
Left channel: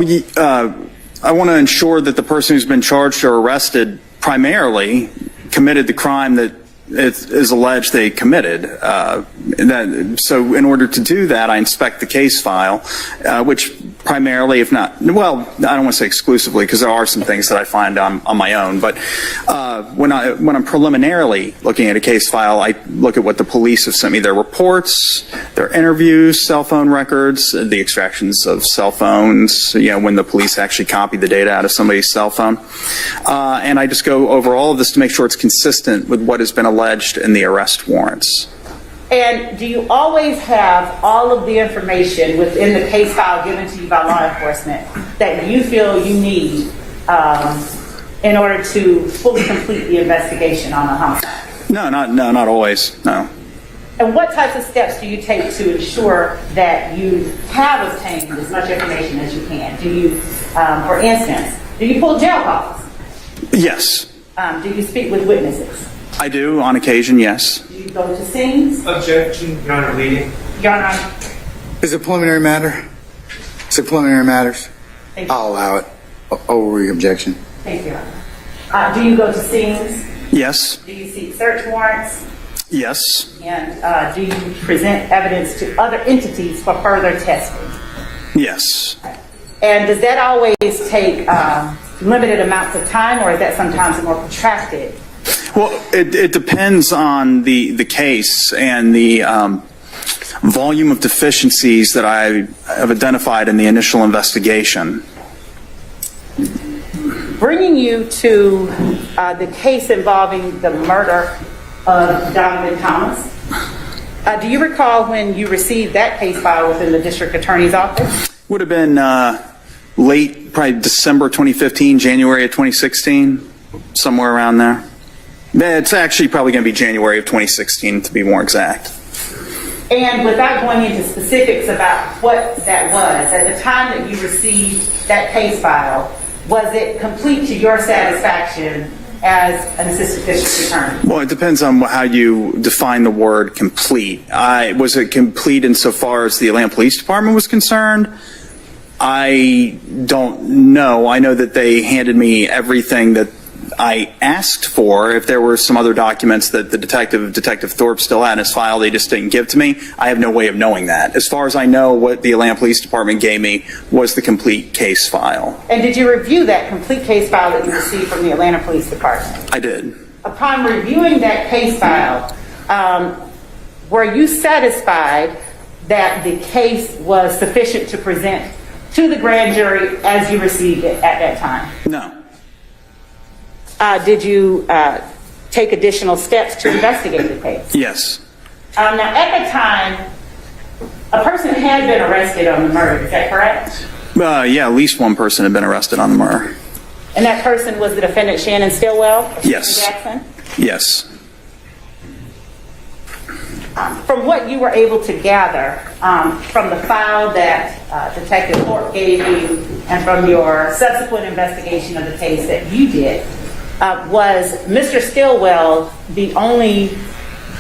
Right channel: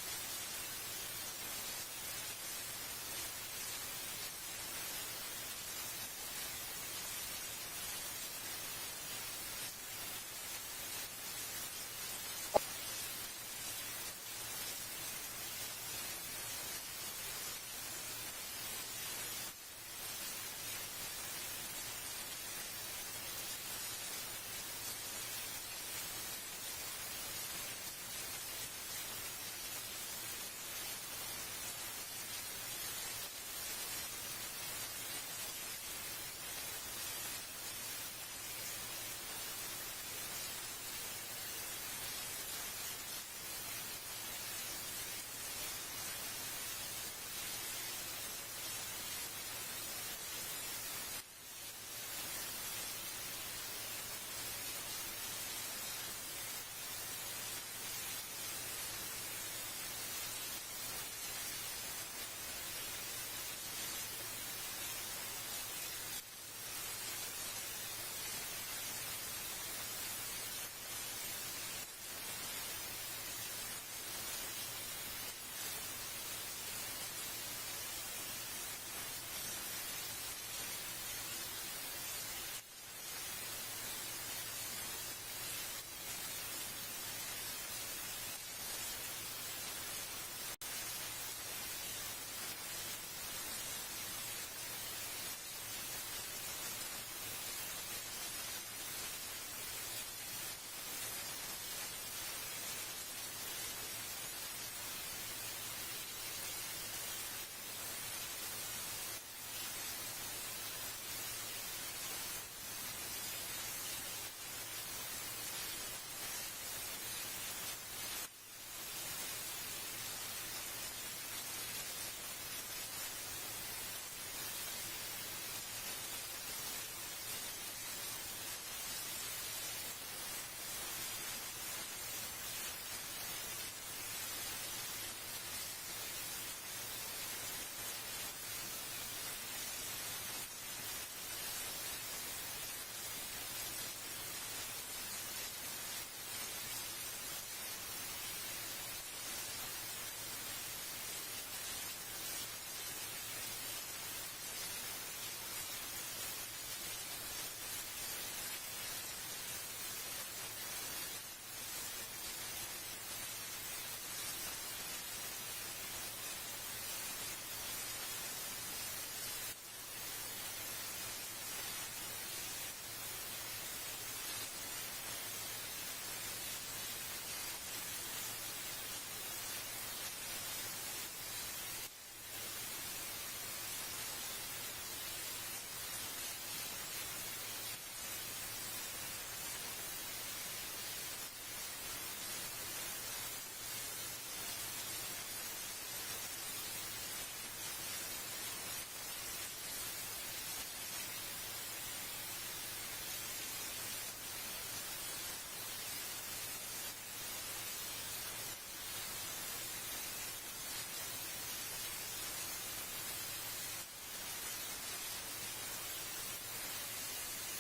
I want to ensure that the person who's been charged or arrested primarily committed the crime that it is alleged they committed. So in order to do that, I inspect the case file, which primarily, if not, well, I don't want to say exclusively, because there are some things that I find on my own, but when I'm preliminarily looking at a case file, I look at what the police have sent me, their reports, their interviews, cell phone records, the extractions of cell phones, when the police actually copy the data out of somebody's cell phone. And I just go over all of this to make sure it's consistent with what has been alleged in the arrest warrants. And do you always have all of the information within the case file given to you by law enforcement that you feel you need in order to fully complete the investigation on a homicide? No, not always, no. And what types of steps do you take to ensure that you have obtained as much information as you can? Do you, for instance, do you pull jail calls? Yes. Do you speak with witnesses? I do, on occasion, yes. Do you go to scenes? Objection, Your Honor, leading. Your Honor. Is it preliminary matter? Is it preliminary matters? I'll allow it. Over your objection. Thank you, Your Honor. Do you go to scenes? Yes. Do you seek search warrants? Yes. And do you present evidence to other entities for further testing? Yes. And does that always take limited amounts of time, or is that sometimes more protracted? Well, it depends on the case and the volume of deficiencies that I have identified in the initial investigation. Bringing you to the case involving the murder of Donovan Thomas, do you recall when you received that case file within the district attorney's office? Would have been late, probably December 2015, January of 2016, somewhere around there. It's actually probably going to be January of 2016 to be more exact. And without going into specifics about what that was, at the time that you received that case file, was it complete to your satisfaction as an assistant district attorney? Well, it depends on how you define the word complete. Was it complete insofar as the Atlanta Police Department was concerned? I don't know. I know that they handed me everything that I asked for. If there were some other documents that the Detective Thorpe still had in his file they just didn't give to me, I have no way of knowing that. As far as I know, what the Atlanta Police Department gave me was the complete case file. And did you review that complete case file that you received from the Atlanta Police Department? I did. Upon reviewing that case file, were you satisfied that the case was sufficient to present to the grand jury as you received it at that time? No. Did you take additional steps to investigate the case? Yes. Now, at the time, a person had been arrested on the murder, is that correct? Yeah, at least one person had been arrested on the murder. And that person was the defendant Shannon Stillwell? Yes. Jackson? Yes. From what you were able to gather from the file that Detective Thorpe gave you and from your subsequent investigation of the case that you did, was Mr. Stillwell the only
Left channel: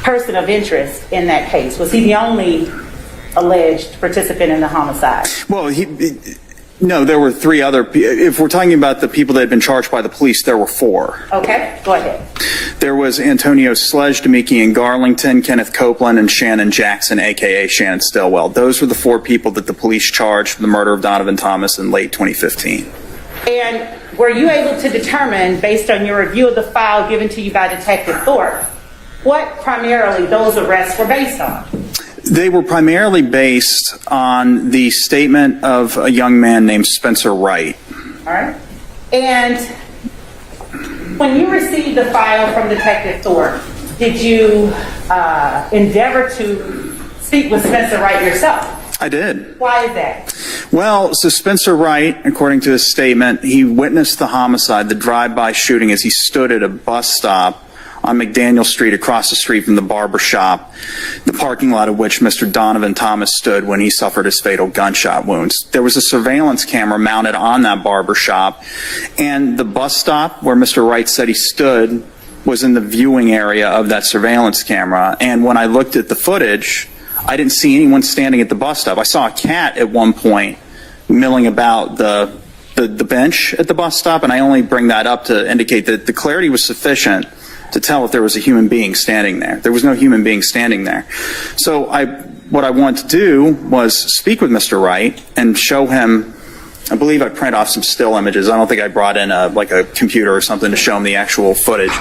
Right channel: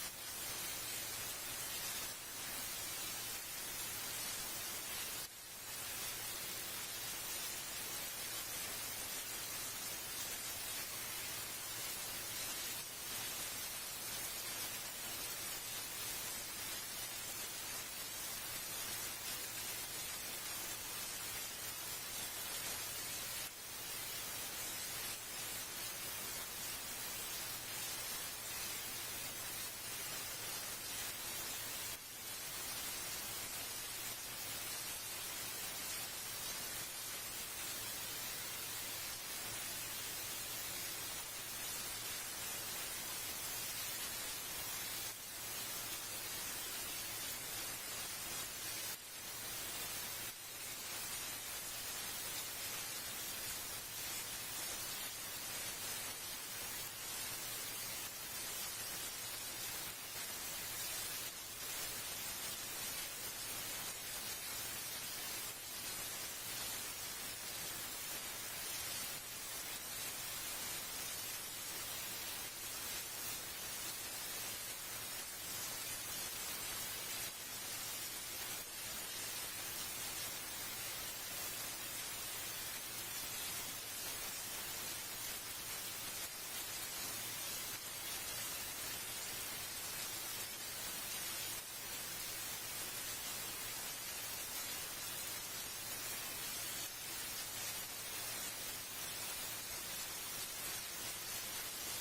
person of interest in that case? Was he the only alleged participant in the homicide? Well, no, there were three other. If we're talking about the people that had been charged by the police, there were four. Okay, go ahead. There was Antonio Sledge, Demikian Garlington, Kenneth Copeland, and Shannon Jackson, a.k.a. Shannon Stillwell. Those were the four people that the police charged for the murder of Donovan Thomas in late 2015. And were you able to determine, based on your review of the file given to you by Detective Thorpe, what primarily those arrests were based on? They were primarily based on the statement of a young man named Spencer Wright. All right. And when you received the file from Detective Thorpe, did you endeavor to speak with Spencer Wright yourself? I did. Why is that? Well, so Spencer Wright, according to his statement, he witnessed the homicide, the drive-by shooting, as he stood at a bus stop on McDaniel Street across the street from the barber shop, the parking lot of which Mr. Donovan Thomas stood when he suffered his fatal gunshot wounds. There was a surveillance camera mounted on that barber shop, and the bus stop where Mr. Wright said he stood was in the viewing area of that surveillance camera. And when I looked at the footage, I didn't see anyone standing at the bus stop. I saw a cat at one point milling about the bench at the bus stop, and I only bring that up to indicate that the clarity was sufficient to tell if there was a human being standing there. There was no human being standing there. So what I wanted to do was speak with Mr. Wright and show him, I believe I printed off some still images. I don't think I brought in like a computer or something to show him the actual footage.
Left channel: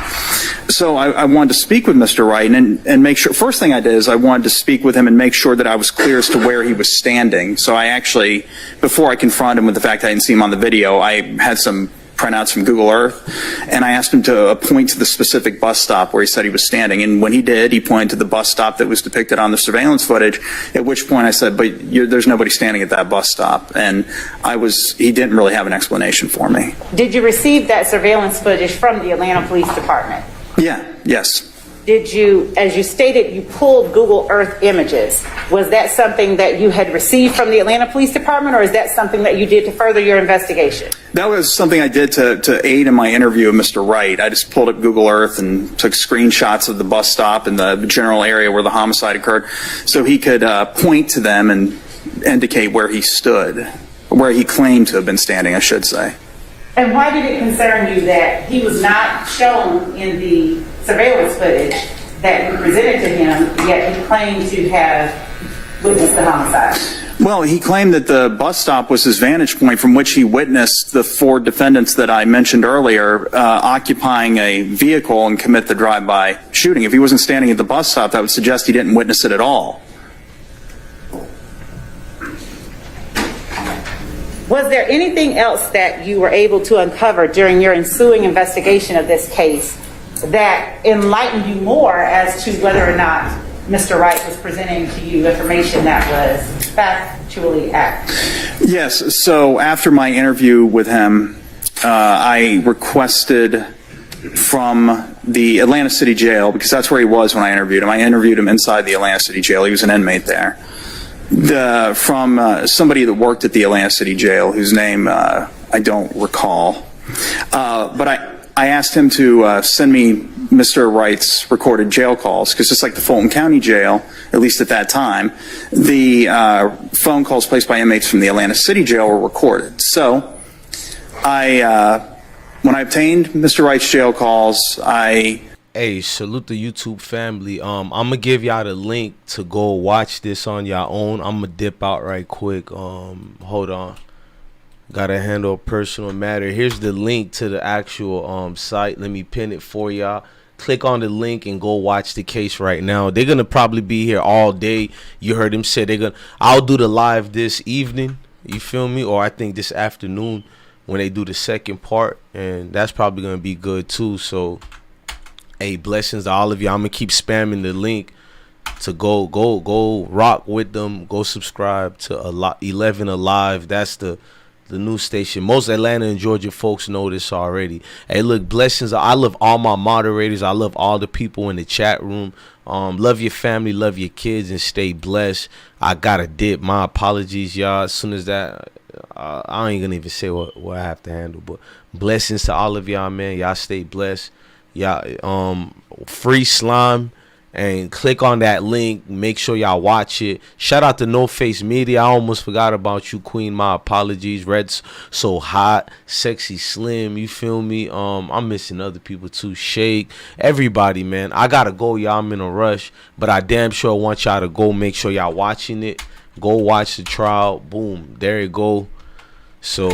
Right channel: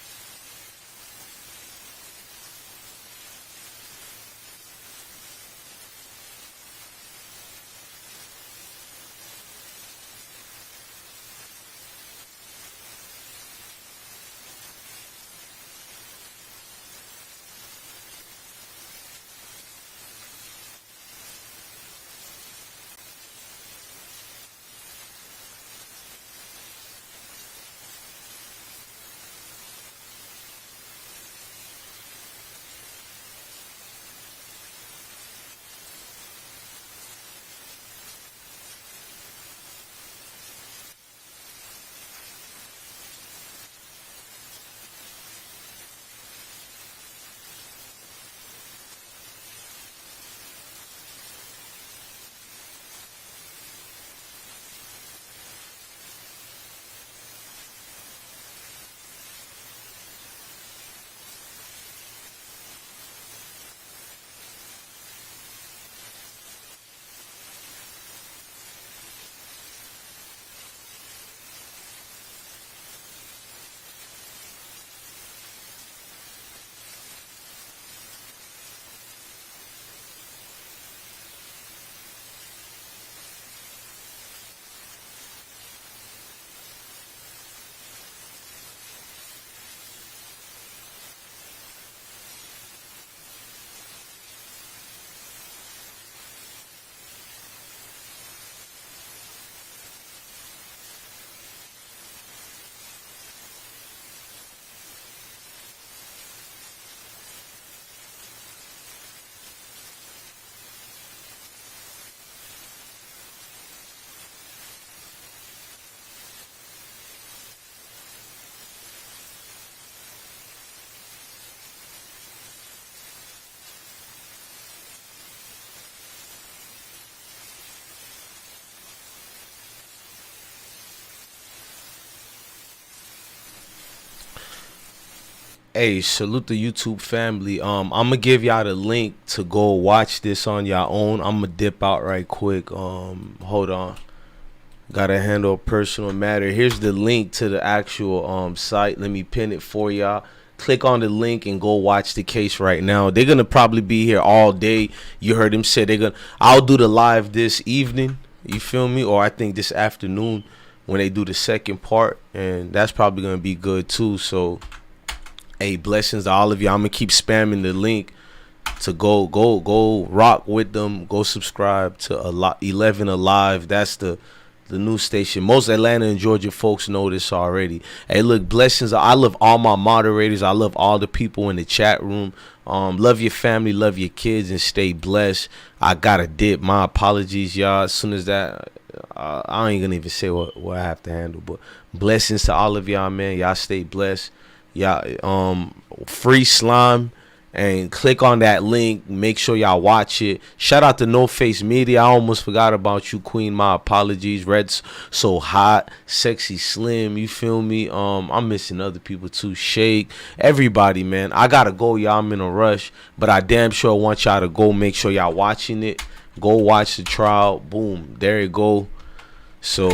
So I wanted to speak with Mr. Wright and make sure, first thing I did is I wanted to speak with him and make sure that I was clear as to where he was standing. So I actually, before I confronted him with the fact I didn't see him on the video, I had some printouts from Google Earth, and I asked him to point to the specific bus stop where he said he was standing. And when he did, he pointed to the bus stop that was depicted on the surveillance footage, at which point I said, but there's nobody standing at that bus stop. And he didn't really have an explanation for me. Did you receive that surveillance footage from the Atlanta Police Department? Yeah, yes. Did you, as you stated, you pulled Google Earth images. Was that something that you had received from the Atlanta Police Department, or is that something that you did to further your investigation? That was something I did to aid in my interview with Mr. Wright. I just pulled up Google Earth and took screenshots of the bus stop and the general area where the homicide occurred so he could point to them and indicate where he stood, where he claimed to have been standing, I should say. And why did it concern you that he was not shown in the surveillance footage that you presented to him, yet he claimed to have witnessed the homicide? Well, he claimed that the bus stop was his vantage point from which he witnessed the 4 defendants that I mentioned earlier occupying a vehicle and commit the drive-by shooting. If he wasn't standing at the bus stop, that would suggest he didn't witness it at all. Was there anything else that you were able to uncover during your ensuing investigation of this case that enlightened you more as to whether or not Mr. Wright was presenting to you information that was factually accurate? Yes. So after my interview with him, I requested from the Atlanta City Jail, because that's where he was when I interviewed him. I interviewed him inside the Atlanta City Jail. He was an inmate there. From somebody that worked at the Atlanta City Jail, whose name I don't recall. But I asked him to send me Mr. Wright's recorded jail calls, because just like the Fulton County Jail, at least at that time, the phone calls placed by inmates from the Atlanta City Jail were recorded. So when I obtained Mr. Wright's jail calls, Hey, salute the YouTube family. I'm gonna give y'all the link to go watch this on your own. I'm gonna dip out right quick. Hold on. Gotta handle a personal matter. Here's the link to the actual site. Let me pin it for y'all. Click on the link and go watch the case right now. They're gonna probably be here all day. You heard him say I'll do the live this evening. You feel me? Or I think this afternoon when they do the second part, and that's probably gonna be good too. So hey, blessings to all of you. I'm gonna keep spamming the link to go rock with them. Go subscribe to 11 Alive. That's the new station. Most Atlanta and Georgia folks know this already. Hey, look, blessings. I love all my moderators. I love all the people in the chat room. Love your family, love your kids, and stay blessed. I gotta dip. My apologies, y'all. As soon as that, I ain't gonna even say what I have to handle. But blessings to all of y'all, man. Y'all stay blessed. Y'all free slime, and click on that link. Make sure y'all watch it. Shout out to No Face Media. I almost forgot about you, Queen. My apologies. Red's so hot, sexy slim. You feel me? I'm missing other people too. Shake, everybody, man. I gotta go, y'all. I'm in a rush, but I damn sure want y'all to go. Make sure y'all watching it. Go watch the trial. Boom, there you go. So